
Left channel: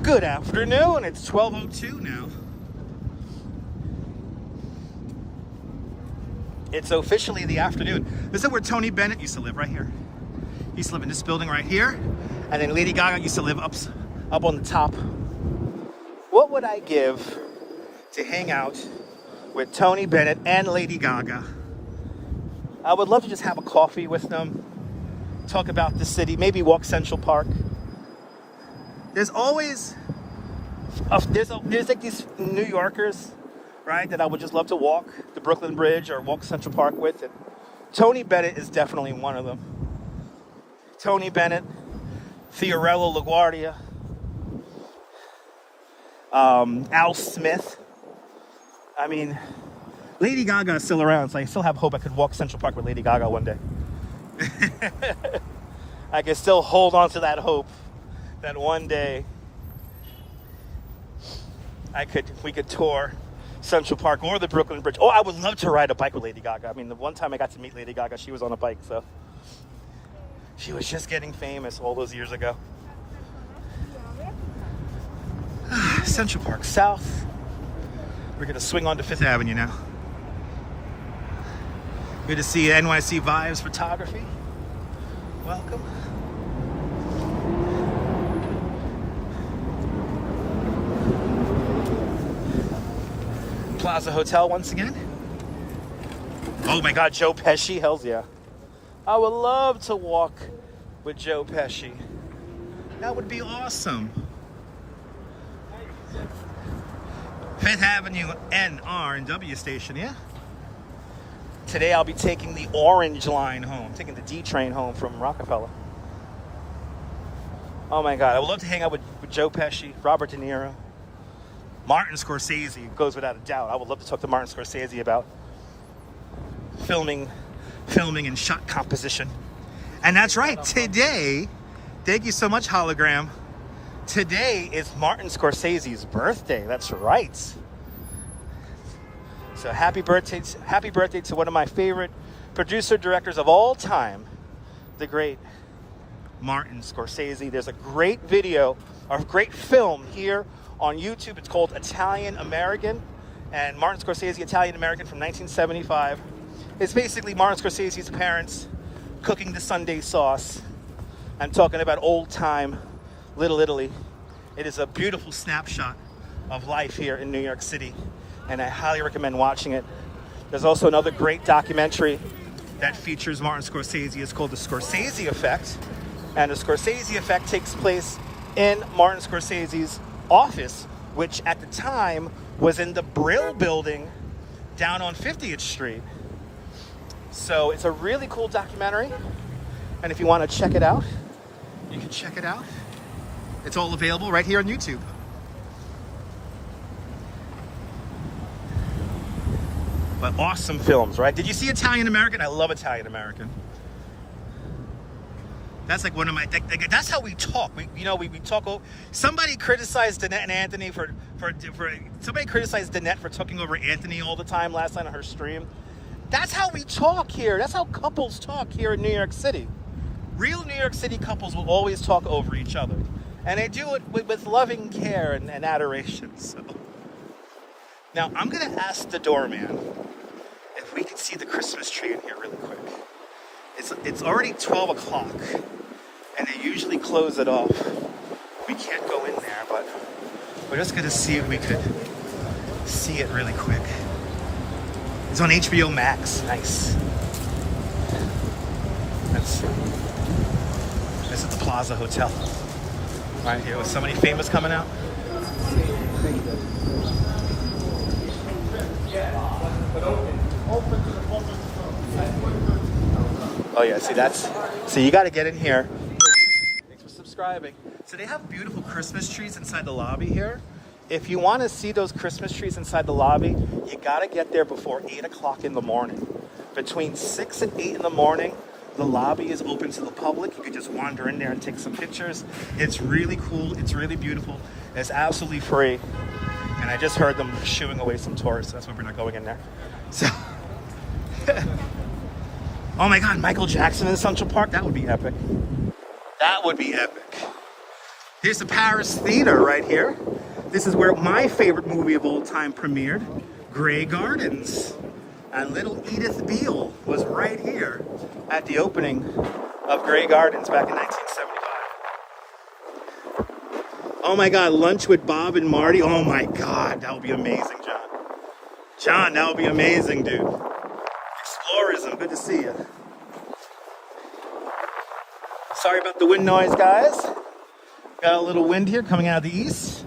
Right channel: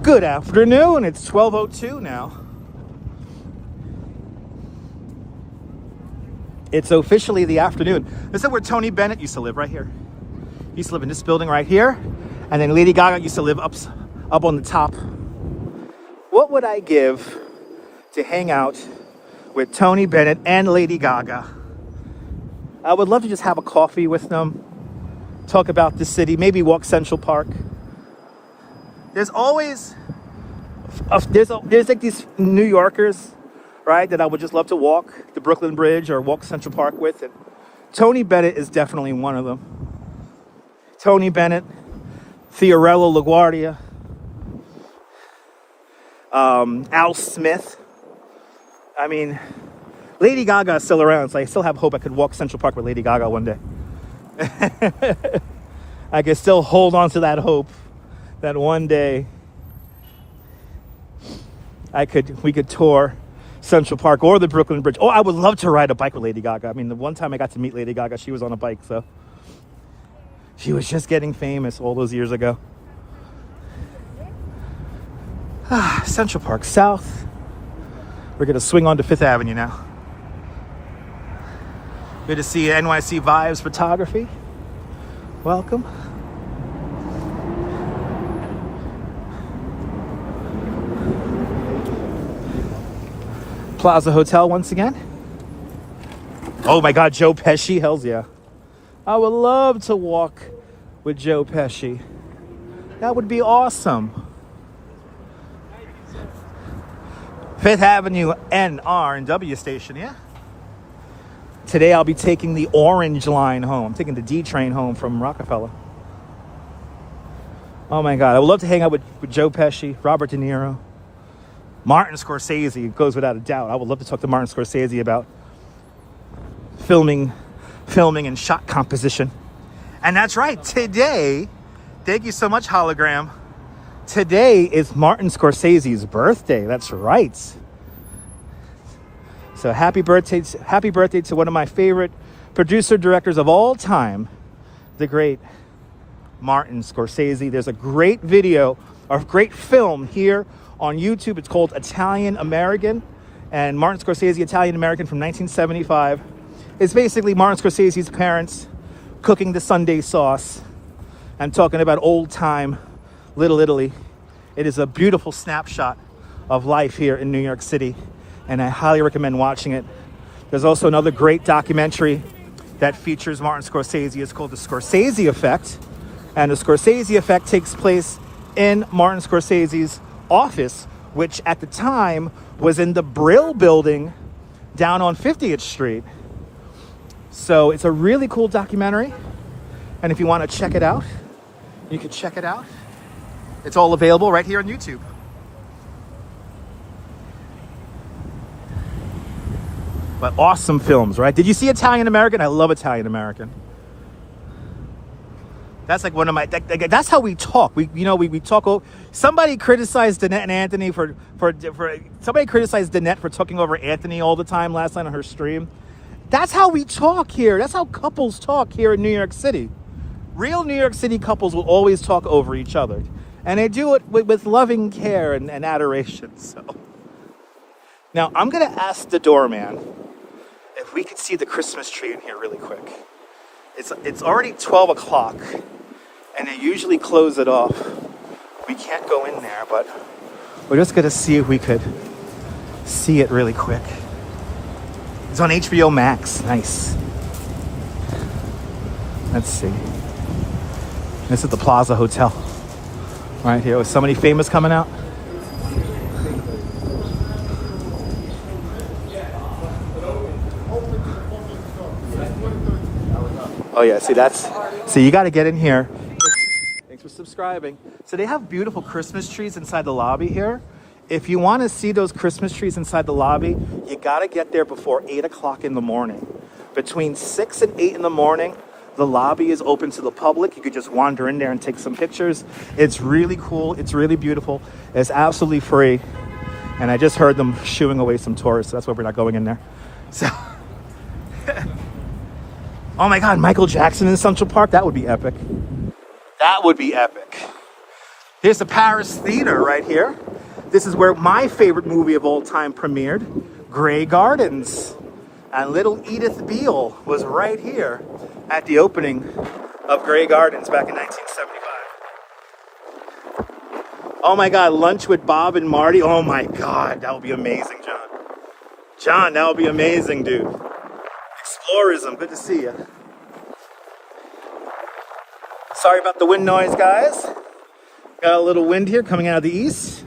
good afternoon. It's 12:02 now. It's officially the afternoon. This is where Tony Bennett used to live, right here. He used to live in this building right here. And then Lady Gaga used to live up on the top. What would I give to hang out with Tony Bennett and Lady Gaga? I would love to just have a coffee with them, talk about the city, maybe walk Central Park. There's always, there's like these New Yorkers, right, that I would just love to walk the Brooklyn Bridge or walk Central Park with. And Tony Bennett is definitely one of them. Tony Bennett, Fiorello LaGuardia, Al Smith. I mean, Lady Gaga is still around, so I still have hope I could walk Central Park with Lady Gaga one day. I could still hold on to that hope that one day we could tour Central Park or the Brooklyn Bridge. Oh, I would love to ride a bike with Lady Gaga. I mean, the one time I got to meet Lady Gaga, she was on a bike, so. She was just getting famous all those years ago. Central Park South. We're gonna swing on to Fifth Avenue now. Good to see NYC Vibes Photography. Welcome. Plaza Hotel once again. Oh my God, Joe Pesci, hells yeah. I would love to walk with Joe Pesci. That would be awesome. Fifth Avenue NR and W station, yeah? Today I'll be taking the orange line home. I'm taking the D train home from Rockefeller. Oh my God, I would love to hang out with Joe Pesci, Robert De Niro, Martin Scorsese. It goes without a doubt. I would love to talk to Martin Scorsese about filming and shot composition. And that's right, today, thank you so much, Hologram. Today is Martin Scorsese's birthday. That's right. So happy birthday to one of my favorite producer directors of all time, the great Martin Scorsese. There's a great video, a great film here on YouTube. It's called Italian American, and Martin Scorsese, Italian American from 1975. It's basically Martin Scorsese's parents cooking the Sunday sauce and talking about old time Little Italy. It is a beautiful snapshot of life here in New York City, and I highly recommend watching it. There's also another great documentary that features Martin Scorsese. It's called The Scorsese Effect, and The Scorsese Effect takes place in Martin Scorsese's office, which at the time was in the Brill building down on 50th Street. So it's a really cool documentary, and if you want to check it out, you can check it out. It's all available right here on YouTube. But awesome films, right? Did you see Italian American? I love Italian American. That's like one of my, that's how we talk. We talk. Somebody criticized Danette and Anthony somebody criticized Danette for talking over Anthony all the time last night on her stream. That's how we talk here. That's how couples talk here in New York City. Real New York City couples will always talk over each other. And they do it with loving care and adoration. So now I'm gonna ask the doorman if we can see the Christmas tree in here really quick. It's already 12 o'clock, and they usually close it off. We can't go in there, but we're just gonna see if we could see it really quick. It's on HBO Max. Nice. Let's see. This is the Plaza Hotel. Right here with somebody famous coming out. Oh yeah, see you gotta get in here. Thanks for subscribing. So they have beautiful Christmas trees inside the lobby here. If you wanna see those Christmas trees inside the lobby, you gotta get there before 8 o'clock in the morning. Between 6 and 8 in the morning, the lobby is open to the public. You can just wander in there and take some pictures. It's really cool. It's really beautiful. It's absolutely free. And I just heard them shooing away some tourists. So that's why we're not going in there. So, oh my God, Michael Jackson in Central Park. That would be epic. That would be epic. Here's the Paris Theater right here. This is where my favorite movie of all time premiered, Grey Gardens. And little Edith Beale was right here at the opening of Grey Gardens back in 1975. Oh my God, lunch with Bob and Marty. Oh my God, that would be amazing, John. John, that would be amazing, dude. Explorism, good to see you. Sorry about the wind noise, guys. Got a little wind here coming out of the east.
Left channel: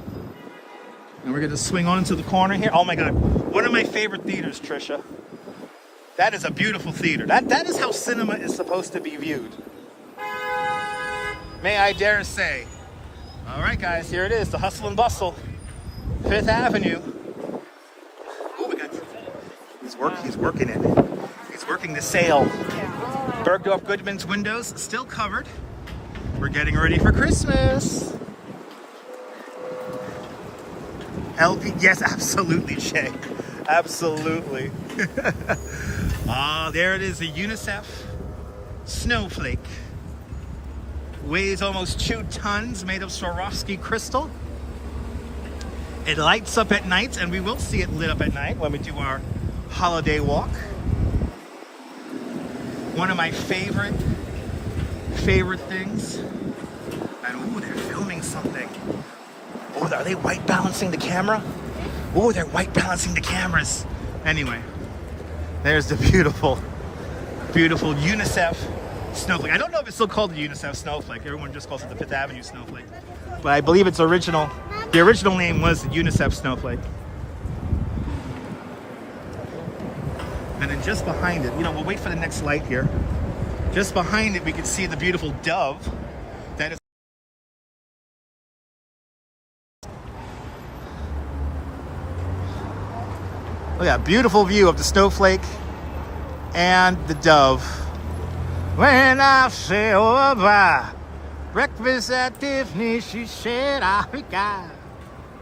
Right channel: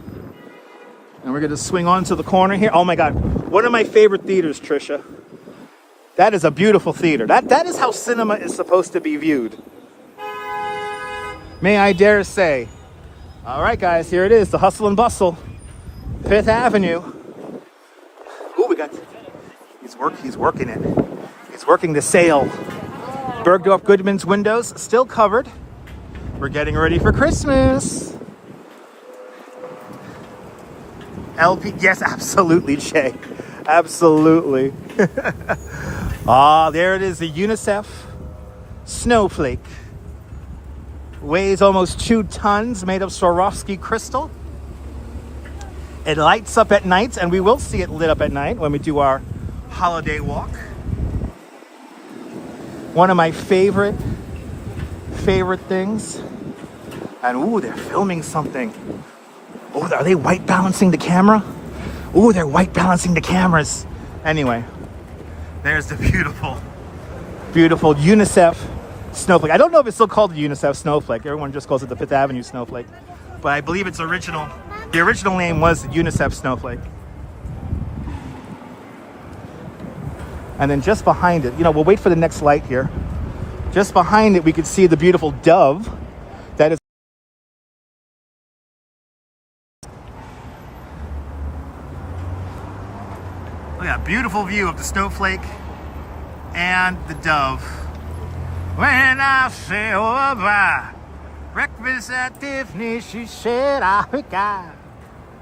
And we're gonna swing on to the corner here. Oh my God, one of my favorite theaters, Trisha. That is a beautiful theater. That is how cinema is supposed to be viewed. May I dare say. All right, guys, here it is, the hustle and bustle. Fifth Avenue. Ooh, we got, he's working it. He's working the sale. Bergdorf Goodman's windows still covered. We're getting ready for Christmas. LV, yes, absolutely, Jay. Absolutely. Ah, there it is, the UNICEF snowflake. Weighs almost 2 tons, made of Swarovski crystal. It lights up at night, and we will see it lit up at night when we do our holiday walk. One of my favorite things. And ooh, they're filming something. Oh, are they white balancing the camera? Ooh, they're white balancing the cameras. Anyway, there's the beautiful UNICEF snowflake. I don't know if it's still called the UNICEF snowflake. Everyone just calls it the Fifth Avenue snowflake. But I believe the original name was the UNICEF snowflake. And then just behind it, we'll wait for the next light here. Just behind it, we can see the beautiful dove that is. Look at that beautiful view of the snowflake and the dove. When I say over breakfast at Tiffany, she said, I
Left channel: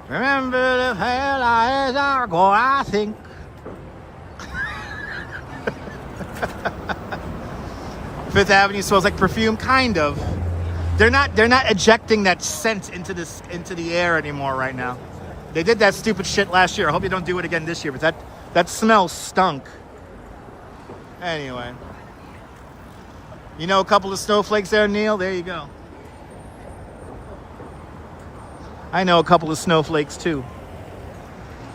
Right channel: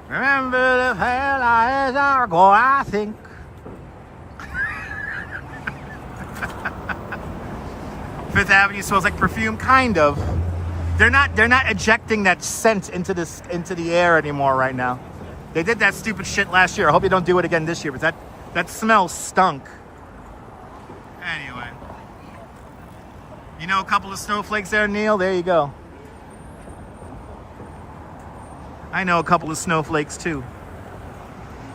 remember the hell as I go, I think. Fifth Avenue smells like perfume, kind of. They're not ejecting that scent into the air anymore right now. They did that stupid shit last year. I hope you don't do it again this year, but that smell stunk. Anyway. A couple of snowflakes there, Neil? There you go. I know a couple of snowflakes, too.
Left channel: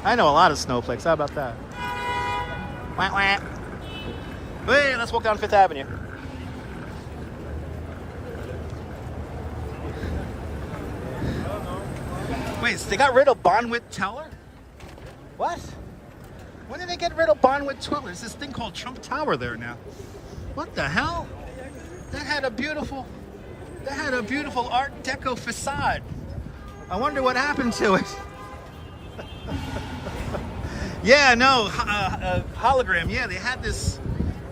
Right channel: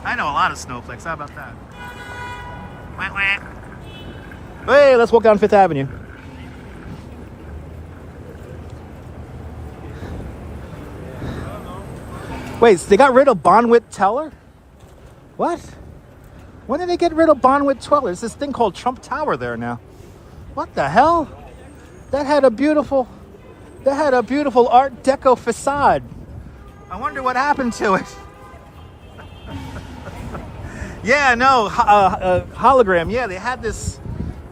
I know a lot of snowflakes. How about that? Wah, wah. Hey, let's walk down Fifth Avenue. Wait, so they got rid of Bonwit Teller? What? When did they get rid of Bonwit Teller? There's this thing called Trump Tower there now. What the hell? That had a beautiful Art Deco facade. I wonder what happened to it. Yeah, no, hologram. Yeah, they had this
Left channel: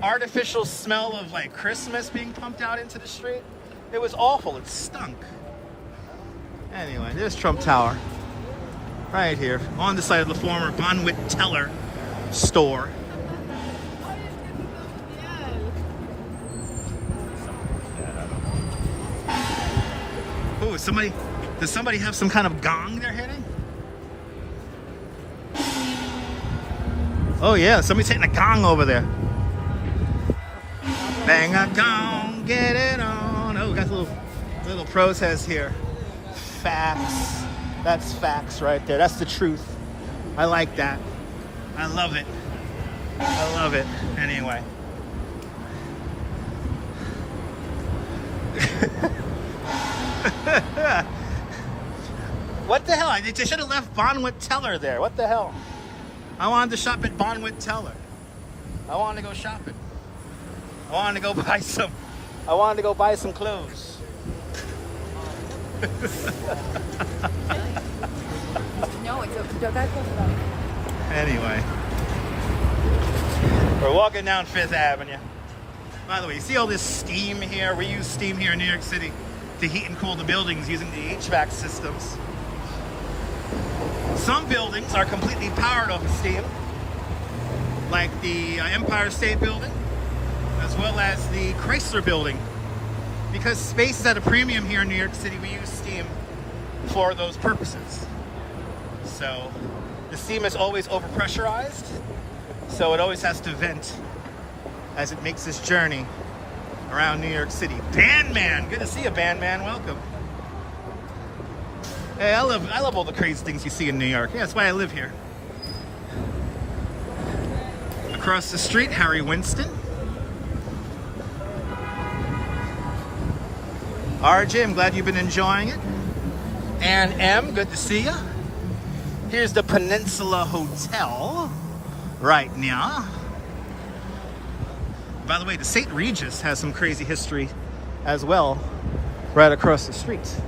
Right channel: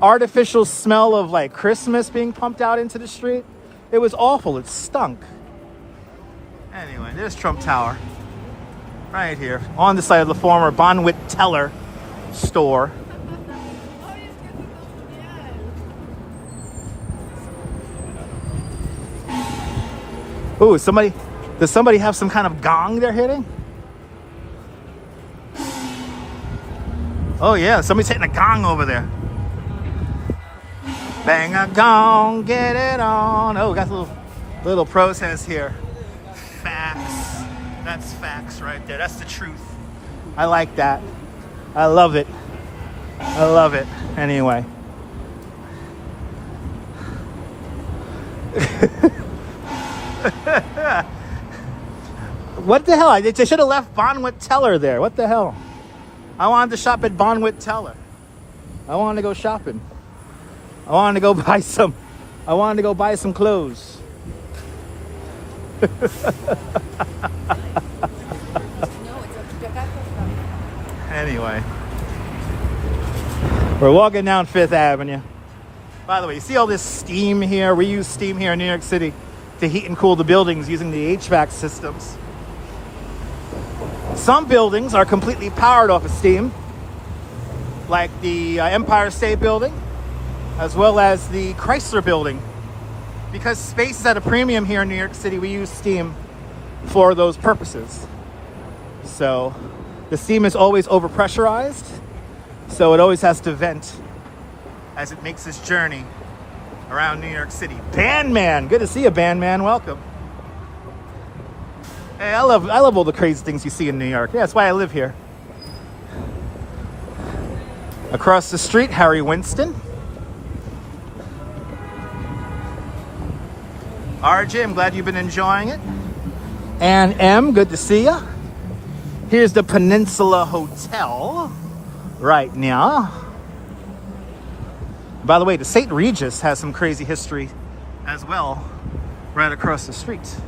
artificial smell of like Christmas being pumped out into the street. It was awful. It stunk. Anyway, there's Trump Tower. Right here. On the side of the former Bonwit Teller store. Ooh, does somebody have some kind of gong they're hitting? Oh yeah, somebody's hitting a gong over there. Bang a gong, get it on. Oh, we got a little protest here. Facts. That's facts right there. That's the truth. I like that. I love it. I love it. Anyway. What the hell? They should have left Bonwit Teller there. What the hell? I wanted to shop at Bonwit Teller. I wanted to go shopping. I wanted to go buy some clothes. Anyway, we're walking down Fifth Avenue. By the way, you see all this steam here? We use steam here in New York City to heat and cool the buildings using the HVAC systems. Some buildings are completely powered off of steam, like the Empire State Building, as well as the Chrysler Building. Because space is at a premium here in New York City, we use steam for those purposes. So the steam is always overpressurized, so it always has to vent as it makes this journey around New York City. Bandman, good to see you, Bandman. Welcome. Hey, I love all the crazy things you see in New York. Yeah, that's why I live here. Across the street, Harry Winston. RJ, I'm glad you've been enjoying it. And M, good to see you. Here's the Peninsula Hotel right now. By the way, the St. Regis has some crazy history as well, right across the street.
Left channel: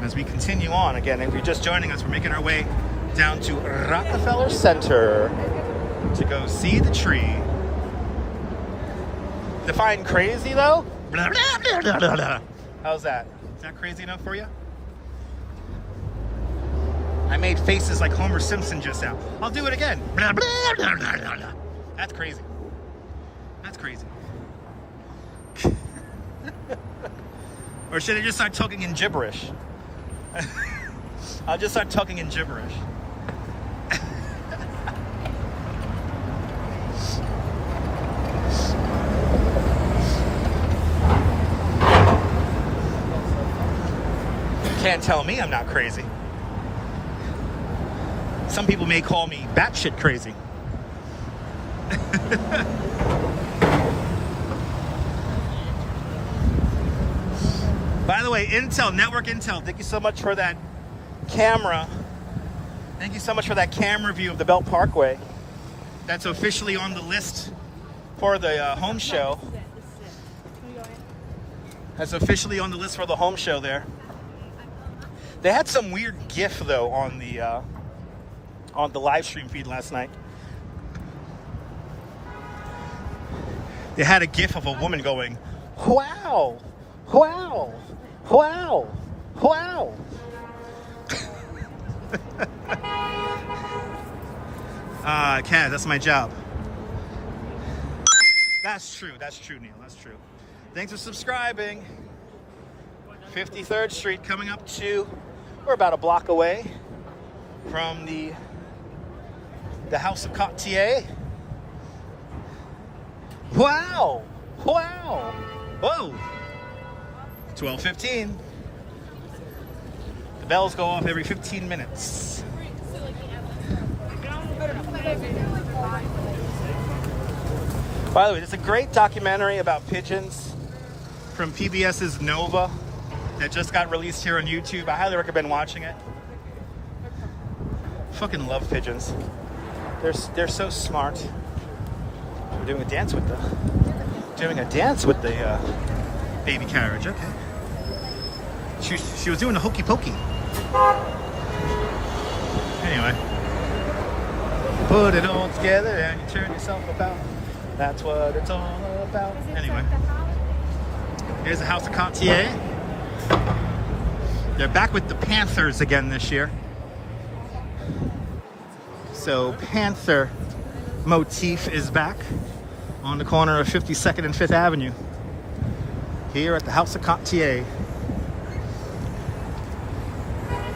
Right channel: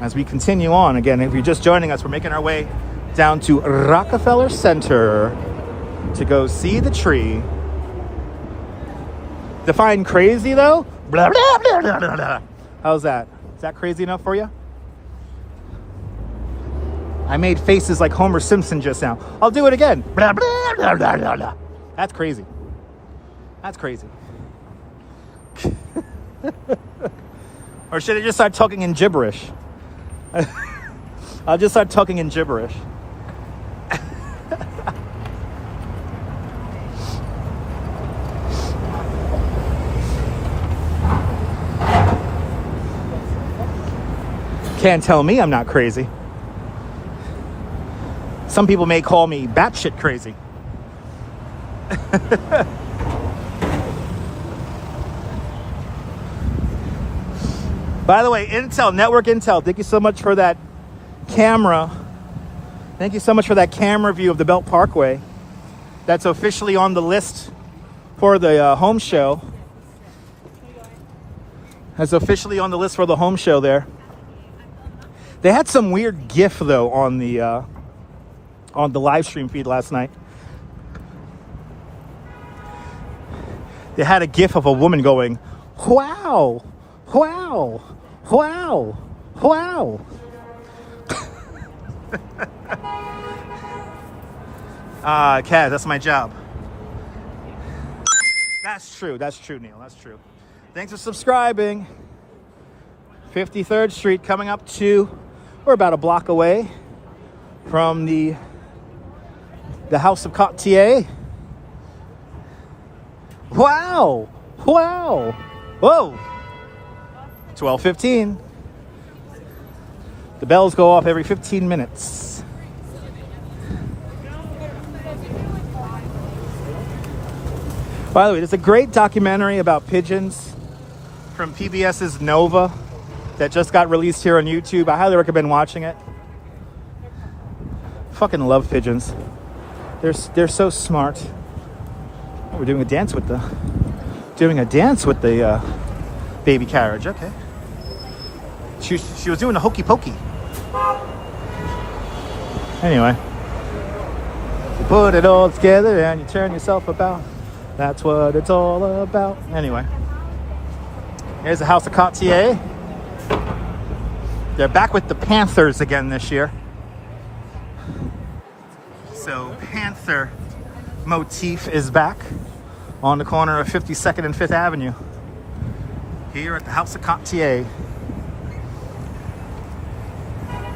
As we continue on, again, if you're just joining us, we're making our way down to Rockefeller Center to go see the tree. Define crazy though? Blah, blah, blah, blah, blah, blah. How's that? Is that crazy enough for you? I made faces like Homer Simpson just now. I'll do it again. Blah, blah, blah, blah, blah, blah. That's crazy. That's crazy. Or should I just start talking in gibberish? I'll just start talking in gibberish. Can't tell me I'm not crazy. Some people may call me batshit crazy. By the way, Intel, Network Intel, thank you so much for that camera. Thank you so much for that camera view of the Belt Parkway. That's officially on the list for the home show. That's officially on the list for the home show there. They had some weird GIF though on the live stream feed last night. They had a GIF of a woman going, "Wow, wow, wow, wow." Cat, that's my job. That's true, Neil, that's true. Thanks for subscribing. 53rd Street coming up to, we're about a block away from the House of Cartier. Wow, wow, whoa. 12:15. The bells go off every 15 minutes. By the way, there's a great documentary about pigeons from PBS's Nova that just got released here on YouTube. I highly recommend watching it. Fucking love pigeons. They're so smart. We're doing a dance with the baby carriage. Okay. She was doing a hokey pokey. Anyway, you put it all together and you turn yourself about. That's what it's all about. Anyway, here's the House of Cartier. They're back with the Panthers again this year. So Panther motif is back on the corner of 52nd and 5th Avenue here at the House of Cartier.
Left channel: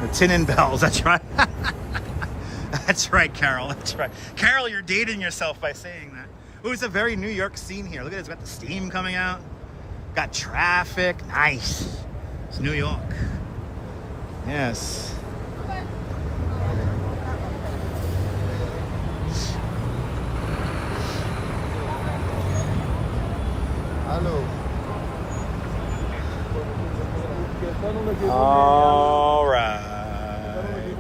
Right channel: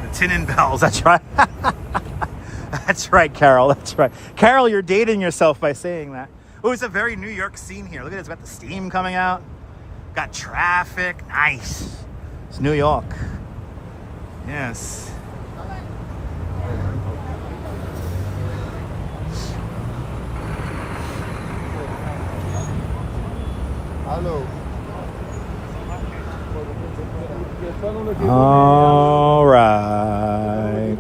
The tin and bells, that's right. That's right, Carol, that's right. Carol, you're dating yourself by saying that. Oh, it's a very New York scene here. Look at this, got the steam coming out. Got traffic, nice. It's New York. Yes. All right.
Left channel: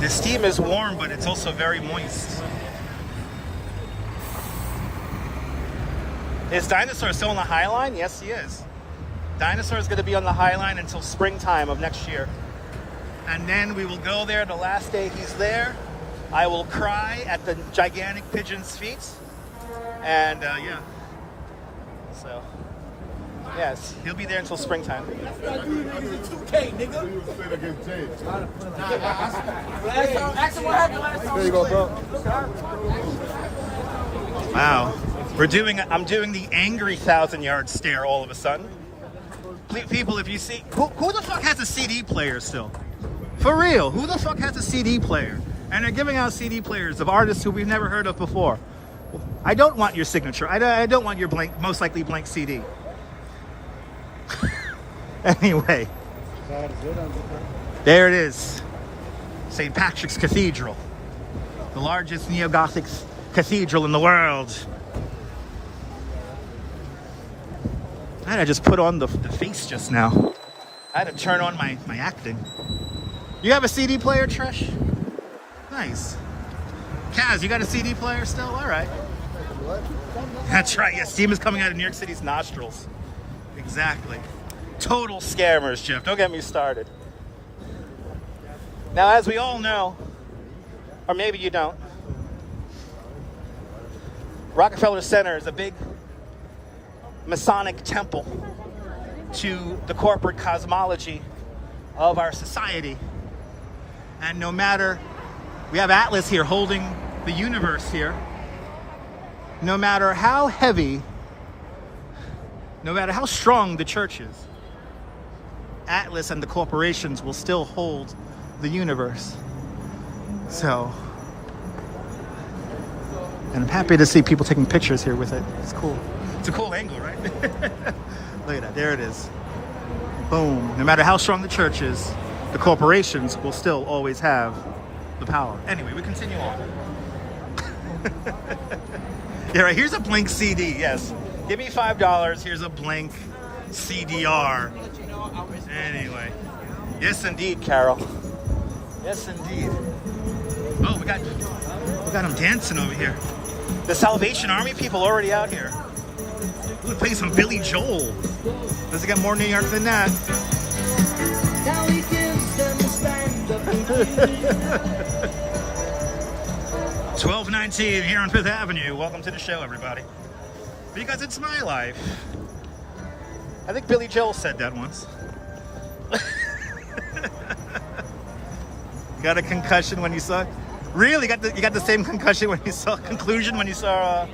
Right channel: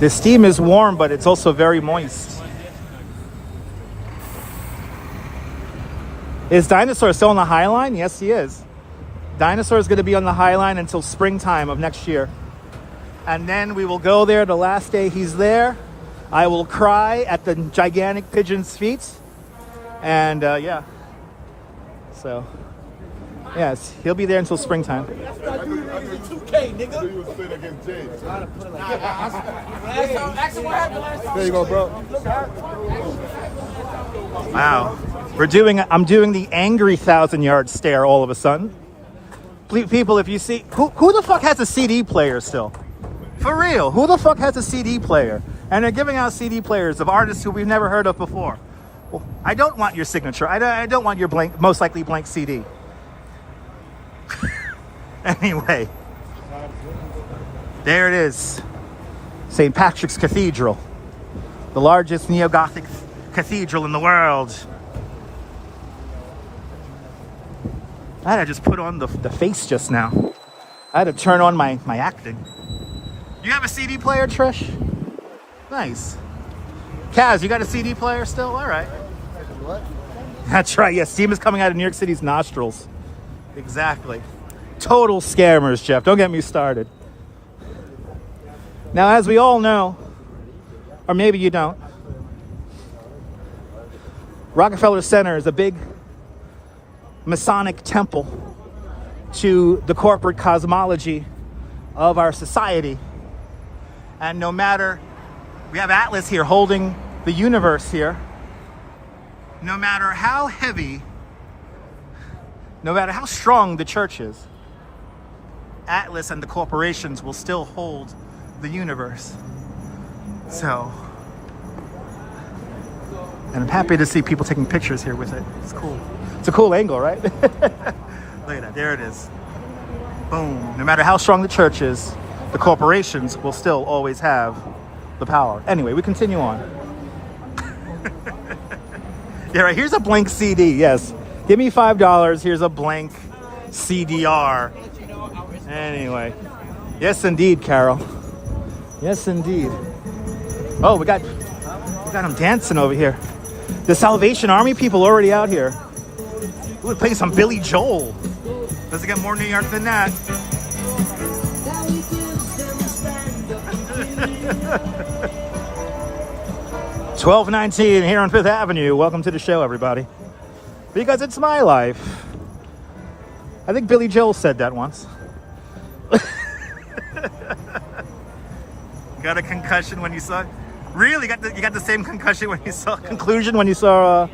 The steam is warm, but it's also very moist. Is Dinosaur still on the High Line? Yes, he is. Dinosaur is going to be on the High Line until springtime of next year. And then we will go there the last day he's there. I will cry at the gigantic pigeon's feet. And yeah. So, yes, he'll be there until springtime. That's why you niggas in 2K, nigga. You was playing against James. There you go, bro. Wow. I'm doing the angry 1,000-yard stare all of a sudden. People, if you see, who the fuck has a CD player still? For real, who the fuck has a CD player? And they're giving out CD players of artists who we've never heard of before. Well, I don't want your signature. I don't want your blank, most likely blank CD. Anyway, there it is. St. Patrick's Cathedral, the largest neo-Gothic cathedral in the world. I had to just put on the face just now. I had to turn on my acting. You have a CD player, Trish? Nice. Kaz, you got a CD player still? All right. That's right. Yeah, steam is coming out of New York City's nostrils. Exactly. Total scammers, Jeff. Don't get me started. Now, as we all know, or maybe you don't, Rockefeller Center is a big Masonic temple to the corporate cosmology of our society. And no matter, we have Atlas here holding the universe here. No matter how heavy, no matter how strong the church is, Atlas and the corporations will still hold the universe. So, and I'm happy to see people taking pictures here with it. It's cool. It's a cool angle, right? Look at that, there it is. Boom. No matter how strong the church is, the corporations will still always have the power. Anyway, we continue on. Yeah, right, here's a blank CD, yes. Give me $5, here's a blank CDR. Anyway. Yes, indeed, Carol. Yes, indeed. Oh, we got them dancing over here. The Salvation Army people already out here. We're playing some Billy Joel. Does it get more New York than that? 12:19 here on 5th Avenue. Welcome to the show, everybody. Because it's my life. I think Billy Joel said that once. Got a concussion when you saw... Really? You got the same concussion when you saw... Conclusion when you saw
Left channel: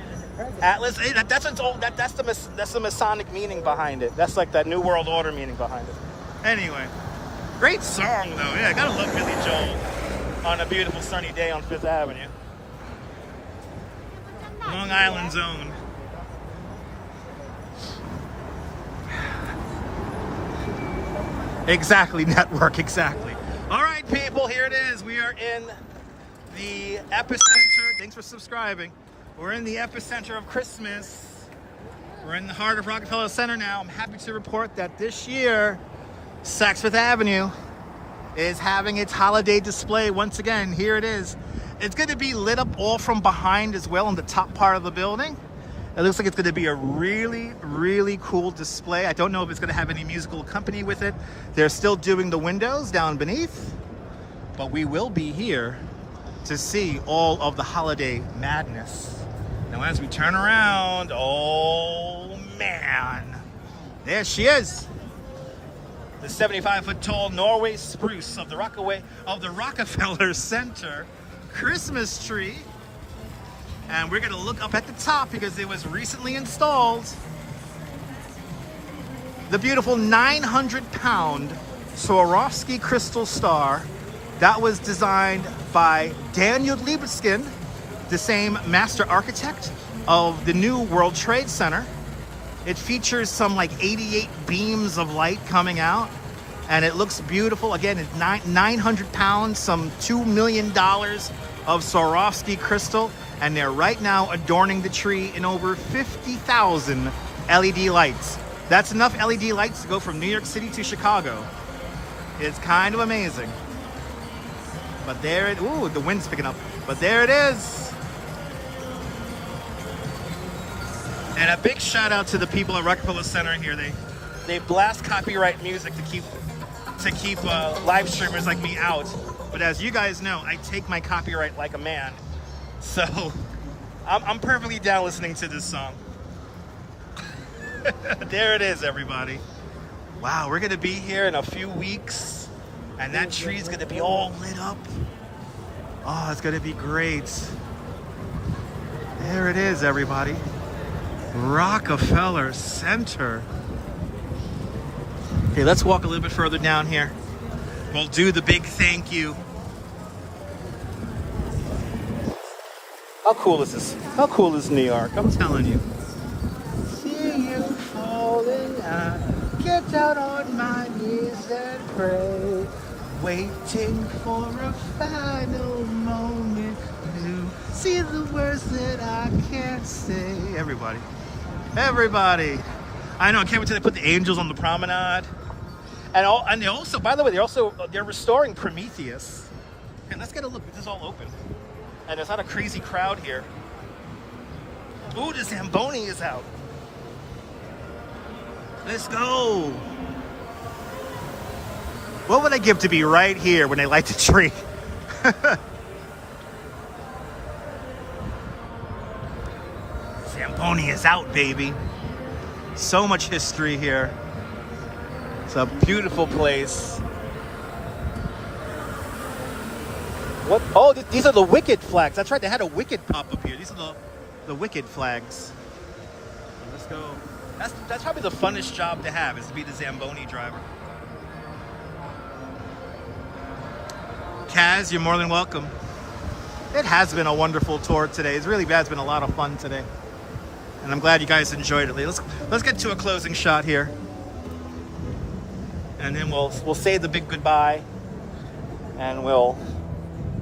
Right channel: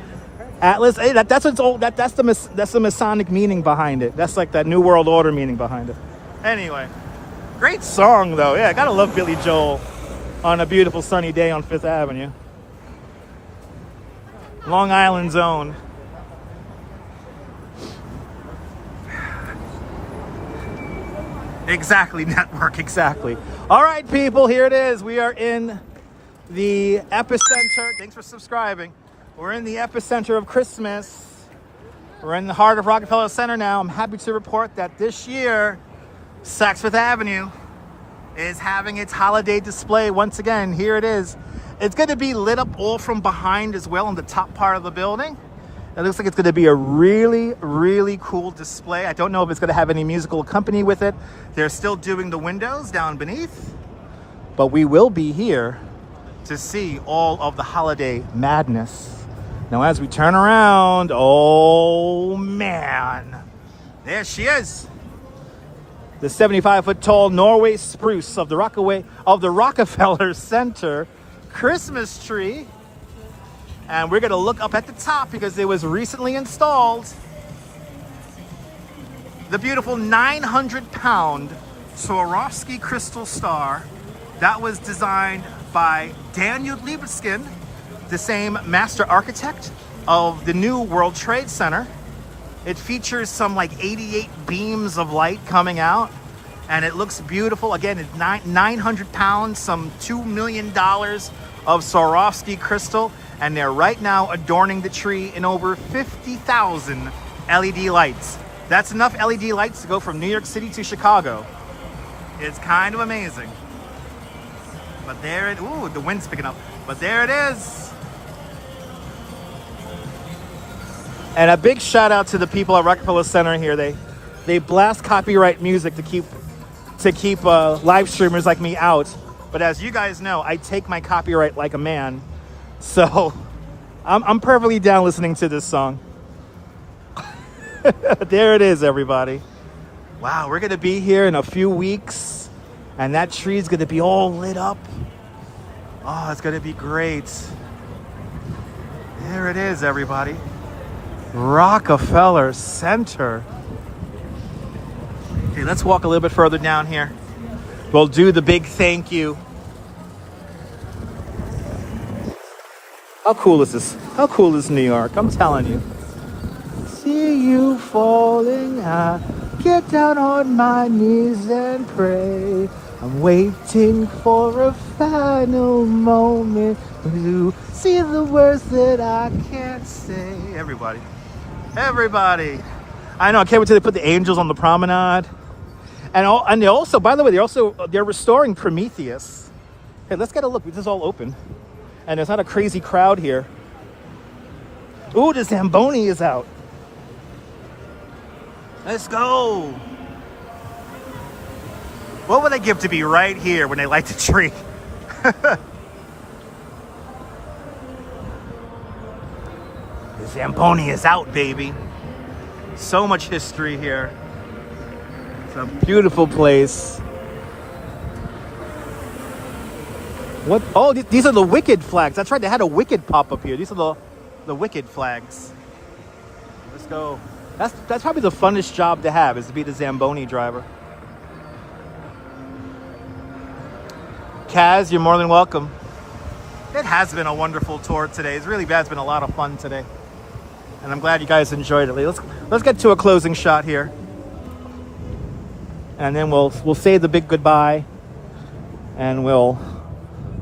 Atlas? Hey, that's the Masonic meaning behind it. That's like that New World Order meaning behind it. Anyway. Great song, though. Yeah, gotta love Billy Joel on a beautiful sunny day on 5th Avenue. Long Island's own. Exactly, network, exactly. All right, people, here it is. We are in the epicenter. Thanks for subscribing. We're in the epicenter of Christmas. We're in the heart of Rockefeller Center now. I'm happy to report that this year, Saks Fifth Avenue is having its holiday display once again. Here it is. It's going to be lit up all from behind as well in the top part of the building. It looks like it's going to be a really, really cool display. I don't know if it's going to have any musical company with it. They're still doing the windows down beneath, but we will be here to see all of the holiday madness. Now, as we turn around, oh man, there she is. The 75-foot tall Norway spruce of the Rockefeller Center Christmas tree. And we're gonna look up at the top because it was recently installed. The beautiful 900-pound Swarovski crystal star that was designed by Daniel Libeskind, the same master architect of the new World Trade Center. It features some like 88 beams of light coming out, and it looks beautiful. Again, it's 900 pounds, some $2 million of Swarovski crystal, and they're right now adorning the tree in over 50,000 LED lights. That's enough LED lights to go from New York City to Chicago. It's kind of amazing. But there it, ooh, the wind's picking up. But there it is. And a big shout out to the people at Rockefeller Center here. They blast copyright music to keep live streamers like me out. But as you guys know, I take my copyright like a man. So I'm perfectly down listening to this song. There it is, everybody. Wow, we're gonna be here in a few weeks, and that tree's gonna be all lit up. Oh, it's gonna be great. There it is, everybody. Rockefeller Center. Okay, let's walk a little bit further down here. We'll do the big thank you. How cool is this? How cool is New York? I'm telling you. See you falling high. Get down on my knees and pray. I'm waiting for a final moment to see the words that I can't say. Everybody. Everybody. I know, I can't wait till they put the angels on the promenade. And they also, by the way, they're restoring Prometheus. Okay, let's get a look. This is all open. And there's not a crazy crowd here. Ooh, the Zamboni is out. Let's go. What would I give to be right here when they light the tree? The Zamboni is out, baby. So much history here. It's a beautiful place. Look, oh, these are the wicked flags. That's right, they had a wicked pop up here. These are the wicked flags. Let's go. That's probably the funnest job to have, is to be the Zamboni driver. Kaz, you're more than welcome. It has been a wonderful tour today. It really has been a lot of fun today. And I'm glad you guys enjoyed it. Let's get to a closing shot here. And then we'll say the big goodbye. And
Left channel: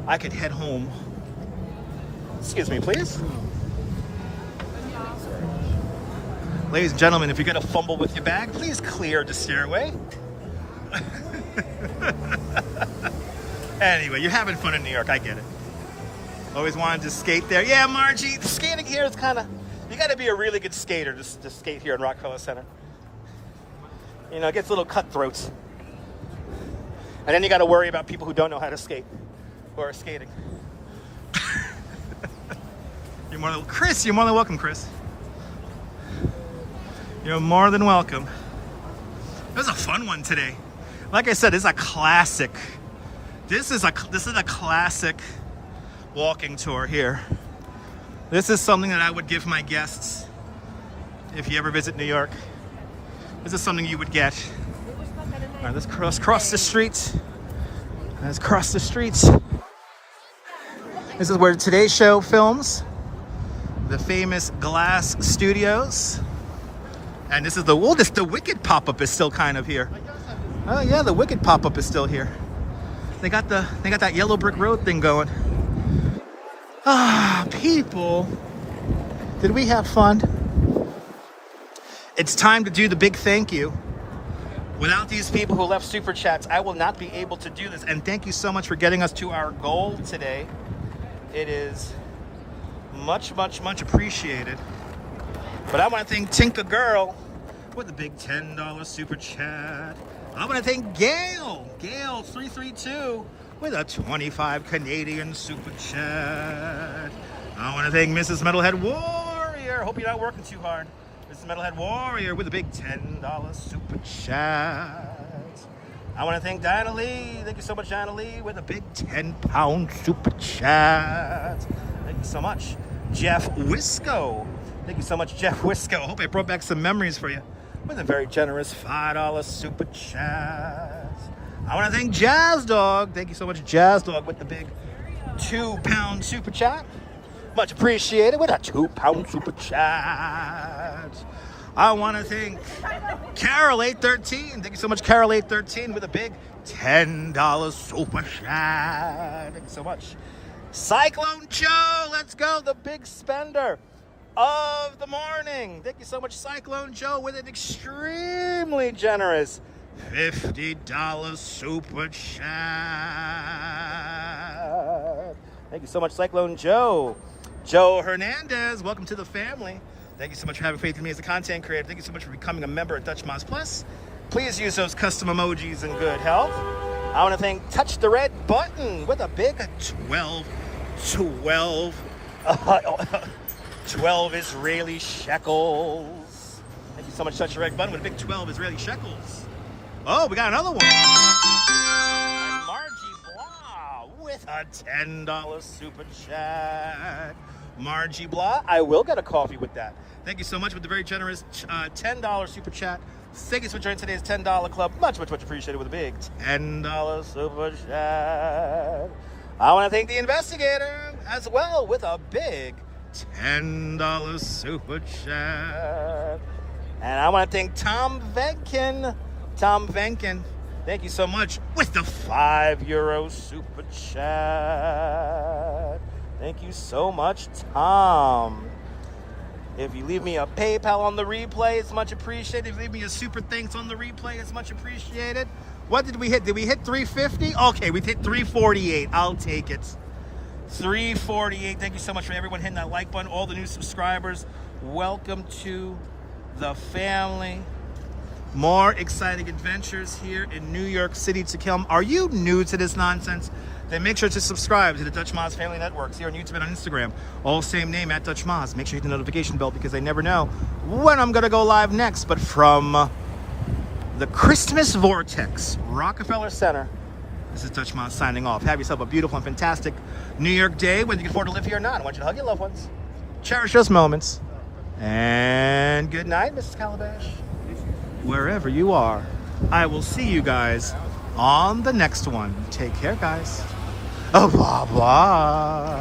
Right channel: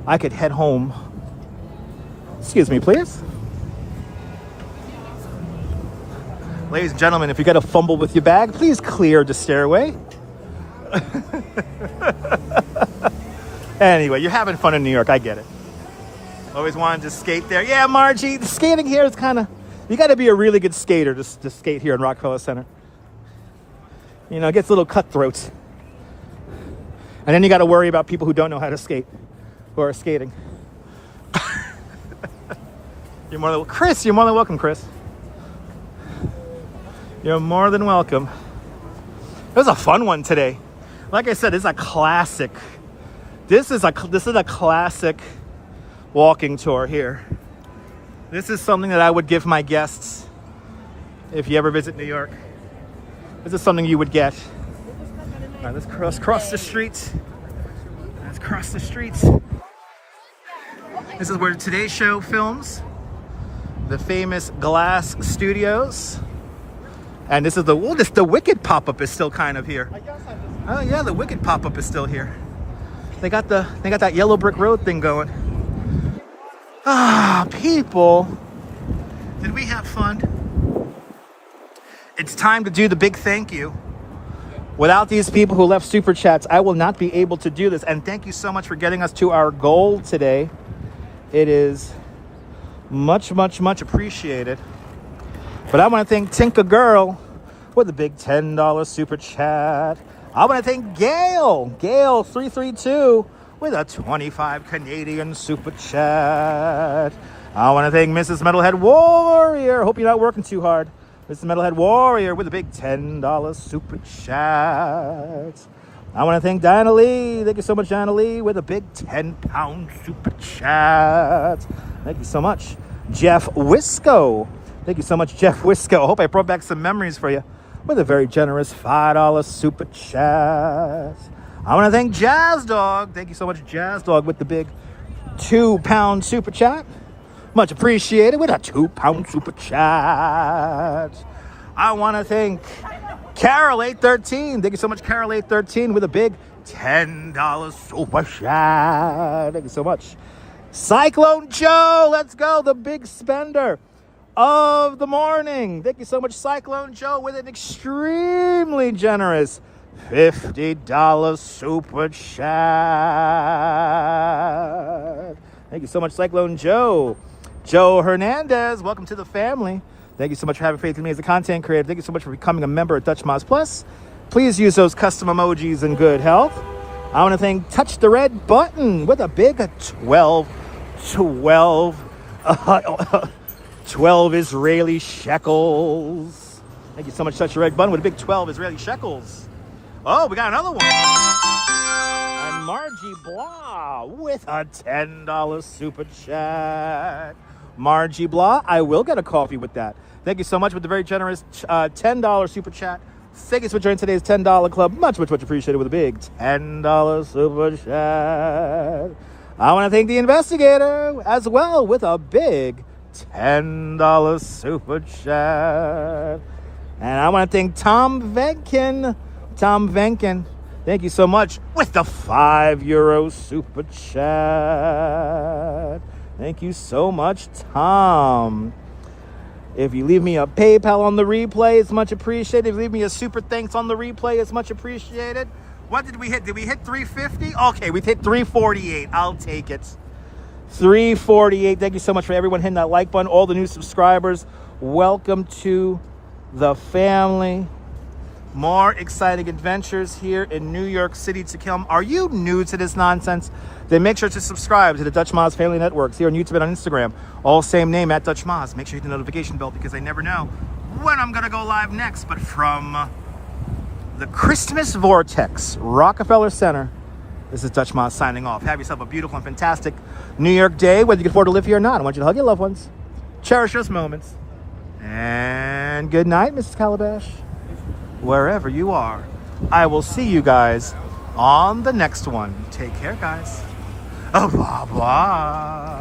I could head home. Excuse me, please. Ladies and gentlemen, if you got to fumble with your bag, please clear the stairway. Anyway, you're having fun in New York. I get it. Always wanted to skate there. Yeah, Margie, the skating here is kind of... You got to be a really good skater to skate here in Rockefeller Center. You know, it gets a little cutthroat. And then you got to worry about people who don't know how to skate, who are skating. Chris, you're more than welcome, Chris. You're more than welcome. It was a fun one today. Like I said, it's a classic. This is a classic walking tour here. This is something that I would give my guests if you ever visit New York. This is something you would get. All right, let's cross the street. Let's cross the street. This is where Today's Show films. The famous Glass Studios. And this is the Wicked pop-up is still kind of here. Oh yeah, the Wicked pop-up is still here. They got that yellow brick road thing going. Ah, people. Did we have fun? It's time to do the big thank you. Without these people who left super chats, I will not be able to do this. And thank you so much for getting us to our goal today. It is much, much, much appreciated. But I want to thank Tinka Girl with a big $10 super chat. I want to thank Gail332 with a 25 Canadian super chat. I want to thank Mrs. Metalhead Warrior. Hope you're not working too hard. Mrs. Metalhead Warrior with a big $10 super chat. I want to thank Diana Lee. Thank you so much, Diana Lee, with a big 10-pound super chat. Thank you so much. Jeff Wisco. Thank you so much, Jeff Wisco. I hope I brought back some memories for you with a very generous $5 super chat. I want to thank Jazz Dog. Thank you so much, Jazz Dog, with the big 2-pound super chat. Much appreciated with a 2-pound super chat. I want to thank Carol813. Thank you so much, Carol813, with a big $10 super chat. Thank you so much. Cyclone Joe, let's go, the big spender of the morning. Thank you so much, Cyclone Joe, with an extremely generous $50 super chat. Thank you so much, Cyclone Joe. Joe Hernandez, welcome to the family. Thank you so much for having faith in me as a content creator. Thank you so much for becoming a member at Dutch Moz Plus. Please use those custom emojis in good health. I want to thank Touch the Red Button with a big 12 Israeli shekels. Thank you so much, Touch the Red Button, with a big 12 Israeli shekels. Oh, we got another one. And Margie Blah with a $10 super chat. Margie Blah, I will get a coffee with that. Thank you so much with the very generous $10 super chat. Thank you for joining today's $10 club. Much, much, much appreciated with a big $10 super chat. I want to thank the investigator as well with a big $10 super chat. And I want to thank Tom Venkin. Tom Venkin, thank you so much with the €5 super chat. Thank you so much, Tom. If you leave me a PayPal on the replay, it's much appreciated. If you leave me a super thanks on the replay, it's much appreciated. What did we hit? Did we hit 350? Okay, we hit 348. I'll take it. 348. Thank you so much for everyone hitting that like button. All the new subscribers, welcome to the family. More exciting adventures here in New York City to come. Are you new to this nonsense? Then make sure to subscribe to the Dutch Moz Family Networks here on YouTube and on Instagram. All same name, at Dutch Moz. Make sure you hit the notification bell because I never know when I'm going to go live next. But from the Christmas Vortex, Rockefeller Center. This is Dutch Moss signing off. Have yourself a beautiful and fantastic New York day, whether you can afford to live here or not. I want you to hug your loved ones, cherish those moments, and good night, Mrs. Calabash. Wherever you are, I will see you guys on the next one. Take care, guys. Au revoir.